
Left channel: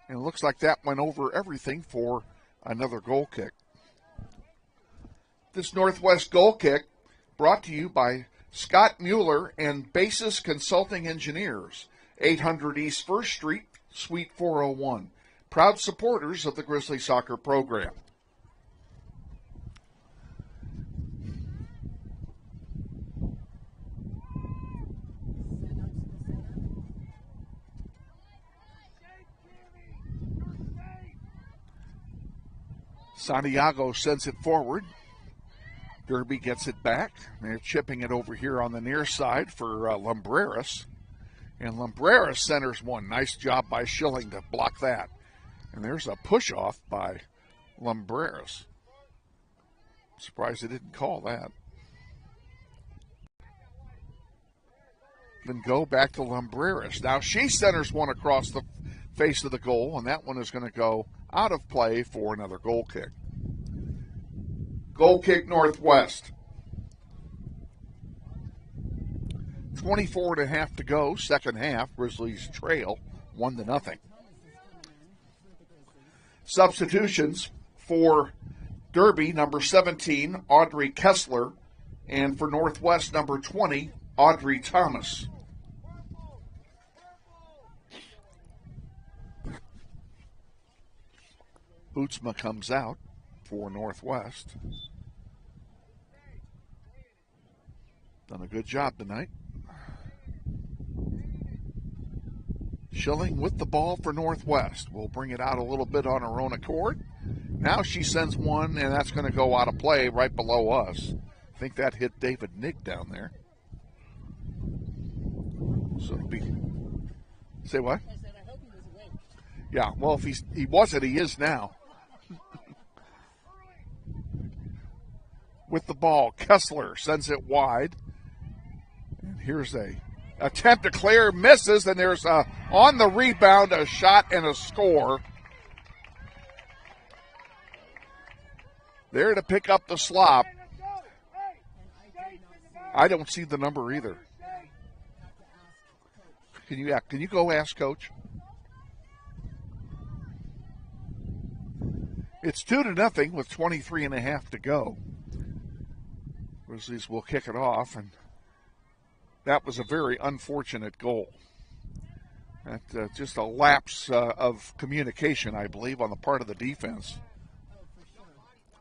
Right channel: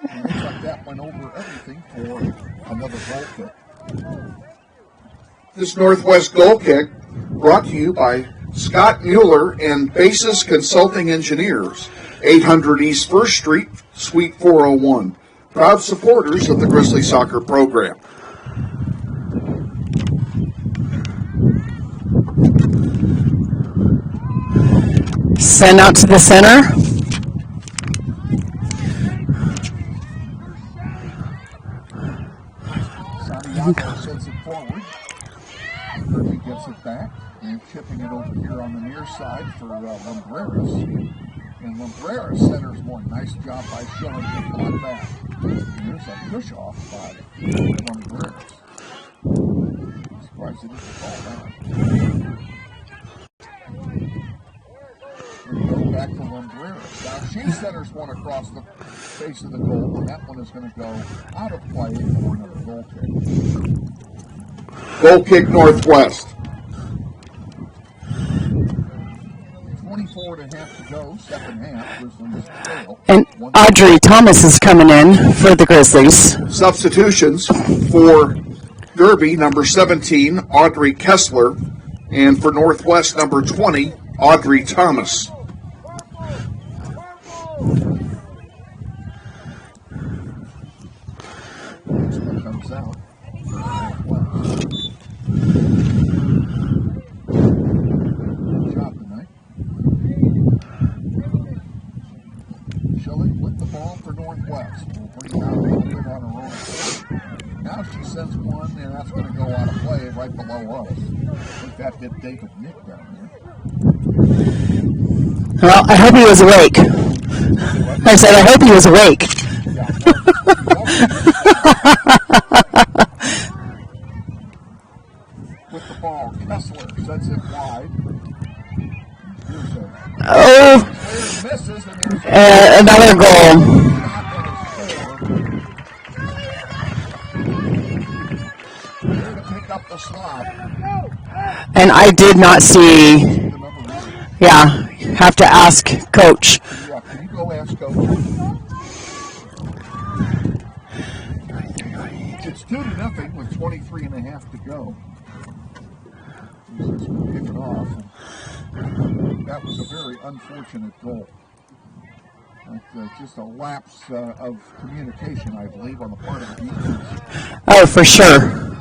It looks like that went over everything for another goal kick. This Northwest goal kick brought to you by Scott Mueller and Basis Consulting Engineers, 800 East 1st Street, Suite 401. Proud supporters of the Grizzly Soccer program. Send out to the center. Santiago sends it forward. Derby gets it back. They're chipping it over here on the near side for Lumbreras. And Lumbreras centers one. Nice job by Schilling to block that. And there's a push-off by Lumbreras. I'm surprised they didn't call that. Then go back to Lumbreras. Now she centers one across the face of the goal, and that one is going to go out of play for another goal kick. Goal kick Northwest. 24.5 to go, second half. Grizzlies trail. And Audrey Thomas is coming in for the Grizzlies. Substitutions for Derby, number 17, Audrey Kessler, and for Northwest, number 20, Audrey Thomas. comes out for Northwest. Good job tonight. Schilling with the ball for Northwest. We'll bring it out a little bit on her own accord. Now she sends one, and that's going to go out of play right below us. I think that hit David Nick down there. Well, I hope he was awake. I said, I hope he was awake. Yeah, well, he wasn't. He is now. With the ball, Kessler sends it wide. Here's a Claire misses, and there's another goal. A shot and a score. There to pick up the slop. And I did not see. I didn't see the number either. Yeah, have to ask Coach. Yeah, can you go ask Coach? It's 2-0 with 23.5 to go. Grizzlies will kick it off. That was a very unfortunate goal. Just a lapse of communication, I believe, on the part of the defense. Oh, for sure.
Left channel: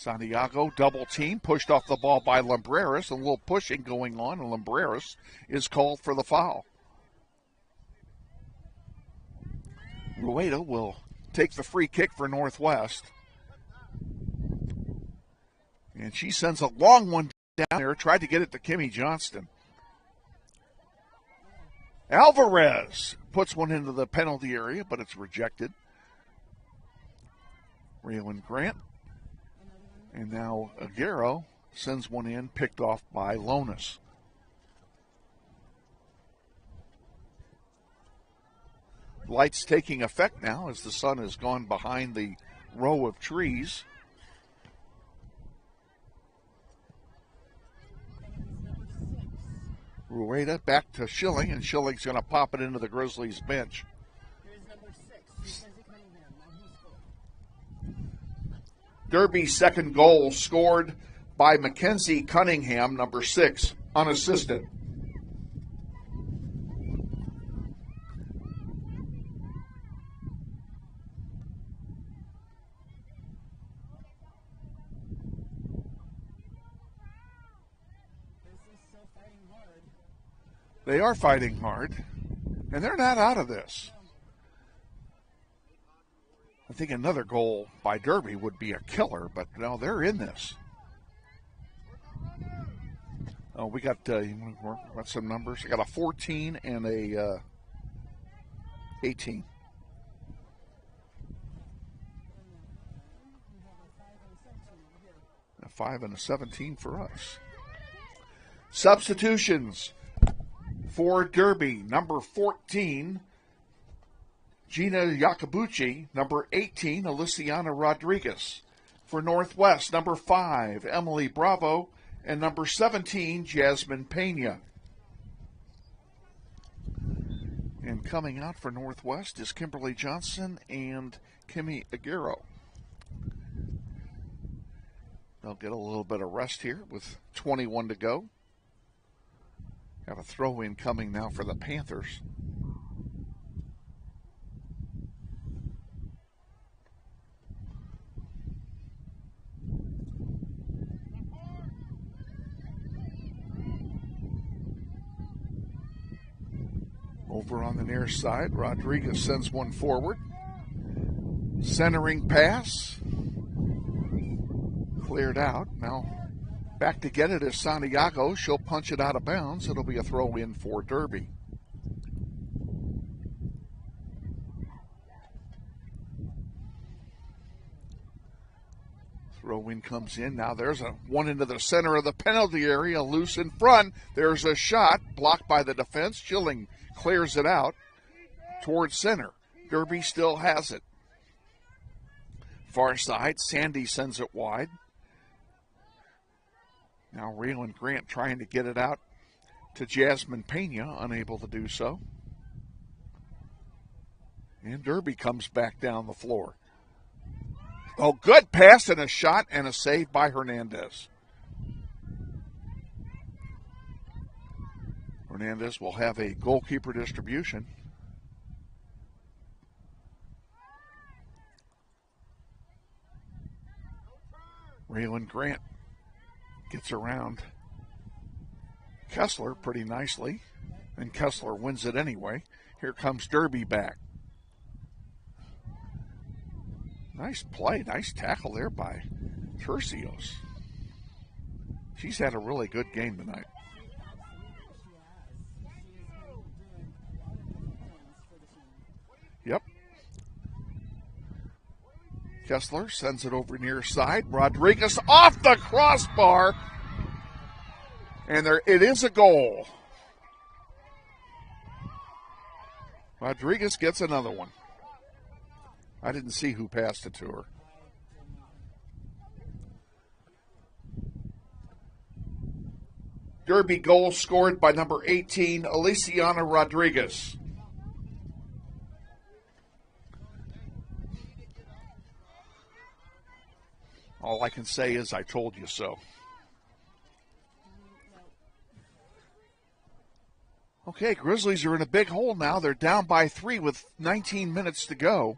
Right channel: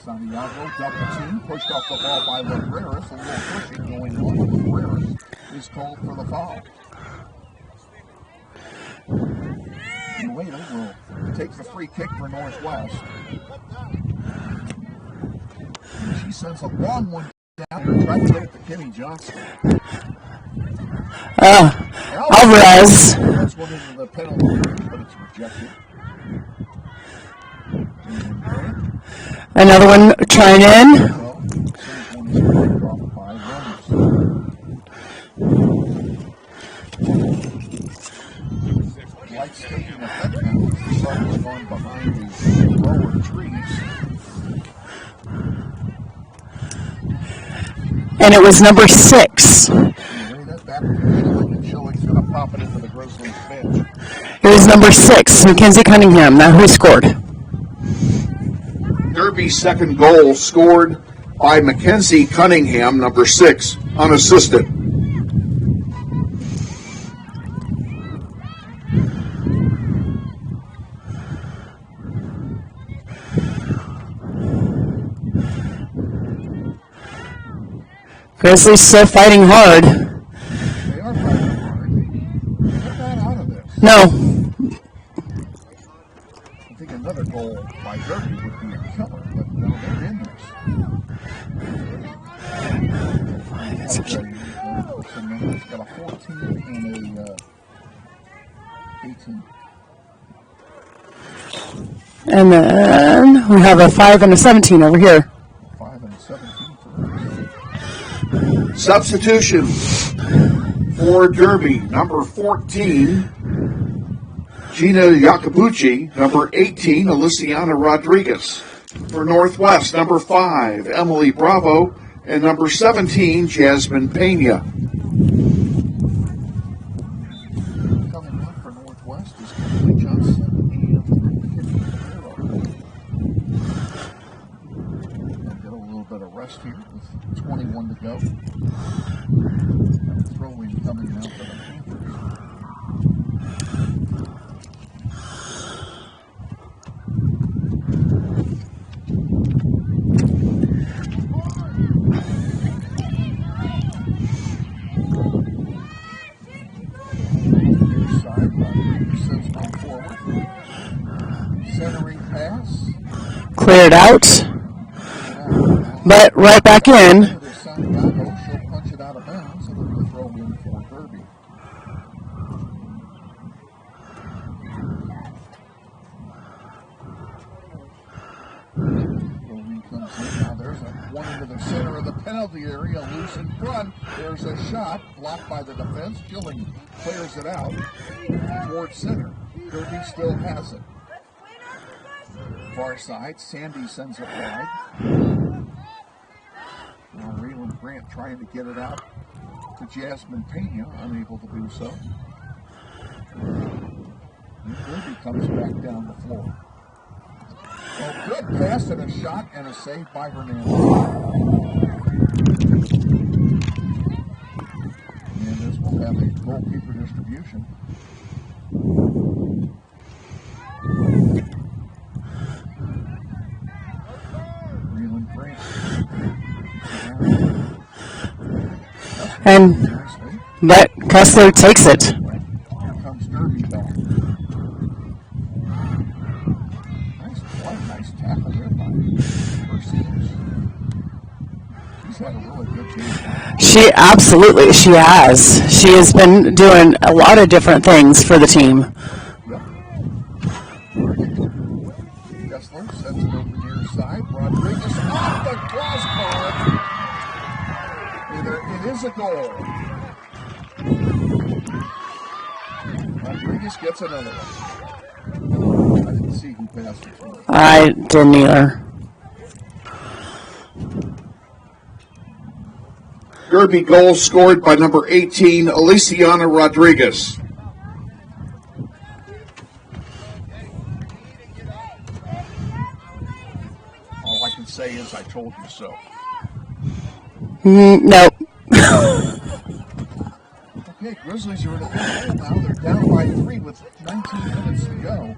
Santiago, double team, pushed off the ball by Libreris. A little pushing going on, and Libreris is called for the foul. Nueto will take the free kick for Northwest. And she sends a long one down there, tried to get it to Kimmy Johnston. Alvarez puts one into the penalty area, but it's rejected. Grant. Another one trying in. Sends one he's picked off by Lomas. Lights taking effect now as the sun has gone behind the row of trees. And it was number 6. Back to Schilling, and Schilling's going to pop it into the Grizzlies bench. It was number 6, Mackenzie Cunningham. Now who scored? Derby's second goal scored by Mackenzie Cunningham, number 6, unassisted. Grizzlies still fighting hard. They are fighting hard. And they're not out of this. No. I think another goal by Derby would be a killer, but no, they're in this. We got some numbers. We got a 14 and a 18. And then we have a 5 and a 17 over here. A 5 and a 17 for us. Substitutions for Derby, number 14, Gina Yacobucci, number 18, Aliciana Rodriguez. For Northwest, number 5, Emily Bravo, and number 17, Jasmine Pena. And coming out for Northwest is Kimberly Johnson and Kimmy Aguero. Get a little bit of rest here with 21 to go. Got a throw in coming now for the Panthers. On the near side, Rodriguez sends one forward. Centering pass. Cleared out. But right back in. It is Santiago. She'll punch it out of bounds. It'll be a throw in for Derby. Throw in comes in. Now there's one into the center of the penalty area. Loose in front. There's a shot blocked by the defense. Schilling clears it out towards center. Derby still has it. Far side. Sandy sends it wide. Now Raylan Grant trying to get it out to Jasmine Pena, unable to do so. And Derby comes back down the floor. Oh, good pass and a shot and a save by Hernandez. Hernandez will have a goalkeeper distribution. Grant gets around. Kessler And pretty nicely. but Kessler takes it. Anyway, here comes Derby back. Nice play, nice tackle there by Perseus. She's had a really good game. She has. She has been doing a lot of different things for the team. Yep. Kessler sends it over near side. Rodriguez off the crossbar. And there it is, a goal. Rodriguez gets another one. I didn't see who passed it to her. I didn't either. Derby goal scored by number 18, Aliciana Rodriguez. All I can say is I told you so. Nope. Okay, Grizzlies are in a big hole now. They're down by 3 with 19 minutes to go.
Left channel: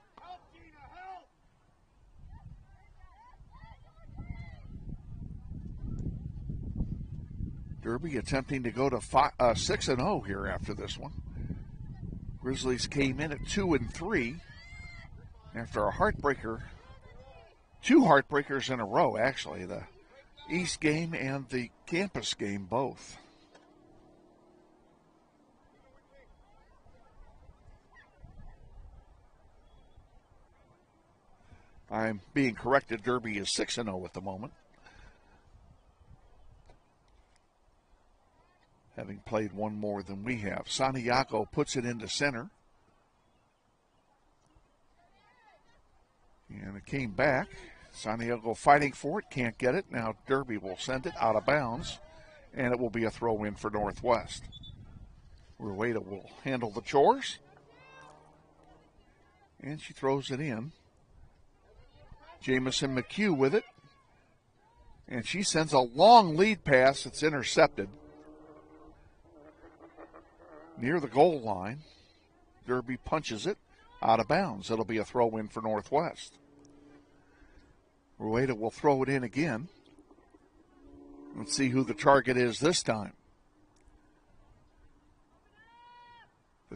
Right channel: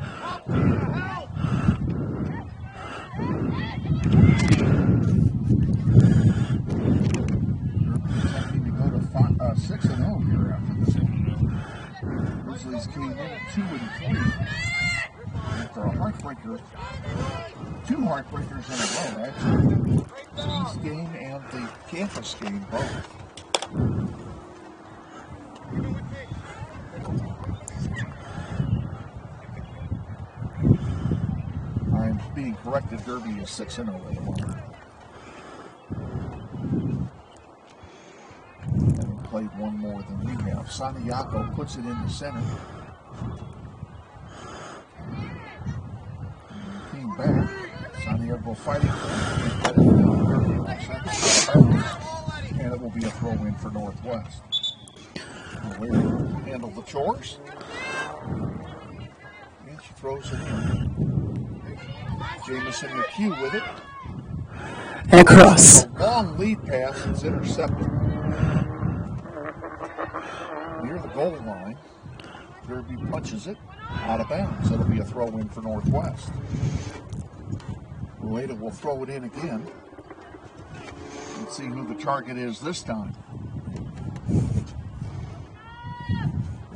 Derby attempting to go to 6-0 here after this one. Grizzlies came in at 2-3 after a heartbreaker. 2 heartbreakers in a row, actually. The East game and the campus game both. I'm being corrected. Derby is 6-0 at the moment. Having played one more than we have. Santiago puts it into center. And came back. Santiago fighting for it. Can't get it. Now Derby will send it out of bounds. And it will be a throw-in for Northwest. We're waiting to handle the chores. And she throws it in. Jamison McHugh with it. And across. A long lead pass. It's intercepted. Near the goal line. Derby punches it out of bounds. It'll be a throw-in for Northwest. Rueda will throw it in again. Let's see who the target is this time. The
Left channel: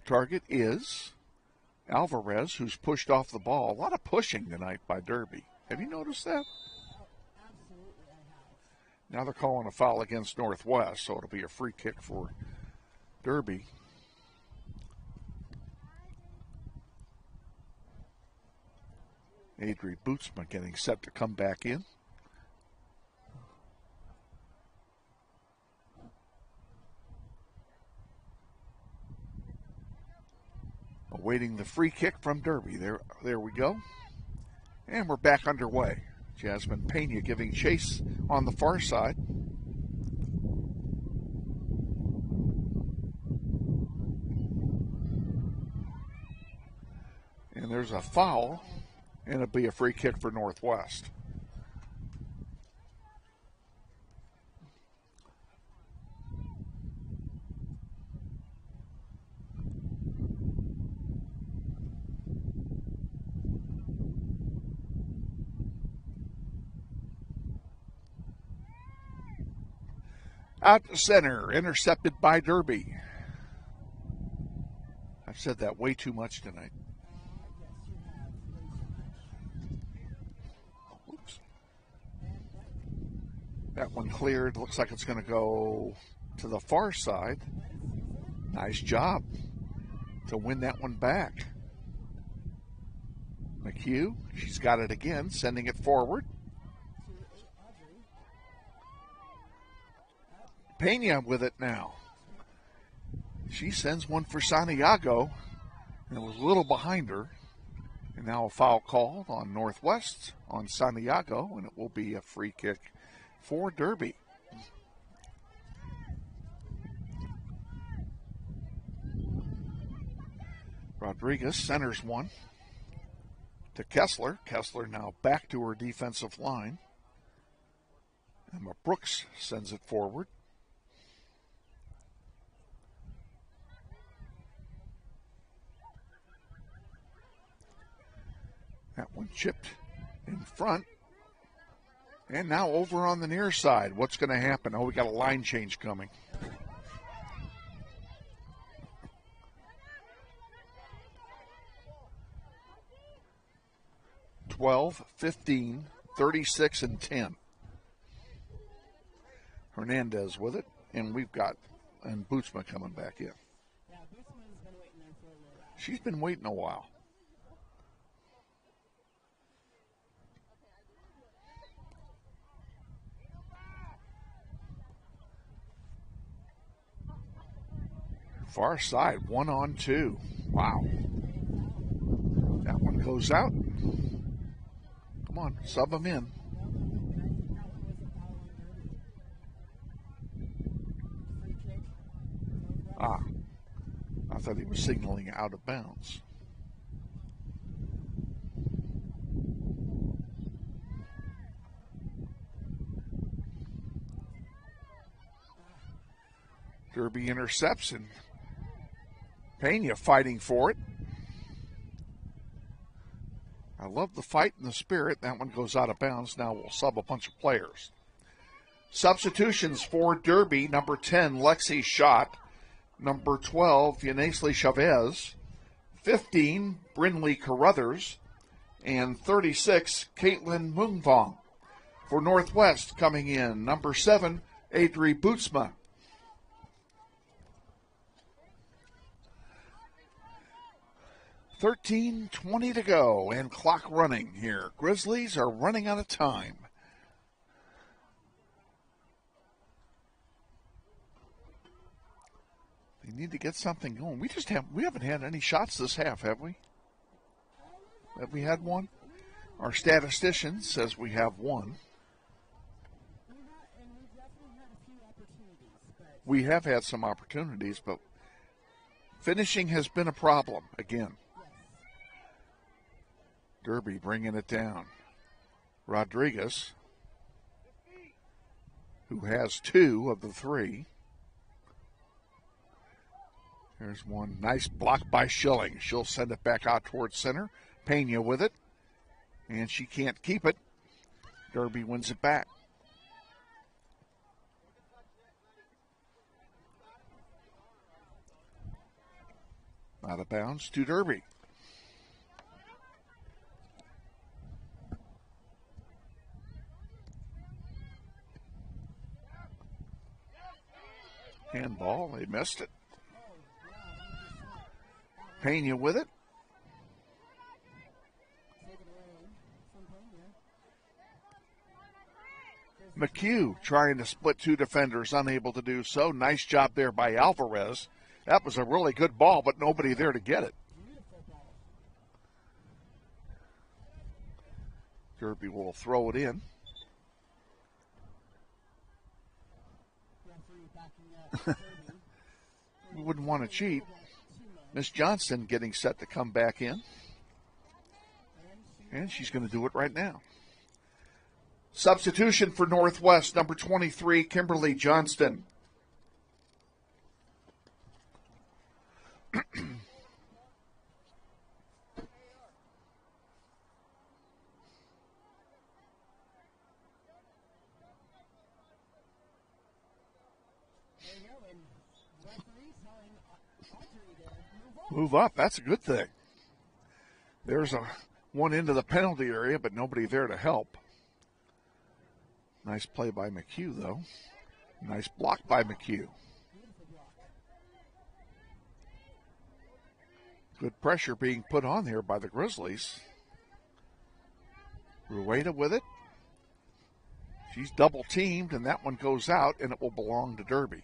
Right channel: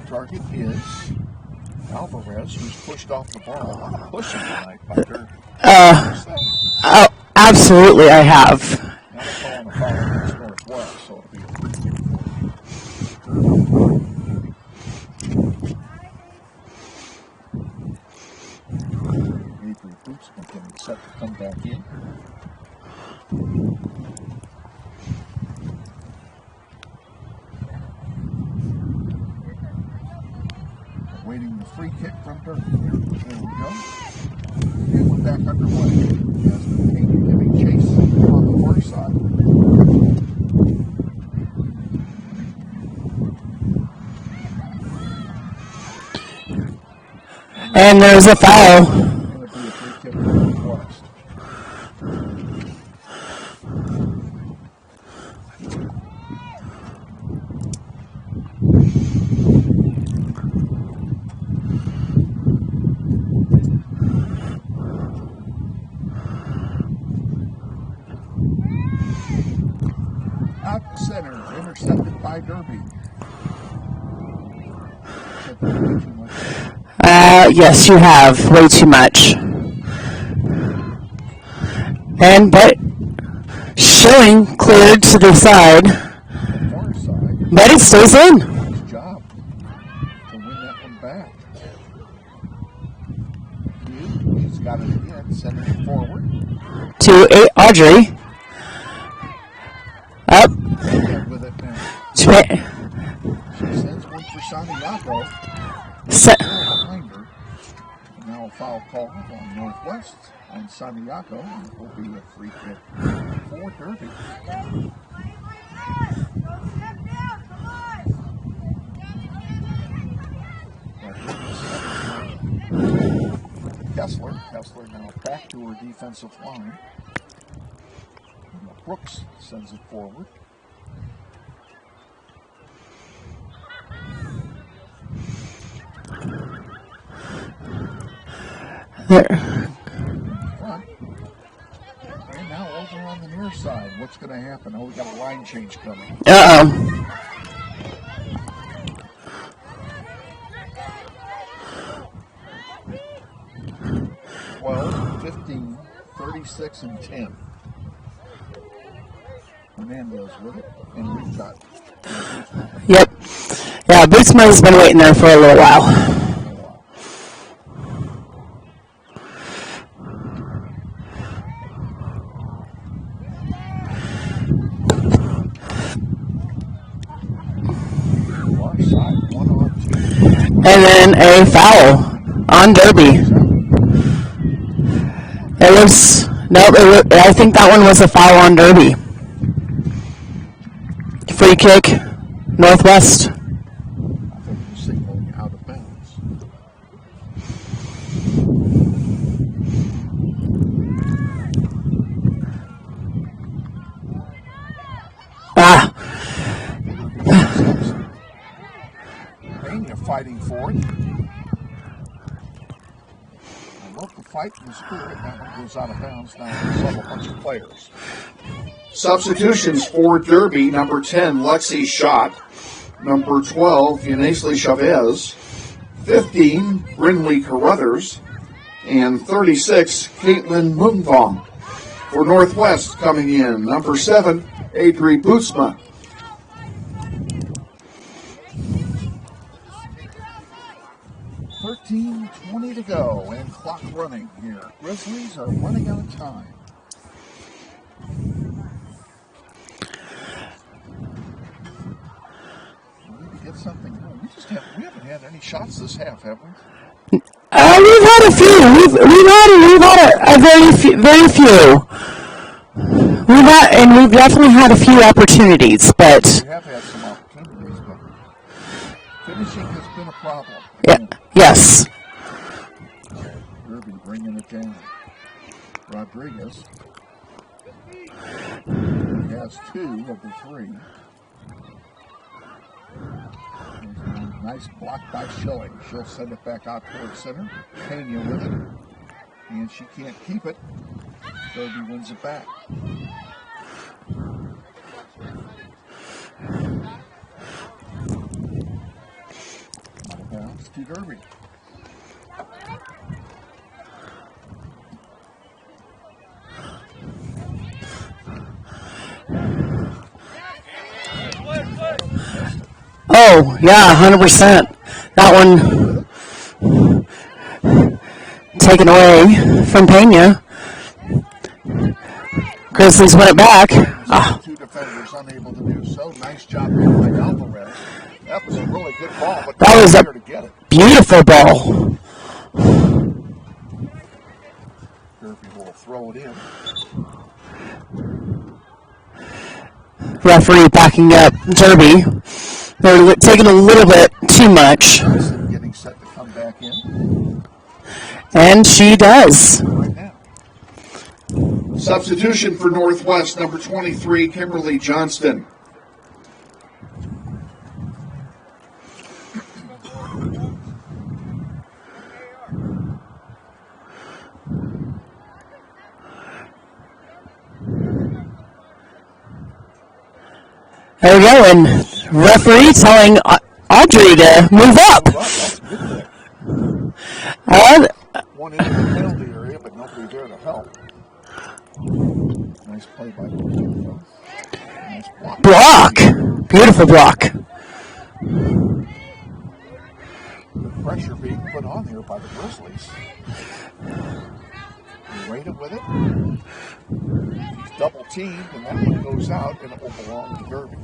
target is Alvarez, who's pushed off the ball. A lot of pushing tonight by Derby. Oh, absolutely, I have. Now they're calling a foul against Northwest, so it'll be a free kick for Derby. Adrian Bootsma getting set to come back in. Waiting the free kick from Derby. There we go. And we're back underway. Jasmine Pena giving chase on the far side. And there's a foul. And it'll be a free kick for Northwest. Out to center, intercepted by Derby. Said that way too much. Yes, you have way too much. But Schilling cleared to the side. To the far side. But it stays in. Nice job to win that one back. McHugh, she's got it again, sending it forward. To Audrey. Up. Pena with it now. She sends one for Santiago. A little behind her. And now a foul call on Northwest on Santiago. And it will be a free kick for Derby. Rodriguez centers one to Kessler. Kessler now back to her defensive line. And Brooks sends it forward. There. In front. And now over on the near side. What's going to happen? Oh, we got a line change coming. Uh-oh. 12, 15, 36, and 10. Hernandez with it, and we've got Bootsman. Yep. Yeah, Bootsman's been waiting there for a little while. Far side, 1 on 2. And then a foul on Derby. It was, I think that one was a foul on Derby. Free kick, Northwest. I thought he was signaling out of bounds. Derby intercepts. Pena fighting for it. I love the fight and the spirit. That one goes out of bounds. Now we sub a bunch of players. Substitutions for Derby: number 10, Lexi Schott; number 12, Yanasli Chavez; 15, Brinley Carruthers; and 36, Caitlin Mungvong. For Northwest coming in, number 7, Adri Bootsma. $13:20 to go, and clock running here. Grizzlies are running out of time. We need to get something going. We haven't had any shots this half, have we? We've had a few. We've had a very few. We've definitely had a few opportunities, but we have had some opportunities, but finishing has been a problem. Again. Yes. Derby bringing it down. Rodriguez, who has 2 of the 3. There's one nice block by Schilling. She'll send it back out towards center. Pena with it, and she can't keep it. Derby wins it back. Out of bounds to Derby. oh yeah, 100%. That one taken away from Pena. Grizzlies win it back. Two defenders unable to do so. Nice job there by Alvarez. That was a really good ball, but that was a there to get it. Beautiful ball. Derby will throw it in. Referee backing up Derby. They're taking a little bit too much. Johnson getting set to come back in. And she does. Right now. Substitution for Northwest, number 23, Kimberly Johnston. There we go, and referee telling Audrey to move up. That's good there. One into the penalty area, but nobody there to help. Nice play by McHugh, though. Nice block. Block! Beautiful block. Good pressure being put on there by the Grizzlies. Rada with it. He's double teamed, and that one goes out, and it will belong to Derby.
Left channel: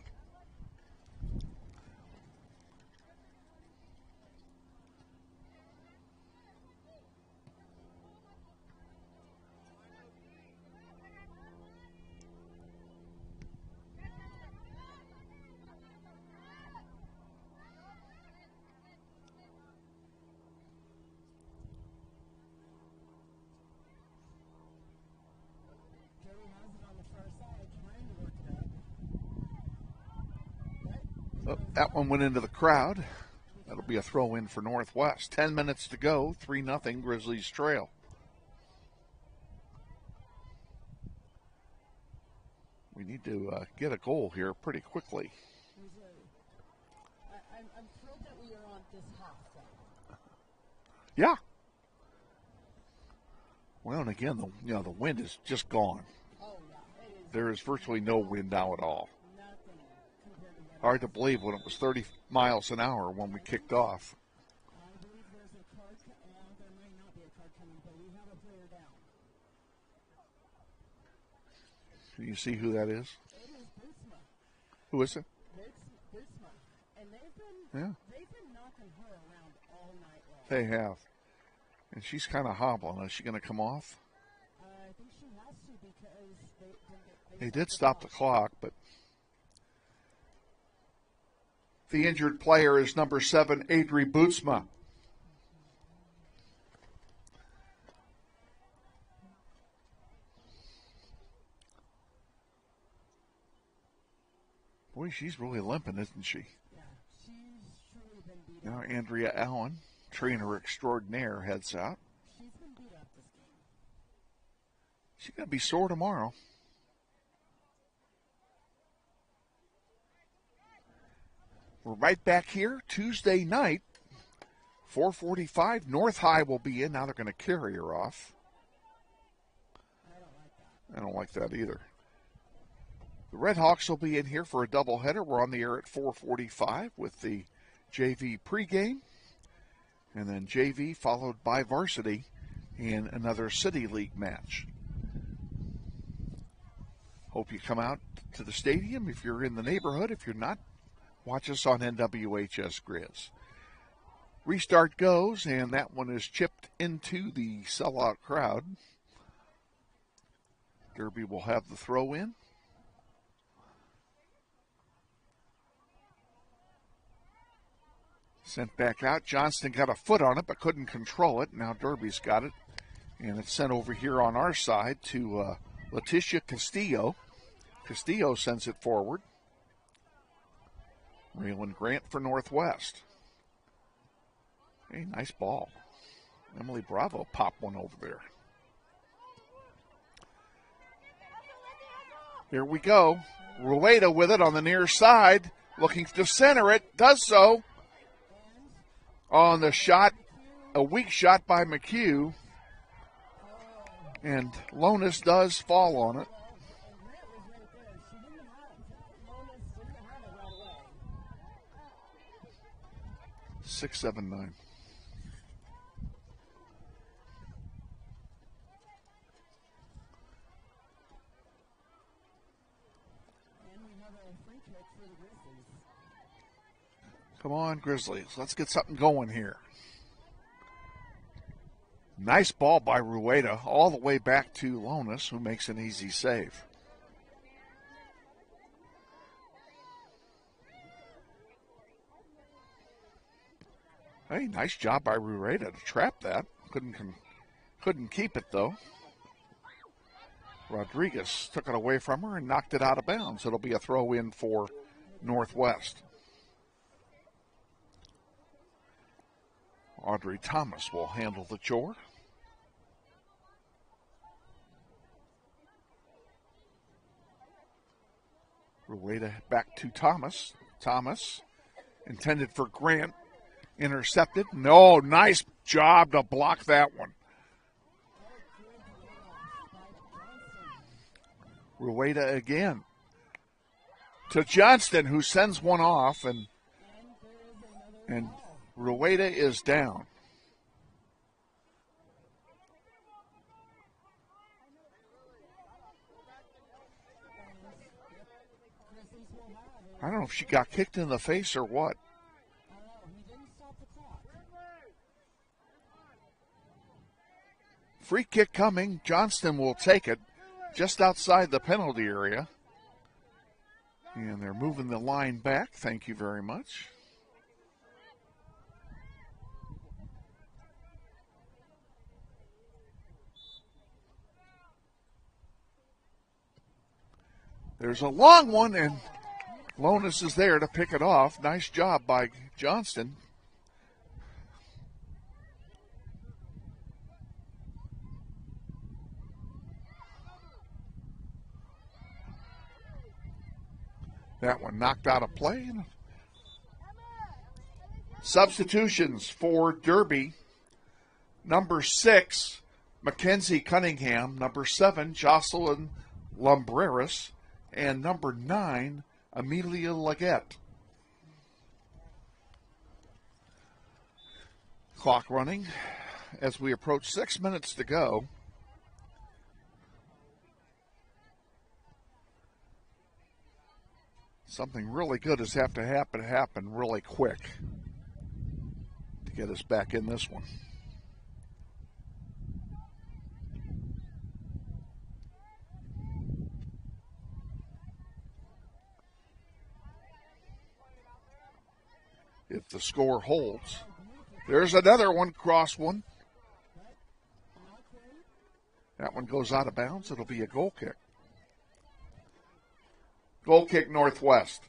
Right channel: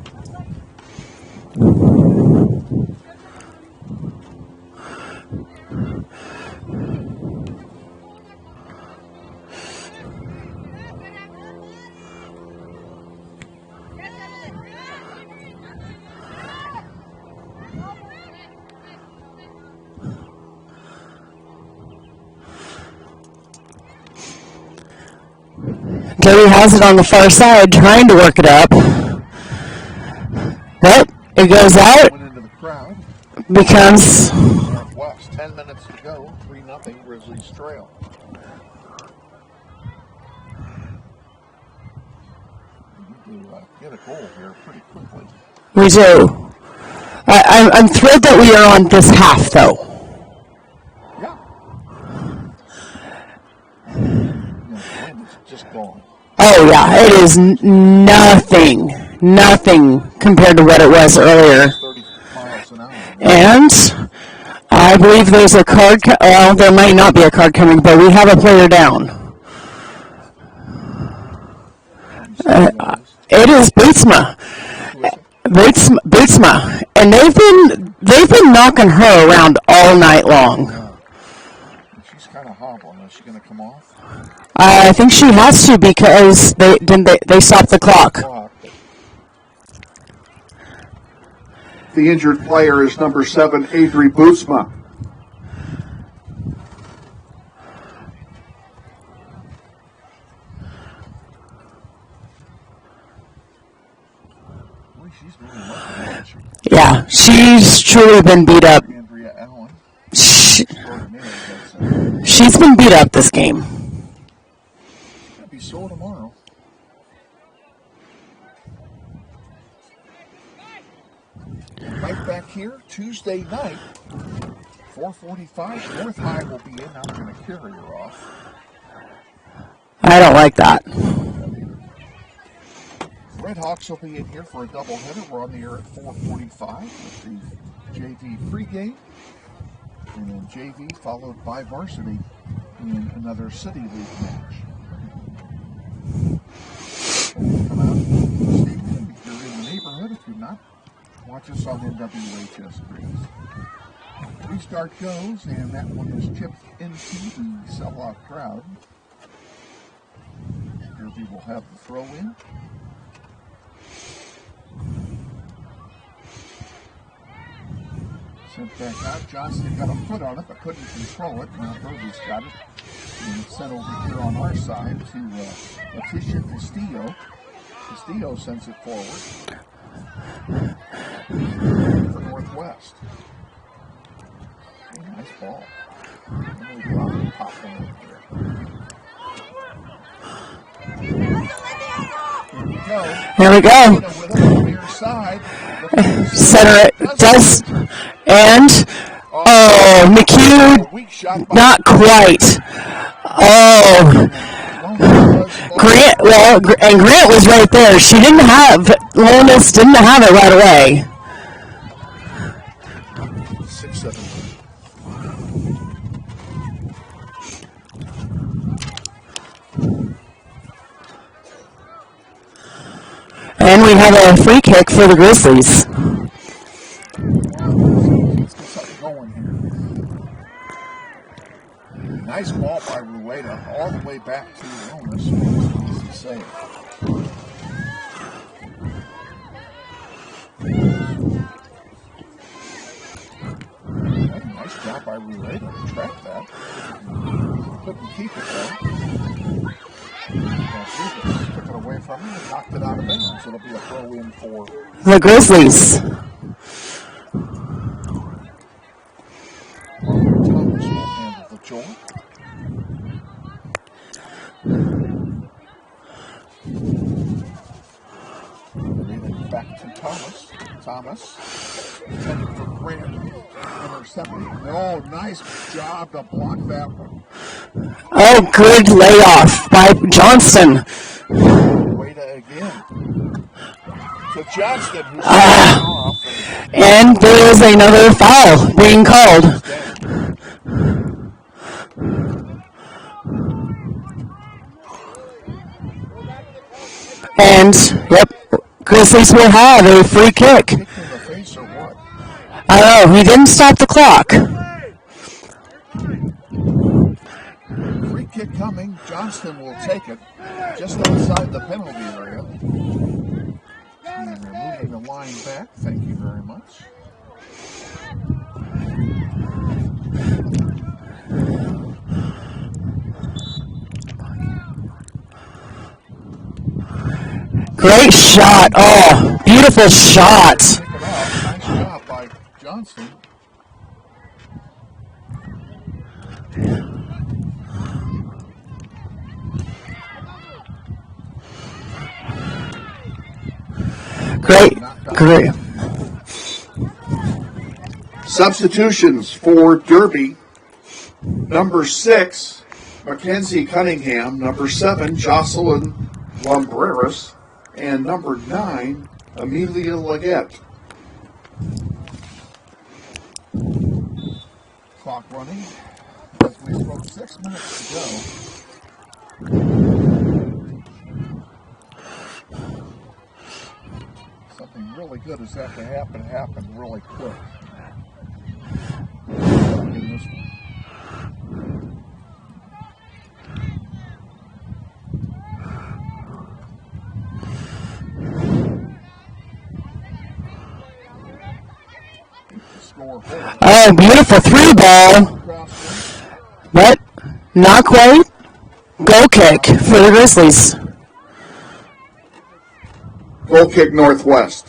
Derby has it on the far side, trying to work it up. But it goes out. Went into the crowd. Becomes Northwest. 10 minutes to go. 3-0 Grizzlies trail. to get a goal here pretty quickly. We do. I'm thrilled that we are on this half, though. Yeah. The wind is just gone. Oh, yeah. It is nothing compared to what it was earlier. 30 miles an hour. And I believe there's a card. Well, there might not be a card coming, but we have a player down. It is Bootsma. Bootsma, and they've been knocking her around all night long. Yeah. She's kind of hobbling. Is she going to come off? I think she has to because they stopped the clock. The injured player is number 7, Avery Bootsma. Boy, she's really looking, hasn't she? Yeah, she's truly been beat up. Andrea Allen. She's been beat up this game. She's going to be sore tomorrow. We're right back here Tuesday night, 4:45. North High will be in. Now they're going to carry her off. I don't like that. I don't like that either. The Red Hawks will be in here for a doubleheader. We're on the air at 4:45 with the JV pregame, and then JV followed by varsity in another City League match. Hope you come out to the stadium if you're in the neighborhood. If you're not, watch us on NWHS Grizz. Restart goes, and that one is chipped into the sellout crowd. Derby will have the throw in. Sent back out. Johnston got a foot on it, but couldn't control it. Now Derby's got it. And it's sent over here on our side to Leticia Castillo. Castillo sends it forward. Ran for Northwest. Hey, nice ball. Emily Bravo popped one over there. Here we go. Here we go. With it on the near side. Center it does. And, McHugh, not quite. Oh. Grant was right there. Lonis didn't have it right away. 6-7. And we have a free kick for the Grizzlies. Come on, Grizzlies. Let's get something going here. Nice ball by Rueda all the way back to Lonis, who makes an easy save. Hey, nice job by Rueda to trap that. Couldn't keep it though. Rodriguez took it away from him and knocked it out of bounds. It'll be a throw in for the Grizzlies. Marley Thomas will handle the joy. Back to Thomas. Thomas intended for Grant. Intercepted. No, nice job to block that one. Oh, good layoff by Johnston. Wada again. To Johnston, who's off. And there is another foul being called. And, yep, Grizzlies will have a free kick. Kicked in the face or what? I don't know, he didn't stop the clock. Free kick coming. Johnston will take it just outside the penalty area. And they're moving the line back. Thank you very much. Great shot. Oh, beautiful shot. Pick it off. Nice job by Johnston. Great. Great. Substitutions for Derby. Number 6, Mackenzie Cunningham. Number 7, Jocelyn Lumbreras. And number 9, Amelia Leggett. Clock running as we approach 6 minutes to go. Something really good has have to happen really quick. Back in this one. If the score holds. Oh, beautiful 3 ball. But not quite. Goal kick for the Grizzlies. Goal kick Northwest.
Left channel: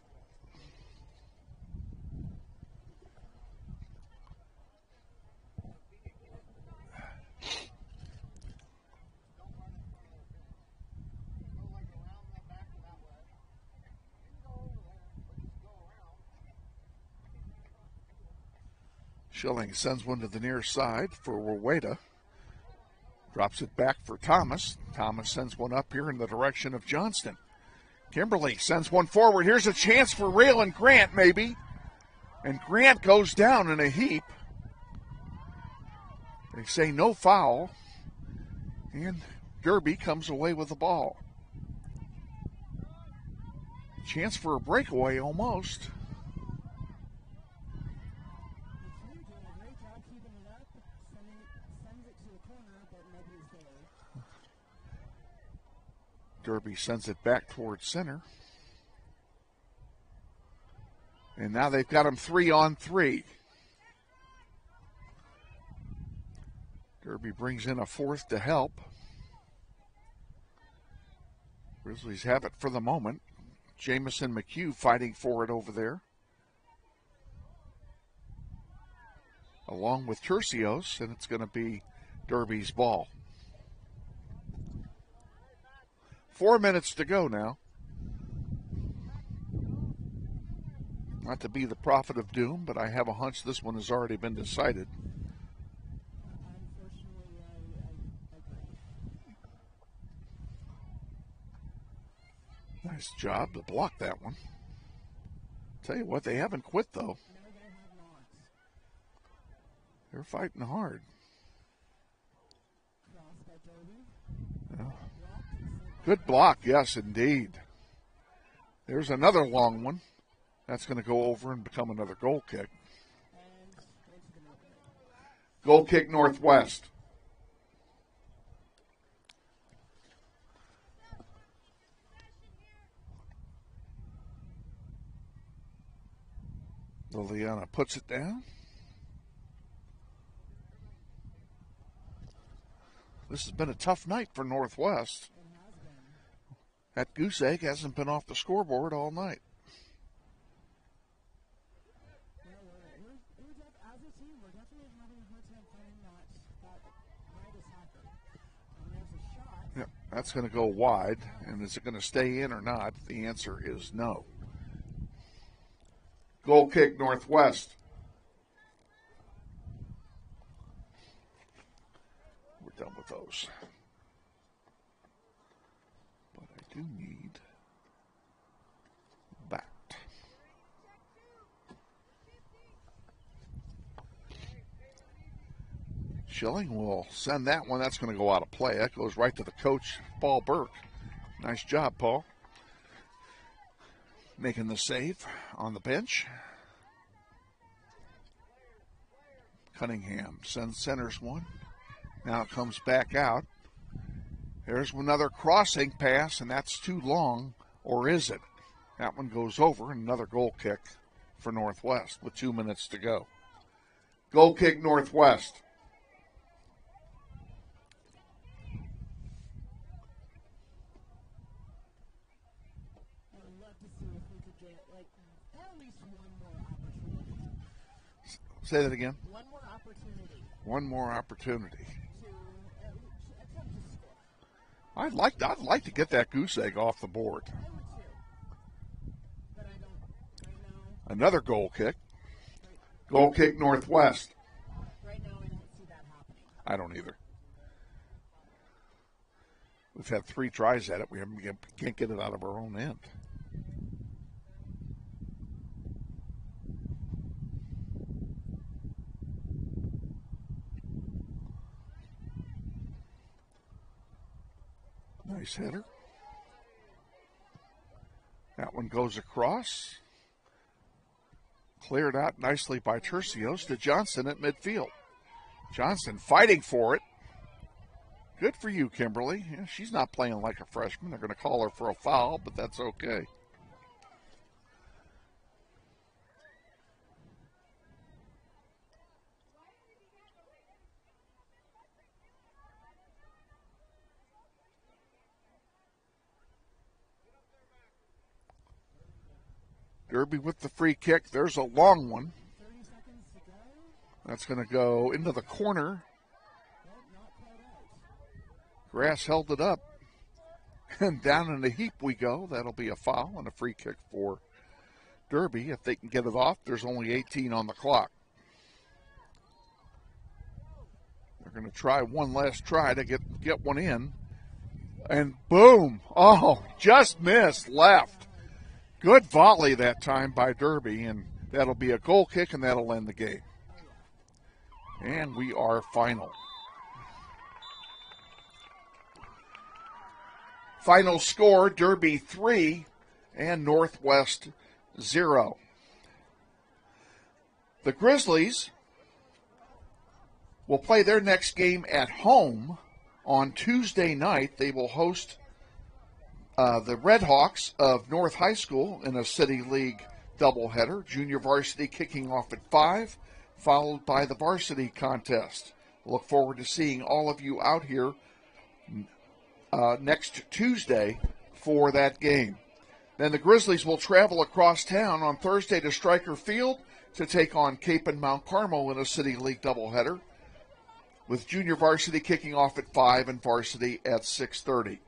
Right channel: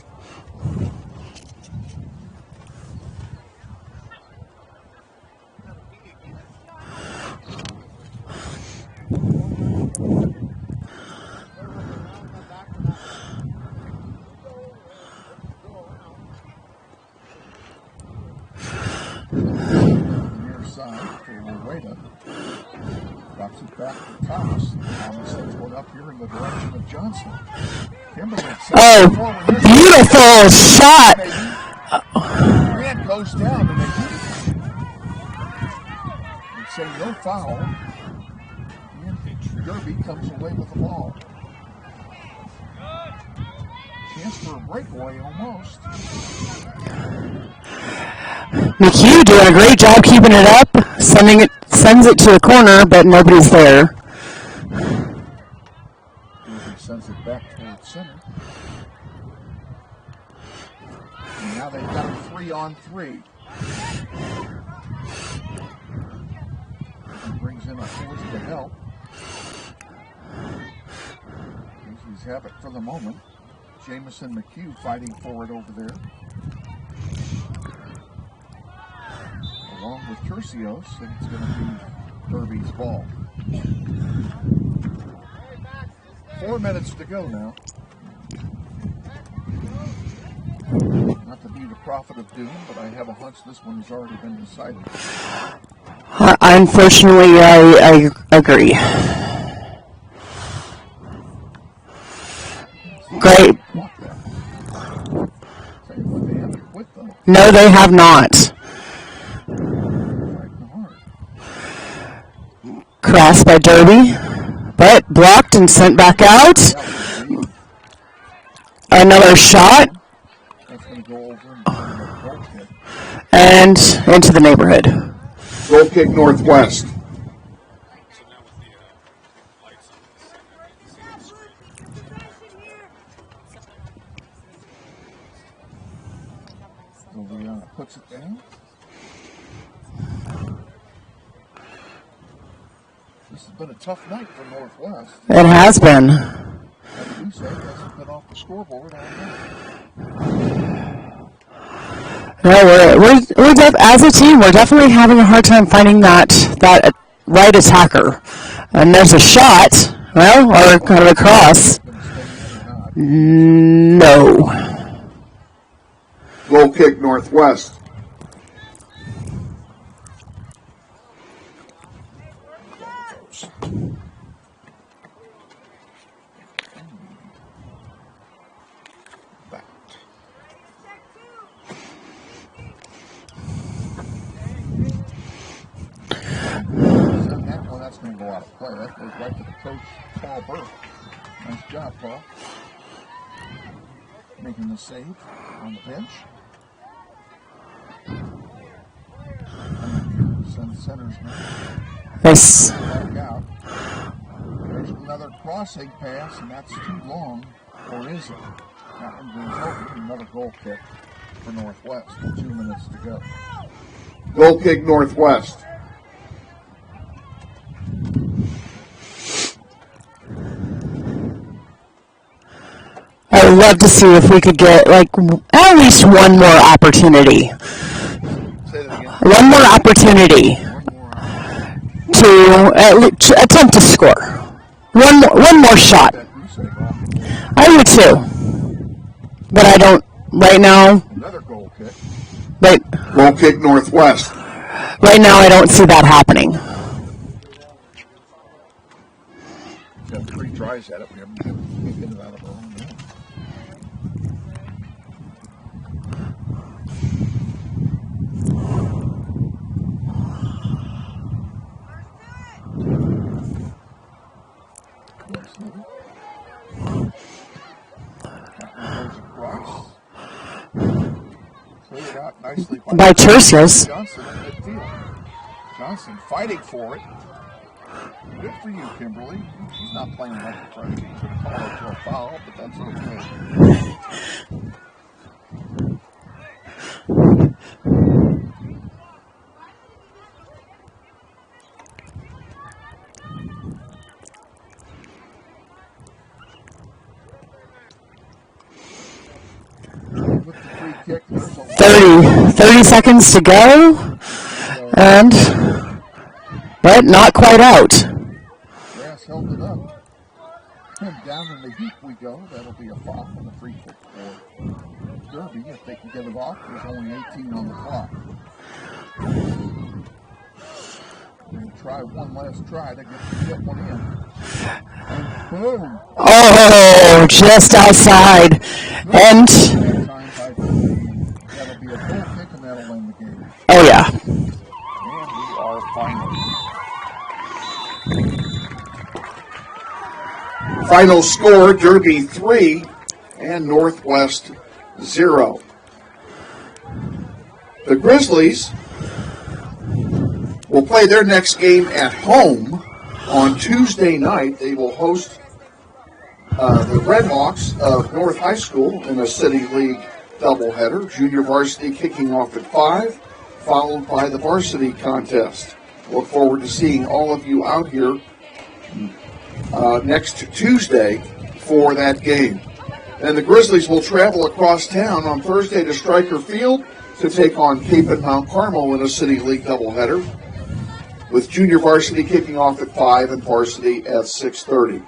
Shelly sends one to the near side for Waweda. Drops it back for Thomas. Thomas sends one up here in the direction of Johnston. Kimberly sends it forward. Here's Beautiful shot. Grant goes down in a heap. They say no foul. And Derby comes away with the ball. Chance for a breakaway almost. McHugh doing a great job keeping it up, sends it to the corner, but nobody's there. Derby sends it back towards center. And now they've got a 3-on-3. Derby brings in a 4th to help. Grizzlies have it for the moment. Jamison McHugh fighting for it over there. Along with Tercios, and it's going to be Derby's ball. 4 minutes to go now. Not to be the prophet of doom, but I have a hunch this one has already been decided. Unfortunately, I agree. Great. Block that one. Tell you what, they haven't quit though. No, they have not. Fighting hard. Crossed by Derby, but blocked and sent back out. Yes, indeed. Another shot. That's going to go over and become another goal kick. And into the neighborhood. Goal kick Northwest. Liliana puts it down. This has been a tough night for Northwest. It has been. And Goose Egg hasn't been off the scoreboard all night. No, we're as a team, we're definitely having a hard time finding that right attacker. And there's a shot, well, or kind of a cross. Going to stay in or not? No. Goal kick Northwest. Back. Send that one. That's going to go out of play. That goes right to the coach, Paul Burke. Nice job, Paul. Making the save on the bench. Cunningham sends centers one. Nice. Back out. There's another crossing pass, and that's too long, or is it? That one goes over. Another goal kick for Northwest. 2 minutes to go. Goal kick Northwest. I would love to see if we could get like at least one more opportunity. One more opportunity to attempt to score. One more shot. I would too. But I don't, right now, Another goal kick. right, Goal kick Northwest. right now I don't see that happening. We've had 3 tries at it. We can't get it out of our own end. Nice hitter. That one goes across. Cleared out nicely by Tercius. Johnson at midfield. Johnson fighting for it. Good for you, Kimberly. She's not playing like a freshman. We're going to call her for a foul, but that's okay. Derby with the free kick. There's a 30 seconds to go. And, but not quite out. Grass held it up. Down in the heap we go. That'll be a foul and a free kick for Derby. If they can get it off, there's only 18 on the clock. We're going to try one last try to get one in. And boom. Oh, just outside. Good And that time by Derby, and that'll be a goal kick, and that'll end the game. oh yeah. And we are final. Final score, Derby 3 and Northwest 0. The Grizzlies will play their next game at home on Tuesday night. They will host the Redhawks of North High School in a City League doubleheader. Junior varsity kicking off at 5, followed by the varsity contest. Look forward to seeing all of you out here next Tuesday for that game. And the Grizzlies will travel across town on Thursday to Stryker Field to take on Cape and Mount Carmel in a City League doubleheader, with junior varsity kicking off at 5 and varsity at 6:30.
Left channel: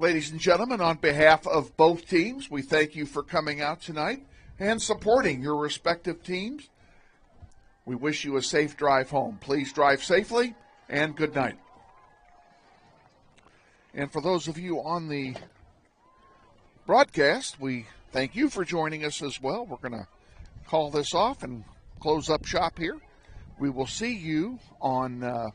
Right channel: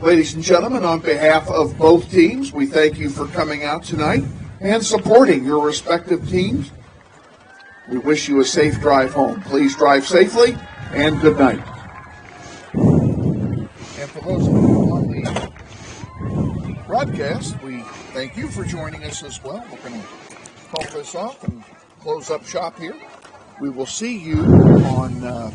Ladies and gentlemen, on behalf of both teams, we thank you for coming out tonight and supporting your respective teams. We wish you a safe drive home. Please drive safely, and good night. And for those of you on the broadcast, we thank you for joining us as well. We're going to call this off and close up shop here. We will see you on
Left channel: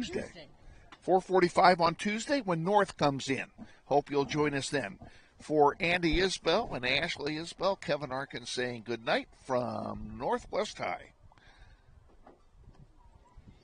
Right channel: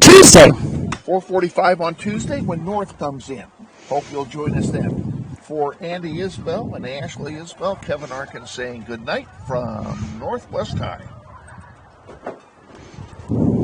Tuesday. 4:45 on Tuesday when North comes in. Hope you'll join us then. For Andy Isbell and Ashley Isbell, Kevin Arkin saying good night from Northwest High.